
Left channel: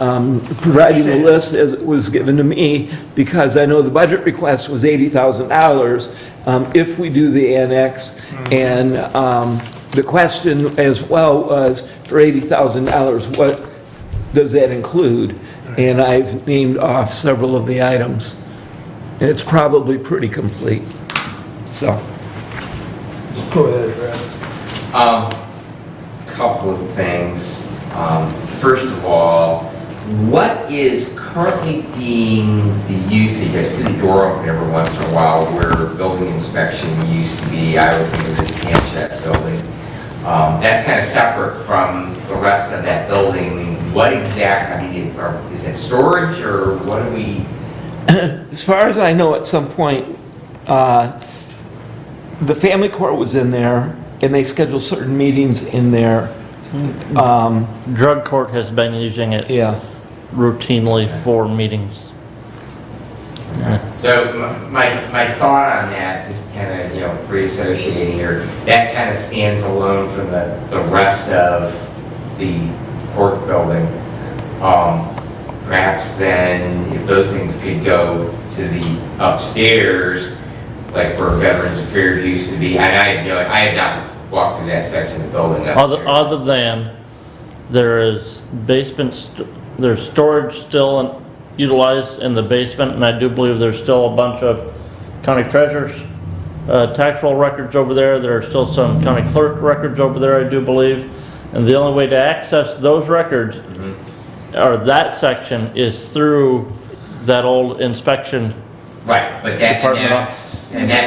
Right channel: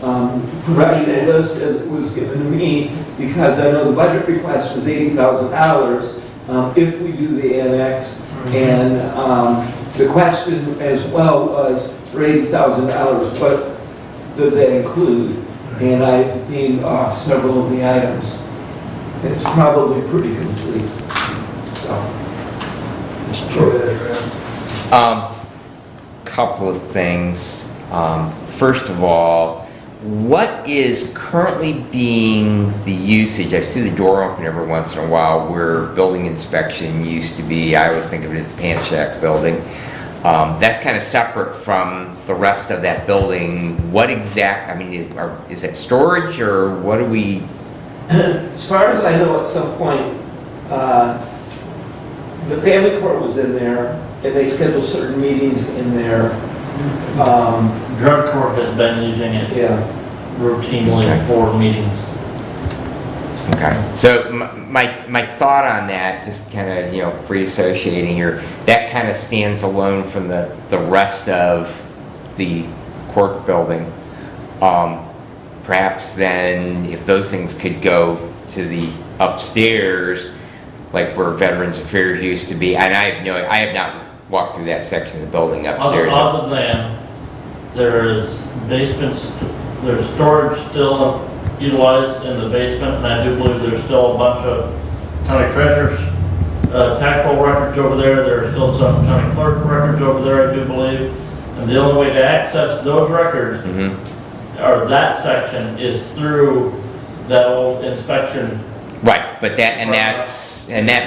I'm providing the list as it was given to me because I know the budget request was $80,000 if we do the annex. And the question as well was, for $80,000, what does that include? And I've named off several of the items. And it's probably pretty complete. So. Go ahead, Brad. Couple of things. First of all, what is currently being the usage? I see the door open every once in a while where building inspection used to be. I always think of it as the camp shack building. That's kind of separate from the rest of that building. What exact, I mean, is it storage or what do we? As far as I know, at some point, the family court was in there, and they scheduled certain meetings in there. Drug court has been using it routinely for meetings. Okay. So my thought on that, just kind of, free associating here, that kind of stands alone from the rest of the court building. Perhaps then, if those things could go to the upstairs, like where Veterans Affairs used to be, and I have not walked through that section of the building upstairs. Other than there is there's storage still utilized in the basement, and I do believe there's still a bunch of county treasurer's tax roll records over there. There are still some county clerk records over there, I do believe. And the only way to access those records, or that section, is through that old inspection. Right, but that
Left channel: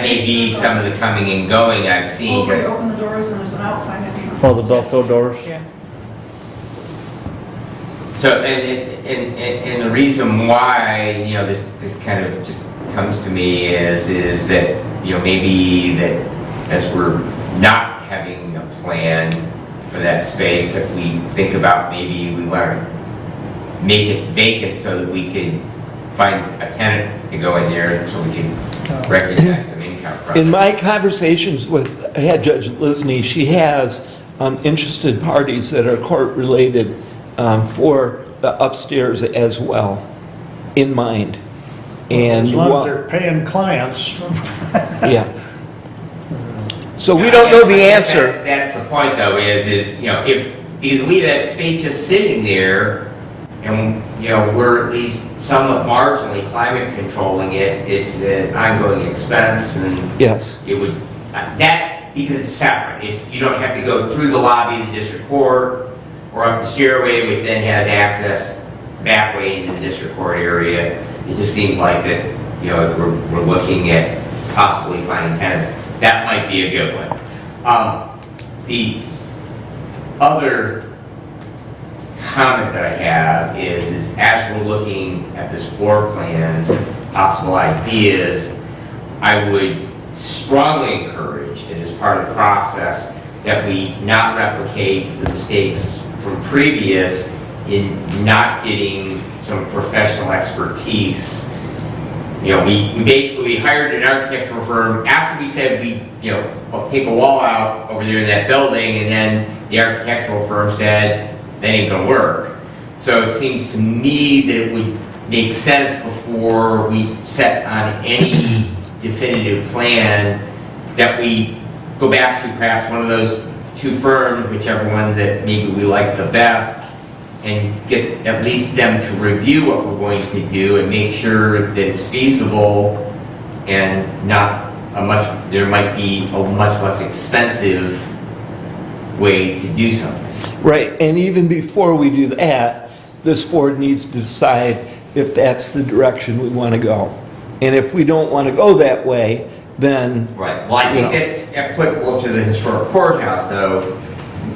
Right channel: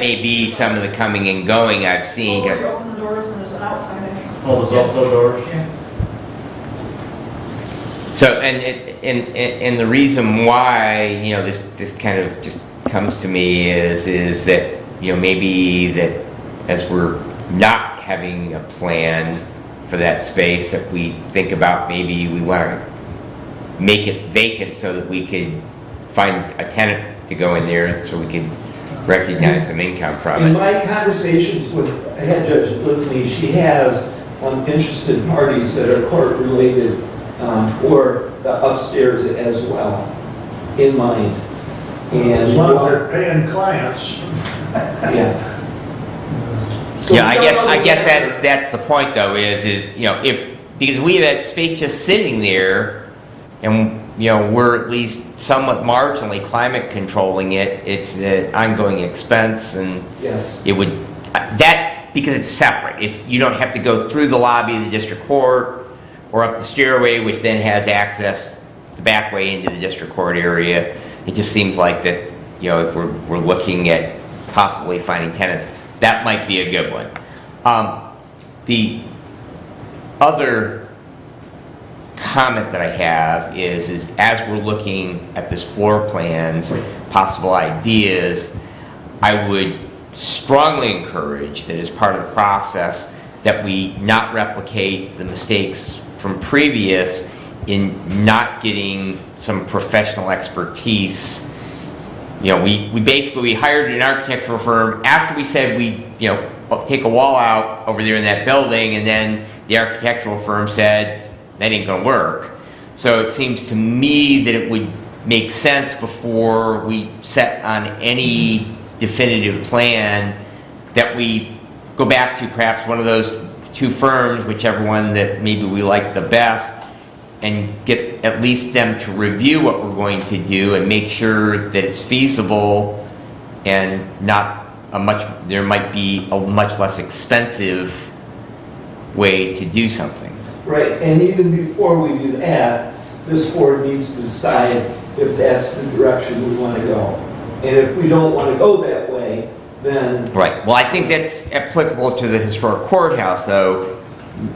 may be some of the coming and going I've seen. When you open the doors and there's an outside. Oh, there's also doors? Yeah. So, and the reason why, this kind of just comes to me is that, maybe that as we're not having a plan for that space, that we think about maybe we want to make it vacant so that we could find a tenant to go in there so we can recognize some income from it. In my conversations with head Judge Lisney, she has interested parties that are court-related for the upstairs as well, in mind. And As long as they're paying clients. yeah. So Yeah, we don't know the I guess answer. That's the point, though, is because we have that space just sitting there, and we're at least somewhat marginally climate controlling it. It's an ongoing expense, and Yes. it would because it's separate. You don't have to go through the lobby of the district court or up the stairway, which then has access the back way into the district court area. It just seems like that, if we're looking at possibly finding tenants, that might be a good one. The other comment that I have is as we're looking at this floor plans, possible ideas, I would strongly encourage that as part of the process that we not replicate the mistakes from previous in not getting some professional expertise. We basically hired an architectural firm after we said we take a wall out over there in that building, and then the architectural firm said that ain't gonna work. So it seems to me that it would make sense before we set on any definitive plan that we go back to perhaps one of those two firms, whichever one that maybe we like the best, and get at least them to review what we're going to do and make sure that it's feasible and there might be a much less expensive way to do something. Right, and even before we do that, this board needs to decide if that's the direction we want to go. And if we don't want to go that way, then... Right, well, I think that's applicable to the historic courthouse, though.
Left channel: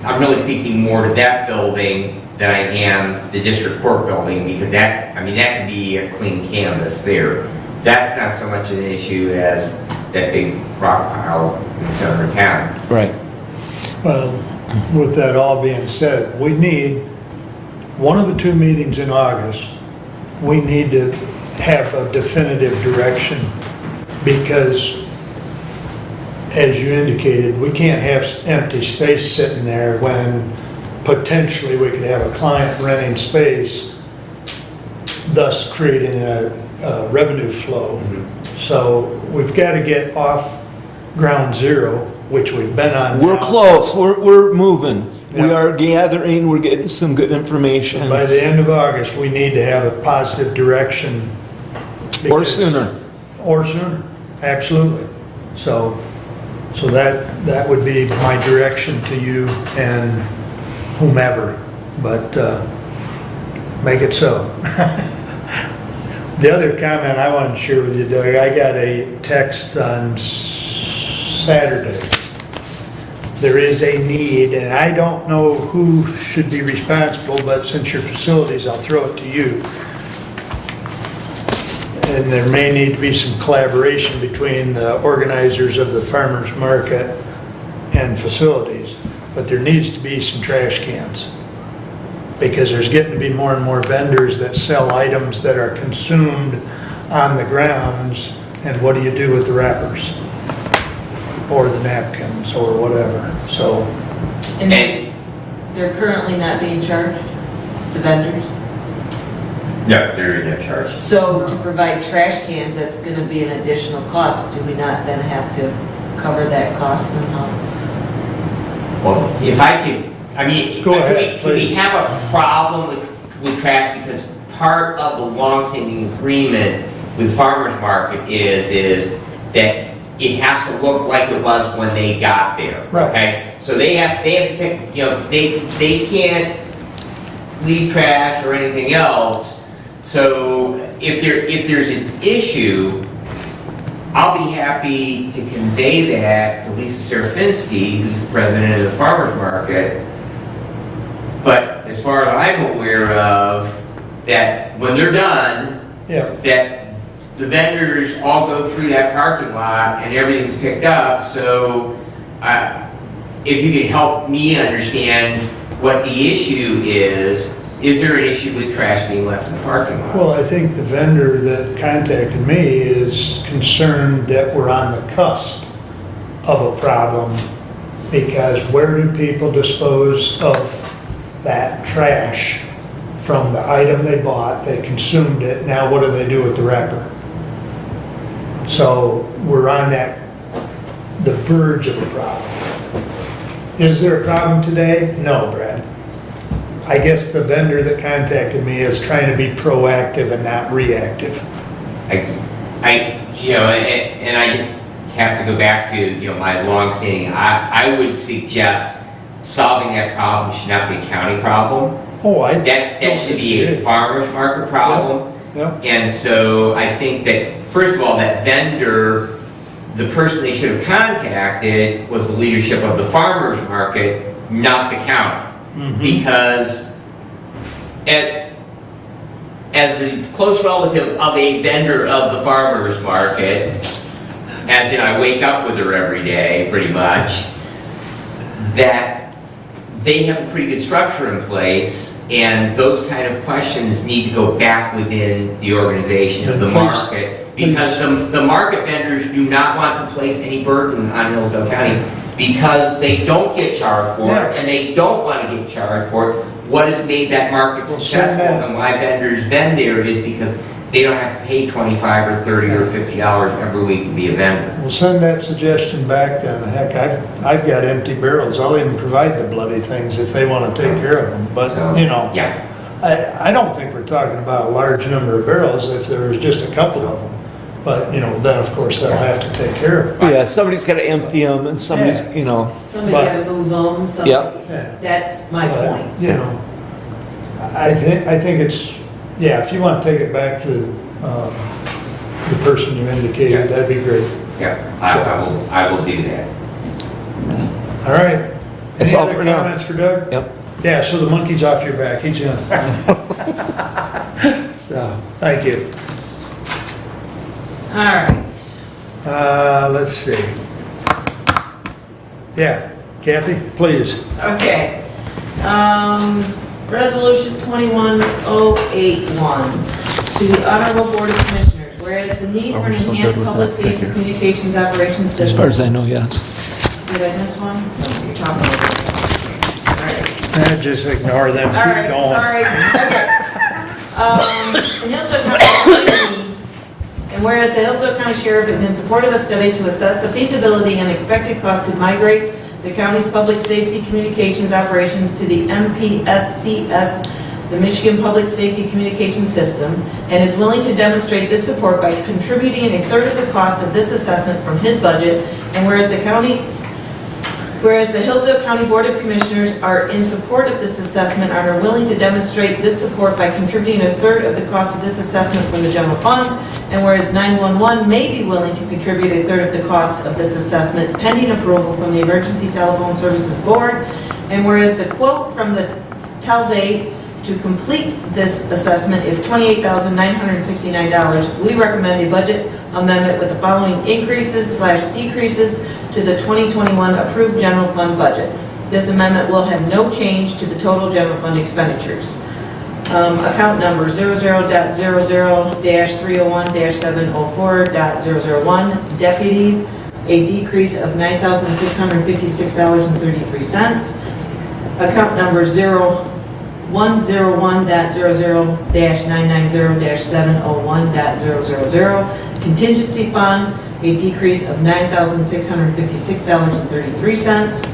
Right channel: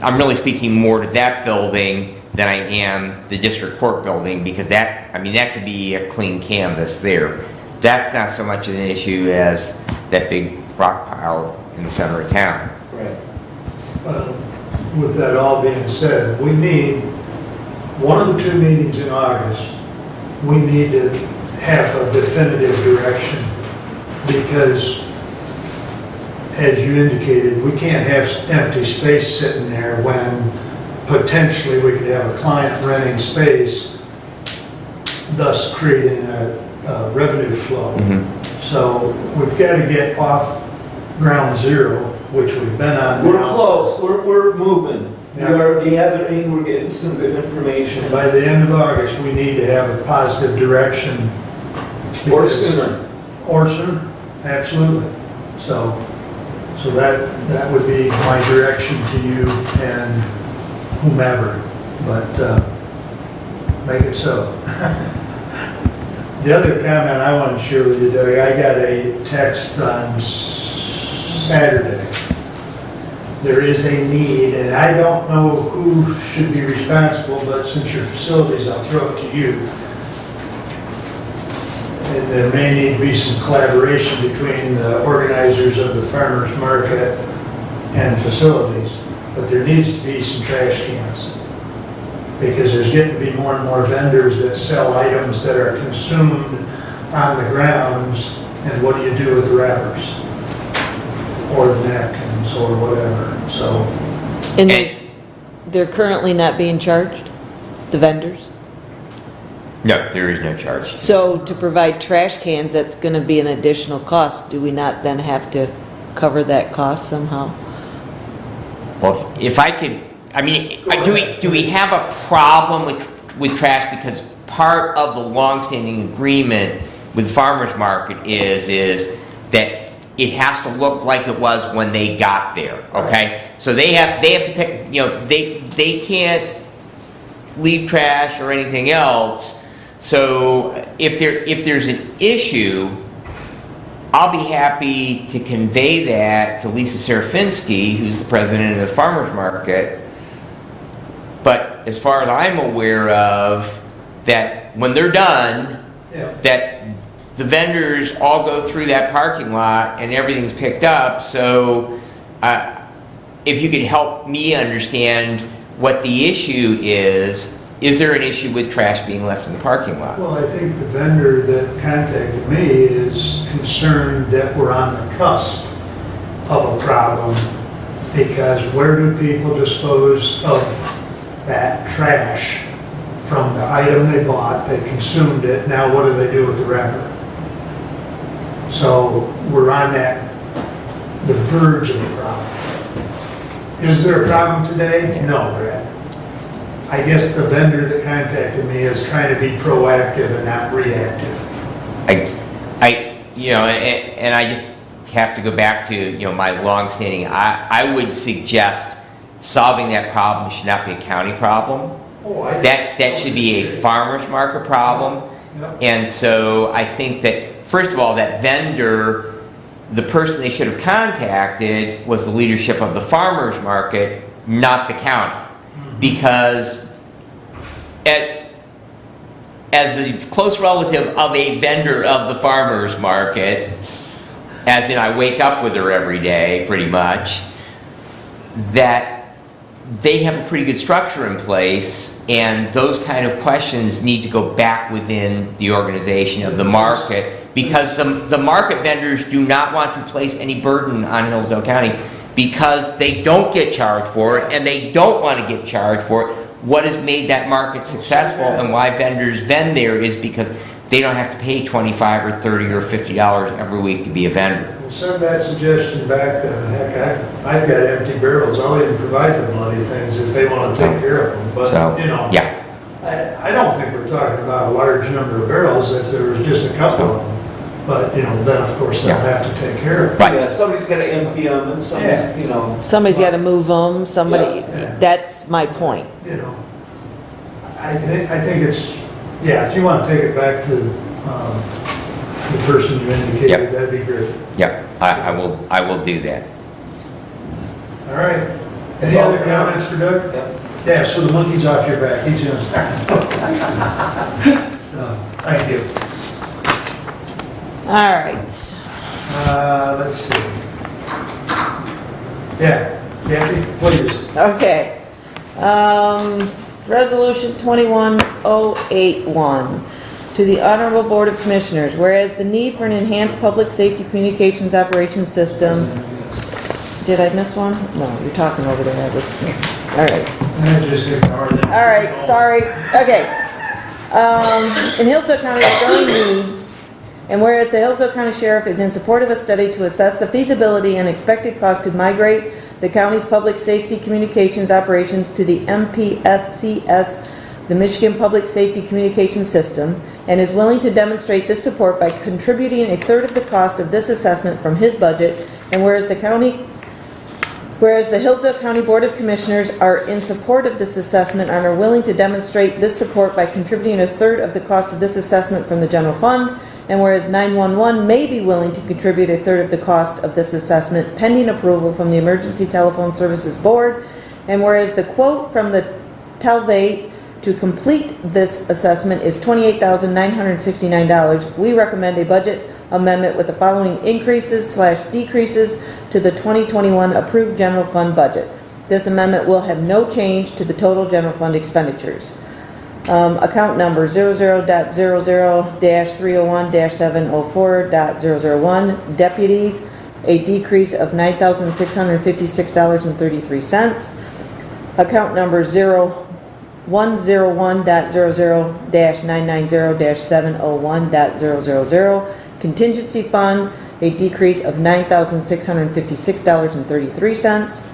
I'm really speaking more to that building than I am the district court building, because that could be a clean canvas there. That's not so much an issue as that big rock pile in the center of town. Right. Well, with that all being said, we need, one of the two meetings in August, we need to have a definitive direction, because as you indicated, we can't have empty space sitting there when potentially we could have a client renting space, thus creating a revenue flow. So we've got to get off ground zero, which we've been on. We're now. close, we're moving. We Yeah. are gathering, we're getting some good information. By the end of August, we need to have a positive direction. Or because- sooner. Or sooner, absolutely. So that would be my direction to you and whomever, but make it so. The other comment I want to share with you, Doug, I got a text on Saturday. There is a need, and I don't know who should be responsible, but since your facilities, I'll throw it to you. And there may need to be some collaboration between the organizers of the farmers market and facilities, but there needs to be some trash cans. Because there's getting to be more and more vendors that sell items that are consumed on the grounds, and what do you do with the wrappers? Or the napkins, or whatever, so. And they're currently not being charged, the vendors? No, there is no charge. So to provide trash cans, that's going to be an additional cost. Do we not then have to cover that cost somehow? Well, if I could, I mean, Go ahead, do we please. have a problem with trash? Because part of the longstanding agreement with farmers market is that it has to look like it was when they got there, okay? So they have to pick, you know, they can't leave trash or anything else. So if there's an issue, I'll be happy to convey that to Lisa Serafinsky, who's the president of the farmers market. But as far as I'm aware of, that when they're done, Yeah. that the vendors all go through that parking lot and everything's picked up. So if you could help me understand what the issue is there an issue with trash being left in the parking lot? Well, I think the vendor that contacted me is concerned that we're on the cusp of a problem, because where do people dispose of that trash from the item they bought, they consumed it, now what do they do with the wrapper? So we're on the verge of a problem. Is there a problem today? No, Brad. I guess the vendor that contacted me is trying to be proactive and not reactive. You know, and I just have to go back to, you know, my longstanding, I would suggest solving that problem should not be a county problem. That should be a farmer's market problem. Yeah. And so I think that, first of all, that vendor, the person they should have contacted was the leadership of the farmer's market, not the county. Because as a close relative of a vendor of the farmer's market, as in I wake up with her every day, pretty much, that they have a pretty good structure in place, and those kind of questions need to go back within the organization of the market, because the market vendors do not want to place any burden on Hillsdale County, because they don't get charged for it, and they don't want to get charged for it. What has made that market successful and why vendors vend there is because they don't have to pay $25 or $30 or $50 every week to be a vendor. We'll send that suggestion back then. Heck, I've got empty barrels. I'll even provide the bloody things if they want to take care of them. But, you know, Yeah. I don't think we're talking about a large number of barrels if there was just a couple of them. But, you know, then of course they'll have to take care of it. Yeah, somebody's gotta empty them and somebody's, you know. Somebody's But- got to move them, somebody, Yeah. that's my But, point. You know, I think it's, yeah, if you want to take it back to the person you indicated, Yep. that'd be great. Yep, I will do that. All right. That's Any all other for now. comments for Doug? Yep. Yeah, so the monkey's off your back, he's in. So, thank you. All right. Let's see. Yeah, Kathy, please. Okay. Resolution 21081 to the Honorable Board of Commissioners, whereas the need for an enhanced public safety communications operations As far as I system. know, yes. Did I miss one? No, you're talking over there. All right. Just ignore them. All right, Keep going. sorry. Okay. In Hillsdale County, we really need And whereas the Hillsdale County Sheriff is in support of a study to assess the feasibility and expected cost to migrate the county's public safety communications operations to the MPSCS, the Michigan Public Safety Communication System, and is willing to demonstrate this support by contributing a third of the cost of this assessment from his budget, and whereas the Hillsdale County Board of Commissioners are in support of this assessment and are willing to demonstrate this support by contributing a third of the cost of this assessment from the general fund, and whereas 911 may be willing to contribute a third of the cost of this assessment pending approval from the Emergency Telephone Services Board, and whereas the quote from the Telvay to complete this assessment is $28,969, we recommend a budget amendment with the following increases/decreases to the 2021 approved general fund budget. This amendment will have no change to the total general fund expenditures. Account number 00.00-301-704.001, deputies, a decrease of $9,656.33. Account number 101.00-990-701.000, contingency fund, a decrease of $9,656.33.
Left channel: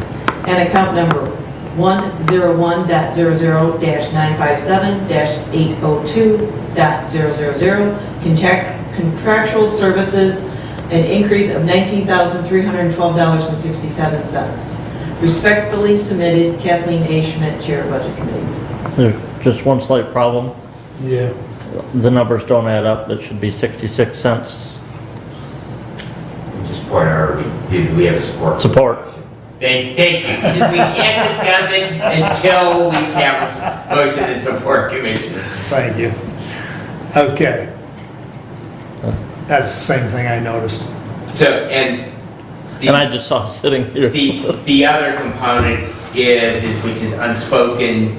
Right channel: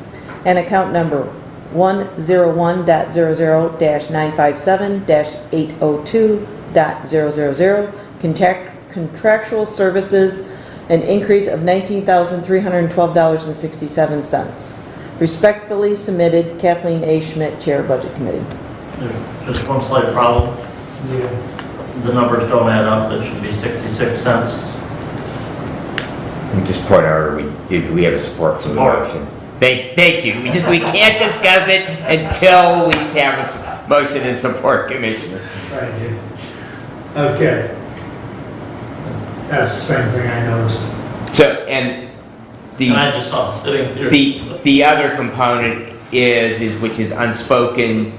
And account number 101.00-957-802.000, contractual services, an increase of $19,312.67. Respectfully submitted, Kathleen A. Schmidt, Chair, Budget Committee. There's just one slight problem. Yeah. The numbers don't add up. It should be 66 cents. We just point out, we have a support. for the Support. motion. Thank you. We can't discuss it until we have a motion and support, Commissioner. Thank you. Okay. That's the same thing I noticed. So, and And I just saw it sitting here. the other component is which is unspoken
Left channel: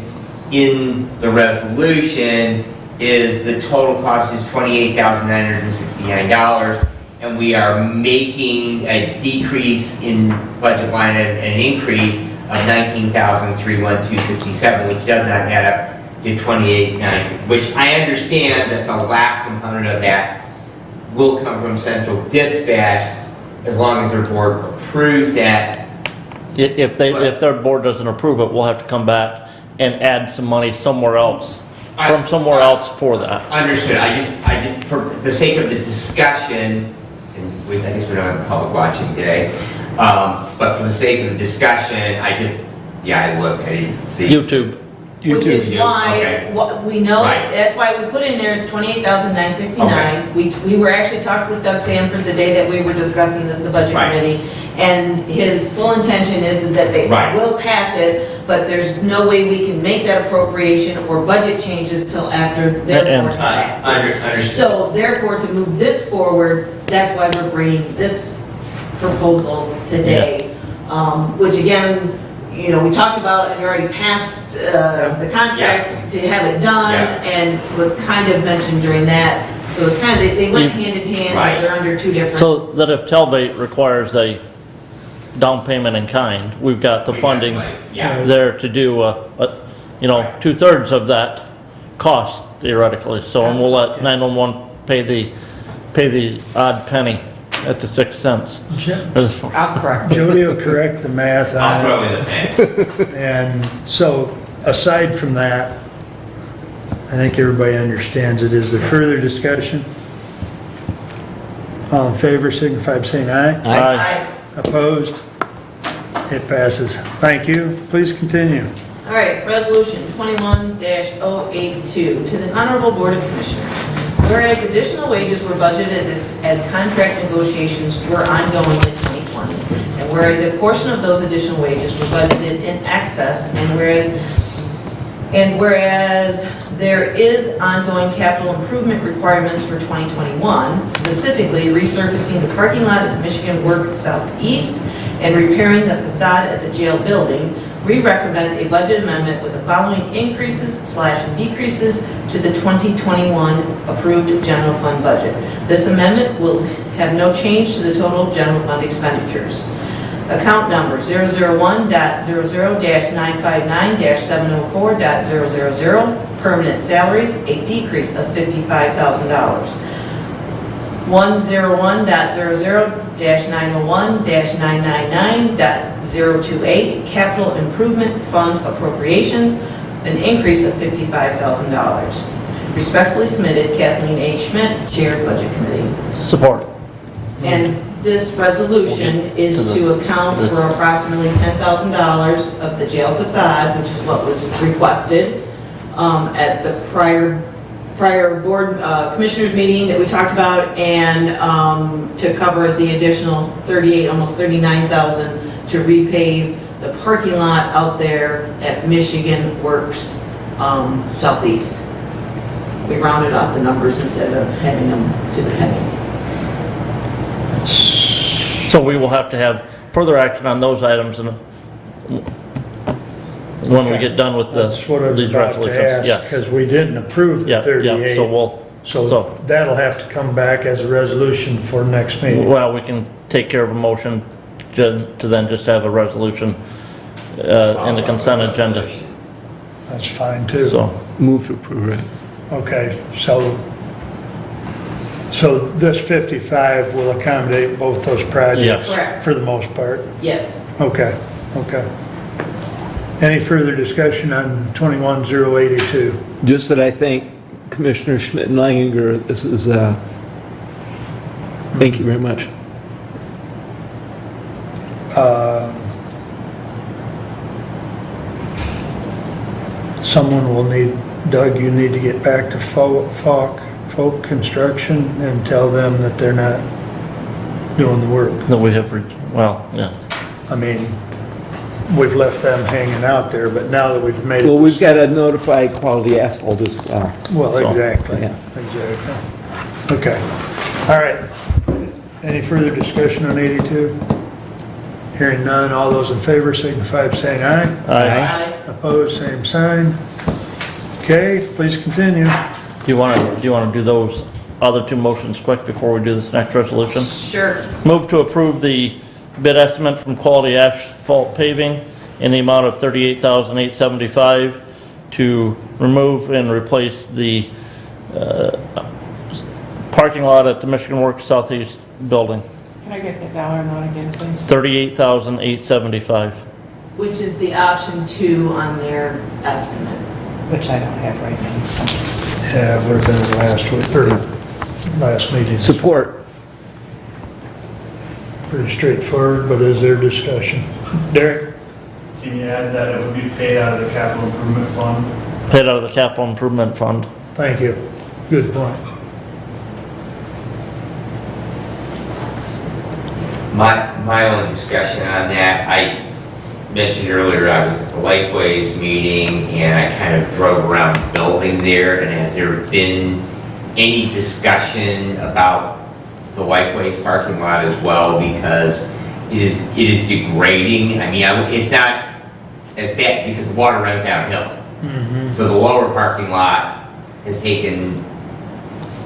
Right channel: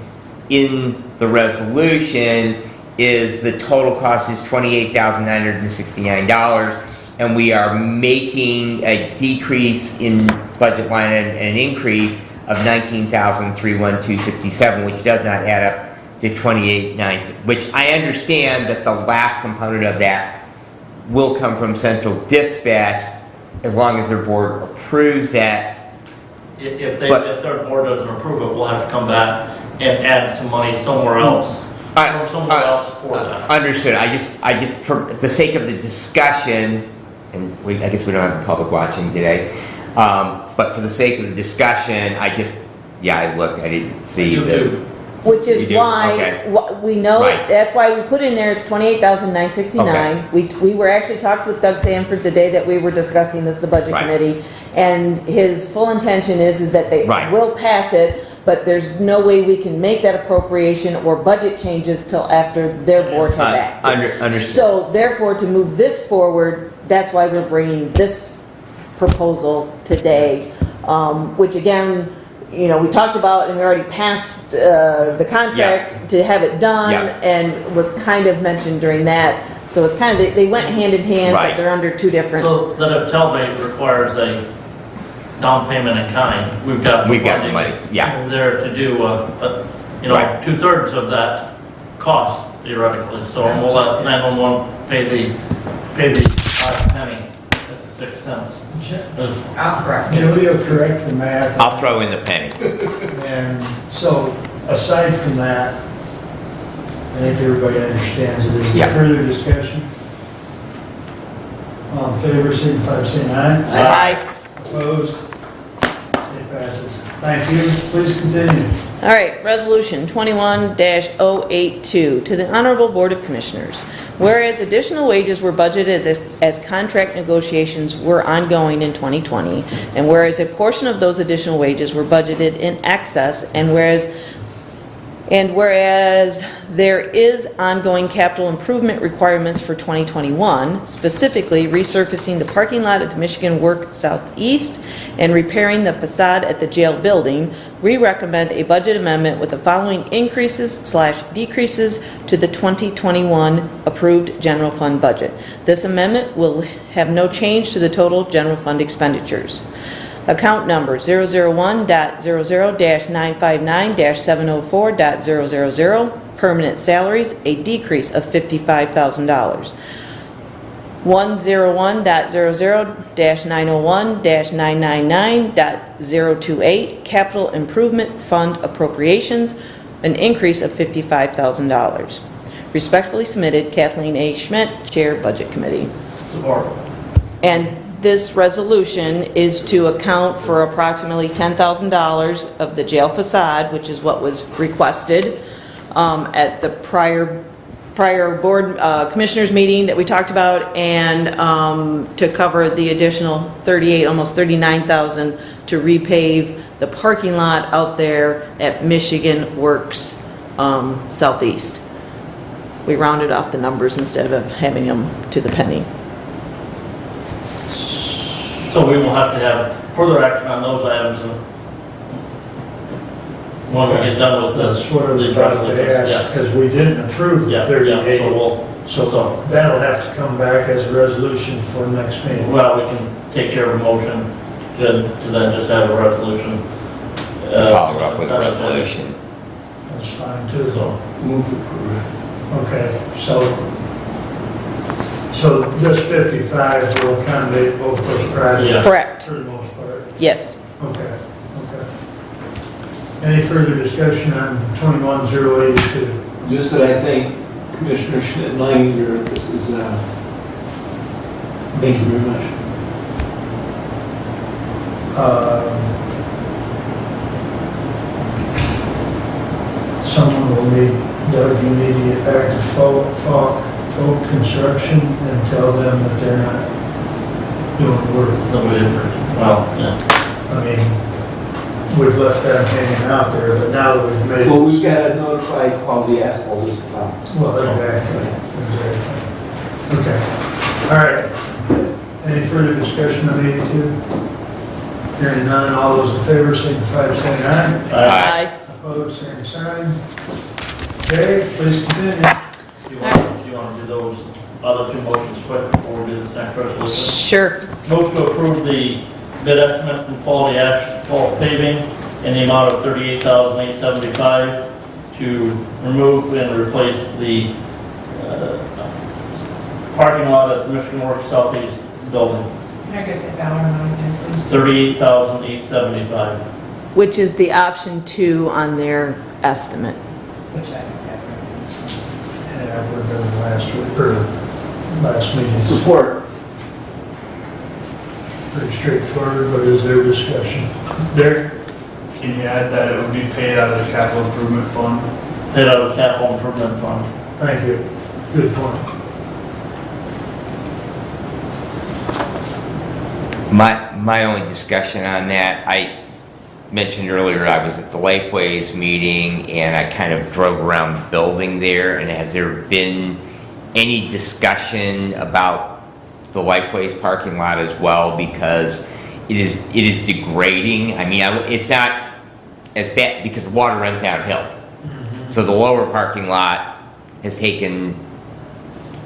in the resolution, is the total cost is $28,969, and we are making a decrease in budget line and an increase of $19,312.67, which does not add up to $28,960, which I understand that the last component of that will come from central dispatch, as long as their board approves that. If their board doesn't approve it, we'll have to come back and add some money somewhere else, from somewhere else for that. Understood. I just, for the sake of the discussion, and I guess we don't have the public watching today, but for the sake of the discussion, I looked, I didn't see. YouTube. Which is why, Okay. we know, Right. that's why we put in there, it's $28,969. We were actually talking with Doug Sanford the day that we were discussing this, the budget Right. committee, and his full intention is that they Right. will pass it, but there's no way we can make that appropriation or budget changes till after their board has acted. Understood. So therefore, to move this forward, that's why we're bringing this proposal today, which again, you know, we talked about and we already passed the contract to have it done, and it was kind of mentioned during that. So it's kind of, they went hand in hand, Right. but they're under two different. So that if Telvay requires a down payment in kind, we've got the We've got the funding money, yeah. there to do, Right. 2/3 of that cost theoretically. So and we'll let 911 pay the odd penny at the 6 cents. I'll correct. Julie will correct the math. on I'll that. throw in the pen. And so, aside from that, I think everybody understands it. Is there Yeah. further discussion? All in favor, signify by saying aye. Aye. Opposed? It passes. Thank you. Please continue. All right, resolution 21-082 to the Honorable Board of Commissioners. Whereas additional wages were budgeted as contract negotiations were ongoing in 2020, and whereas a portion of those additional wages were budgeted in excess, and whereas there is ongoing capital improvement requirements for 2021, specifically resurfacing the parking lot at the Michigan Work Southeast and repairing the facade at the jail building, we recommend a budget amendment with the following increases/decreases to the 2021 approved general fund budget. This amendment will have no change to the total general fund expenditures. Account number 001.00-959-704.000, permanent salaries, a decrease of $55,000. 101.00-901-999.028 Capital Improvement Fund Appropriations, an increase of $55,000. Respectfully submitted, Kathleen H. Schmidt, Chair, Budget Committee. Support. And this resolution is to account for approximately $10,000 of the jail facade, which is what was requested at the prior board commissioners meeting that we talked about, and to cover the additional almost $39,000 to repave the parking lot out there at Michigan Works Southeast. We rounded off the numbers instead of having them to the penny. So we will have to have further action on those items when we get done with That's what I was these about to resolutions. ask, because we didn't approve the Yeah, 38. so That'll have to come back as a resolution for next meeting. well, we can take care of a motion to then just have a resolution in the consent agenda. That's fine too. So, Move to approve it. Okay, so this 55 will accommodate both those projects? Yes. Correct. For the most part? Yes. Okay. Any further discussion on 21082? Just that I thank Commissioner Schmidt and Leininger. This is, thank you very much. Someone will need, Doug, you need to get back to Folk Construction and tell them that they're not doing the work. then we did, well, yeah. I mean, we've left that hanging out there, but now that we've made it. Well, we've got to notify Quality Asphalt as well. Well, exactly. Okay. All right. Any further discussion on 82? Hearing none, all those in favor signify by saying aye. Aye. Opposed, same sign. Okay, please continue. Do you want to do those other two motions quick before we do this next resolution? Sure. Move to approve the bid estimate from Quality Asphalt Paving in the amount of $38,875 to remove and replace the parking lot at the Michigan Works Southeast building. Can I get the dollar amount again, please? $38,875. Which is the option 2 on their estimate. Which I don't have right now. So. Yeah, would have been the last week, or last meeting. Support. Pretty straightforward, but is there discussion? Derek? Can you add that it would be paid out of the capital improvement fund? Paid out of the capital improvement fund. Thank you. Good point. My only discussion on that, I mentioned earlier I was at the Lifeways meeting and I kind of drove around the building there, and has there been any discussion about the Lifeways parking lot as well? Because it is degrading. I mean, it's not as bad because the water runs downhill. So the lower parking lot has taken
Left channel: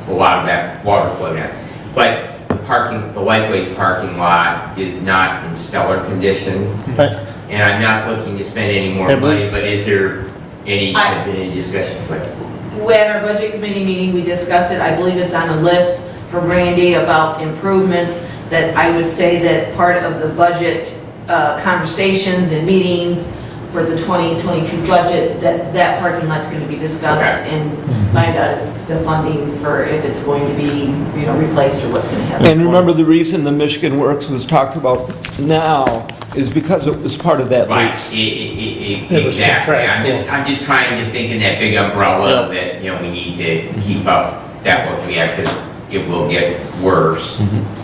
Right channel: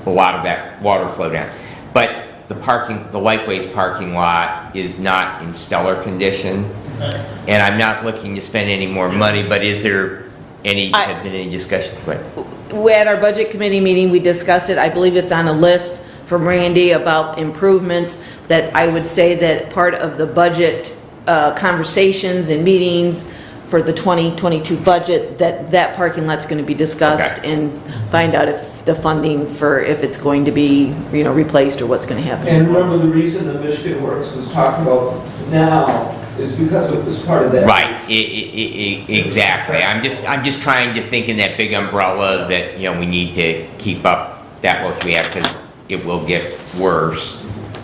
a lot of that water flow down. But the Lifeways parking lot is not in stellar condition. Right. And I'm not looking to spend any more money, but is there been any discussion? At our budget committee meeting, we discussed it. I believe it's on a list from Randy about improvements that I would say that part of the budget conversations and meetings for the 2022 budget, that parking lot's going to be discussed and find out if the funding for if it's going to be, replaced or what's going to happen. And remember, the reason the Michigan Works was talked about now is because it was part of that. Right, exactly. I'm just trying to think in that big umbrella that, we need to keep up that what we have, because it will get worse.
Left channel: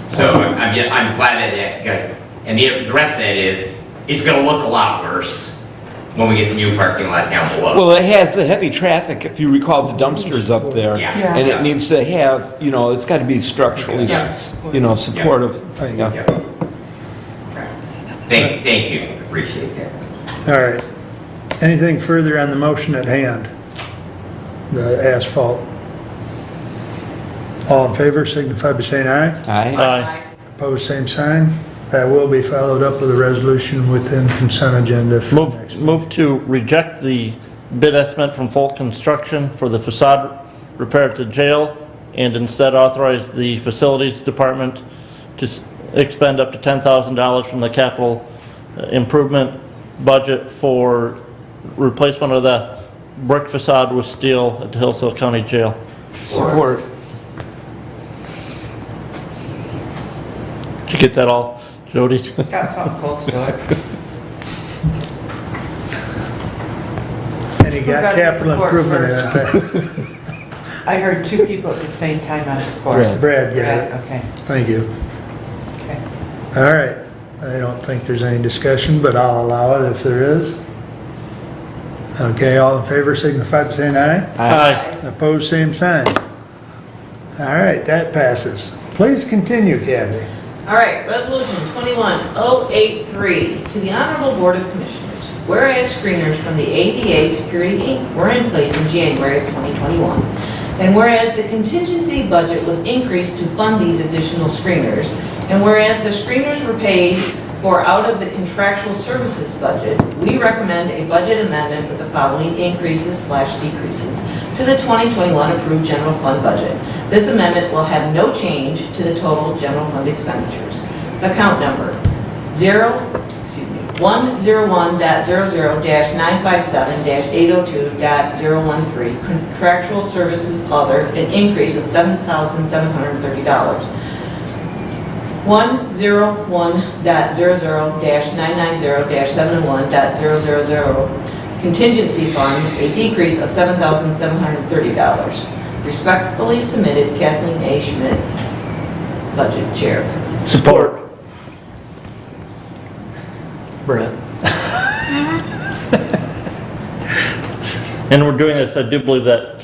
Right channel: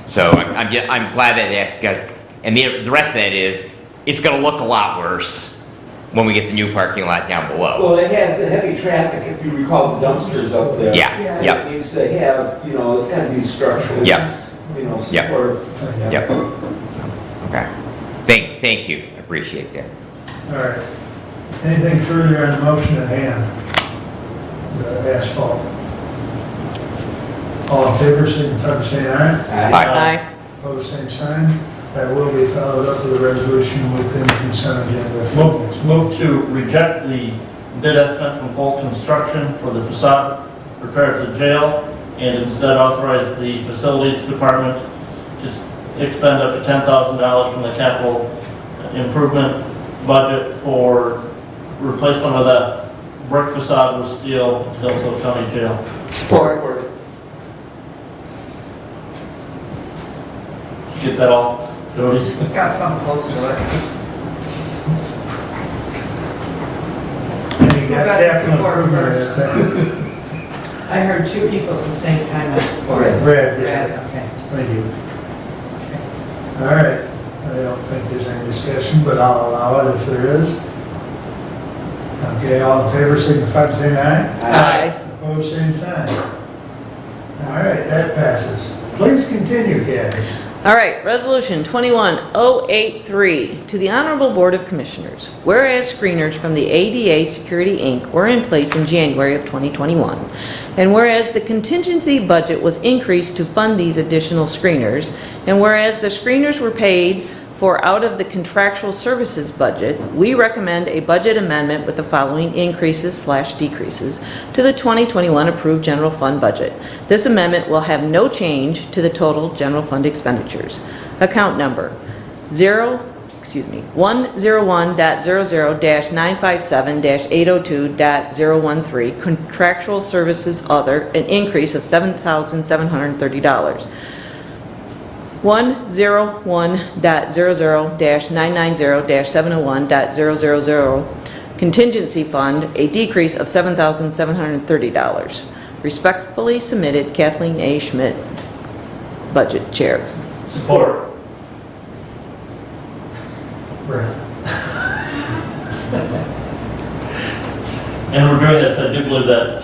So I'm glad that that's got, and the rest of that is, it's gonna look a lot worse when we get the new parking lot down below. Well, it has the heavy traffic, if you recall the dumpsters up there. Yeah. And it needs to have, it's got to be structural. Yes. Supportive. Yep. Okay. Thank you, appreciate that. All right. Anything further on the motion at hand? The asphalt. All in favor, signify by saying aye. Aye. Opposed, same sign. That will be followed up with a resolution within consent agenda. Move to reject the bid estimate from Full Construction for the facade repair at the jail and instead authorize the Facilities Department to expend up to $10,000 from the capital improvement budget for replacement of that brick facade with steel at the Hillsdale County Jail. Support. Did you get that all, Jody? Got some close to it. And you got capital improvement in that thing. I heard two people at the same time I support. Brad, got it. Okay. Thank you. Okay. All right, I don't think there's any discussion, but I'll allow it if there is. Okay, all in favor, signify by saying aye. Aye. Opposed, same sign. All right, that passes. Please continue, Kathy. All right, Resolution 21083, to the Honorable Board of Commissioners. Whereas screeners from the ADA Security, Inc. were in place in January of 2021, and whereas the contingency budget was increased to fund these additional screeners, and whereas the screeners were paid for out of the contractual services budget, we recommend a budget amendment with the following increases/decreases to the 2021 approved general fund budget. This amendment will have no change to the total general fund expenditures. Account number 101.00-957-802.013, contractual services other, an increase of $7,730. 101.00-990-701.000, contingency fund, a decrease of $7,730. Respectfully submitted, Kathleen A. Schmidt, Budget Chair. Support. Brett. And we're doing this, I do believe that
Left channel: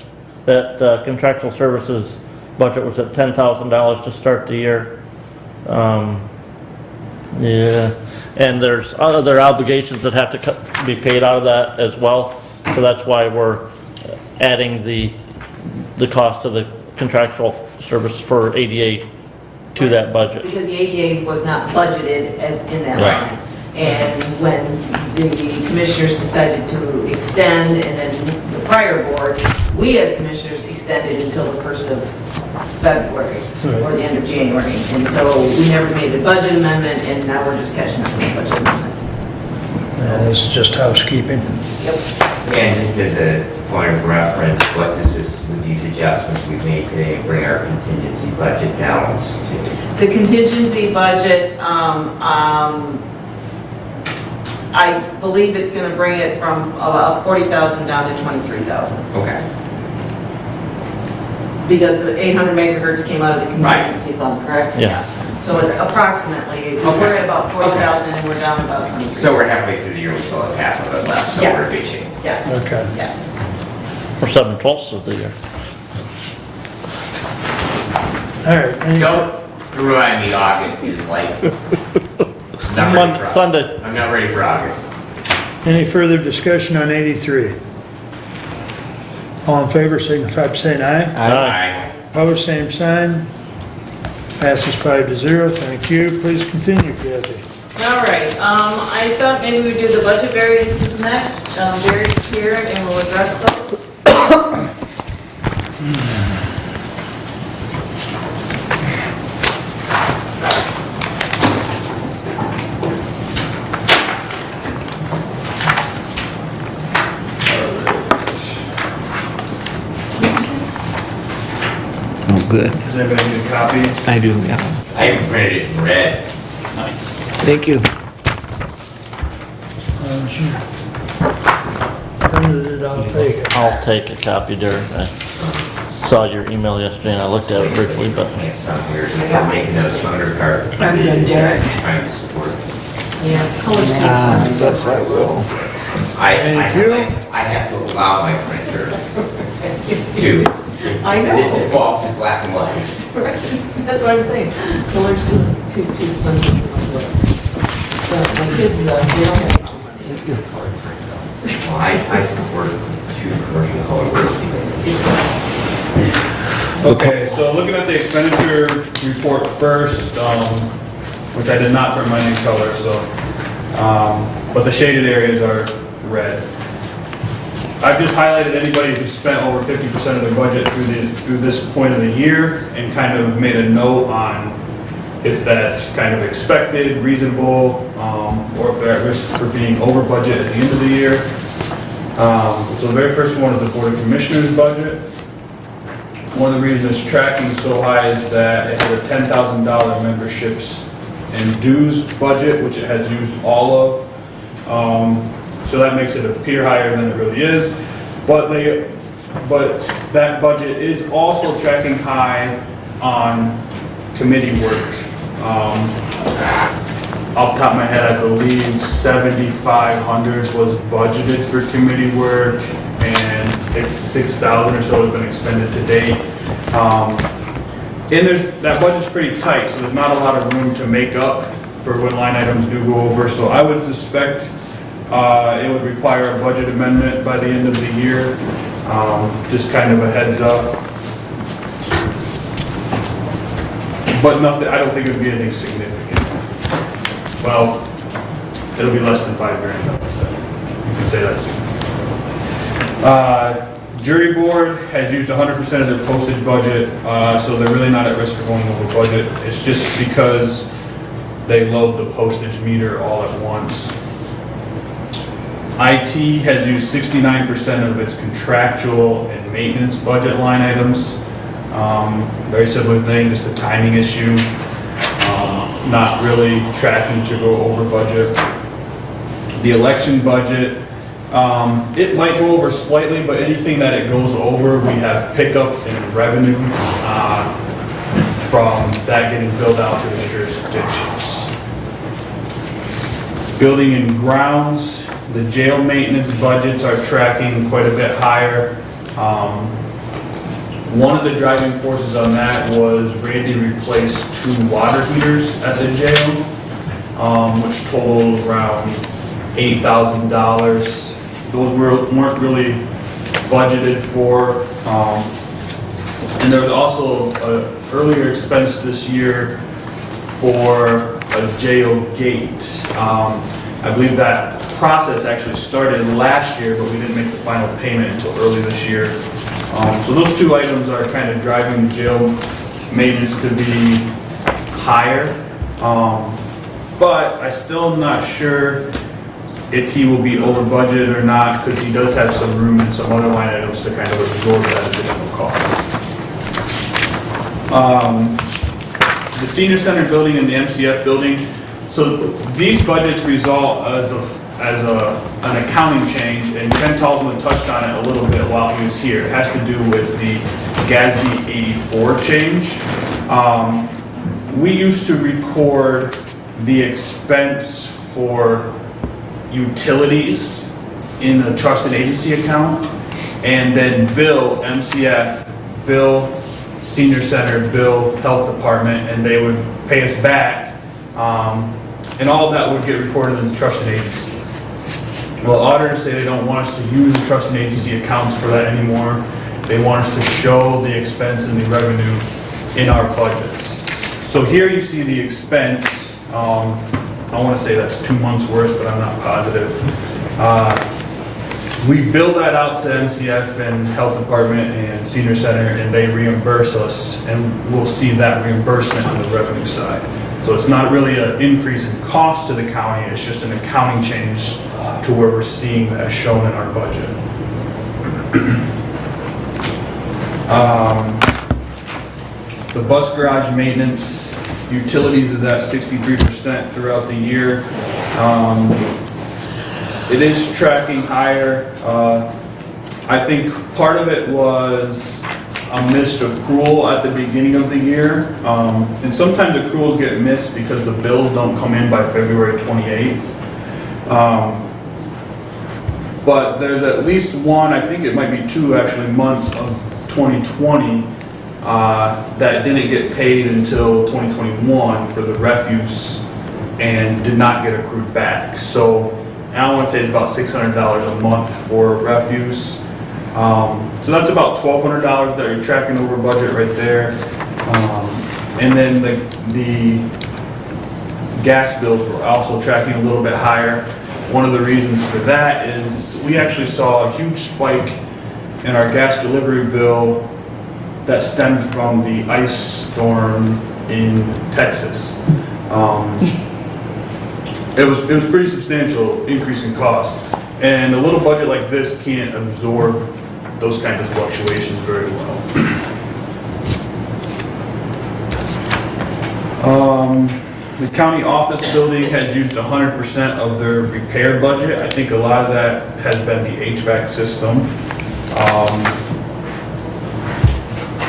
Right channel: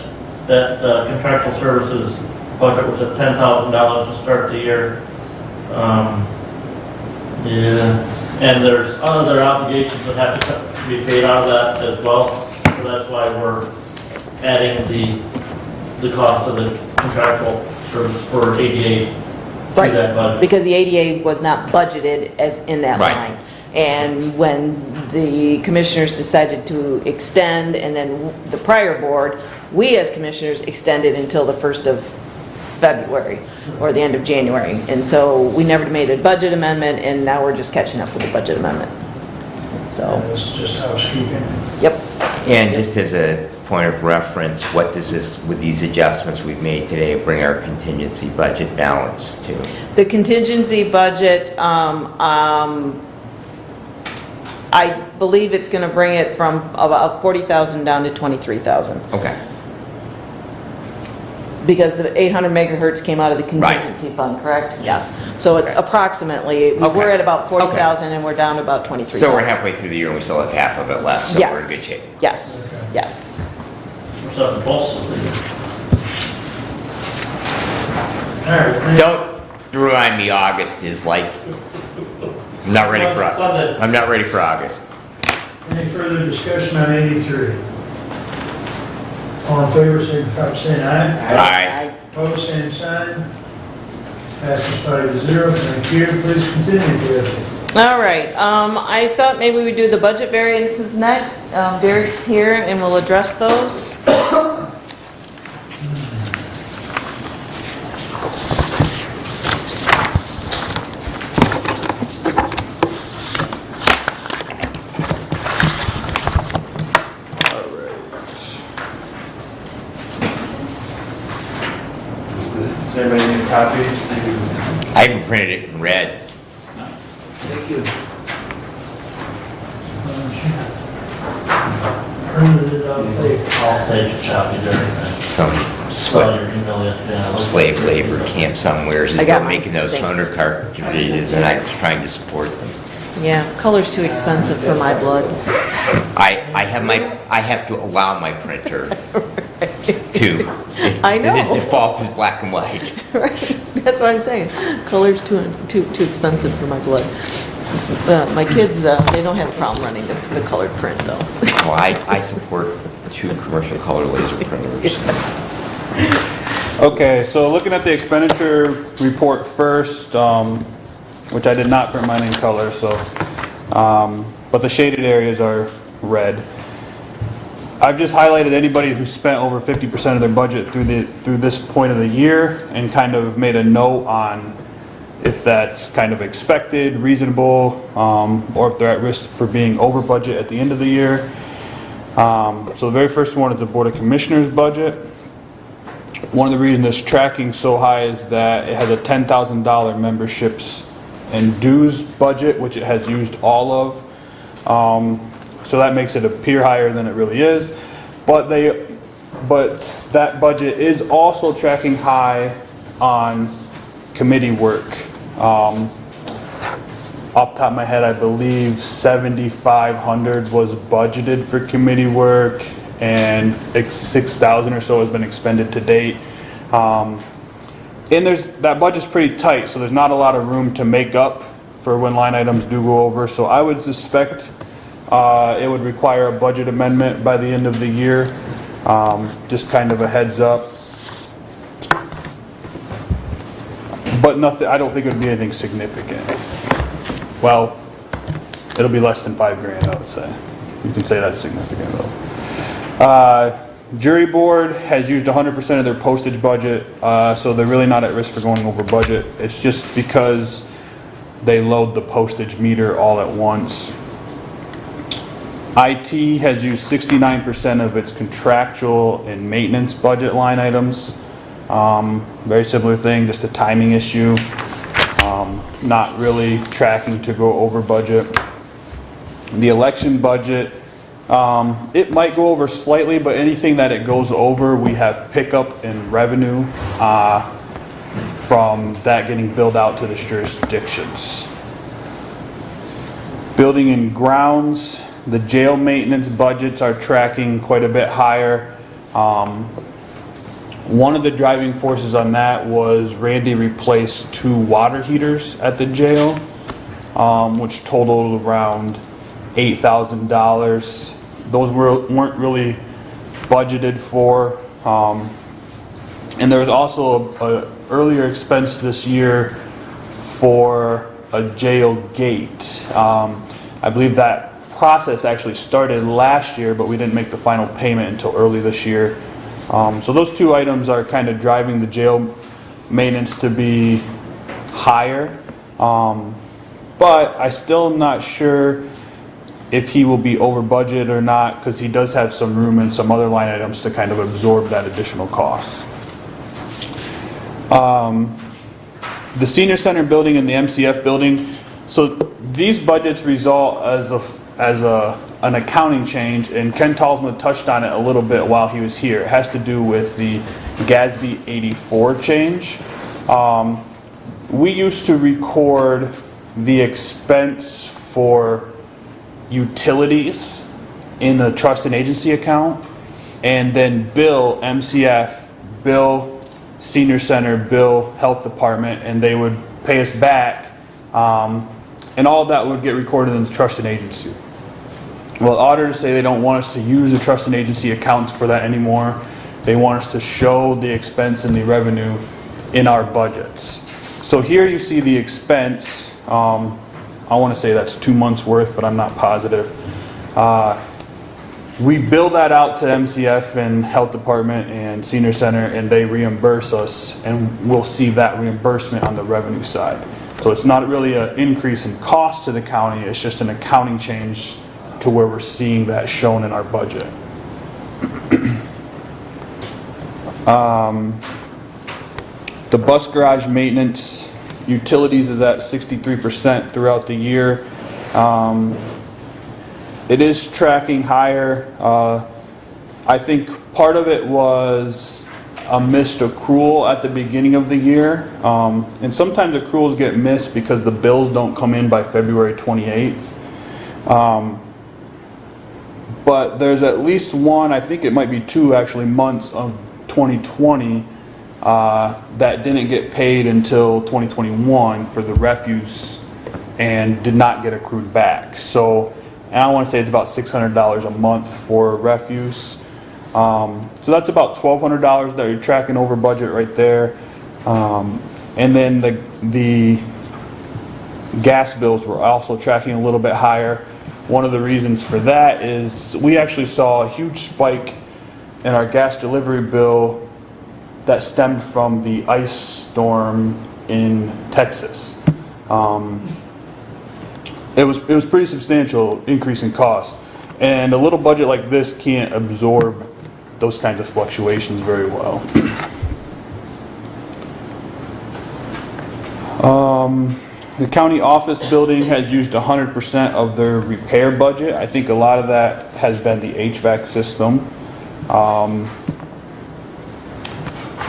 contractual services budget was at $10,000 to start the year. Yeah, and there's other obligations that have to be paid out of that as well. So that's why we're adding the cost of the contractual service for ADA to Right. that budget. Because the ADA was not budgeted as in that Right. line. And when the commissioners decided to extend, and then the prior board, we as commissioners extended until the 1st of February or the end of January. And so we never made a budget amendment, and now we're just catching up with the budget amendment. So this is just housekeeping. Yep. And just as a point of reference, what does this, with these adjustments we've made today, bring our contingency budget balance to? The contingency budget, I believe it's going to bring it from about 40,000 down to 23,000. Okay. Because the 800 megahertz came out of the contingency fund, correct? Yes. So it's approximately, we're at about 40,000 and we're down to about 23,000. So we're halfway through the year, we still have half of it left, so we're in good shape. Yes, Okay. yes. For 7/12 of the year. All right. Don't remind me August is like, I'm not ready for August. Sunday. I'm not ready for August. Any further discussion on 83? All in favor, signify by saying aye. Aye. Opposed, same sign. Passes 5-0. Thank you. Please continue, Kathy. All right, I thought maybe we'd do the budget variances next. Derek's here and we'll address those. Good. Does anybody need a copy? I do, yeah. I even printed it in red. Thank you. I'll take a copy, Derek. I Some saw your email yesterday and I looked at it. slave labor camp somewhere, and I got they're making those thanks. undercard communities, and I'm trying to support them. Yeah, color's too expensive for my blood. I have to allow my printer to. I know. The default is black and white. Right, that's what I'm saying. Color's too expensive for my blood. My kids, they don't have a problem running the colored print though. Well, I support shooting commercial color Okay, so looking at the expenditure report first, which I did not bring my new color, so, but the shaded areas are red. I've just highlighted anybody who spent over 50% of their budget through this point of the year and kind of made a note on if that's kind of expected, reasonable, or if they're at risk for being over budget at the end of the year. So the very first one is the Board of Commissioners budget. One of the reasons it's tracking so high is that it has a $10,000 memberships and dues budget, which it has used all of. So that makes it appear higher than it really is. But that budget is also tracking high on committee work. Off the top of my head, I believe 7,500 was budgeted for committee work, and 6,000 or so has been expended to date. And that budget's pretty tight, so there's not a lot of room to make up for when line items do go over. So I would suspect it would require a budget amendment by the end of the year. Just kind of a heads up. But nothing, I don't think it'd be anything significant. Well, it'll be less than $5 grand, I would say. You could say that's significant. Jury board has used 100% of their postage budget, so they're really not at risk for going over budget. It's just because they load the postage meter all at once. IT has used 69% of its contractual and maintenance budget line items. Very similar thing, just a timing issue. Not really tracking to go over budget. The election budget, it might go over slightly, but anything that it goes over, we have pickup in revenue from that getting billed out to the jurisdictions. Building and grounds, the jail maintenance budgets are tracking quite a bit higher. One of the driving forces on that was Randy replaced 2 water heaters at the jail, which totaled around $8,000. Those weren't really budgeted for. And there was also an earlier expense this year for a jail gate. I believe that process actually started last year, but we didn't make the final payment until early this year. So those 2 items are kind of driving the jail maintenance to be higher. But I still am not sure if he will be over budget or not, because he does have some room in some other line items to kind of absorb that additional cost. The senior center building and the MCF building, so these budgets result as an accounting change, and Ken Talsman touched on it a little bit while he was here. It has to do with the Gatsby 84 change. We used to record the expense for utilities in a trust and agency account, and then bill MCF, bill senior center, bill health department, and they would pay us back. And all of that would get recorded in the trust and agency. Well, auditors say they don't want us to use the trust and agency accounts for that anymore. They want us to show the expense and the revenue in our budgets. So here you see the expense. I want to say that's 2 months worth, but I'm not positive. We bill that out to MCF and Health Department and Senior Center, and they reimburse us, and we'll see that reimbursement on the revenue side. So it's not really an increase in cost to the county, it's just an accounting change to where we're seeing that shown in our budget. The bus garage maintenance, utilities is at 63% throughout the year. It is tracking higher. I think part of it was a missed accrual at the beginning of the year. And sometimes accruals get missed because the bills don't come in by February 28th. But there's at least one, I think it might be 2 actually, months of 2020 that didn't get paid until 2021 for the refuse and did not get accrued back. So I would say it's about $600 a month for refuse. So that's about $1,200 that you're tracking over budget right there. And then the gas bills were also tracking a little bit higher. one of the reasons for that is we actually saw a huge spike in our gas delivery bill that stemmed from the ice storm in Texas. It was pretty substantial increase in cost, and a little budget like this can't absorb those kinds of fluctuations very well. The county office building has used 100% of their repair budget. I think a lot of that has been the HVAC system.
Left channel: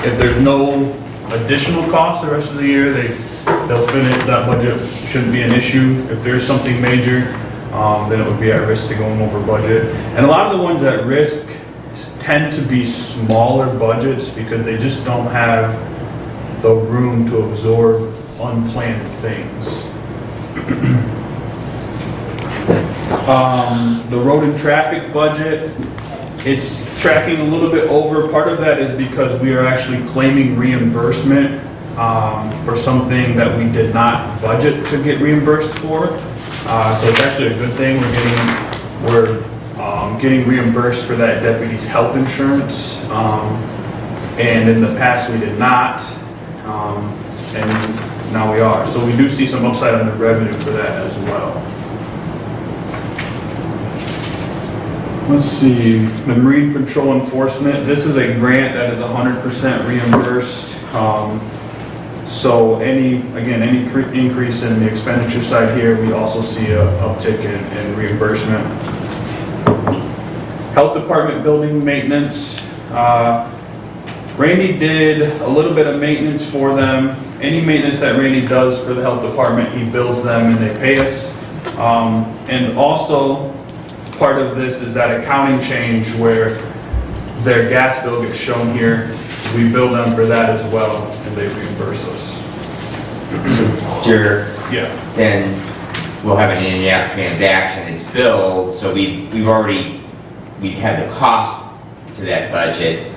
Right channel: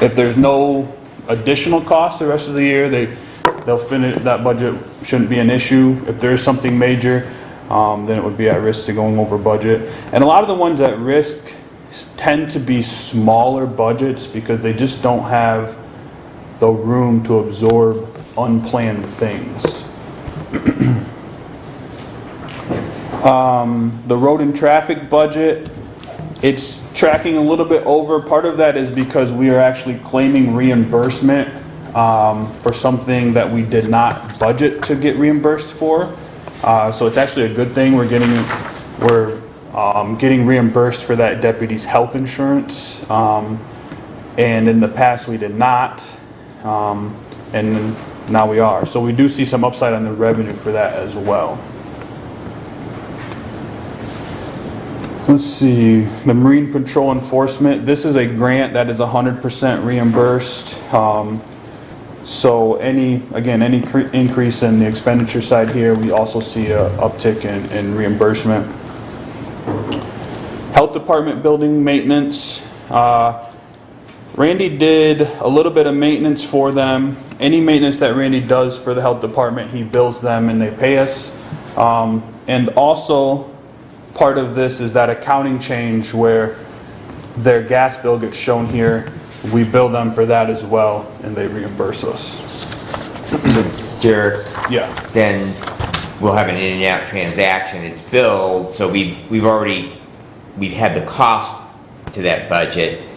If there's no additional cost the rest of the year, they'll finish, that budget shouldn't be an issue. If there's something major, then it would be at risk to going over budget. And a lot of the ones at risk tend to be smaller budgets because they just don't have the room to absorb unplanned things. The road and traffic budget, it's tracking a little bit over. Part of that is because we are actually claiming reimbursement for something that we did not budget to get reimbursed for. So it's actually a good thing. We're getting reimbursed for that deputy's health insurance, and in the past we did not, and now we are. So we do see some upside on the revenue for that as well. Let's see, the Marine Patrol Enforcement. This is a grant that is 100% reimbursed. So any increase in the expenditure side here, we also see an uptick in reimbursement. Health Department building maintenance. Randy did a little bit of maintenance for them. Any maintenance that Randy does for the health department, he bills them and they pay us. And also, part of this is that accounting change where their gas bill gets shown here. We bill them for that as well, and they reimburse us. Then we'll have an in and out transaction. It's billed, so we'd have the cost to that budget,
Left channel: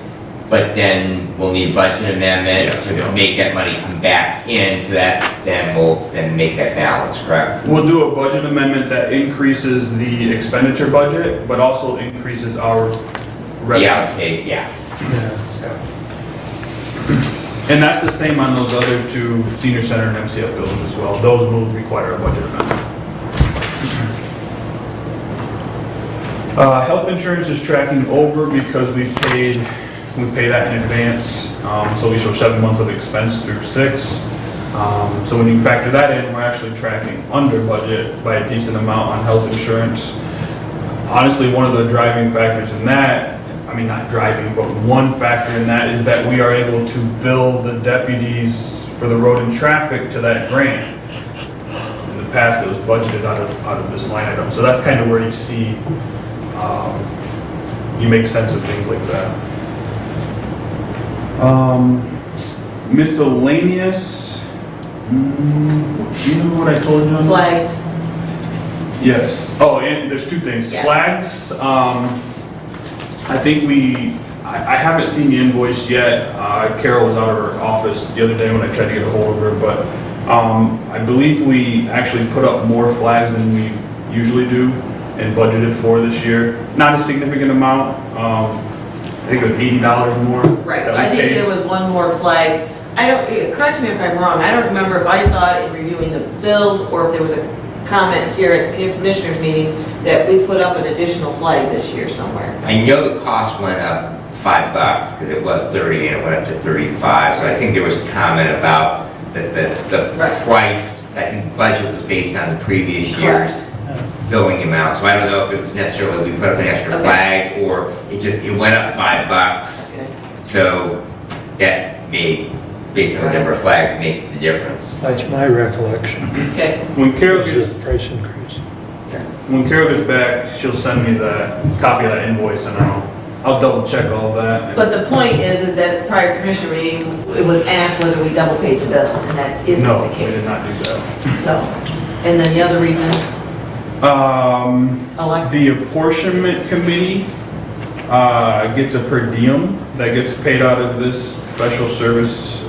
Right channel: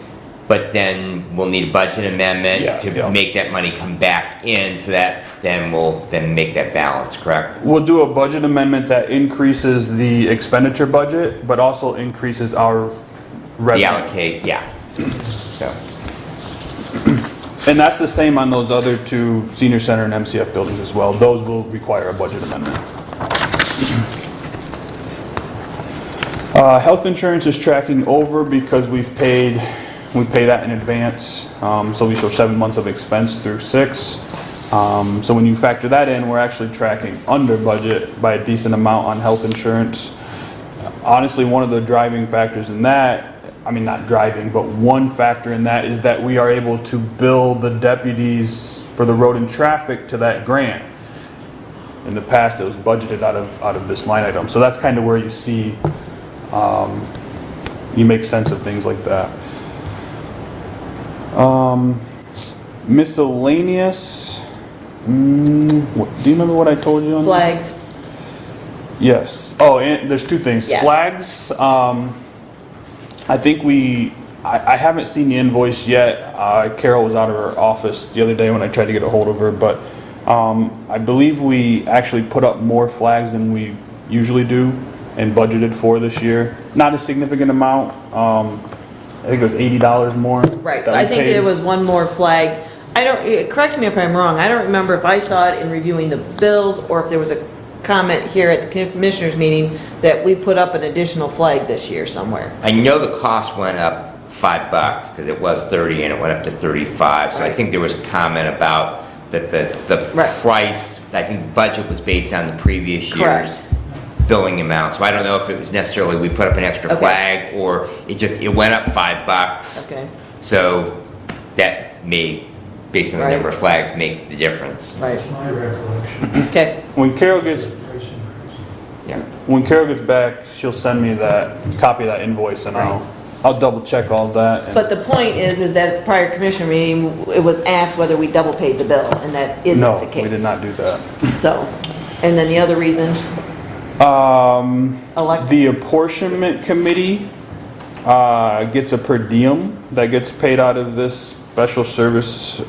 but then we'll need a budget amendment to make that money come back in, so that then we'll make that balance, correct? We'll do a budget amendment that increases the expenditure budget, but also increases our revenue. So. And that's the same on those other two senior center and MCF buildings as well. Those will require a budget amendment. Health insurance is tracking over because we pay that in advance. So we show 7 months of expense through 6. So when you factor that in, we're actually tracking under budget by a decent amount on health insurance. Honestly, one of the driving factors in that, I mean, not driving, but one factor in that is that we are able to bill the deputies for the road and traffic to that grant. In the past, it was budgeted out of this line item. So that's kind of where you see, you make sense of things like that. Miscellaneous, do you remember what I told you on Flags. Yes. Oh, and there's two things. Yes. Flags, I think I haven't seen the invoice yet. Carol was out of her office the other day when I tried to get a hold of her, but I believe we actually put up more flags than we usually do and budgeted for this year. Not a significant amount. I think it was $80 more. Right, I think there was one more flag. Correct me if I'm wrong, I don't remember if I saw it in reviewing the bills or if there was a comment here at the commissioners meeting that we put up an additional flag this year somewhere. I know the cost went up $5 because it was 30 and it went up to 35. So I think there was a comment about that the price, I think budget was based on the previous year's billing amount. So I don't know if it was necessarily we put up an extra flag or it went up $5. Okay. So that may, based on the number of flags, make the difference. That's my recollection. Okay. When Carol This gets is a price increase. When Carol gets back, she'll send me the copy of that invoice and I'll double check all of that. But the point is that at the prior commission meeting, it was asked whether we double paid the bill, and that isn't No, the we case. did not do that. So, and then the other reason, The apportionment committee gets a per diem that gets paid out of this special service,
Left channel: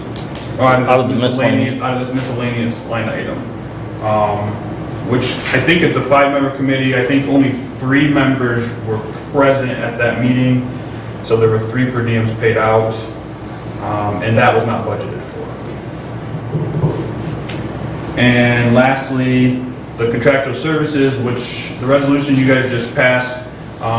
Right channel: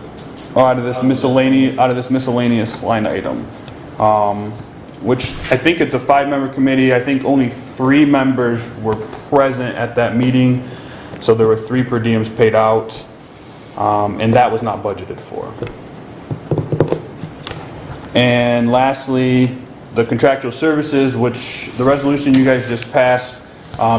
or out of this miscellaneous line item. which I think it's a 5-member committee. I think only 3 members were present at that meeting, so there were 3 per diems paid out, and that was not budgeted for. And lastly, the contractual services, which the resolution you guys just passed,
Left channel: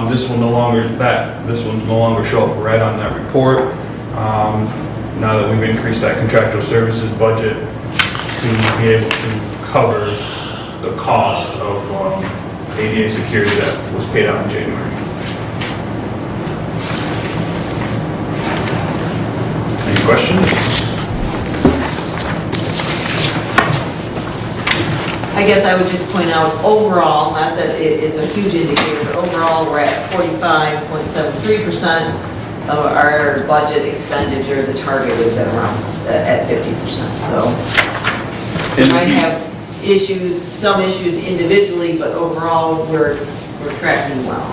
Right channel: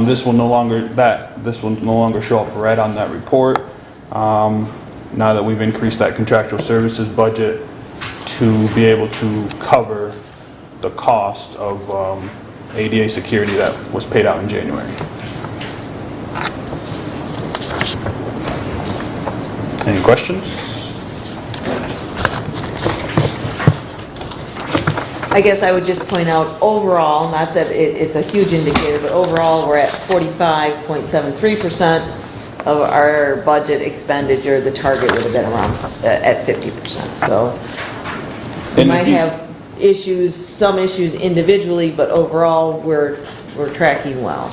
this will no longer show up right on that report. Now that we've increased that contractual services budget to be able to cover the cost of ADA security that was paid out in January. Any questions? I guess I would just point out overall, not that it's a huge indicator, but overall, we're at 45.73% of our budget expenditure. The target would have been around at 50%. So we might have issues, some issues individually, but overall, we're tracking well.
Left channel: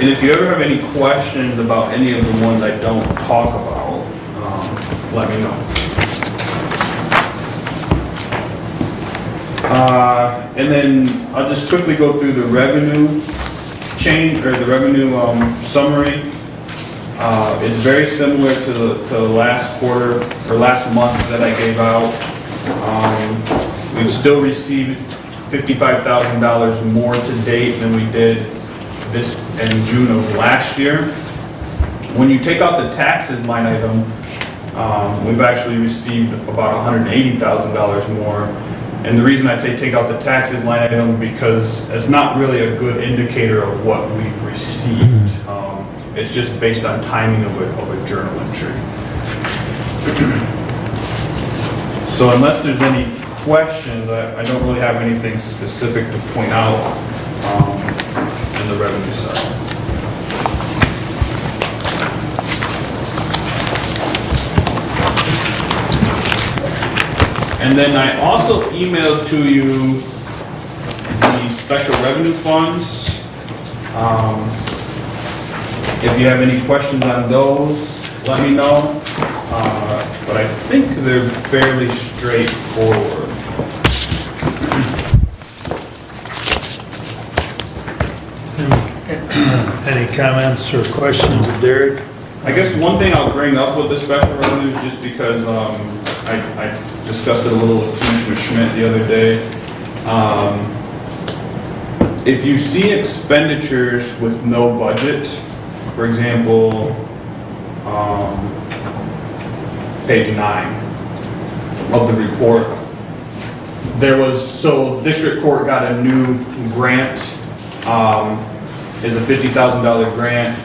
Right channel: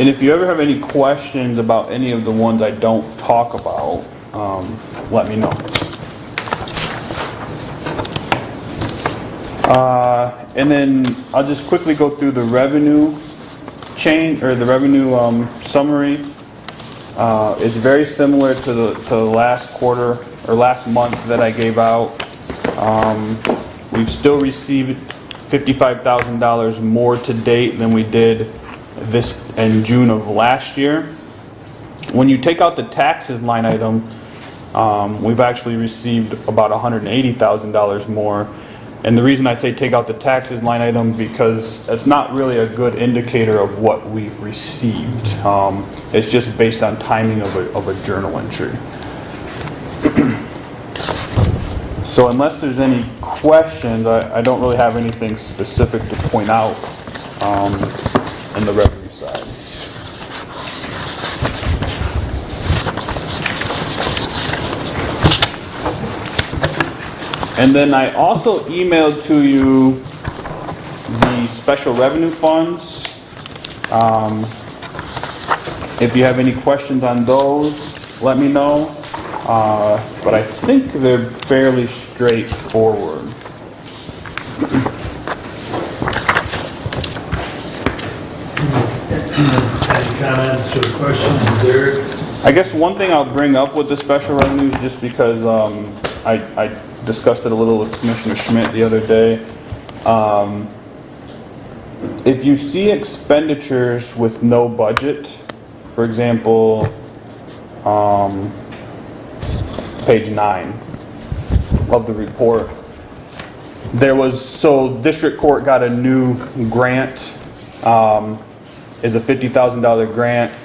And if you ever have any questions about any of the ones I don't talk about, let me know. And then I'll just quickly go through the revenue change, or the revenue summary. It's very similar to the last quarter, or last month that I gave out. We've still received $55,000 more to date than we did this in June of last year. When you take out the taxes line item, we've actually received about $180,000 more. And the reason I say take out the taxes line item because it's not really a good indicator of what we've received. It's just based on timing of a journal entry. So unless there's any questions, I don't really have anything specific to point out in the revenue side. And then I also emailed to you the special revenue funds. If you have any questions on those, let me know. But I think they're fairly straightforward. Any comments or questions there? I guess one thing I'll bring up with the special revenue, just because I discussed it a little with Commissioner Schmidt the other day. If you see expenditures with no budget, for example, page 9 of the report, district court got a new grant, is a $50,000 grant.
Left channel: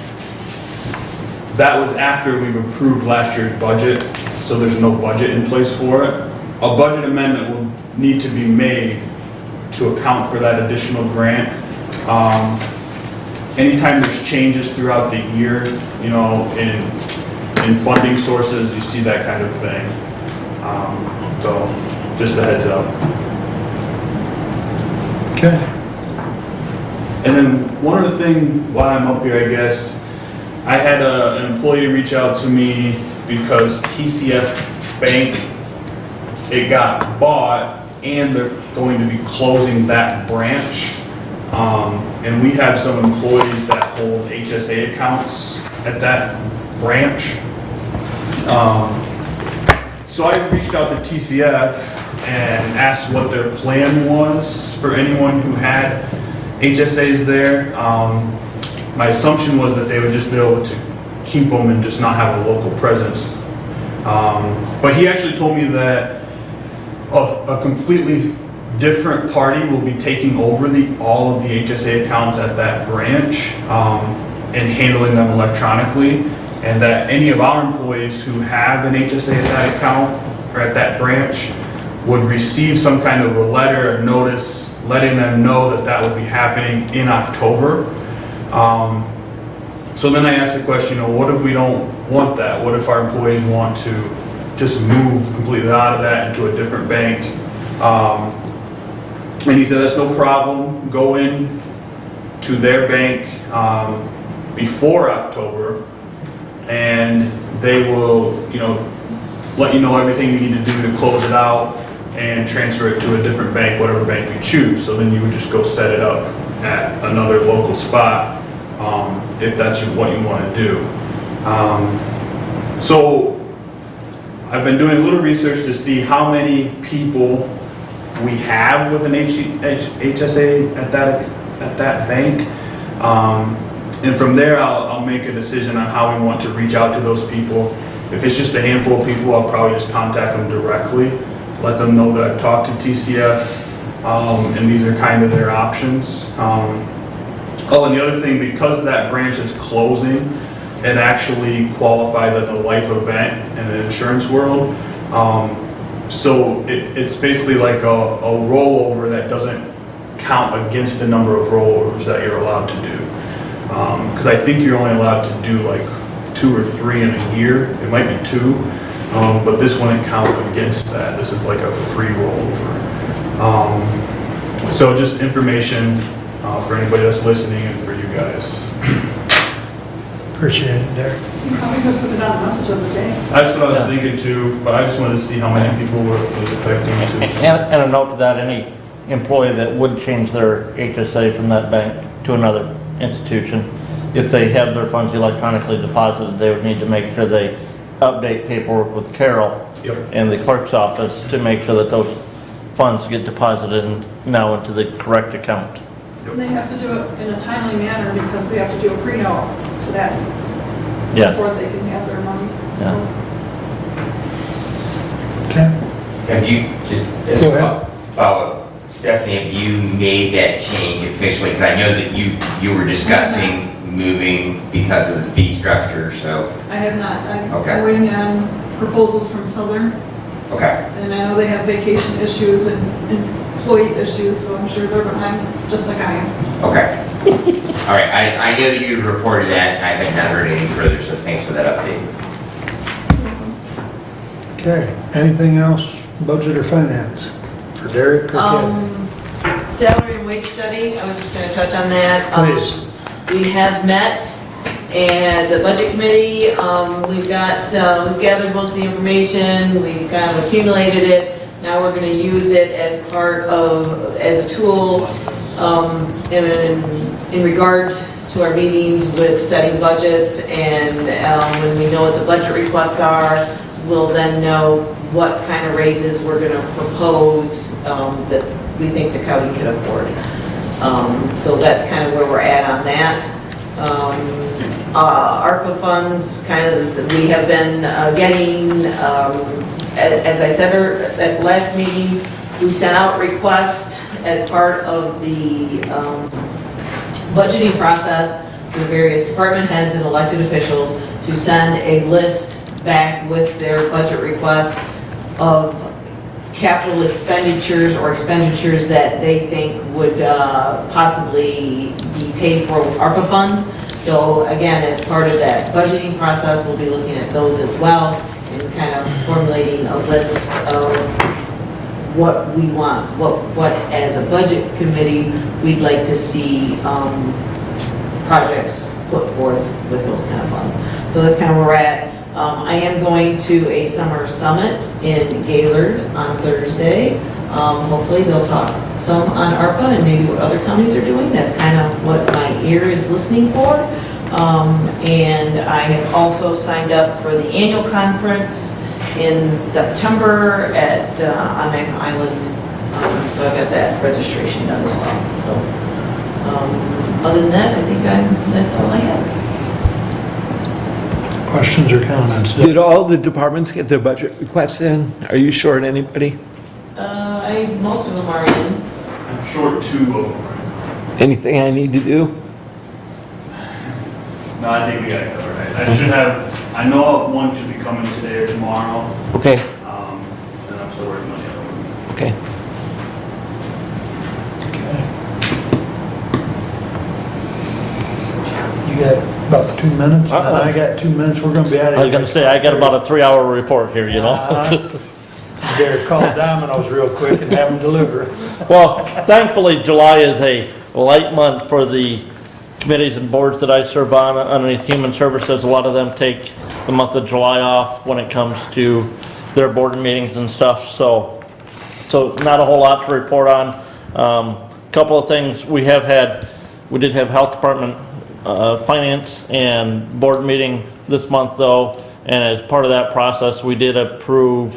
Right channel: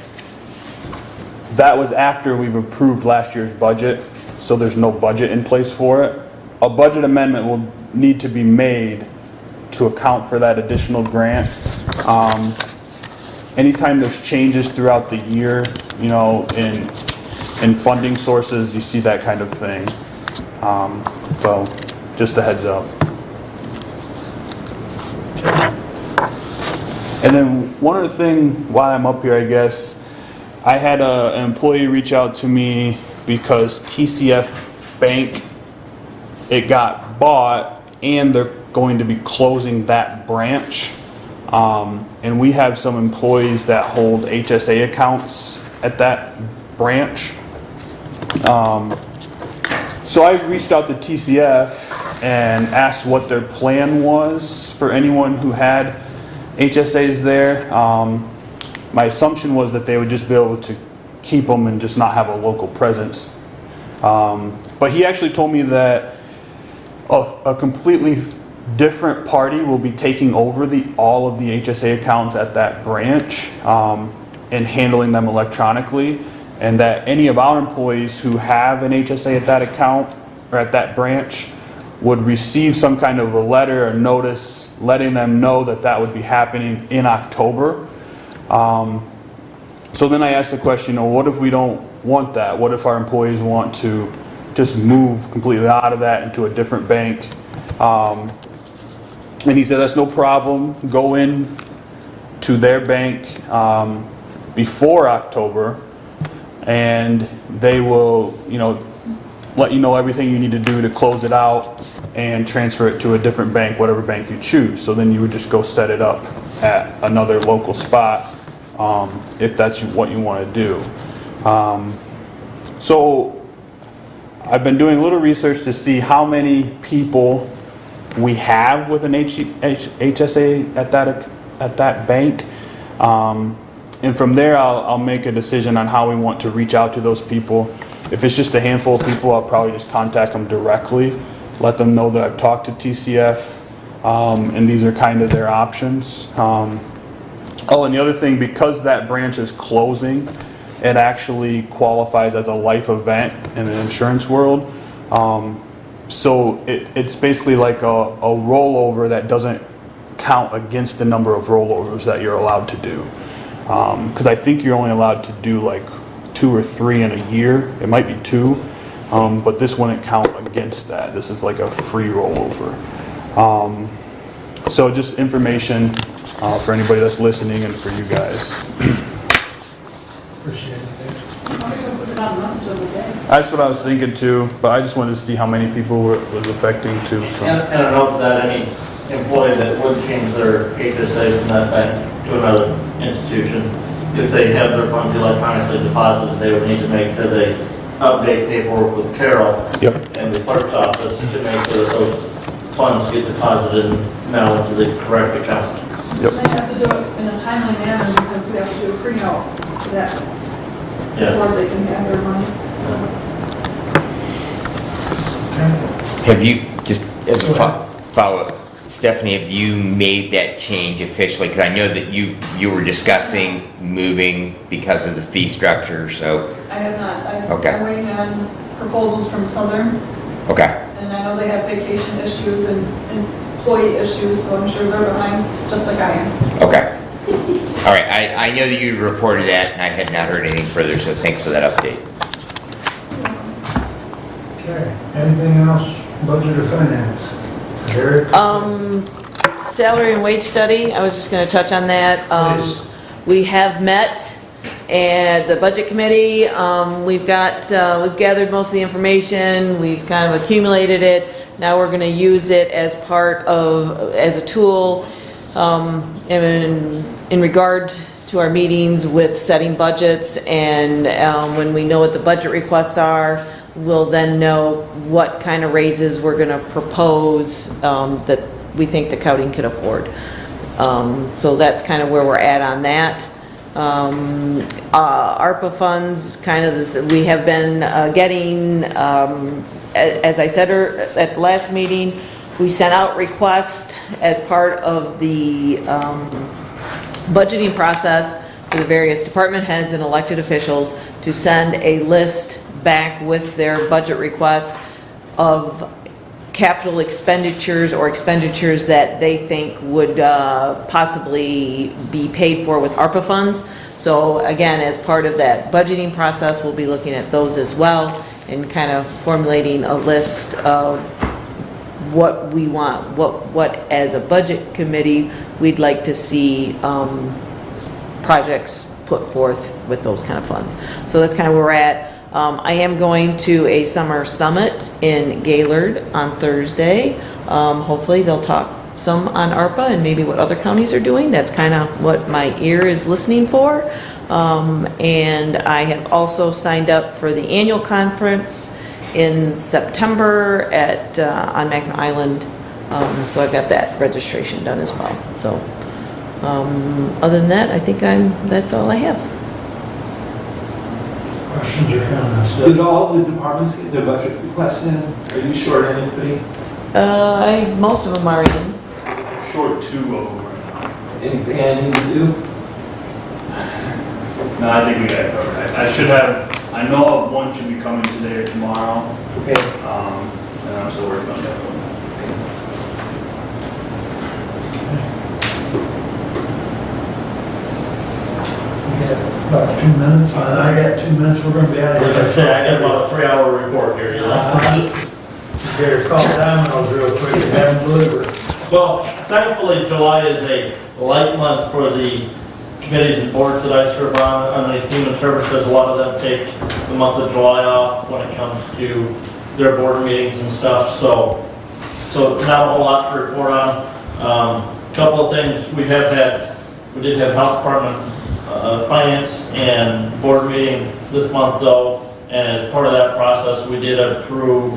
That was after we've approved last year's budget, so there's no budget in place for it. A budget amendment will need to be made to account for that additional grant. Anytime there's changes throughout the year, you know, in funding sources, you see that kind of thing. So just a heads up. Okay. And then one other thing while I'm up here, I guess, I had an employee reach out to me because TCF Bank, it got bought and they're going to be closing that branch. And we have some employees that hold HSA accounts at that branch. So I reached out to TCF and asked what their plan was for anyone who had HSAs there. My assumption was that they would just be able to keep them and just not have a local presence. But he actually told me that a completely different party will be taking over all of the HSA accounts at that branch and handling them electronically, and that any of our employees who have an HSA at that account or at that branch would receive some kind of a letter or notice letting them know that that would be happening in October. So then I asked the question, what if we don't want that? What if our employees want to just move completely out of that into a different bank? And he said, that's no problem. Go in to their bank before October, and they will, let you know everything you need to do to close it out. and transfer it to a different bank, whatever bank you choose. So then you would just go set it up at another local spot if that's what you want to do. So I've been doing a little research to see how many people we have with an HSA at that bank. And from there, I'll make a decision on how we want to reach out to those people. If it's just a handful of people, I'll probably just contact them directly, let them know that I've talked to TCF, and these are kind of their options. Oh, and the other thing, because that branch is closing, it actually qualifies as a life event in the insurance world. So it's basically like a rollover that doesn't count against the number of rollovers that you're allowed to do. Because I think you're only allowed to do like 2 or 3 in a year. It might be 2, but this wouldn't count against that. This is like a free rollover. So just information for anybody that's listening and for you guys. Appreciate it, Derek. Probably gonna put it on the message of the day. That's what I was thinking too, but I just wanted to see how many people it was affecting too. And a note that any employee that would change their HSA from that bank to another institution, if they have their funds electronically deposited, they would need to make sure they update paperwork with Carol and the clerk's office to make sure that those funds get deposited now into the correct account. They have to do it in a timely manner because we have to do a pre-note for that before they can have their money. Have you, just as a follow-up, Stephanie, have you made that change officially? Because I know that you were discussing moving because of the fee structure, so. I have not. I'm Okay. waiting on proposals from Southern, Okay. and I know they have vacation issues and employee issues, so I'm sure they're behind, just like I am. Okay. All right, I know that you reported that, I haven't heard anything further, so thanks for that update. Okay, anything else, budget or finance? For Derek? Salary and wage study, I was just gonna touch on that. Please. We have met, and the budget committee, we've gathered most of the information, we've kind of accumulated it. Now we're gonna use it as as a tool, in regards to our meetings with setting budgets, and when we know what the budget requests are, we'll then know what kind of raises we're gonna propose that we think the county can afford. So that's kind of where we're at on that. ARPA funds, we have been getting, as I said at the last meeting, we sent out requests as part of the budgeting process for the various department heads and elected officials to send a list back with their budget requests of capital expenditures or expenditures that they think would possibly be paid for with ARPA funds. So again, as part of that budgeting process, we'll be looking at those as well and kind of formulating a list of what we want, what as a budget committee we'd like to see projects put forth with those kind of funds. So that's kind of where we're at. I am going to a summer summit in Gaylord on Thursday. Hopefully they'll talk some on ARPA and maybe what other counties are doing. That's kind of what my ear is listening for. And I have also signed up for the annual conference in September on Magnet Island. So I've got that registration done as well. So other than that, I think that's all I have. Questions or comments? Did all the departments get their budget requests in? Are you short anybody? Most of them are in. I'm short 2 of them. Anything I need to do? No, I think we got it covered. I should have, I know of one should be coming today or tomorrow, Okay, and I'm still working on the other one. okay. You got about 2 minutes, and then I got 2 minutes, we're gonna be out I of was here. gonna say, I got about a 3-hour report here, you know? Derek called Domino's real quick and have them deliver. Well, thankfully, July is a light month for the committees and boards that I serve on underneath Human Services. A lot of them take the month of July off when it comes to their board meetings and stuff. So so not a whole lot to report on. Couple of things we did have health department, finance and board meeting this month though, and as part of that process, we did approve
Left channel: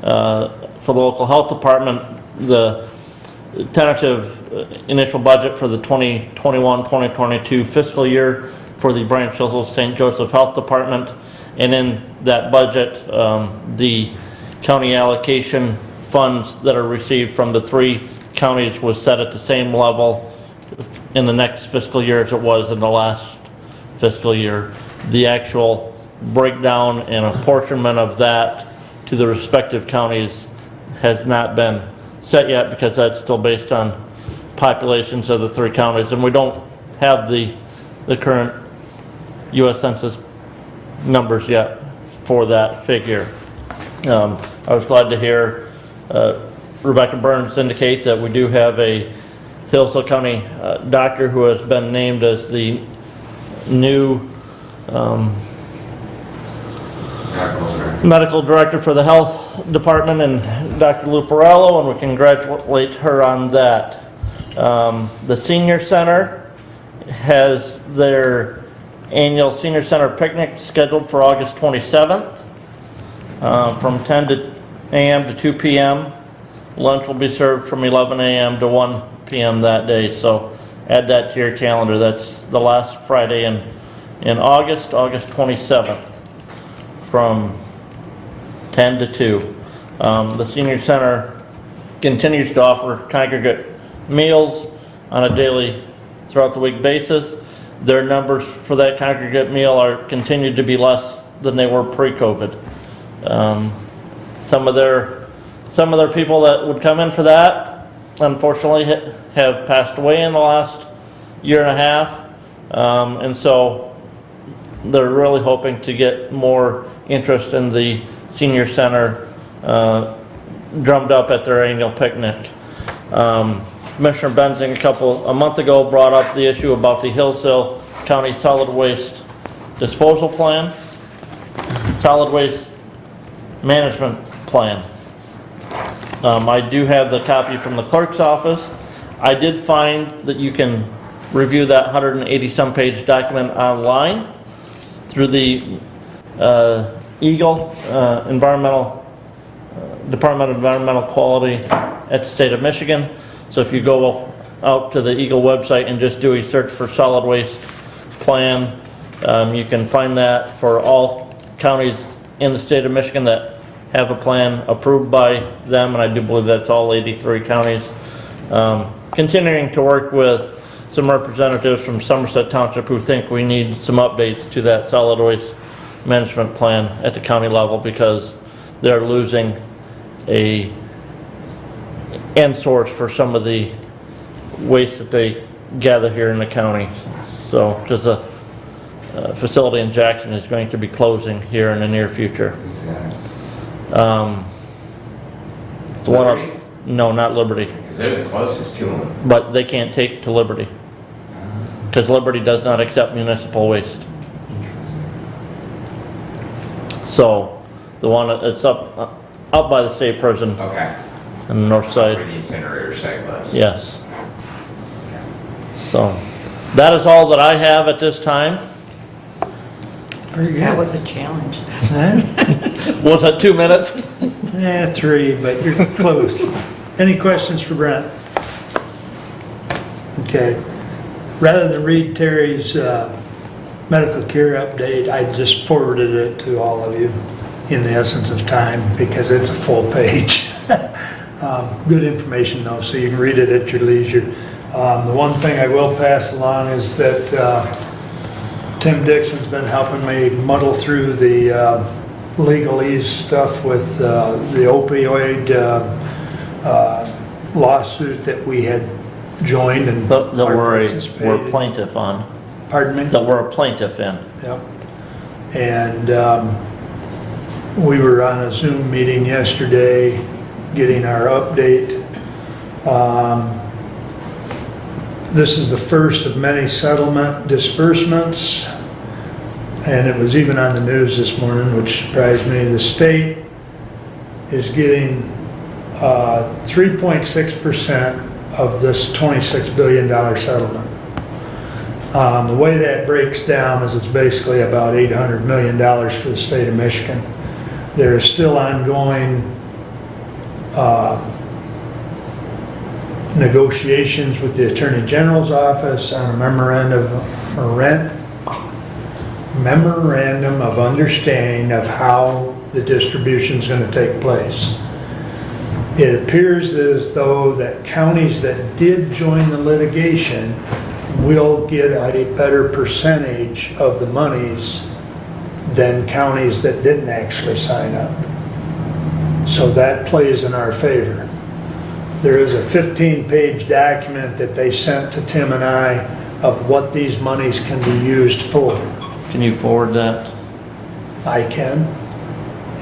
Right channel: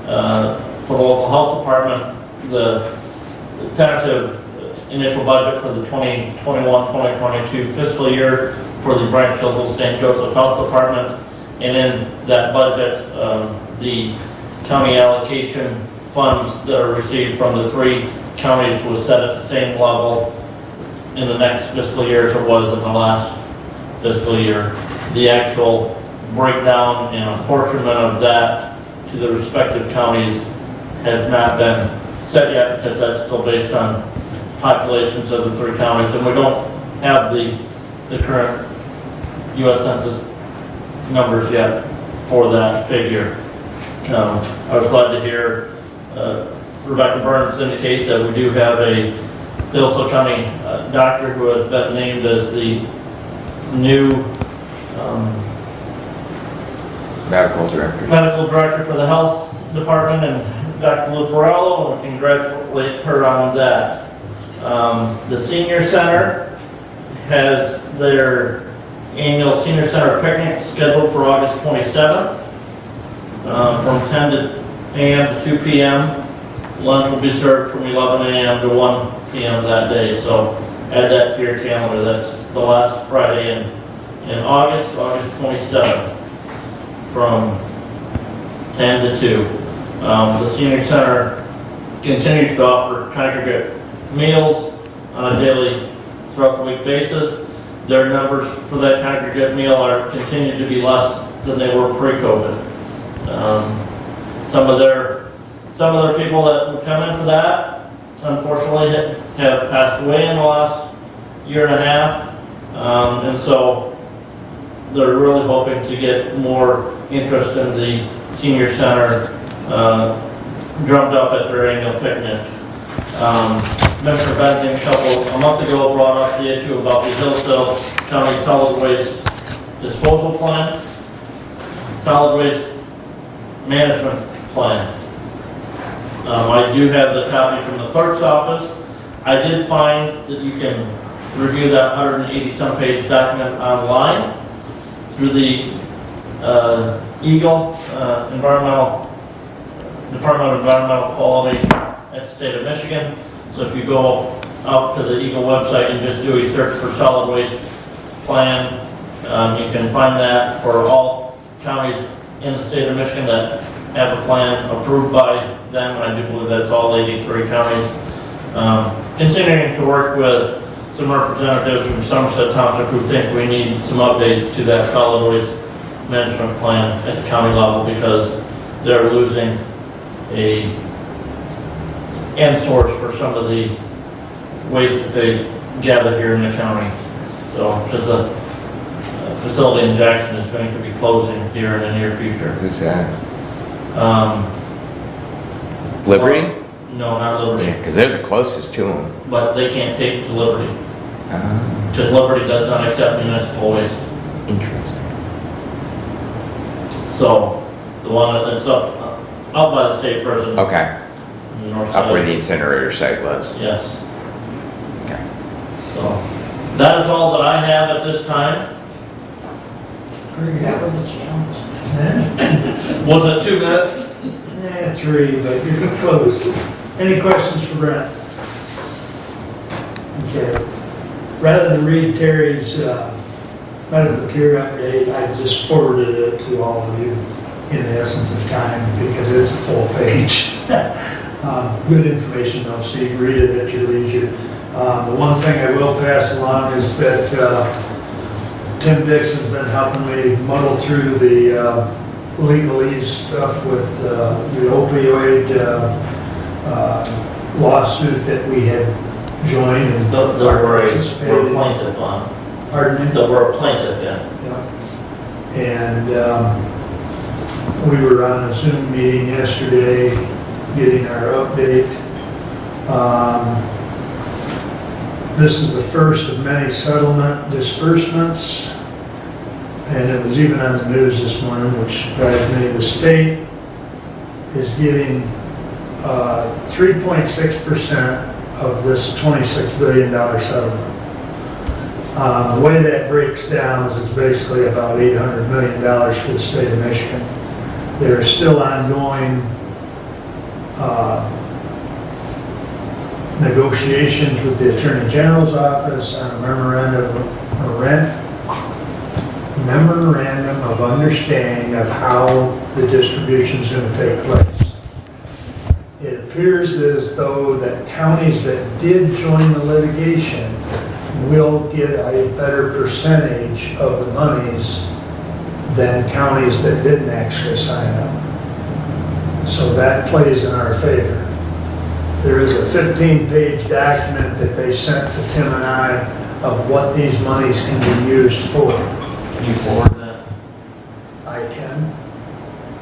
for the local health department the tentative initial budget for the 2021-2022 fiscal year for the Brainchillsdale St. Joseph Health Department. And in that budget, the county allocation funds that are received from the 3 counties was set at the same level in the next fiscal year as it was in the last fiscal year. The actual breakdown and apportionment of that to the respective counties has not been set yet because that's still based on populations of the 3 counties, and we don't have the current U.S. Census numbers yet for that figure. I was glad to hear Rebecca Burns indicate that we do have a Hillsdale County doctor who has been named as the new medical director for the health department, and Dr. Luparello, and we congratulate her on that. The senior center has their annual senior center picnic scheduled for August 27th from 10 a.m. to 2 p.m. Lunch will be served from 11 a.m. to 1 p.m. that day, so add that to your calendar. That's the last Friday in August 27th from 10 to 2. The senior center continues to offer congregate meals on a daily throughout the week basis. Their numbers for that congregate meal are continued to be less than they were pre-COVID. Some of their people that would come in for that, unfortunately, have passed away in the last year and a half, and so they're really hoping to get more interest in the senior center drummed up at their annual picnic. Commissioner Benton a month ago brought up the issue about the Hillsdale County Solid Waste Disposal Plan, Solid Waste Management Plan. I do have the copy from the clerk's office. I did find that you can review that 180-some page document online through the Eagle Department of Environmental Quality at the state of Michigan. So if you go out to the Eagle website and just do a search for solid waste plan, you can find that for all counties in the state of Michigan that have a plan approved by them, and I do believe that's all 83 counties. Continuing to work with some representatives from Somerset Township who think we need some updates to that solid waste management plan at the county level because they're losing a end source for some of the waste that they gather here in the county. So just a facility in Jackson is going to be closing here in the near future. Who's that? Liberty? No, not Liberty. Because they're the closest to them. But they can't take to Liberty. Because Liberty does not accept municipal waste. Interesting. So the one that's out by the state prison. Okay. On the north Up side. where the incinerator site was. Yes. Okay. So that is all that I have at this time. That was a challenge. Was it 2 minutes? 3, but you're close. Any questions for Brent? Okay. Rather than read Terry's medical care update, I just forwarded it to all of you in the essence of time because it's a full page. Good information though, so you can read it at your leisure. The one thing I will pass along is that Tim Dixon's been helping me muddle through the legalese stuff with the opioid lawsuit that we had joined and That we're a plaintiff on. Pardon me? That we're a plaintiff in. Yeah. And we were on a Zoom meeting yesterday getting our update. This is the first of many settlement disbursements, and it was even on the news this morning, which surprised me. The state is getting 3.6% of this $26 billion settlement. The way that breaks down is it's basically about $800 million for the state of Michigan. There is still ongoing negotiations with the Attorney General's office on a memorandum of understanding of how the distribution is going to take place. It appears as though that counties that did join the litigation will get a better percentage of the monies than counties that didn't actually sign up. So that plays in our favor. There is a 15-page document that they sent to Tim and I of what these monies can be used for. Can you forward that? I can.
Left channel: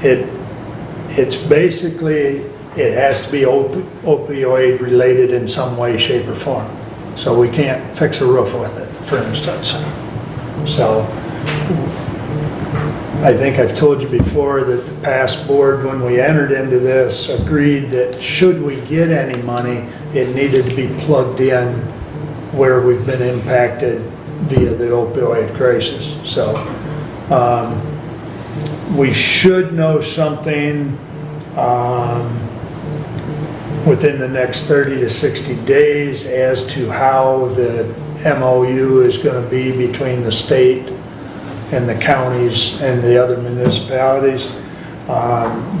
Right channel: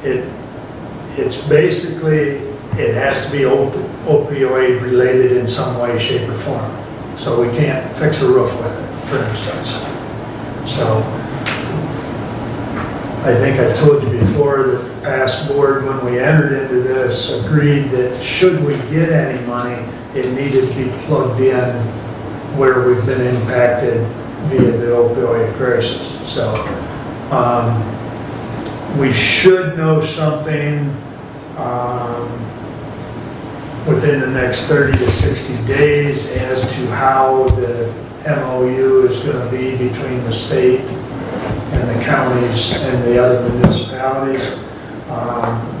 It's basically, it has to be opioid related in some way, shape, or form. So we can't fix a roof with it, for instance. So I think I've told you before that the past board, when we entered into this, agreed that should we get any money, it needed to be plugged in where we've been impacted via the opioid crisis. So we should know something within the next 30 to 60 days as to how the MOU is going to be between the state and the counties and the other municipalities.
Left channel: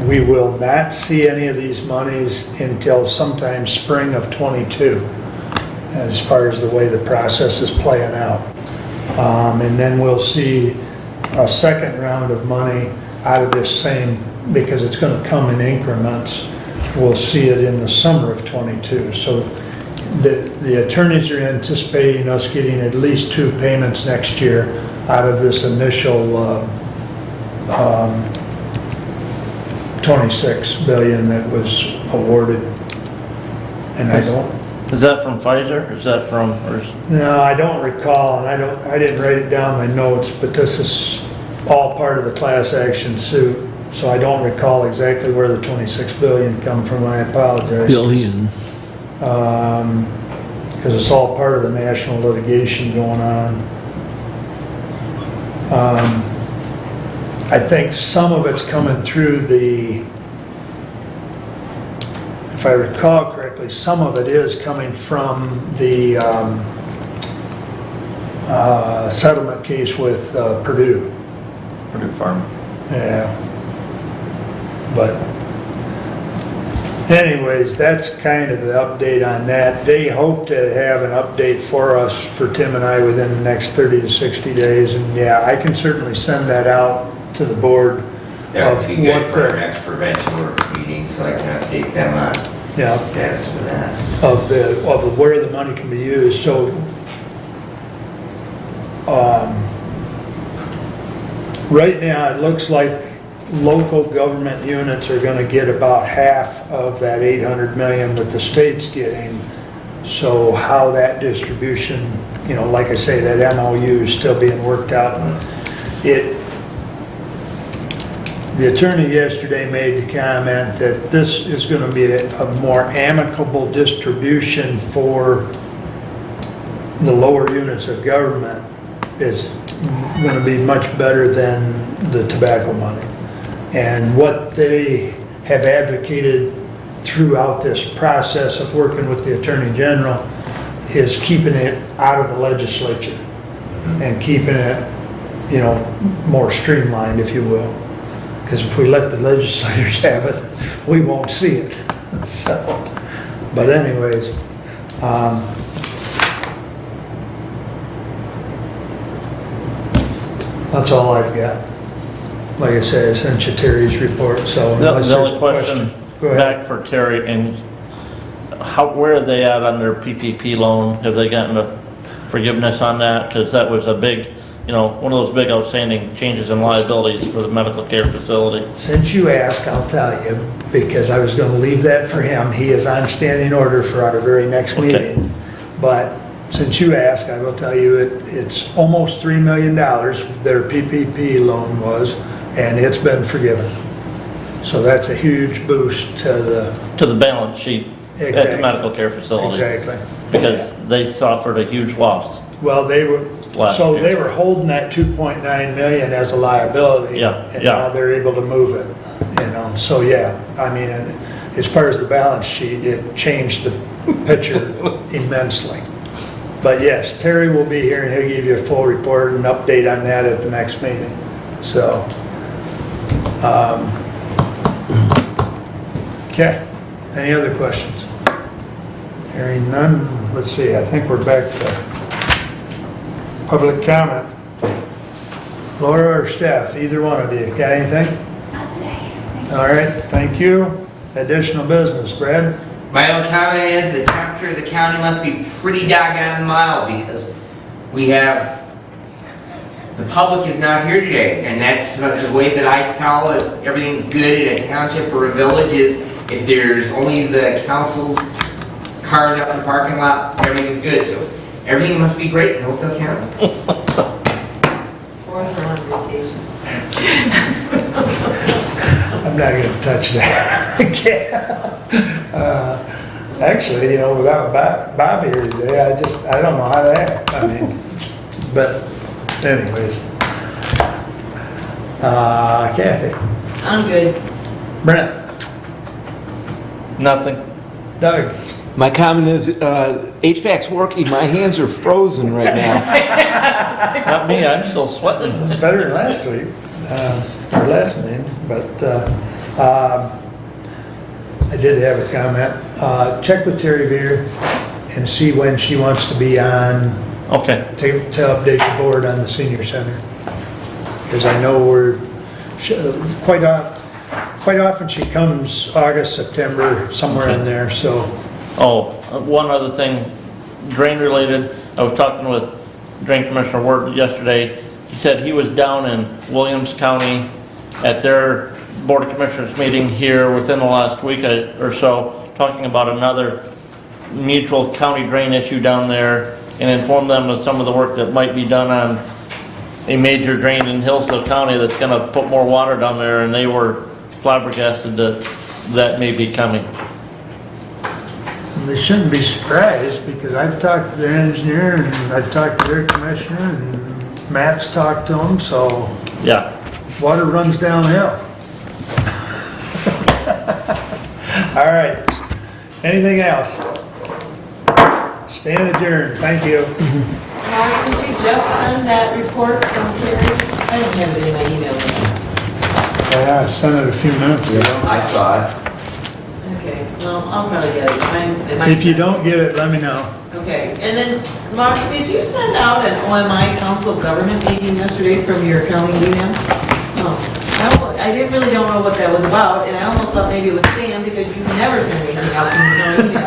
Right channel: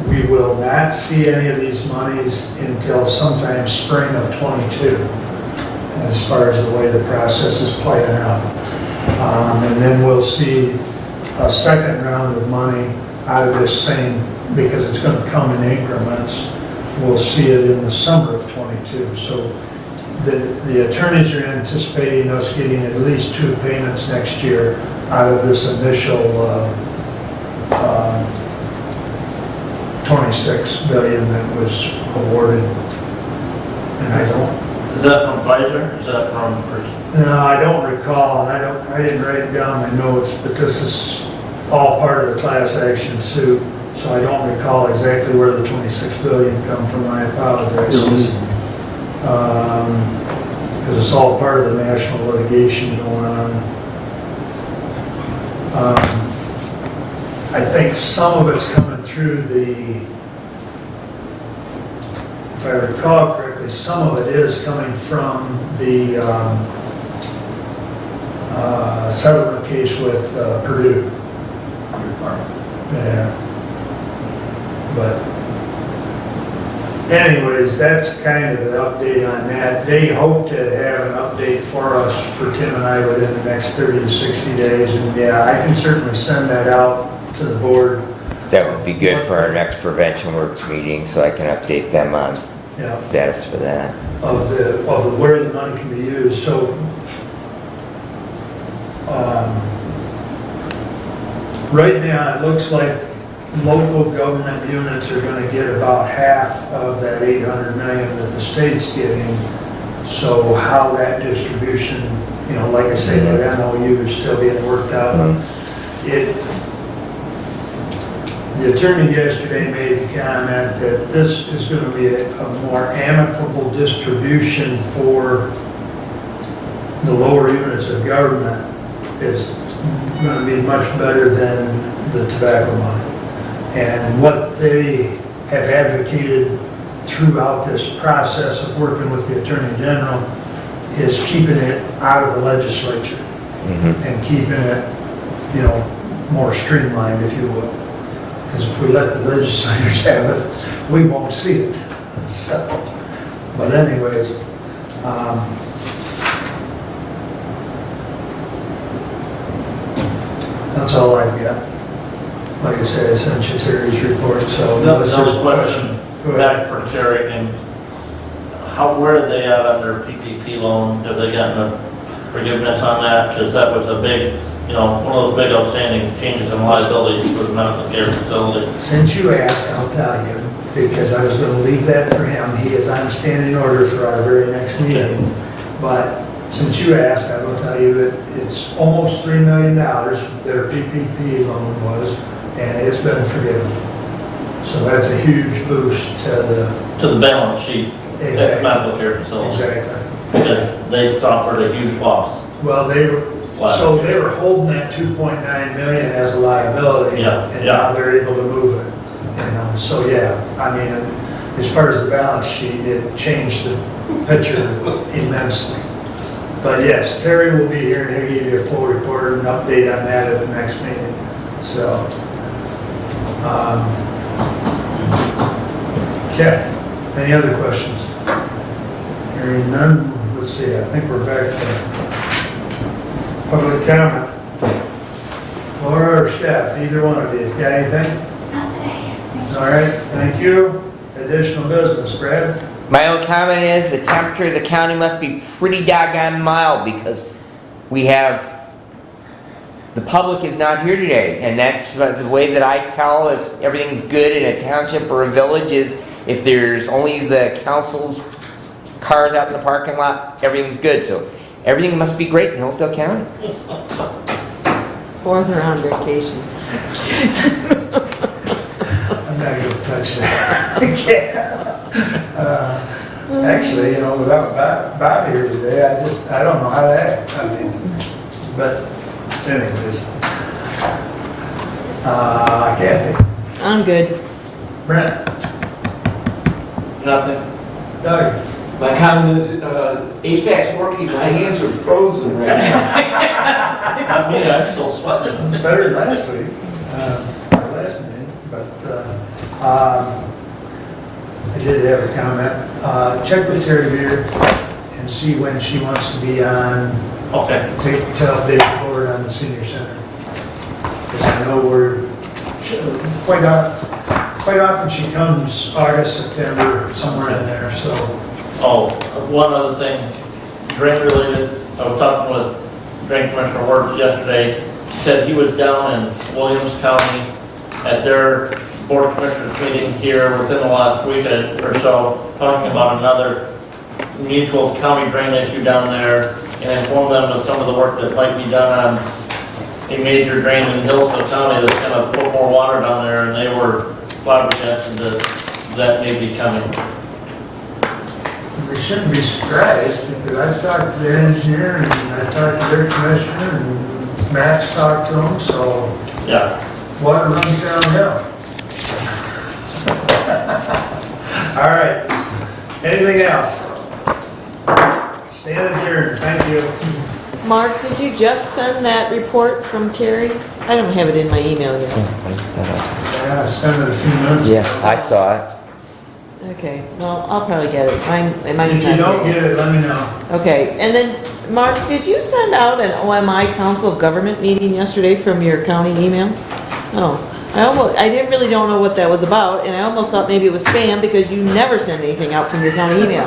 We will not see any of these monies until sometime spring of '22, as far as the way the process is playing out. And then we'll see a second round of money out of this same, because it's going to come in increments. We'll see it in the summer of '22. So the attorneys are anticipating us getting at least 2 payments next year out of this initial 26 billion that was awarded. And I don't. Is that from Pfizer? Is that from? No, I don't recall, and I didn't write it down in my notes, but this is all part of the class action suit. So I don't recall exactly where the 26 billion come from. I apologize. Because it's all part of the national litigation going on. I think some of it's coming through the, if I recall correctly, some of it is coming from the settlement case with Purdue. Purdue Pharma. Yeah. But anyways, that's kind of the update on that. They hope to have an update for us, for Tim and I, within the next 30 to 60 days. And yeah, I can certainly send that out to the board. That would be good what for our next prevention works meeting, so I can update them on Yeah, status for that. of where the money can be used. So right now, it looks like local government units are going to get about half of that 800 million that the state's getting. So how that distribution, like I say, that MOU is still being worked out. The attorney yesterday made the comment that this is going to be a more amicable distribution for the lower units of government. It's going to be much better than the tobacco money. And what they have advocated throughout this process of working with the Attorney General is keeping it out of the legislature and keeping it, more streamlined, if you will. Because if we let the legislators have it, we won't see it. So, but anyways, that's all I've got. Like I said, I sent you Terry's report, so. Another question Go ahead. back for Terry, and where are they at on their PPP loan? Have they gotten a forgiveness on that? Because that was a big, one of those big outstanding changes in liabilities for the medical care facility. Since you asked, I'll tell you, because I was going to leave that for him. He is on standing order for our very next meeting. But since you asked, I will tell you, it's almost $3 million, their PPP loan was, and it's been forgiven. So that's a huge boost to To the balance sheet at the Exactly. medical care facility. exactly. Because they suffered a huge loss. Well, they were holding that 2.9 million as a liability. Yeah, And yeah. now they're able to move it, so yeah, I mean, as far as the balance sheet, it changed the picture immensely. But yes, Terry will be here and he'll give you a full report and update on that at the next meeting, so. Okay, any other questions? Hearing none, let's see, I think we're back to public comment. Laura or Steph, either one of you, got anything? Not today. All right, thank you. Additional business, Brad? My own comment is the temperature of the county must be pretty doggone mild because we have, the public is not here today. And that's the way that I tell if everything's good in a township or a village is if there's only the council's cars out in the parking lot, everything's good. So everything must be great in Hillsdale County. Or they're on vacation. I'm not gonna touch that. Actually, without Bob here today, I don't know how to act, but anyways. Kathy, I'm good. Brent, Nothing. Doug, My comment is, HVAC's working, my hands are frozen right now. Not me, I'm still sweating. better than last week, last meeting, but I did have a comment. Check with Terry here and see when she wants to be on, Okay. to update the board on the senior center. Because I know quite often she comes August, September, somewhere in there, so. Oh, one other thing, drain related, I was talking with Drain Commissioner Ward yesterday. He said he was down in Williams County at their Board of Commissioners meeting here within the last week or so, talking about another mutual county drain issue down there, and informed them of some of the work that might be done on a major drain in Hillsdale County that's gonna put more water down there, and they were flabbergasted that may be coming. They shouldn't be surprised, because I've talked to their engineer, and I've talked to their commissioner, and Matt's talked to them, so Yeah. water runs downhill. All right, anything else? Stand adjourned, thank you. Mark, did you just send that report from Terry? I don't have it in my email yet. Yeah, I sent it a few minutes ago. I saw it. Okay, well, I'll probably get it. If you don't get it, let me know. Okay, and then, Mark, did you send out an OMI Council of Government meeting yesterday from your county email? Oh, I really don't know what that was about, and I almost thought maybe it was spam because you never send anything out from your county email.